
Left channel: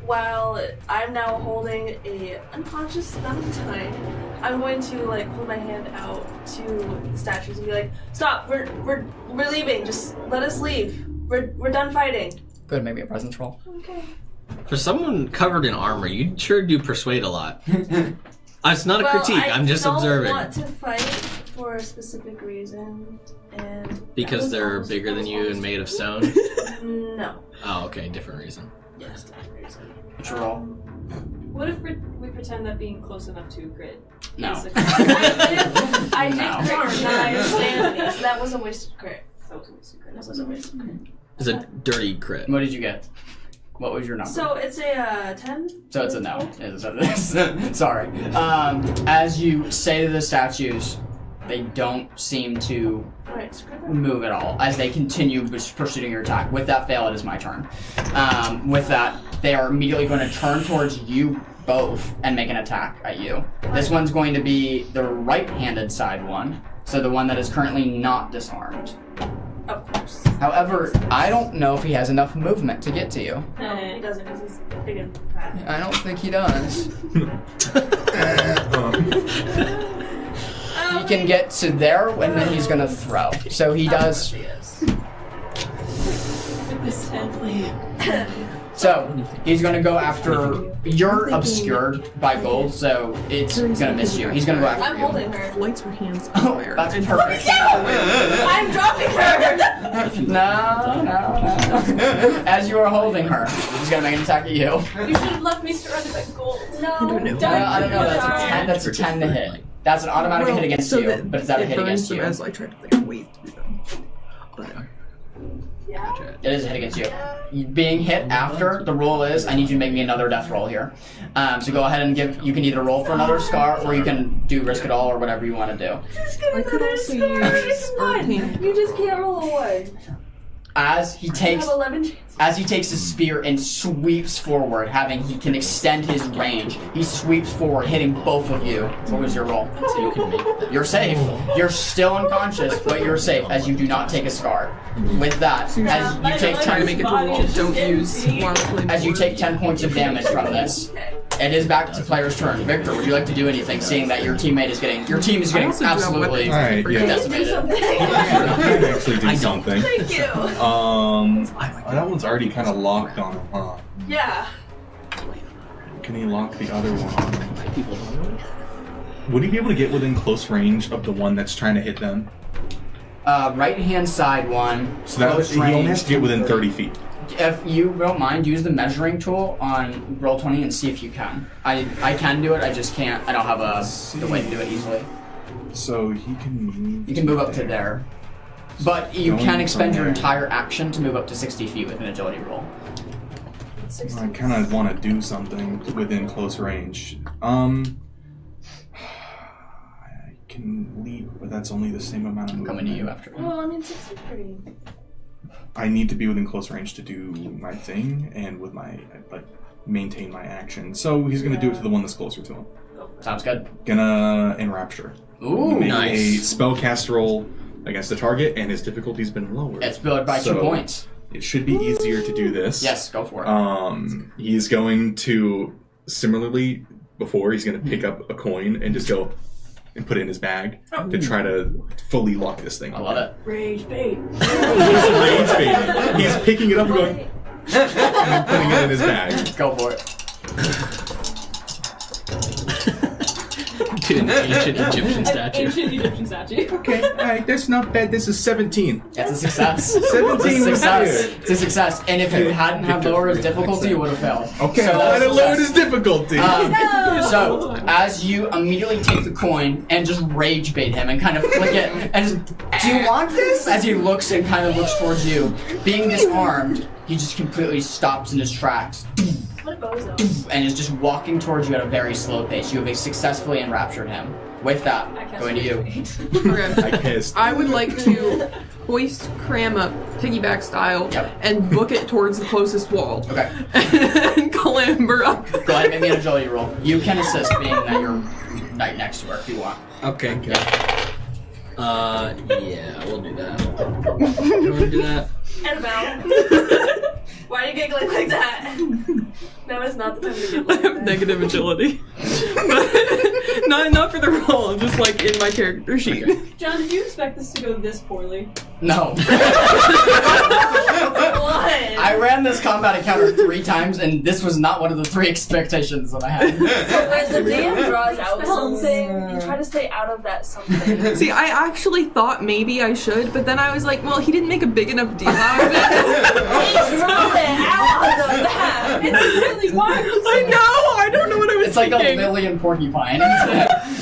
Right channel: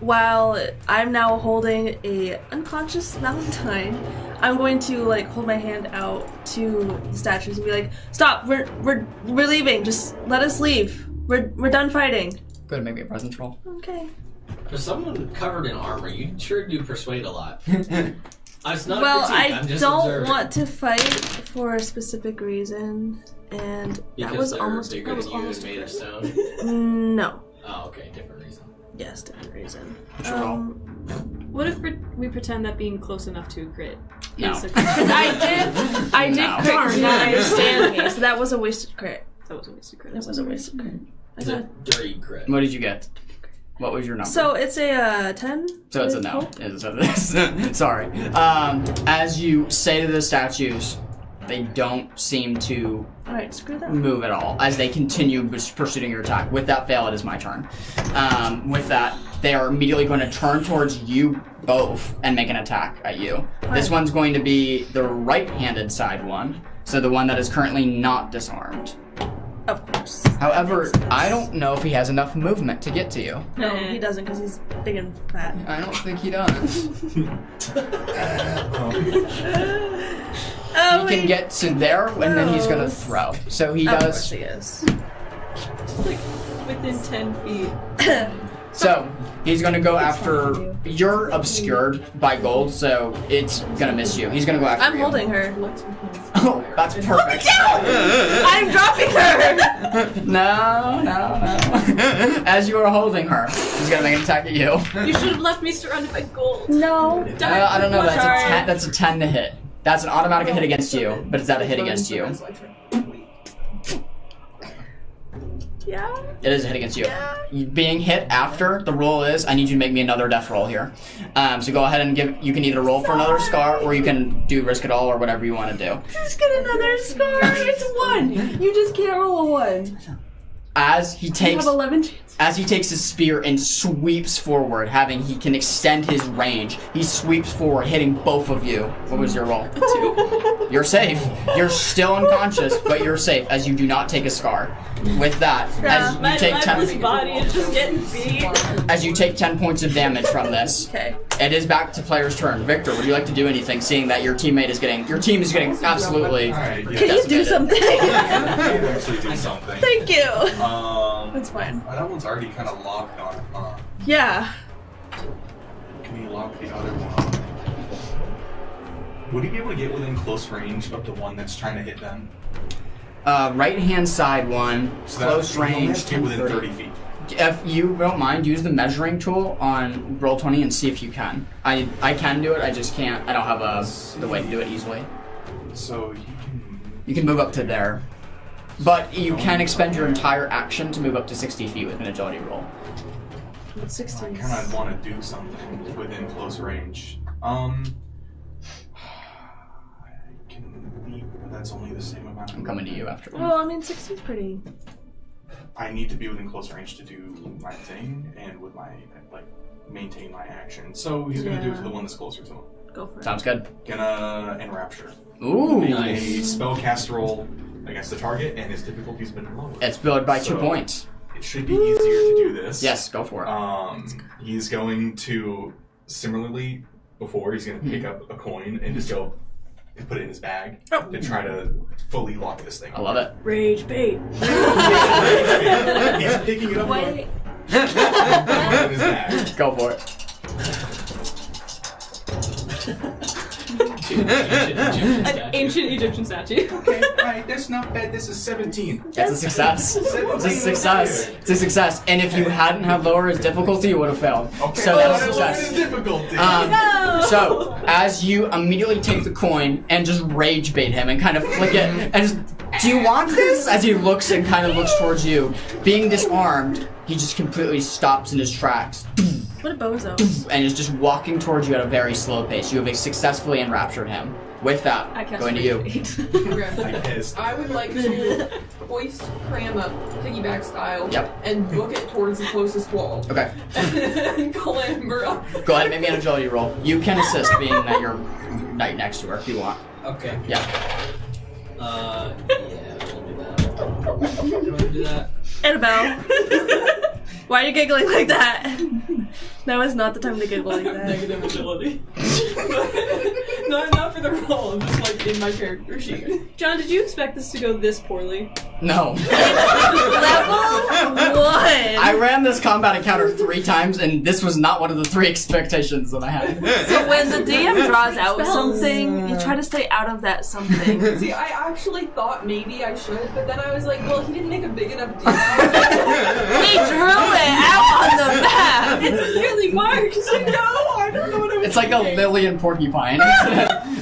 while I'm now holding a unconscious Valentine, I'm going to like hold my hand out to the statues and be like, "Stop! We're leaving. Just let us leave. We're done fighting." Good, maybe a presence roll. Okay. For someone covered in armor, you sure do persuade a lot. It's not a critique, I'm just observing. I don't want to fight for a specific reason, and Because they're bigger than you and made of stone? No. Oh, okay, different reason. Yes, different reason. What's your roll? What if we pretend that being close enough to a crit? No. is a- I did No. crit my stand me, so that was a wasted crit. That was a wasted crit. That was a wasted crit. It's a dirty crit. What did you get? What was your number? So it's a 10. So it's a no. Sorry. As you say to the statues, they don't seem to Alright, screw that. move at all as they continue pursuing your attack. With that fail, it is my turn. With that, they are immediately going to turn towards you both and make an attack at you. This one's going to be the right-handed side one, so the one that is currently not disarmed. Of course. However, I don't know if he has enough movement to get to you. No, he doesn't because he's big and fat. I don't think he does. He can get to there, and then he's gonna throw. So he does. Yes. With this 10 feet. So he's gonna go after. You're obscured by gold, so it's gonna miss you. He's gonna go after I'm you. holding her. Lights were hands Oh, everywhere. that's perfect. I'm dropping her! No. As you are holding her, he's gonna make an attack at you. You should have left me surrounded by gold. No. I don't know. That's a 10 to hit. That's an automatic hit against So you, then but it's not a hit it goes against to you. As I tried to like wait through them. But Yeah. It is a hit against you. Being hit after the roll is, I need you to make me another death roll here. So go ahead and you can either roll for another scar or you can do risk it all or whatever you want to do. Just get another scar. It's one. You just can't roll a one. As he You takes have 11 chances. As he takes his spear and sweeps forward, he can extend his range. He sweeps forward, hitting both of you. What was your roll? 2. You're safe. You're still unconscious, but you're safe as you do not take a scar. With that, as you take 10, as you take 10 points of damage from this, Okay. it is back to player's turn. Victor, would you like to do anything, seeing that your team is getting absolutely Alright, Can you do something? I can actually do something. Thank you. That's fine. That one's already kind of locked on, huh? Yeah. Can he lock the other one? Would he be able to get within close range of the one that's trying to hit them? right hand side one, So that close he only range. has to get within 30 feet. If you don't mind, use the measuring tool on Roll20 and see if you can. I can do it, I just can't. I don't have the way to do it easily. So he can move. You can move up to there. But you Going can expend your from entire action to move up to 60 feet with an agility roll. I 16. kind of want to do something within close range. I can leap, but that's only the same amount of I'm coming to you movement. after. Well, I mean, 16's pretty. I need to be within close range to do my thing, and with my maintain my action. So he's going to do it to the one that's closer to him. Go for it. Sounds good. Gonna Enrapture. Ooh. Make Nice. a spellcast roll against the target, and his difficulty's been lowered. It's built by 2 So- points. It should be easier to do this. Yes, go for it. He's going to, similarly, he's going to pick up a coin and just go and put it in his bag to try to fully lock this thing. I love it. Rage bait. He's picking it up and going, and putting it in his bag. Go for it. Ancient Egyptian statue. Ancient Egyptian statue. Okay, alright, that's not bad. This is 17. It's a success. 17 It's a success. It's a success. And if you hadn't have lowered his difficulty, you would have failed. Okay, So that's I a lowered success. his difficulty. So, as you immediately take the coin and just rage bait him and kind of flick it, and just, do you want this? As he looks and kind of looks towards you, being disarmed, he just completely stops in his tracks What a bozo. and is just walking towards you at a very slow pace. You have successfully enraptured him. With that, I cast going to you. Rage Bait. Okay. I pissed. I would like to hoist Cram up, piggyback style, Yep. and book it towards the closest wall. Okay, And clamber up. go ahead, make me an agility roll. You can assist, being that you're right next to her if you want. Okay. Yeah. Yeah, we'll do that. You want to do that? Annabelle. Why are you giggling like that? Now is not the time to giggle I like have that. negative agility. But not for the roll, just like in my character sheet. John, did you expect this to go this poorly? No. What? I ran this combat encounter 3 times, and this was not one of the 3 expectations that I had. So when the DM draws out Spells. something, you try to stay out of that something. See, I actually thought maybe I should, but then I was like, well, he didn't make a big enough deal out of it. He drew it out on the map. It's really Mars. I know! I don't know what I was It's like a thinking. lily and porcupine.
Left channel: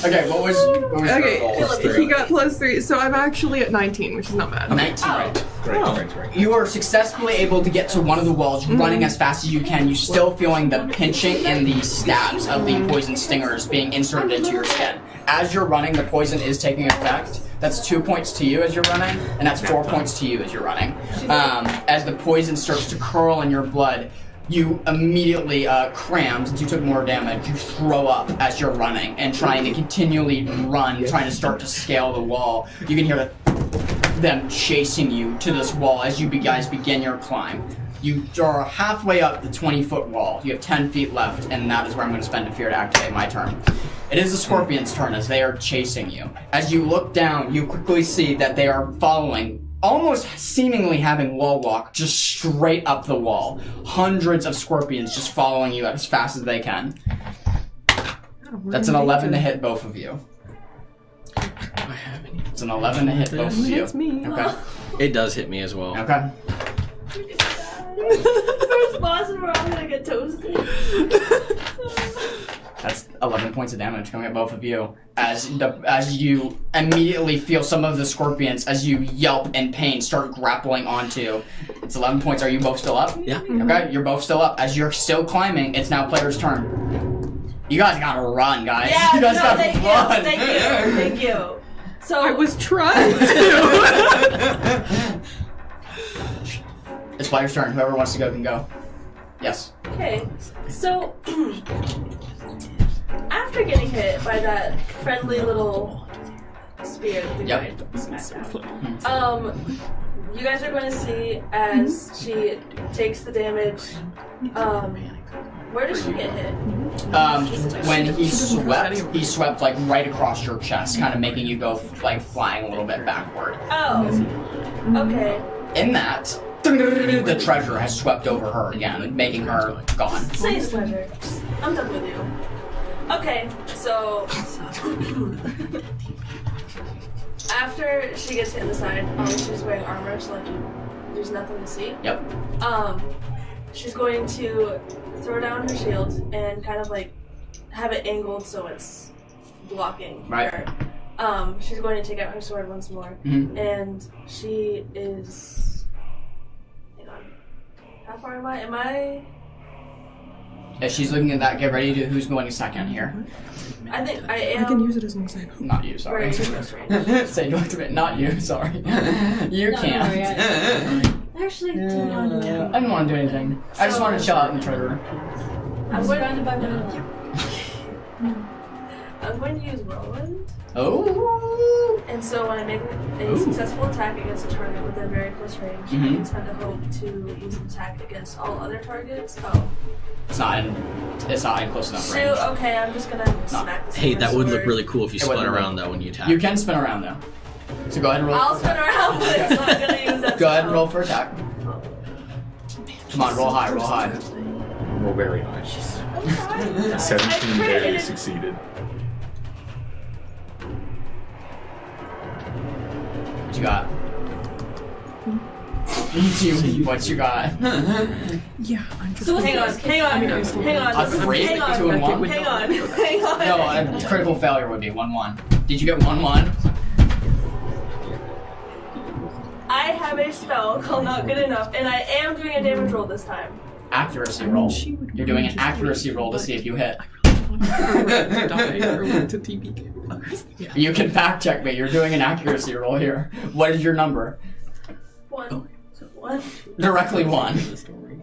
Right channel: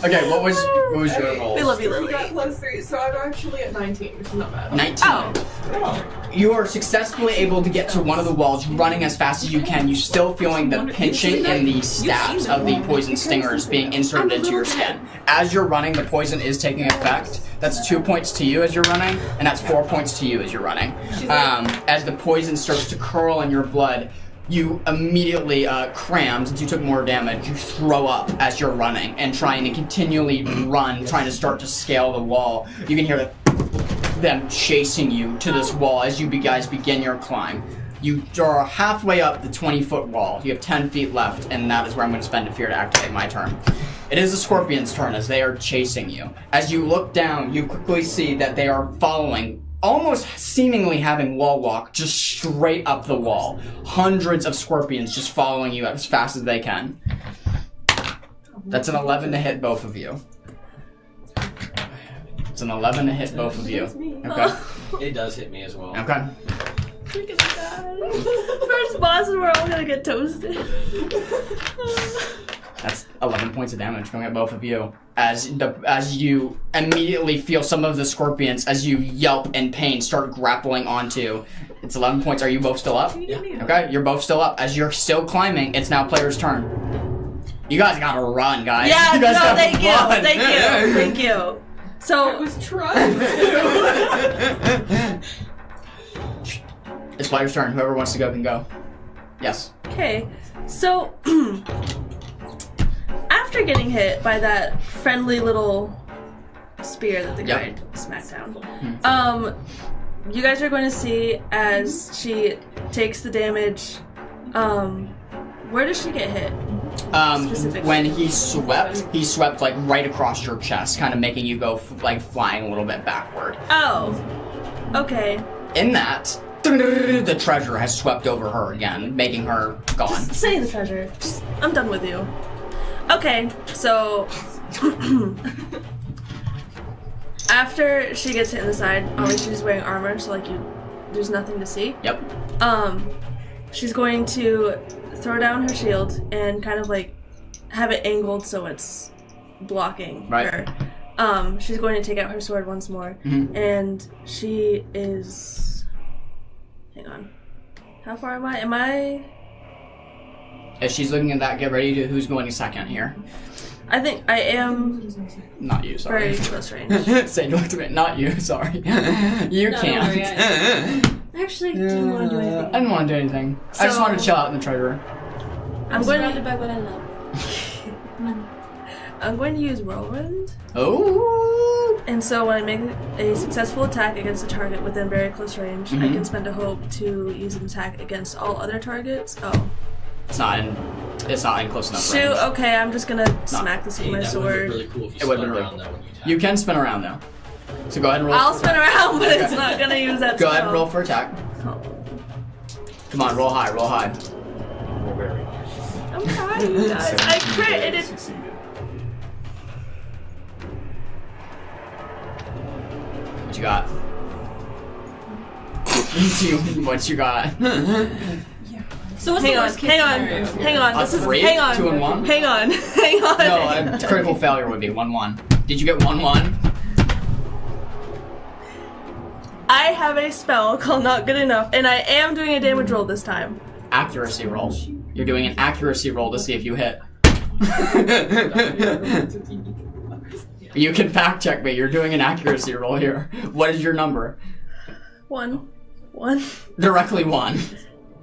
Okay, what was your Okay, roll? he got +3, so I'm actually at 19, which is not bad. 19. Oh. Right. You are successfully able to get to one of the walls, running as fast as you can. You still feeling the pinching and the stabs of the poison stingers being inserted into your skin. As you're running, the poison is taking effect. That's 2 points to you as you're running, and that's 4 points to you as you're running. As the poison starts to curl in your blood, you immediately cram, since you took more damage, you throw up as you're running and trying to continually run, trying to start to scale the wall. You can hear them chasing you to this wall as you guys begin your climb. You are halfway up the 20-foot wall. You have 10 feet left, and that is where I'm going to spend a fear to activate my turn. It is the Scorpion's turn as they are chasing you. As you look down, you quickly see that they are following, almost seemingly having wall walk, just straight up the wall. Hundreds of Scorpions just following you as fast as they can. That's an 11 to hit both of you. It's an 11 to hit both of you. That's me. Okay. It does hit me as well. Okay. First boss and we're all gonna get toasted. That's 11 points of damage going at both of you. As you immediately feel some of the Scorpions, as you yelp in pain, start grappling onto. It's 11 points. Are you both still up? Yeah. Okay, you're both still up. As you're still climbing, it's now player's turn. You guys gotta run, guys. Yeah, you guys no, gotta thank you, run. thank you. So I was trying to. It's player's turn. Whoever wants to go can go. Yes. okay, so after getting hit by that friendly little spear that the guy smacked down, you guys are going to see as she takes the damage. Where does she get hit? When he swept like right across your chest, kind of making you go like flying a little bit backward. Oh, okay. In that, the treasure has swept over her again, making her gone. Say the pleasure. I'm done with you. Okay, so after she gets hit in the side, obviously she's wearing armor, so like there's nothing to see. Yep. She's going to throw down her shield and kind of like have it angled so it's blocking her. She's going to take out her sword once more, and she is. Hang on. How far am I? Am I? As she's looking at that, get ready to. Who's going second here? I think I I can am. use it as an example. Not you, sorry. Very close range. Say you looked at it. Not you, sorry. You No, can't. don't worry, Actually, do you want to do anything? I didn't want to do anything. I just So- wanted to chill out in the treasure room. I'm surrounded by banana. I'm going to use Whirlwind. Oh. And so when I make a successful attack against a target within very close range, I can spend a hope to use an attack against all other targets. Oh. It's not in close enough Shoot, range. okay, I'm just gonna smack this Hey, with my that would sword. look really cool if you It would spun look around though when you attack. You can spin around though. So go ahead and roll. I'll for spin attack. around, but it's not gonna use that Go ahead and spell. roll for attack. Come on, roll high, roll high. Roll very high. I'm trying, guys. I 17 crit barely it. succeeded. What you got? What you got? Yeah, I'm just... So what's Hang the on, worst case hang on, scenario? hang on. A This is, 3? hang on, 2 and 1? hang on, hang on. No, a critical failure would be 1-1. Did you get 1-1? I have a spell called Not Good Enough, and I am doing a damage roll this time. Accuracy roll. You're doing an accuracy roll to see if you hit. You can fact check me. You're doing an accuracy roll here. What is your number? 1. Directly 1.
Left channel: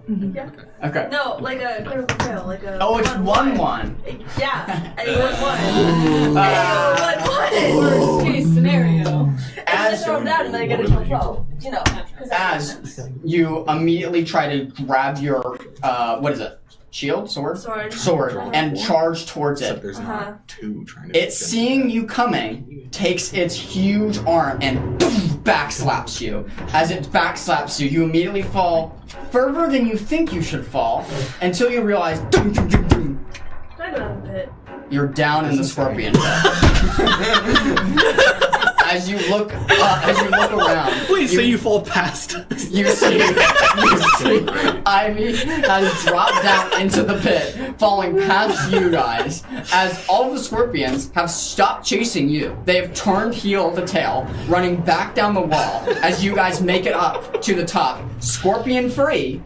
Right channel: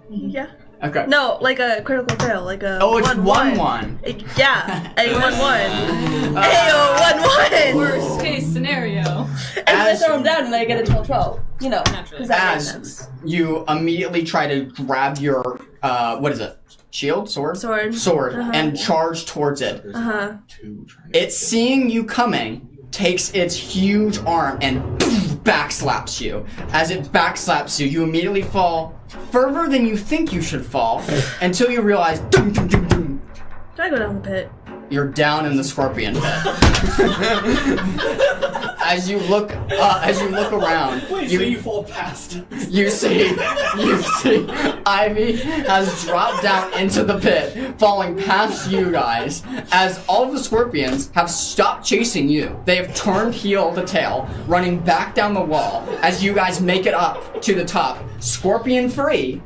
Yeah. Okay. No, like a critical fail, like a. Oh, it's 1-1. Yeah, a 1-1. Ayo, 1-1. Worst case scenario. And then I throw him down, and then I get a 12-12. You know, because that makes As sense. you immediately try to grab your, what is it? Shield? Sword? Sword. And charge towards it. There's Uh-huh. two trying to. It's seeing you coming, takes its huge arm and backslaps you. As it backslaps you, you immediately fall further than you think you should fall until you realize Can I go down the pit? you're down in the scorpion pit. As you look around, Wait, so you fall past? you see Ivy has dropped down into the pit, falling past you guys, as all of the scorpions have stopped chasing you. They have turned heel to tail, running back down the wall as you guys make it up to the top, scorpion free,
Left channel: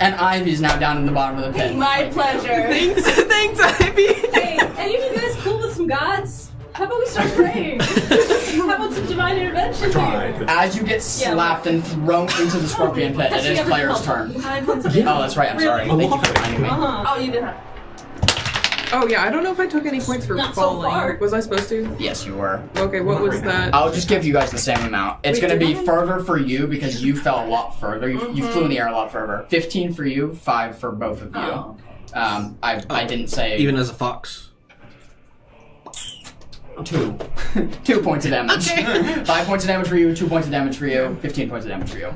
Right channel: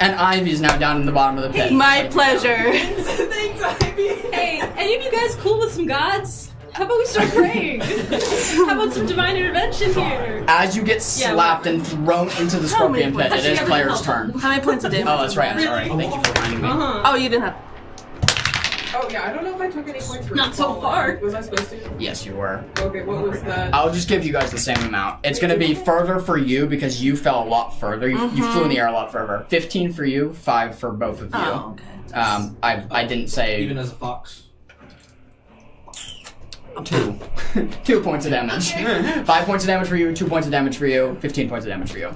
and Ivy's now down in the bottom of the pit. My pleasure. Thanks, Ivy. Hey, any of you guys cool with some gods? How about we start praying? How about some divine intervention here? As you get slapped and thrown into the scorpion pit, it is player's turn. How many points of Oh, damage? that's right, I'm sorry. Thank you for reminding me. Uh-huh. Oh, you didn't have. Oh yeah, I don't know if I took any points for Not so falling. far. Was I supposed to? Yes, you were. Okay, what was that? I'll just give you guys the same amount. It's Wait, going to be did I- further for you because you fell a lot further. You flew in the air a lot further. 15 for you, 5 for both of you. Oh, okay. I didn't say Even as a fox. 2. 2 points of damage. 5 points of damage for you, 2 points of damage for you, 15 points of damage for you.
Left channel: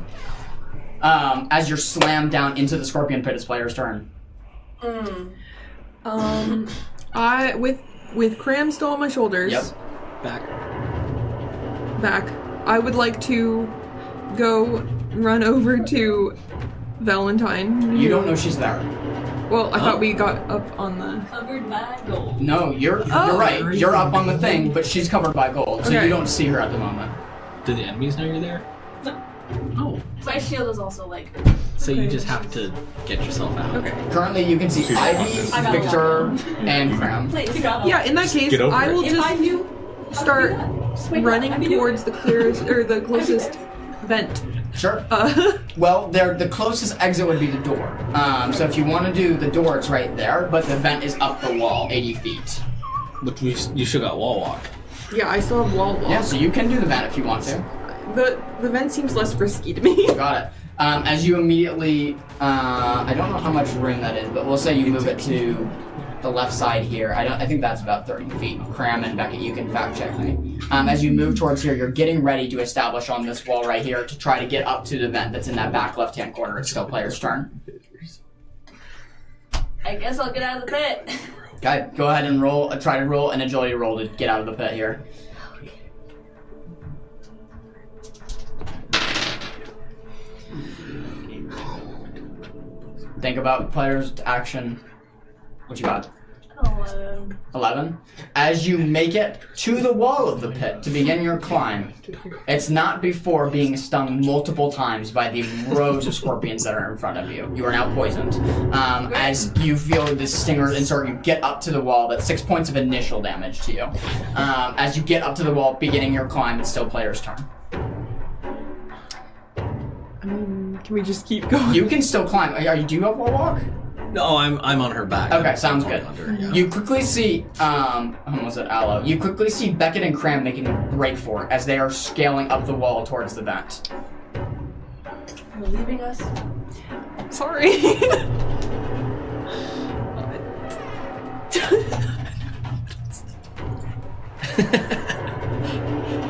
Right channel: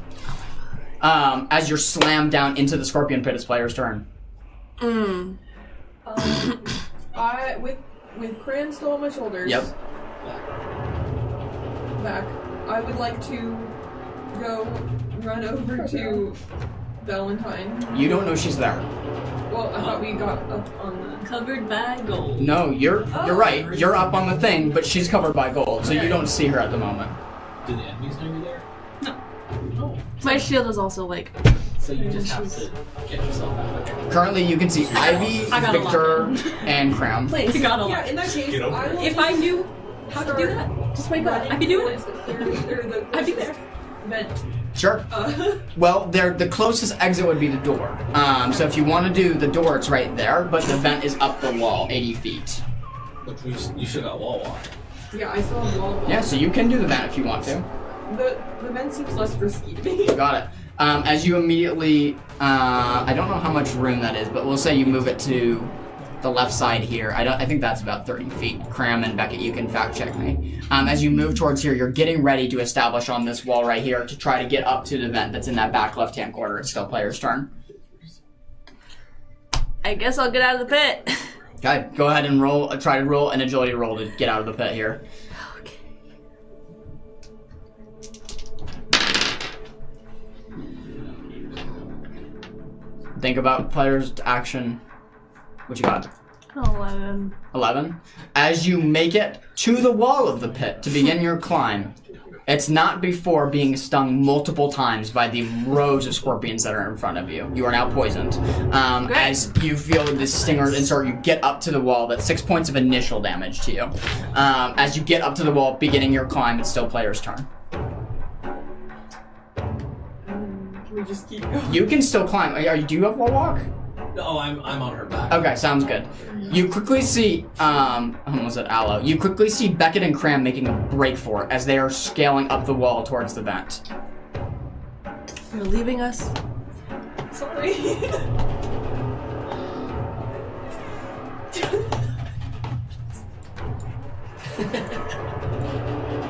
As you're slammed down into the scorpion pit, it's player's turn. I with Cram still on my shoulders. Yep. Back. I would like to go run over to Valentine. You don't know she's there. Well, I thought we got up on the. Covered by gold. No, you're right. You're up on the thing, but she's covered by gold, so Okay. you don't see her at the moment. Do the enemies know you're there? No. Oh. My shield is also like. So you just have to get yourself out. Okay. Currently, you can see Ivy, I got Victor, and Cram. Please. Yeah, in that case, get over I it. will If I just knew how to do start that, just wake up. running I'd be doing towards it. the clearest or the closest vent. Sure. Uh, Well, the closest exit would be the door. So if you want to do the door, it's right there, but the vent is up the wall, 80 feet. But you should got wall walk. yeah, I still have wall walk. Yeah, so you can do the vent if you want to. The vent seems less risky to me. Got it. As you immediately, I don't know how much room that is, but we'll say you move it to the left side here. I think that's about 30 feet. Cram and Beckett, you can fact check me. As you move towards here, you're getting ready to establish on this wall right here to try to get up to the vent that's in that back left-hand corner. It's still player's turn. I guess I'll get out of the pit. Okay, go ahead and roll. Try to roll an agility roll to get out of the pit here. Think about player's action. What you got? 11. 11. As you make it to the wall of the pit to begin your climb, it's not before being stung multiple times by the rows of scorpions that are in front of you. You are now poisoned. As you feel the stingers insert, you get up to the wall. That's 6 points of initial damage to you. As you get up to the wall, beginning your climb, it's still player's turn. Can we just keep going? You can still climb. Do you have wall walk? No, I'm on her back. Okay, sounds good. Yeah. You quickly see, was it Aloe? You quickly see Beckett and Cram making a break for it as they are scaling up the wall towards the vent. You're leaving us? Sorry.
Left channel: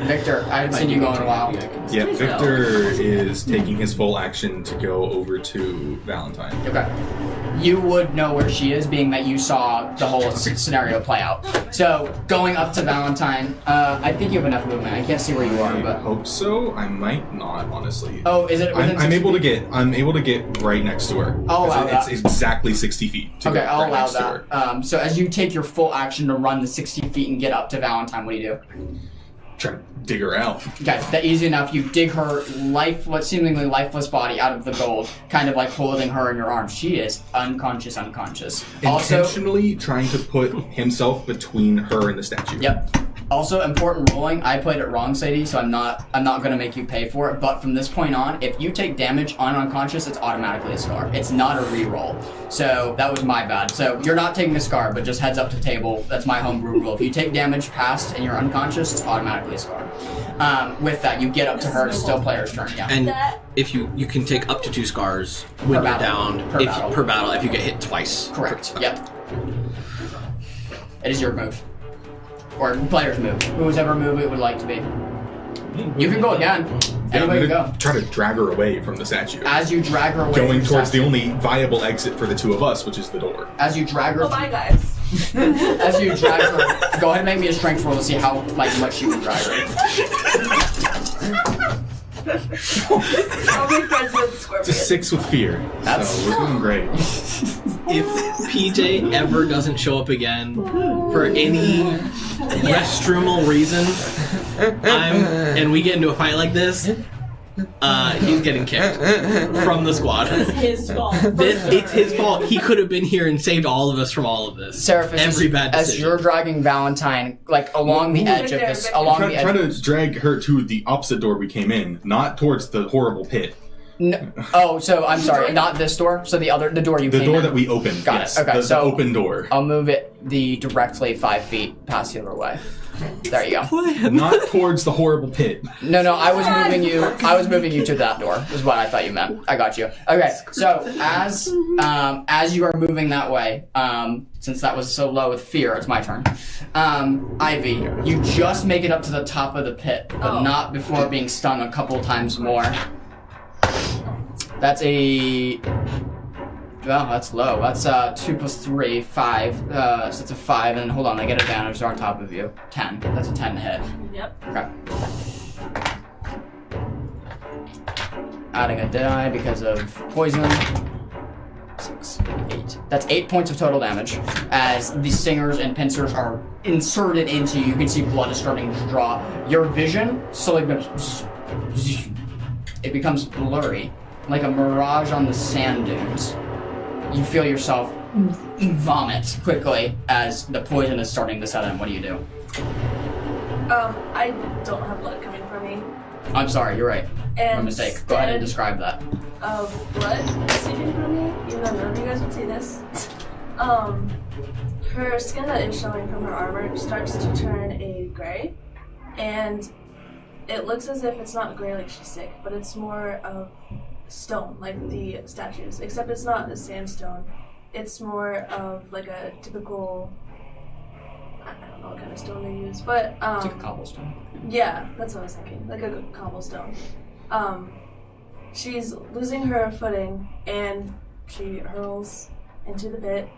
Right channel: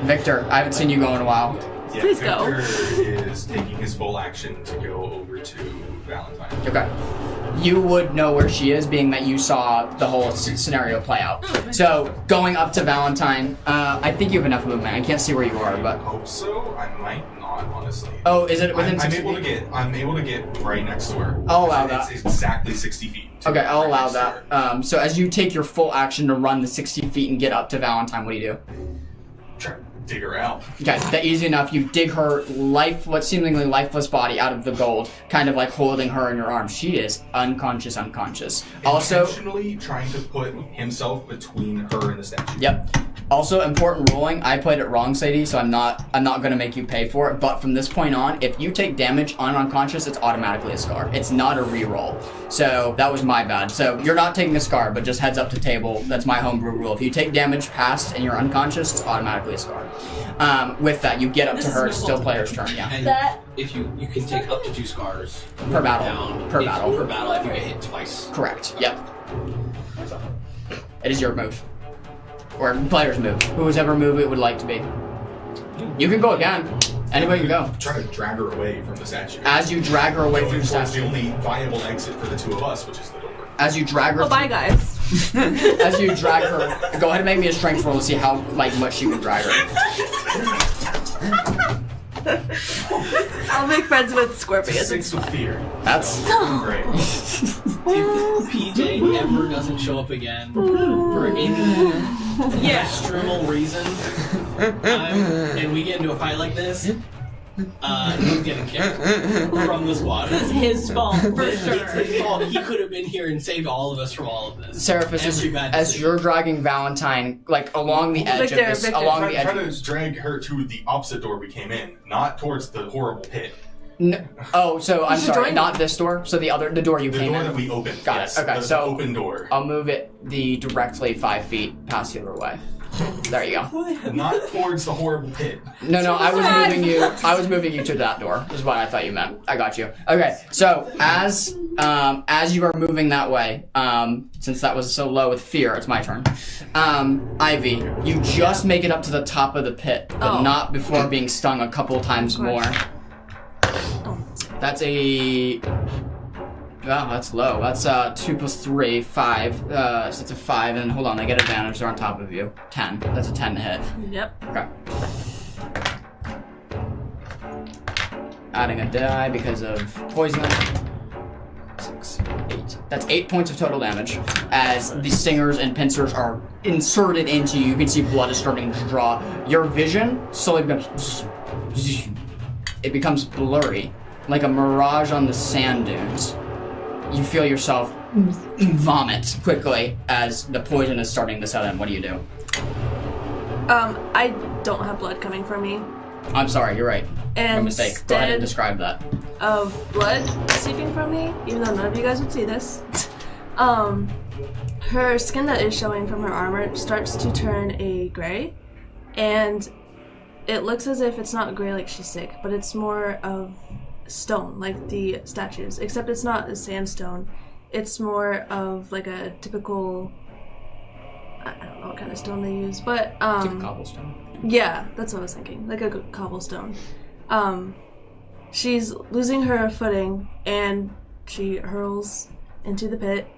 Victor, I haven't seen you go in a while. Yeah, Please go. Victor is taking his full action to go over to Valentine. Okay. You would know where she is, being that you saw the whole scenario play out. So, going up to Valentine, I think you have enough movement. I can't see where you are, I but... hope so. I might not, honestly. Oh, is it within I'm 60 able to feet? I'm able to get right next to her. I'll allow It's that. exactly 60 feet. to Okay, get I'll right allow next to that. her. So as you take your full action to run the 60 feet and get up to Valentine, what do you do? Try to dig her out. Okay, that easy enough. You dig her seemingly lifeless body out of the gold, kind of like holding her in your arms. She is unconscious. Also, Intentionally trying to put himself between her and the statue. yep. Also, important ruling. I played it wrong, Sadie, so I'm not gonna make you pay for it. But from this point on, if you take damage on unconscious, it's automatically a scar. It's not a reroll. So that was my bad. So you're not taking a scar, but just heads up to table. That's my homebrew rule. If you take damage past and you're unconscious, it's automatically a scar. With that, you get up to her. It's still player's turn. Yeah. And That- if you can take up to 2 scars when Per you're battle. down. Per battle. Per battle if you get hit twice. Correct. Yep. It is your move. Or player's move. Whoever move it would like to be. You can go again. Anywhere you go. Try to drag her away from the statue. As you drag her away Going from towards the statue. only viable exit for the two of us, which is the door. As you drag her Oh, bye, guys. as you drag her, go ahead and make me a strength roll to see how much you can drag her. I'll be friends with Scorpion. It's a 6 with fear. That's- so we're doing great. If PJ ever doesn't show up again for any restroomal reason, and we get into a fight like this, he's getting kicked from the squad. It's his fault. It's his fault. He could have been here and saved all of us from all of this. Seraphis, Every bad as decision. you're dragging Valentine, like along the edge of Victor, this, Victor. along the Trying edge. to drag her to the opposite door we came in, not towards the horrible pit. Oh, so I'm sorry, join- not this door. So the door you The came door in. that we opened. Got it, yes, okay, the so- open door. I'll move it directly 5 feet past the other way. There you go. Not towards the horrible pit. No, I was moving you. I was moving you to that door. Is what I thought you meant. I got you. Okay, so as you are moving that way, since that was so low with fear, it's my turn. Ivy, you just make it up to the top of the pit, but Oh. not before being stung a couple times more. That's a. Oh, that's low. That's 2 plus 3, 5. So that's a 5, and hold on, I get advantage. They're on top of you. 10. That's a 10 to hit. Yep. Okay. Adding a die because of poison. 6, 8. That's 8 points of total damage. As the stingers and pincers are inserted into you, you can see blood is starting to draw. Your vision slowly becomes. It becomes blurry, like a mirage on the sand dunes. You feel yourself vomit quickly as the poison is starting to set in. What do you do? I don't have blood coming from me. I'm sorry, you're right. And My mistake. Go ahead and instead describe that. of blood seeping from me, even though none of you guys would see this. Her skin that is showing from her armor starts to turn a gray, and it looks as if it's not gray like she's sick, but it's more of stone, like the statues, except it's not a sandstone. It's more of like a typical, I don't know what kind of stone they use, but It's like a cobblestone. yeah, that's what I was thinking, like a cobblestone. She's losing her footing and she hurls into the pit,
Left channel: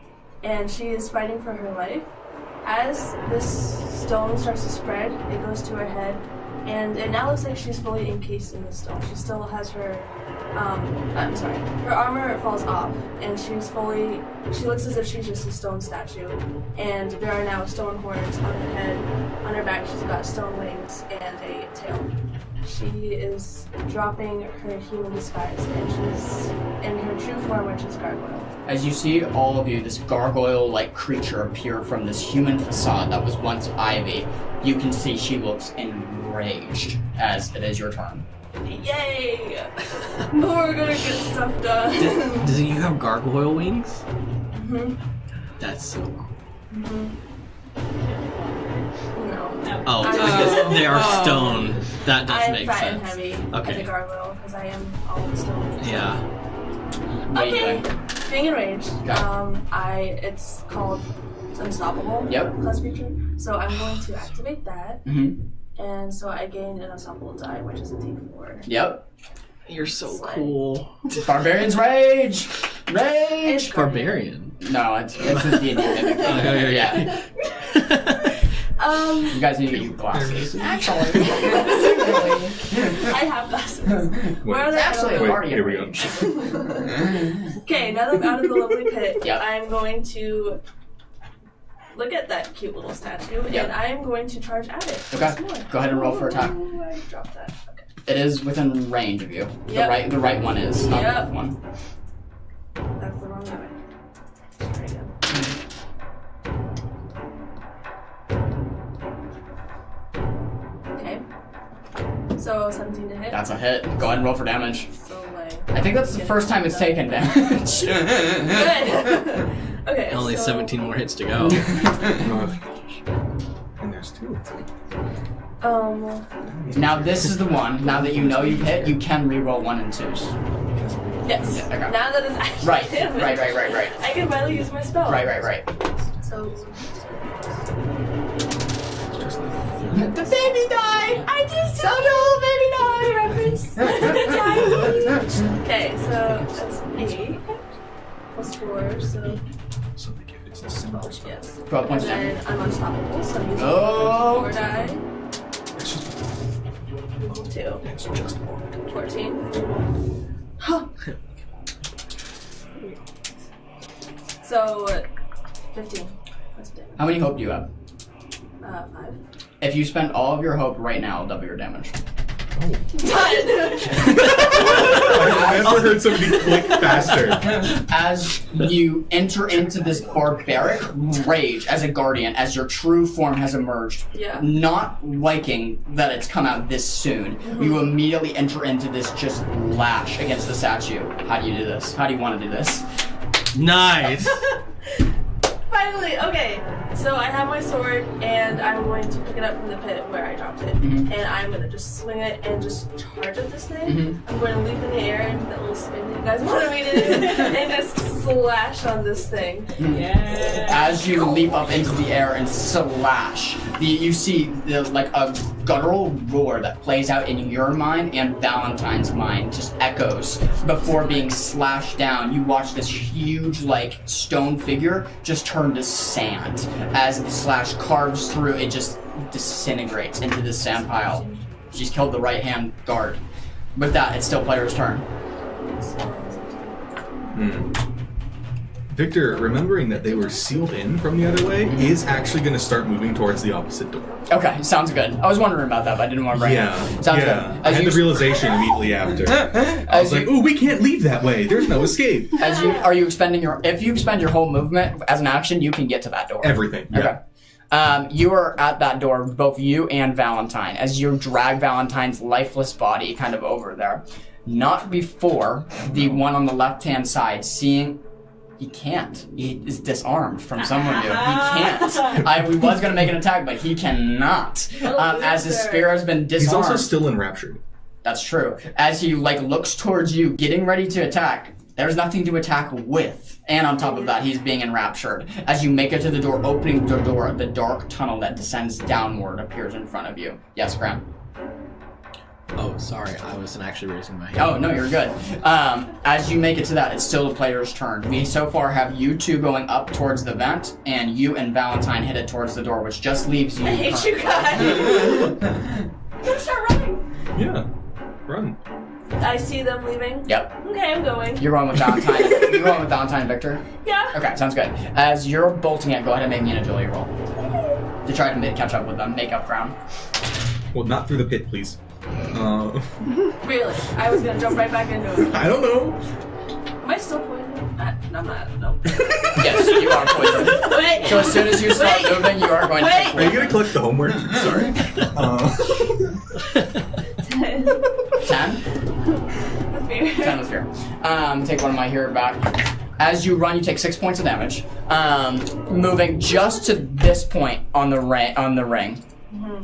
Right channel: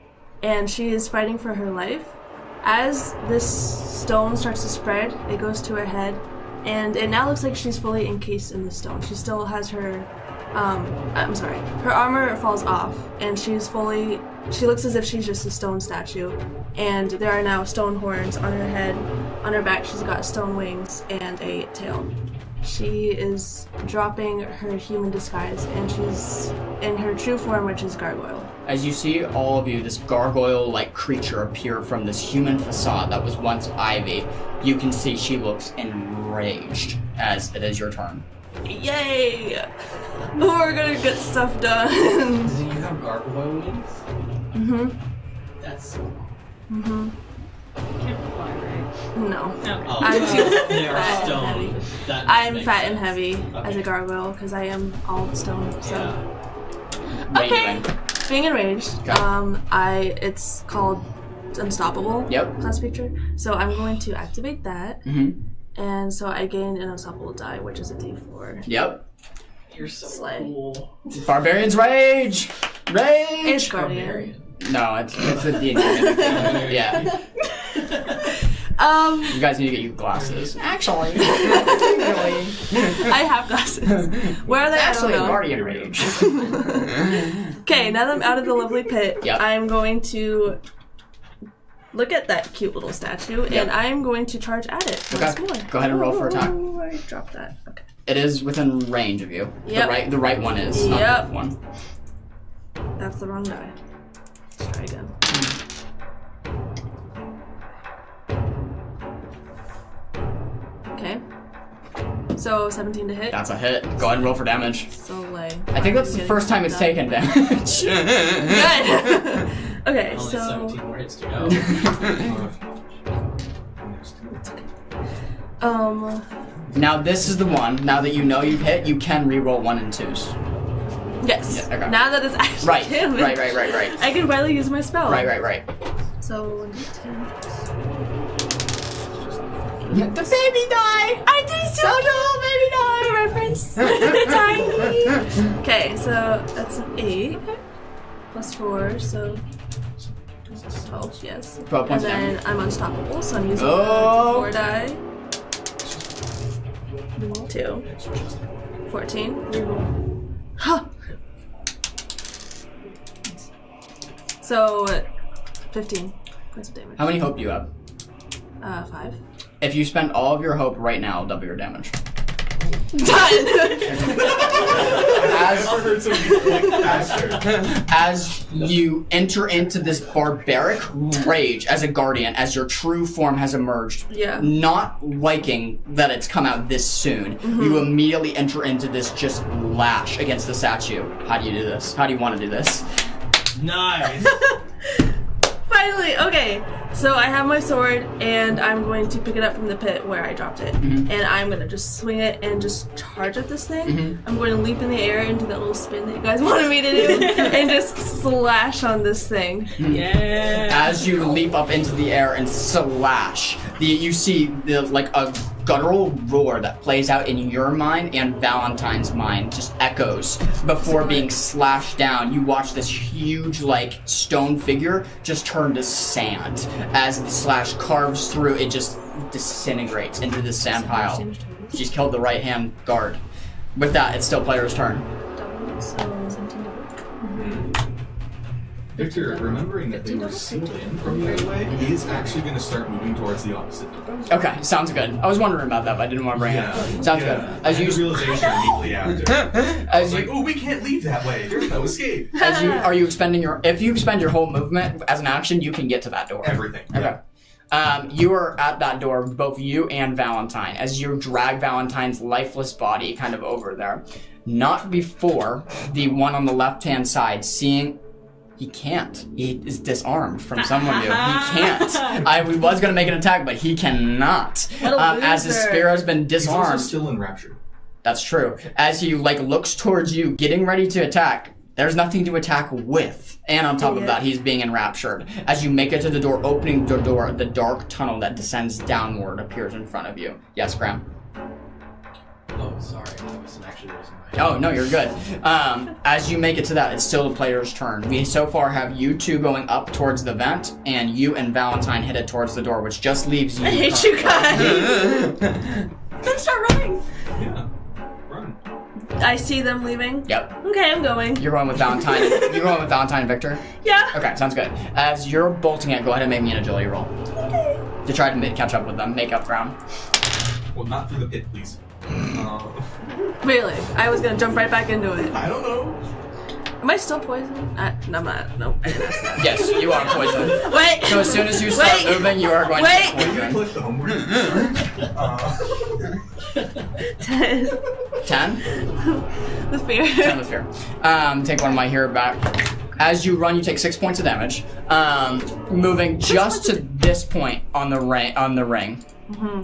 and she is fighting for her life. As this stone starts to spread, it goes to her head, and it now looks like she's fully encased in the stone. She still has her, her armor falls off, and she looks as if she's just a stone statue, and there are now stone horns on her head. On her back, she's got stone wings and a tail. She is dropping her human disguise, and she's in her true form, which is Gargoyle. As you see all of you, this gargoyle-like creature appear from this human facade that was once Ivy, you can see she looks enraged as it is your turn. Yay! We're gonna get stuff done. Do you have gargoyle wings? Mhm. That's so cool. Mhm. No. Oh, I'm- they are stone. That I am makes fat sense. and heavy as Okay. a gargoyle because I am all stone. So. Yeah. What are you Okay. doing? Being enraged. Okay. It's called Unstoppable. Yep. Class feature. So I'm going to activate that, Mm-hmm. and so I gain an unstoppable die, which is a D4. Yep. You're so Slay. cool. Barbarian's rage! It's Rage! Barbarian. No, it's a D&D. Yeah. You guys need to get you glasses. Actually. I have glasses. Where are they? I don't Actually, know. Guardian Here we go. rage. Okay, now that I'm out of the lovely pit, Yep. I am going to look at that cute little statue, Yep. and I am going to charge at it. Okay. Once more. Go ahead and roll for attack. Ooh, I dropped that. Okay. It is within range of you. Yep. The right one is, not the Yep. left one. That's the wrong guy. Let's try again. Okay. So 17 to hit. That's a hit. Go ahead and roll for damage. So like. I think that's the first time it's taken damage. Good. Okay. Only so, 17 more hits to go. And there's two. Now this is the one. Now that you know you've hit, you can re-roll 1 and 2s. Yes. Yeah, okay. Now that it's actually Right. damage, Right. I can finally use my spell. Right. So. The baby died! I did So no, baby died! reference. Okay, so that's an 8 plus 4, so 12, yes. 12 points And damage. then I'm unstoppable, so I'm using Oh. 4 die. 2. 14. Huh. So, 15. That's damage. How many hope do you have? 5. If you spend all of your hope right now, I'll double your damage. Done! I've never heard somebody click faster. As you enter into this barbaric rage as a guardian, as your true form has emerged, Yeah. not liking that it's come out this soon, you immediately enter into this just lash against the statue. How do you do this? How do you want to do this? Nice. Finally, okay. So I have my sword, and I'm going to pick it up from the pit where I dropped it. Mhm. And I'm going to just swing it and just charge at this thing. Mhm. I'm going to leap in the air into that little spin that you guys wanted me to do, and just slash on this thing. Yeah. As you leap up into the air and slash, you see like a guttural roar that plays out in your mind and Valentine's mind, just echoes before being slashed down. You watch this huge like stone figure just turn to sand. As the slash carves through, it just disintegrates into the sand pile. She's killed the right hand guard. With that, it's still player's turn. Victor, remembering that they were sealed in from the other way, is actually going to start moving towards the opposite door. Okay, sounds good. I was wondering about that, but I didn't want to bring it. Sounds good. I As had you the realization immediately after. I as was like, you ooh, we can't leave that way. There's no escape. are you expending your if you expend your whole movement as an action, you can get to that door. Everything. Okay. You are at that door, both you and Valentine, as you drag Valentine's lifeless body kind of over there. Not before the one on the left-hand side seeing he can't. He is disarmed from someone new. He can't. We was going to make an attack, but he cannot. As his loser. spear has been He's also disarmed. still enraptured. That's true. As he looks towards you, getting ready to attack, there's nothing to attack with. And on top of that, he's being enraptured. As you make it to the door, opening the door, the dark tunnel that descends downward appears in front of you. Yes, Graham? Oh, sorry. I wasn't actually raising my hand. Oh, no, you're good. As you make it to that, it's still the player's turn. We so far have you two going up towards the vent, and you and Valentine headed towards the door, which just leaves you. I hate you guys. Then start running. Yeah. Run. I see them leaving. Yep. Okay, I'm going. You're going with Valentine. You're going with Valentine and Victor? Yeah. Okay, sounds good. As you're bolting it, go ahead and make me an agility roll. To try to catch up with them, make up ground. Well, not through the pit, please. Really? I was gonna jump right back into it. I don't know. Am I still poisoned? No, I'm not. No. Yes, you are poisoned. Wait. So as soon as you start moving, you are going Wait. to Are you going to collect the homework? Sorry. 10, 10? With fear. 10 with fear. Take one of my hero back. As you run, you take 6 points of damage. Moving just to this point on the ring. Mm-hmm.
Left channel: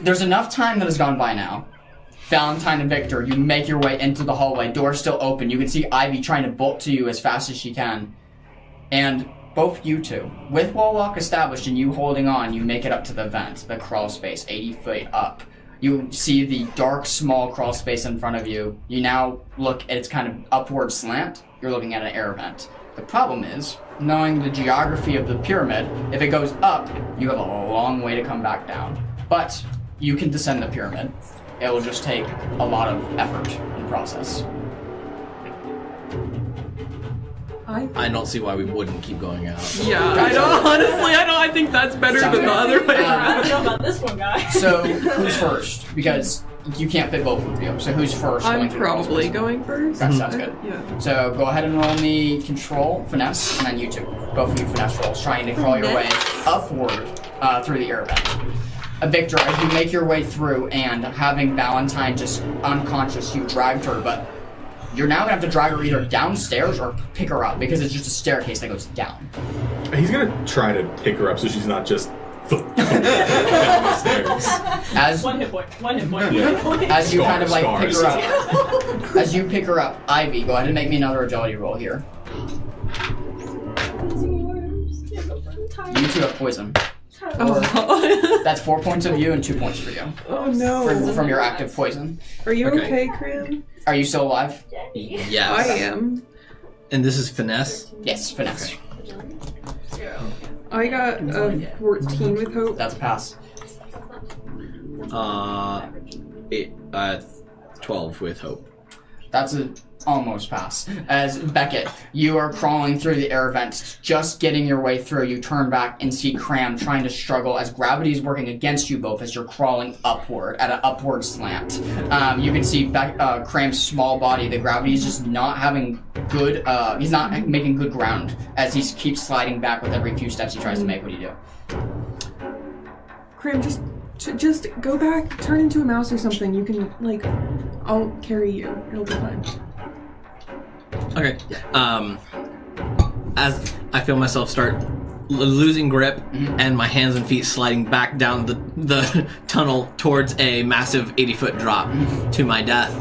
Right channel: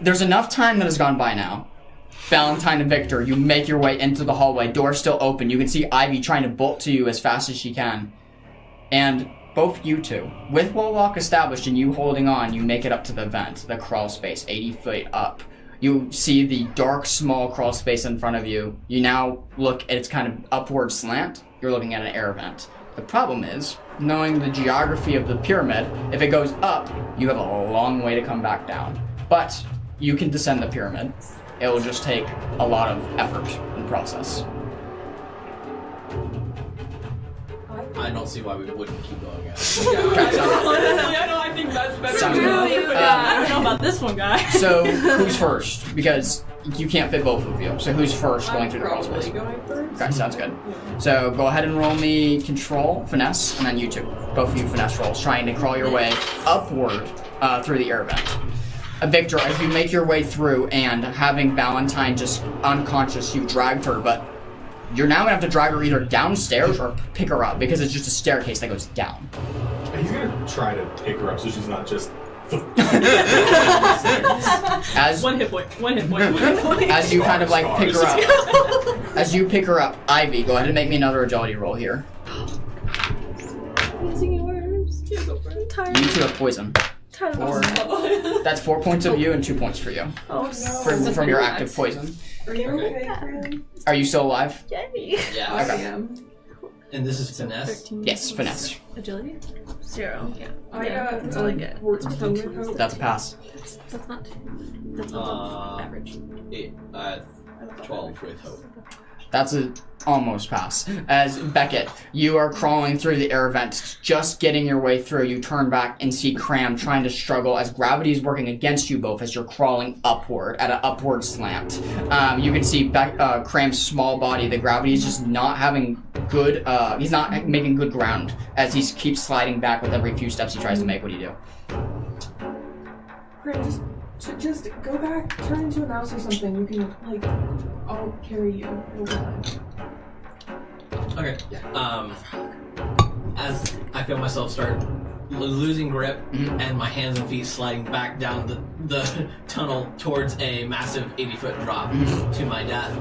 There's enough time that has gone by now. Valentine and Victor, you make your way into the hallway. Door still open. You can see Ivy trying to bolt to you as fast as she can. And both you two, with wall lock established and you holding on, you make it up to the vent, the crawl space, 80 feet up. You see the dark, small crawl space in front of you. You now look at its kind of upward slant. You're looking at an air vent. The problem is, knowing the geography of the pyramid, if it goes up, you have a long way to come back down. But you can descend the pyramid. It will just take a lot of effort and process. I don't see why we wouldn't keep going out. I think that's better Sounds than the good. other way. I don't know about this one, guy. So, who's first? Because you can't fit both of you. So who's first going I'm through the crawl probably space? going first. Okay, sounds good. Yeah. So go ahead and roll me control, finesse, and then you two. Both of you finesse rolls, trying to crawl your way upward through the air vent. Victor, as you make your way through and having Valentine just unconscious, you dragged her, but you're now gonna have to drag her either downstairs or pick her up because it's just a staircase that goes down. He's gonna try to pick her up so she's not just. As One hit point. as you kind of like pick her Scars. up, as you pick her up, Ivy, go ahead and make me another agility roll here. You two have poison. That's 4 points of you and 2 points for you Oh no. from your active poison. Are you Okay. okay, Cram? Are you still alive? Yeah. I am. And this is finesse? Yes, finesse. Agility? 0. Yeah. I got That's all I get. 14 with hope. That's a pass. That's not. That's average. 12 with hope. That's a almost pass. As Beckett, you are crawling through the air vents, just getting your way through. You turn back and see Cram trying to struggle as gravity is working against you both as you're crawling upward at an upward slant. You can see Cram's small body. The gravity is just not having good. He's not making good ground as he keeps sliding back with every few steps he tries to make. What do you do? Cram, just go back, turn into a mouse or something. You can, like, I'll carry you. It'll be fine. Okay. As I feel myself start losing grip and my hands and feet sliding back down the tunnel towards a massive 80-foot drop to my death,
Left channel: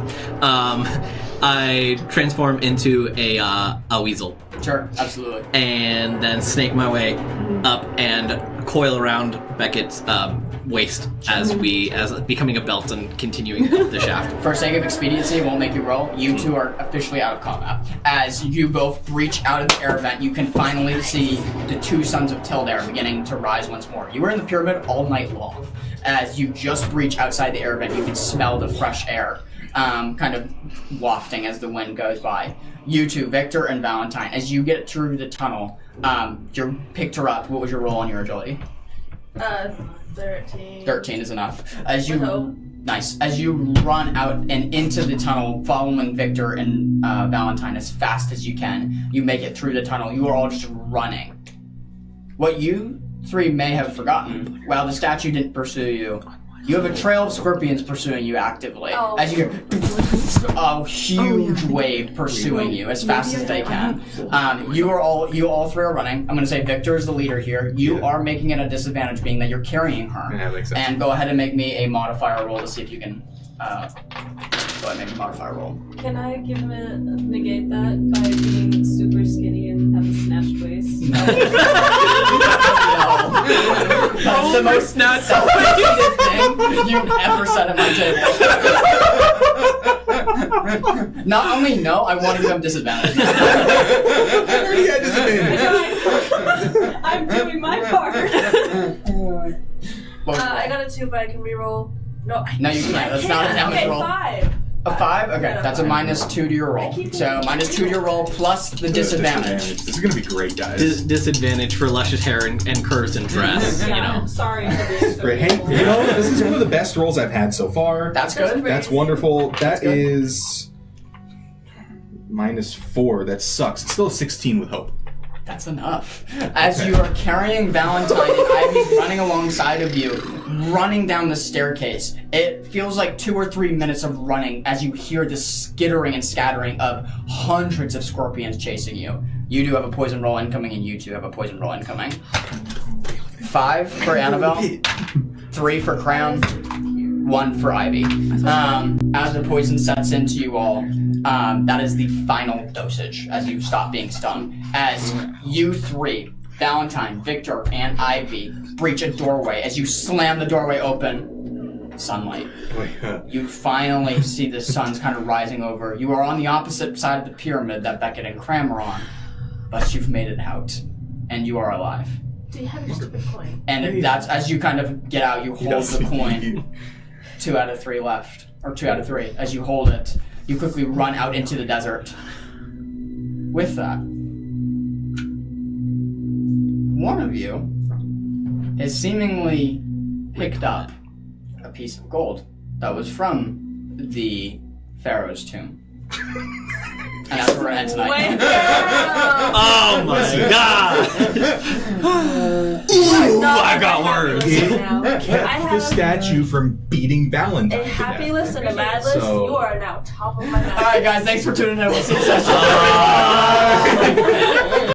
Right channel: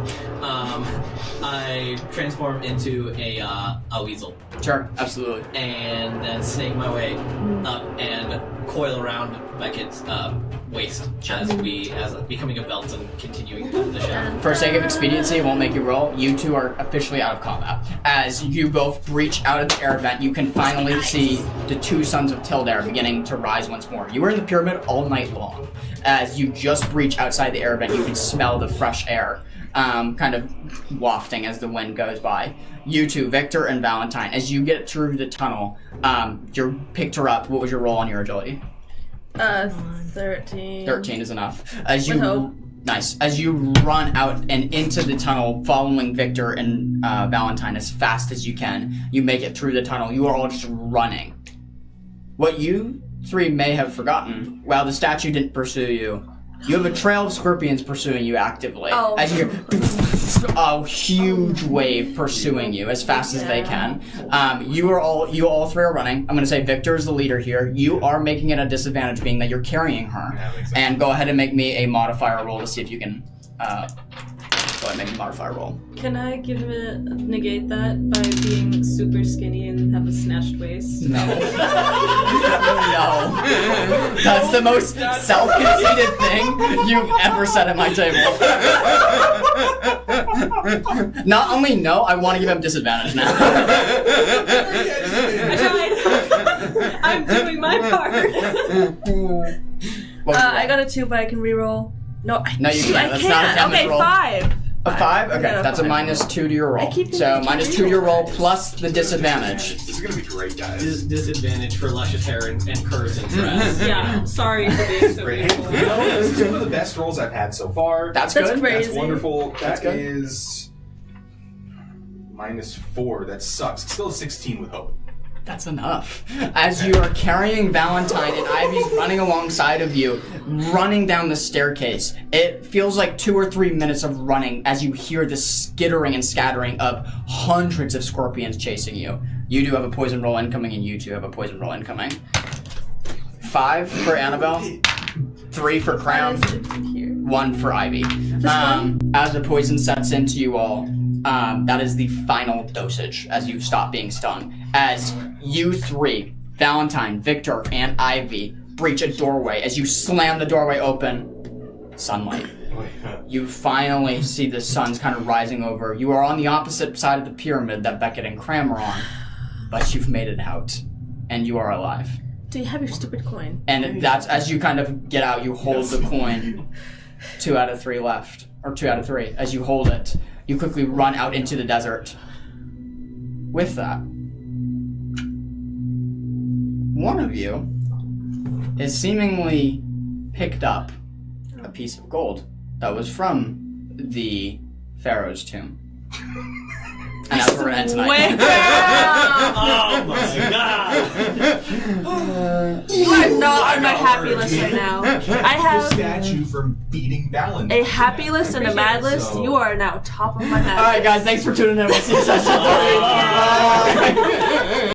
I transform into a weasel. Sure, absolutely. And then snake my way up and coil around Beckett's waist as becoming a belt and continuing the shaft. For sake of expediency, it won't make you roll. You two are officially out of combat. As you both breach out of the air vent, you can finally see the two sons of Tildare beginning to rise once more. You were in the pyramid all night long. As you just breach outside the air vent, you can smell the fresh air, kind of wafting as the wind goes by. You two, Victor and Valentine, as you get through the tunnel, you picked her up. What was your roll on your agility? 13. 13 is enough. As With you hope. Nice. As you run out and into the tunnel, following Victor and Valentine as fast as you can, you make it through the tunnel. You are all just running. What you three may have forgotten, while the statue didn't pursue you, you have a trail of scorpions pursuing you actively. Oh. As you hear a huge wave pursuing you as fast as they can. You all three are running. I'm going to say Victor is the leader here. You are making it a disadvantage, being that you're carrying her. Yeah, makes sense. And go ahead and make me a modifier roll to see if you can. Go ahead and make a modifier roll. Can I negate that by being super skinny and have a snatched waist? No. That's the most self-conceited thing you've ever said at my table. Not only no, I want to give them disadvantage. I'm doing my part. I got a 2, but I can reroll. No, No, you can't. That's not a damage roll. 5. A 5? Okay, Yeah, that's a 5. -2 to your roll. So -2 to your roll plus the disadvantage. This is gonna be great, guys. Disadvantage for luscious hair and curves and dress. Yeah, sorry for being so Great. Hey, beautiful. you know, this is one of the best rolls I've had so far. That's That's good. great. That's Crazy. wonderful. That's That good. is -4. That sucks. It's still a 16 with hope. That's enough. As you are carrying Valentine and Ivy's running alongside of you, running down the staircase, it feels like 2 or 3 minutes of running as you hear the skittering and scattering of hundreds of scorpions chasing you. You do have a poison roll incoming, and you two have a poison roll incoming. 5 for Annabelle, 3 for Crown, 1 for Ivy. As the poison sets into you all, that is the final dosage as you stop being stung. As you three, Valentine, Victor, and Ivy, breach a doorway. As you slam the doorway open, sunlight. You finally see the sun's kind of rising over. You are on the opposite side of the pyramid that Beckett and Cram are on, but you've made it out, and you are alive. Do you have your stupid coin? And that's, as you kind of get out, you hold the coin. 2 out of 3 left, or 2 out of 3. As you hold it, you quickly run out into the desert. With that, one of you has seemingly picked up a piece of gold that was from the Pharaoh's tomb. And that's where we're at tonight. Oh my god! I'm not I on got my happy murdered. list right now. I Kept the have statue from beating Valentine. a happy list and a mad list. So- You are now top of my mad list. Alright guys, thanks for tuning in. We'll see you session.